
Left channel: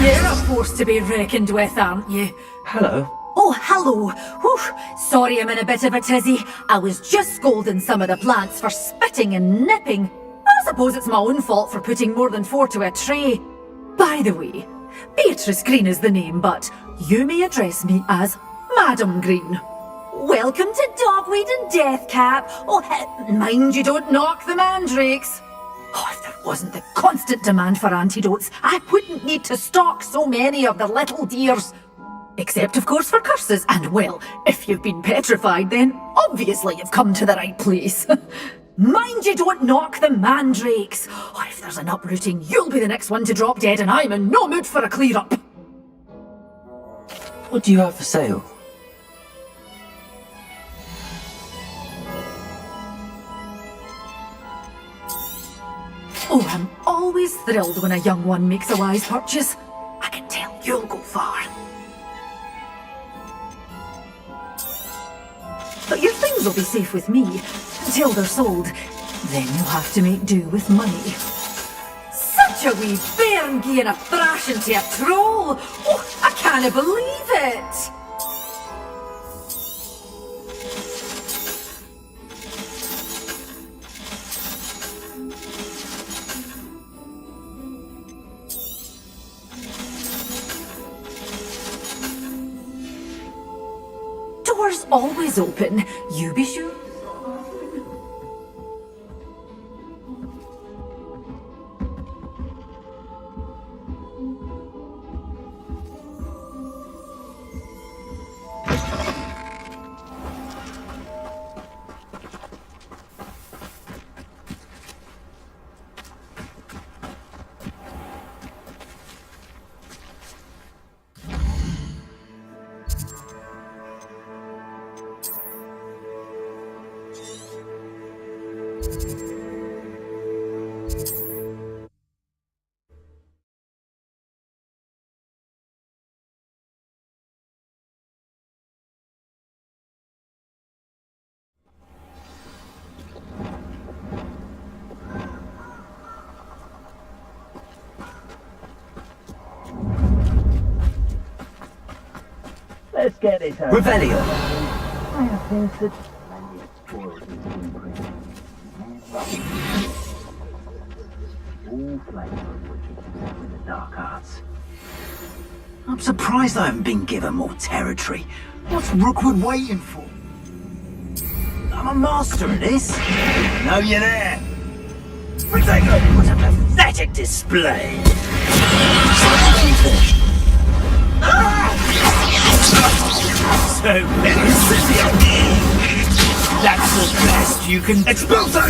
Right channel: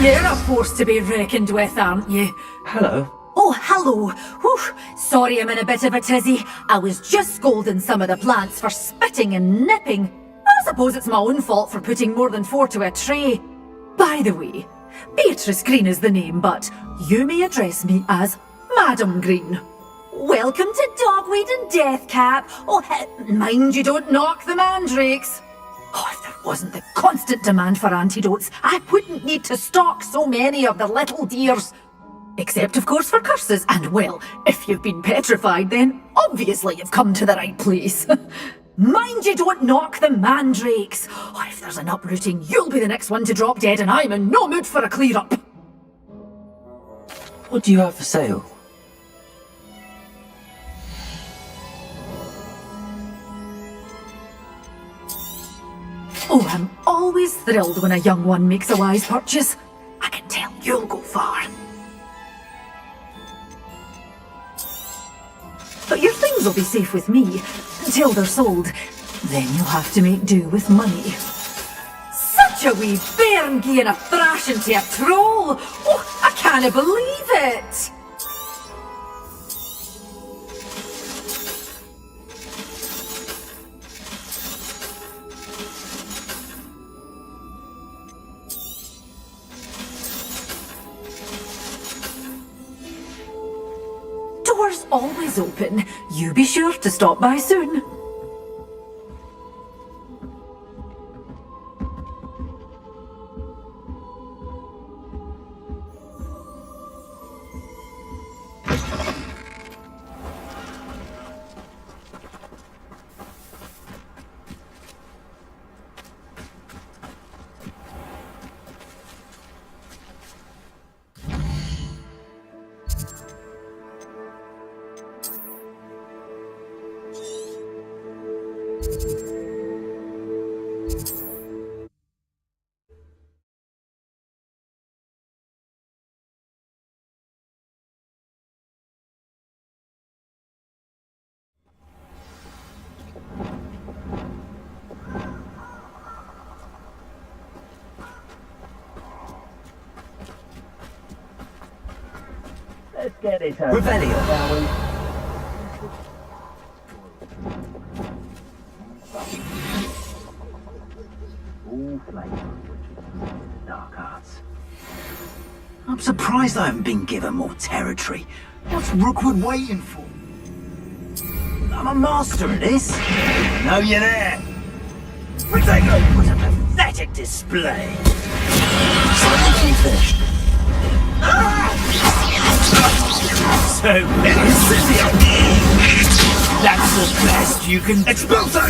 You're a force to be reckoned with, aren't you? Hello. Oh, hello. Whew. Sorry I'm in a bit of a tizzy. I was just scolding some of the plants for spitting and nipping. I suppose it's my own fault for putting more than 4 to a tray. By the way, Beatrice Green is the name, but you may address me as Madam Green. Welcome to Dogweed and Deathcap. Oh, mind you don't knock the mandrakes. Oh, if there wasn't the constant demand for antidotes, I wouldn't need to stock so many of the little dears. Except, of course, for curses. And, well, if you've been petrified, then obviously you've come to the right place. Mind you don't knock the mandrakes. Oh, if there's an uprooting, you'll be the next one to drop dead, and I'm in no mood for a clear-up. What do you have for sale? Oh, I'm always thrilled when a young one makes a wise purchase. I can tell you'll go far. But your things will be safe with me, until they're sold. Then you'll have to make do with money. Such a wee bairn gieing a thrashing to a troll! Oh, I can't believe it! Door's always open. You be sure to stop by soon. Let's get this over. Revelio. All flavor of witches with the dark arts. I'm surprised I haven't been given more territory. What's Rookwood waiting for? I'm a master at this. Know you there. Protego, what a pathetic display. So that's the best you can. Expulso!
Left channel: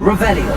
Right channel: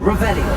Revelio.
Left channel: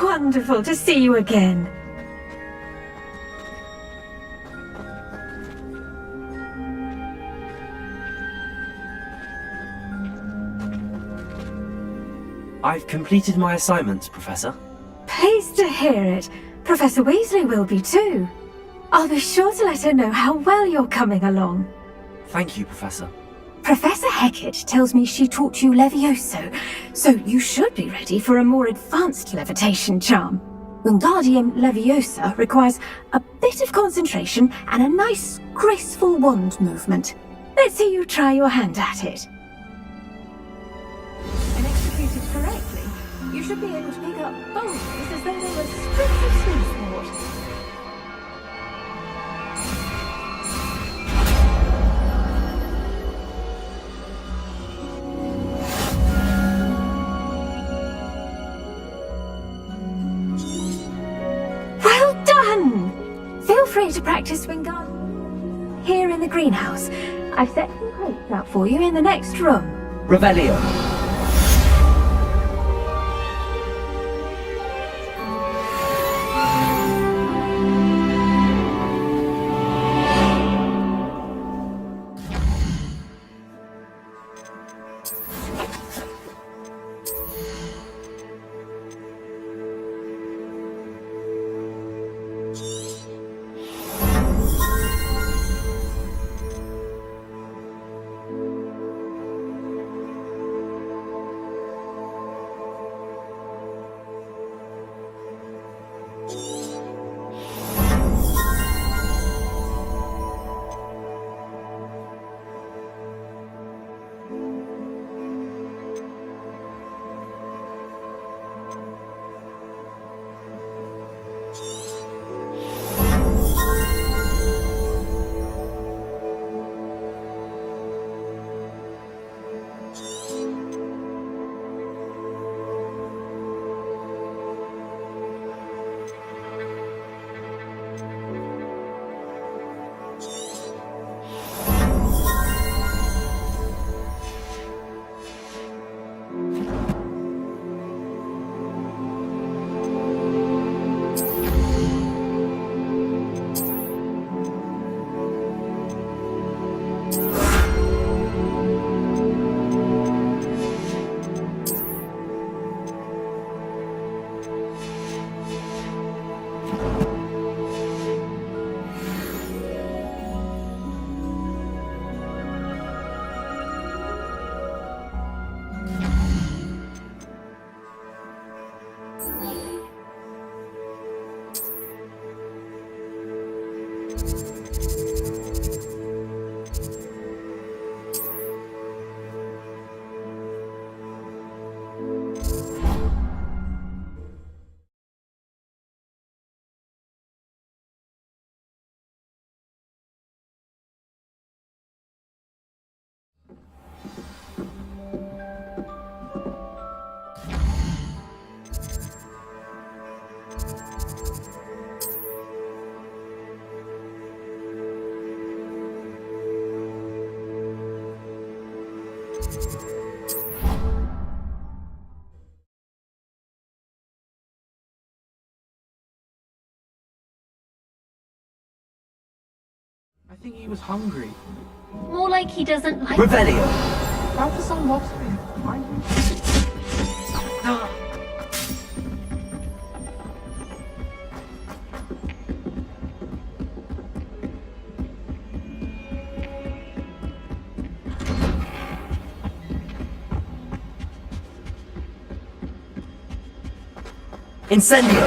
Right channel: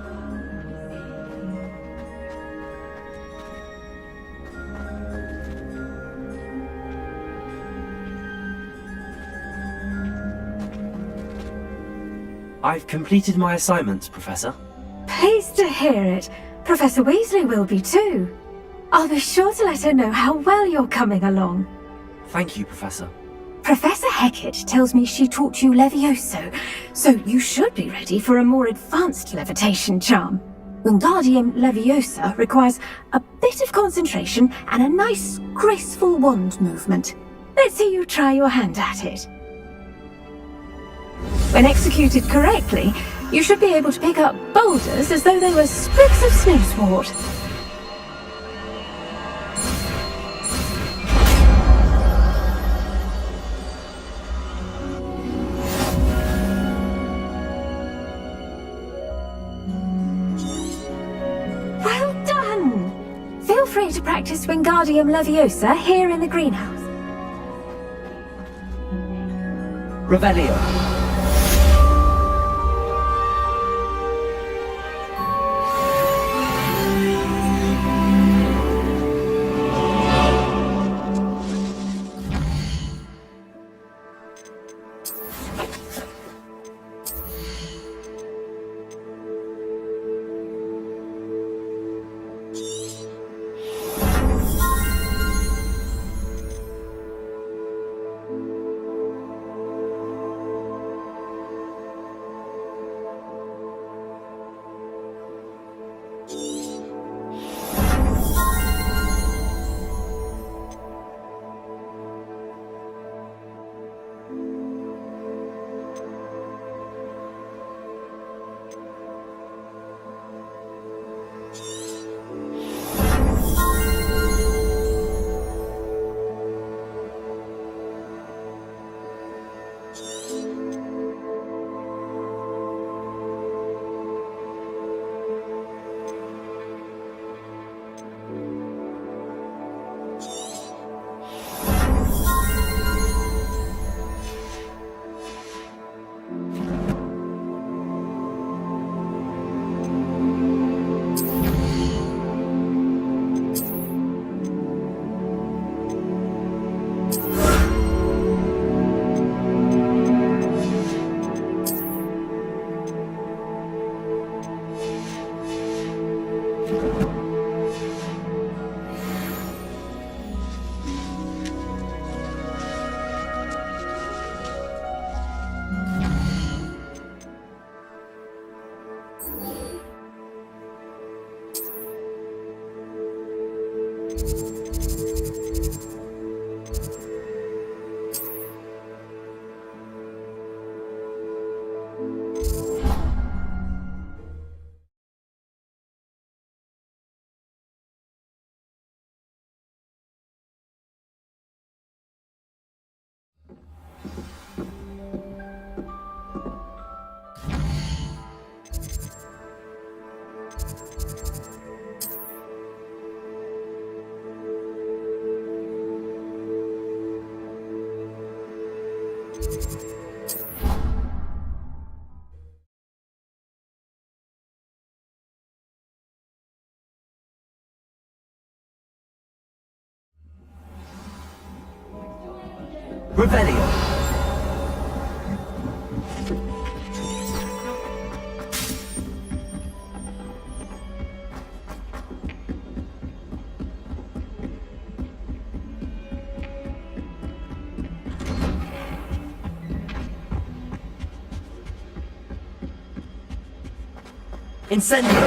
Wonderful to see you again. I've completed my assignments, Professor. Pleased to hear it. Professor Weasley will be too. I'll be sure to let her know how well you're coming along. Thank you, Professor. Professor Hecat tells me she taught you Levioso, so you should be ready for a more advanced levitation charm. Wingardium Leviosa requires a bit of concentration and a nice, graceful wand movement. Let's see you try your hand at it. When executed correctly, you should be able to pick up boulders as though they were sprigs of snowswort. Feel free to practice Wingardium Leviosa here in the greenhouse. I've set some crates out for you in the next room. Revelio. I think he was hungry. More like he doesn't like... Revelio! Incendio!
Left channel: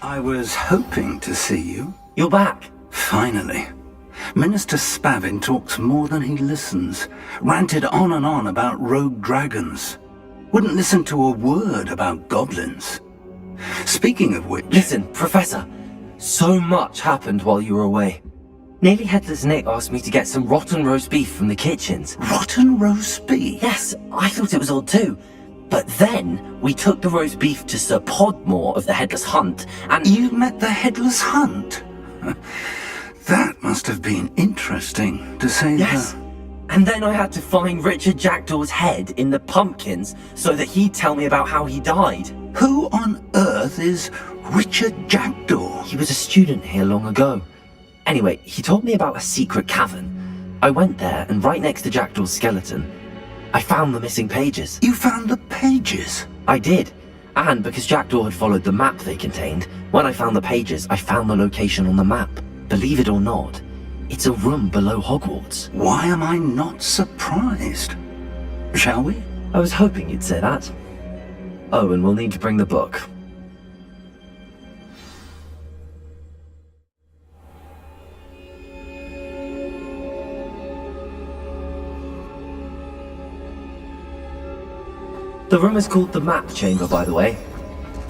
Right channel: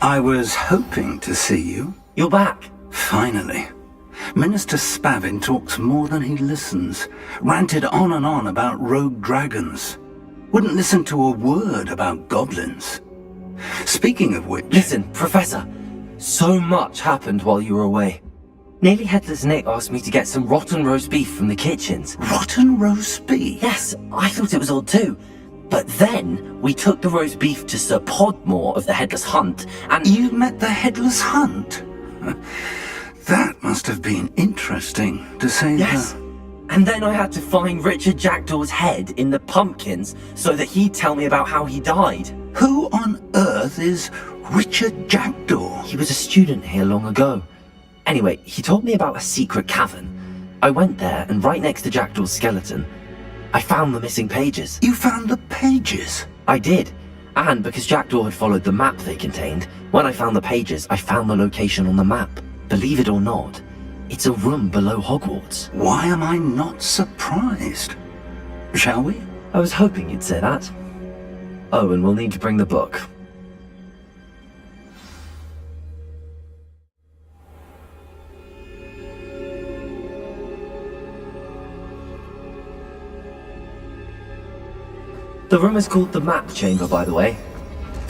I was hoping to see you. You're back. Finally. Minister Spavin talks more than he listens. Ranted on and on about rogue dragons. Wouldn't listen to a word about goblins. Speaking of which... Listen, Professor. So much happened while you were away. Nearly Headless Nick asked me to get some rotten roast beef from the kitchens. Rotten roast beef? Yes, I thought it was odd too. But then, we took the roast beef to Sir Podmore of the Headless Hunt, and... You met the Headless Hunt? That must have been interesting, to say Yes. And then I had to find Richard Jackdaw's head in the pumpkins so that he'd tell me about how he died. Who on earth is Richard Jackdaw? He was a student here long ago. Anyway, he told me about a secret cavern. I went there, and right next to Jackdaw's skeleton, I found the missing pages. You found the pages? I did. And because Jackdaw had followed the map they contained, when I found the pages, I found the location on the map. Believe it or not, it's a room below Hogwarts. Why am I not surprised? Shall we? I was hoping you'd say that. Oh, and we'll need to bring the book. The room is called the Map Chamber, by the way.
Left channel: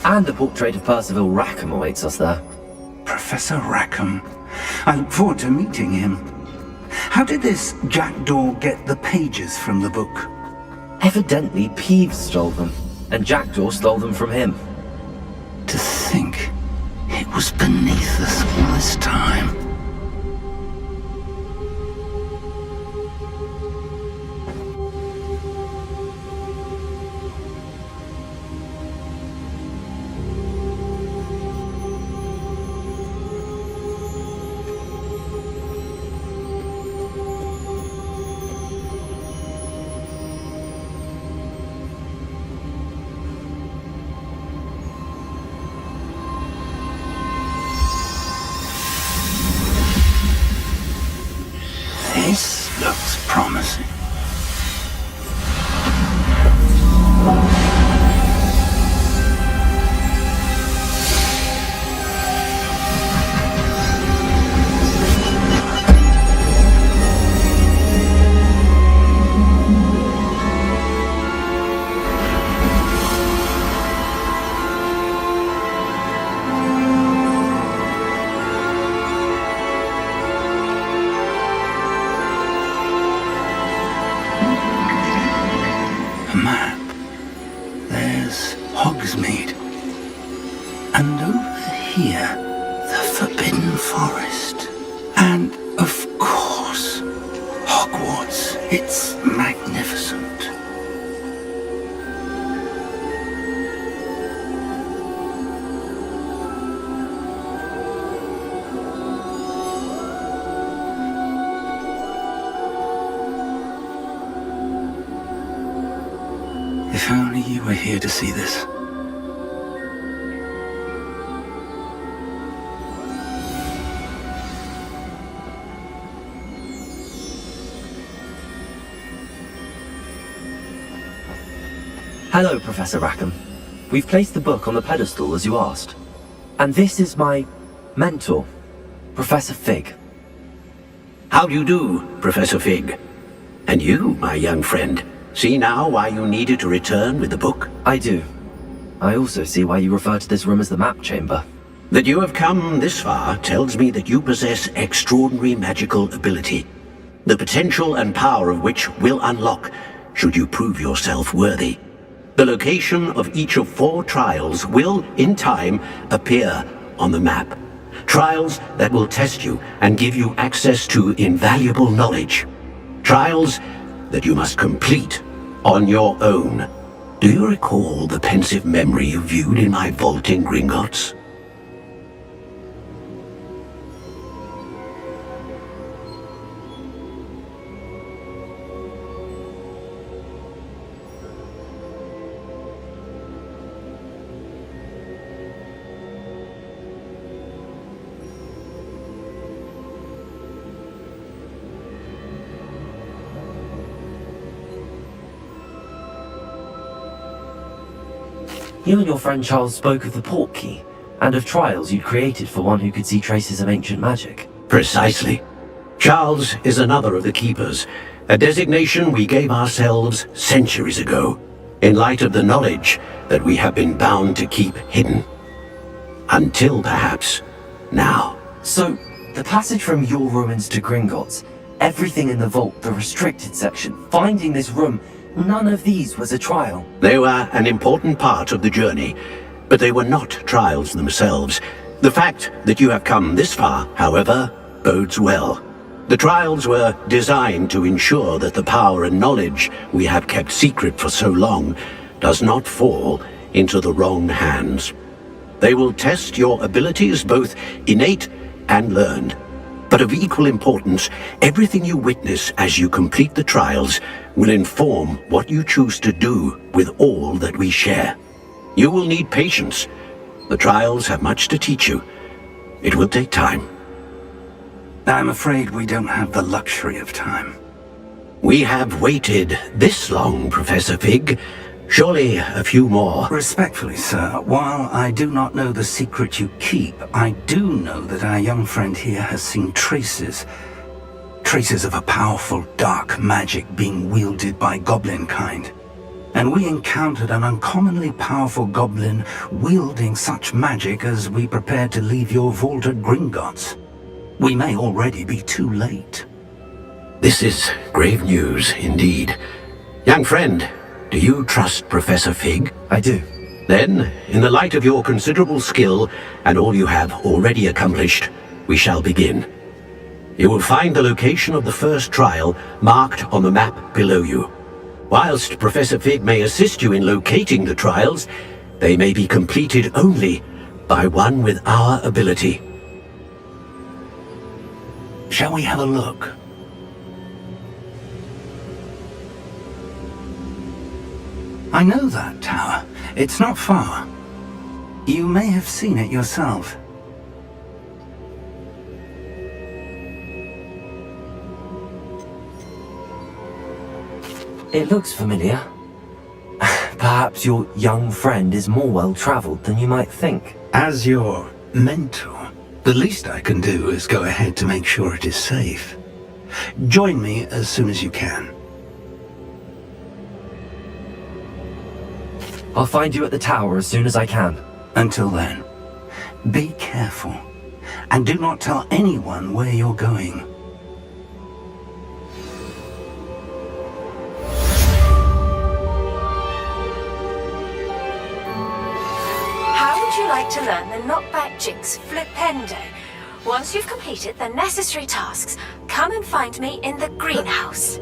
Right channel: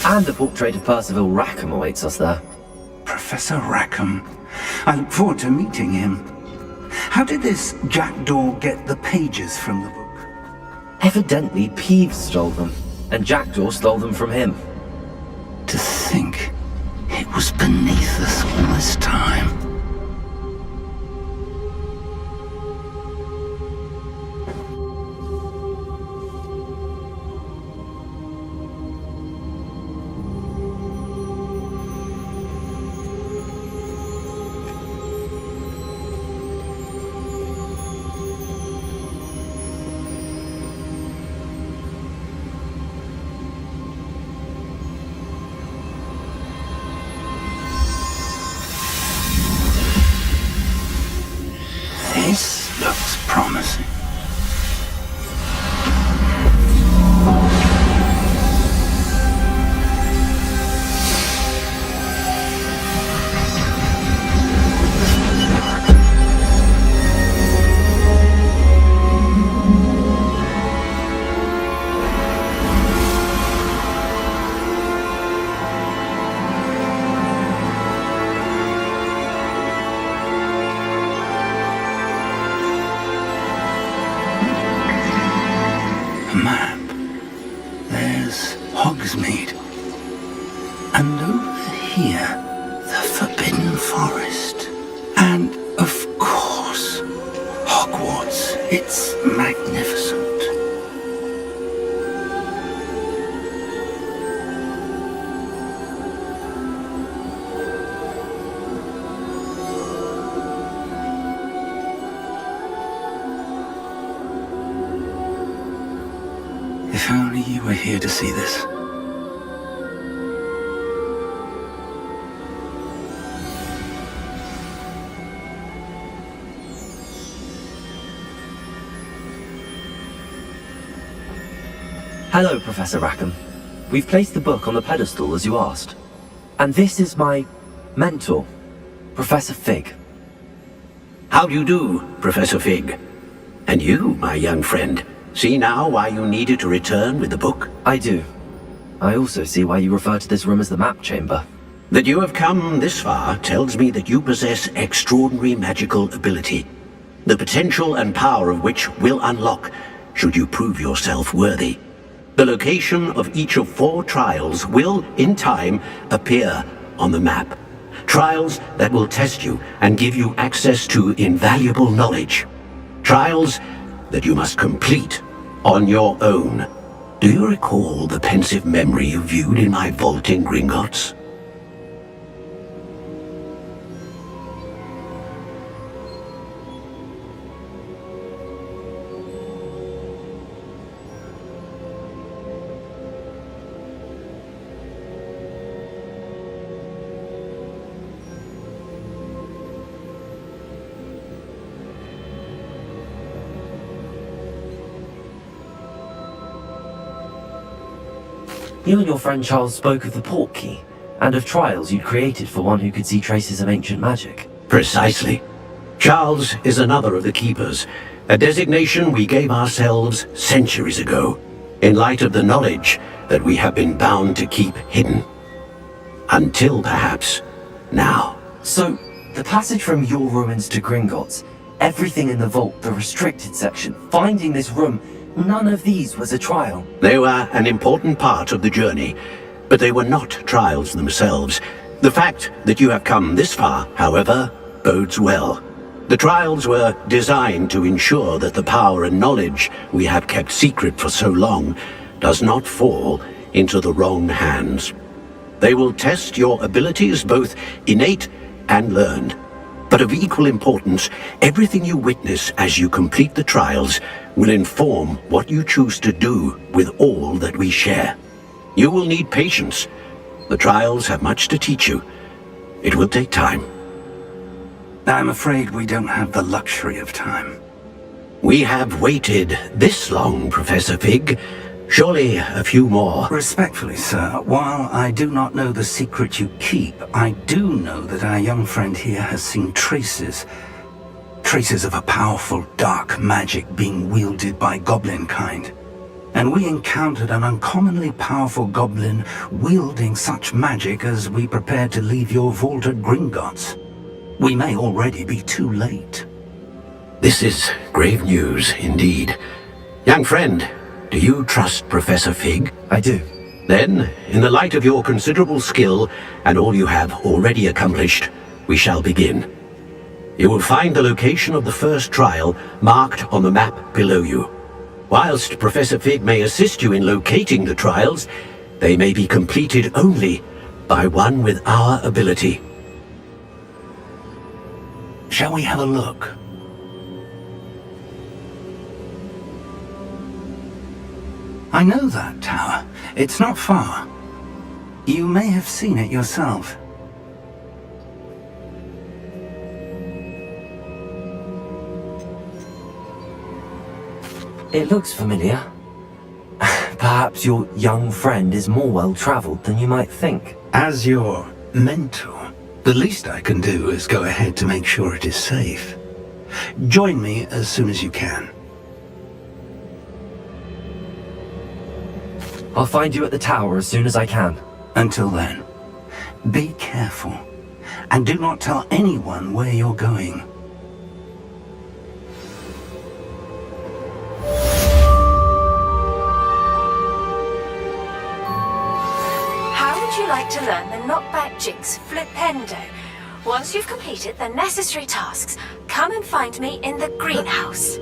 And a portrait of Percival Rackham awaits us there. Professor Rackham. I look forward to meeting him. How did this Jackdaw get the pages from the book? Evidently, Peeves stole them, and Jackdaw stole them from him. To think it was beneath us all this time. This looks promising. Map. There's Hogsmeade. And over here, the Forbidden Forest. And, of course, Hogwarts. It's magnificent. If only you were here to see this. Hello, Professor Rackham. We've placed the book on the pedestal as you asked. And this is my mentor, Professor Fig. How do you do, Professor Fig? And you, my young friend, see now why you needed to return with the book? I do. I also see why you refer to this room as the map chamber. That you have come this far tells me that you possess extraordinary magical ability, the potential and power of which will unlock should you prove yourself worthy. The location of each of 4 trials will, in time, appear on the map. Trials that will test you and give you access to invaluable knowledge. Trials that you must complete on your own. Do you recall the pensive memory you viewed in my vault in Gringotts? You and your friend Charles spoke of the port key, and of trials you'd created for one who could see traces of ancient magic. Precisely. Charles is another of the Keepers, a designation we gave ourselves centuries ago, in light of the knowledge that we have been bound to keep hidden. Until perhaps now. So, the passage from your ruins to Gringotts, everything in the vault, the restricted section, finding this room, none of these was a trial. They were an important part of the journey, but they were not trials themselves. The fact that you have come this far, however, bodes well. The trials were designed to ensure that the power and knowledge we have kept secret for so long does not fall into the wrong hands. They will test your abilities, both innate and learned. But of equal importance, everything you witness as you complete the trials will inform what you choose to do with all that we share. You will need patience. The trials have much to teach you. It will take time. I'm afraid we don't have the luxury of time. We have waited this long, Professor Fig. Surely a few more. Respectfully, sir, while I do not know the secret you keep, I do know that our young friend here has seen traces of a powerful dark magic being wielded by goblin kind. And we encountered an uncommonly powerful goblin wielding such magic as we prepared to leave your vault at Gringotts. We may already be too late. This is grave news indeed. Young friend, do you trust Professor Fig? I do. Then, in the light of your considerable skill and all you have already accomplished, we shall begin. You will find the location of the first trial marked on the map below you. Whilst Professor Fig may assist you in locating the trials, they may be completed only by one with our ability. Shall we have a look? I know that tower. It's not far. You may have seen it yourself. It looks familiar. Perhaps your young friend is more well-traveled than you might think. As your mentor, the least I can do is go ahead to make sure it is safe. Join me as soon as you can. I'll find you at the tower as soon as I can. Until then, be careful, and do not tell anyone where you're going. How would you like to learn the knockback jinx flipendo? Once you've completed the necessary tasks, come and find me in the greenhouse.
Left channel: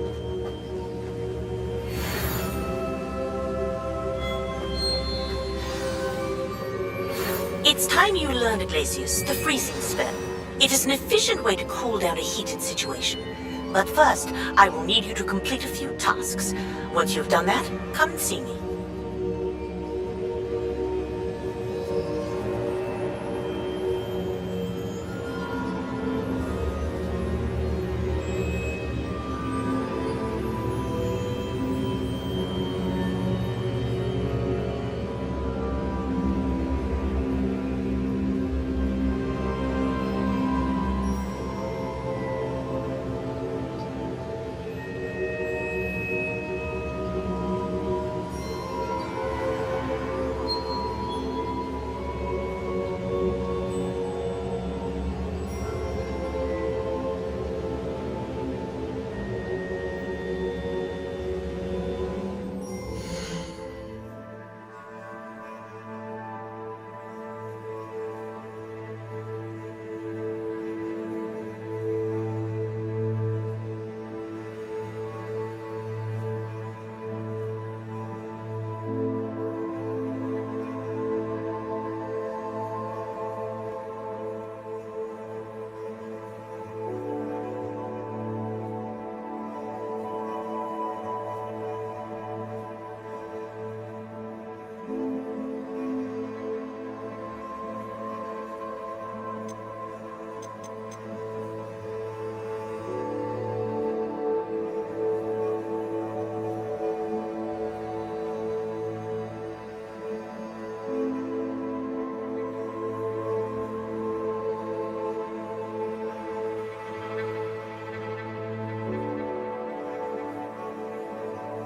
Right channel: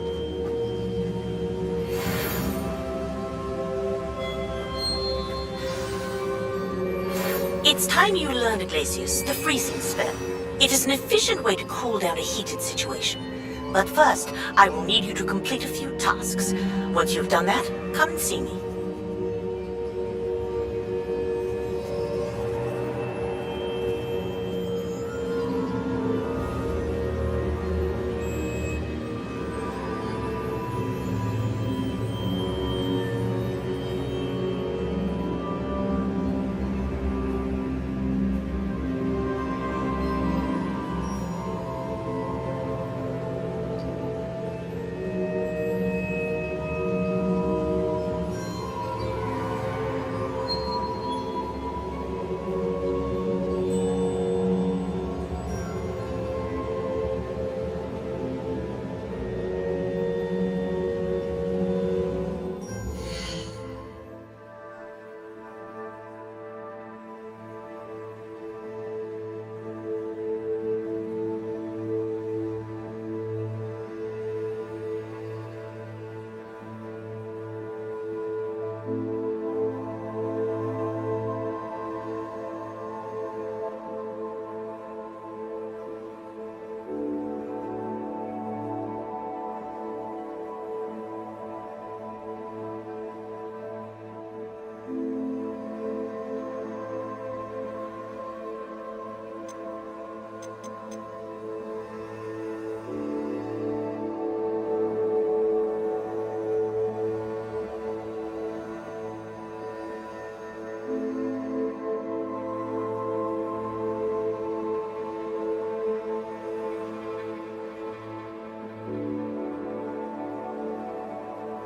It's time you learned, Iglesias, the freezing spell. It is an efficient way to cool down a heated situation. But first, I will need you to complete a few tasks. Once you've done that, come and see me.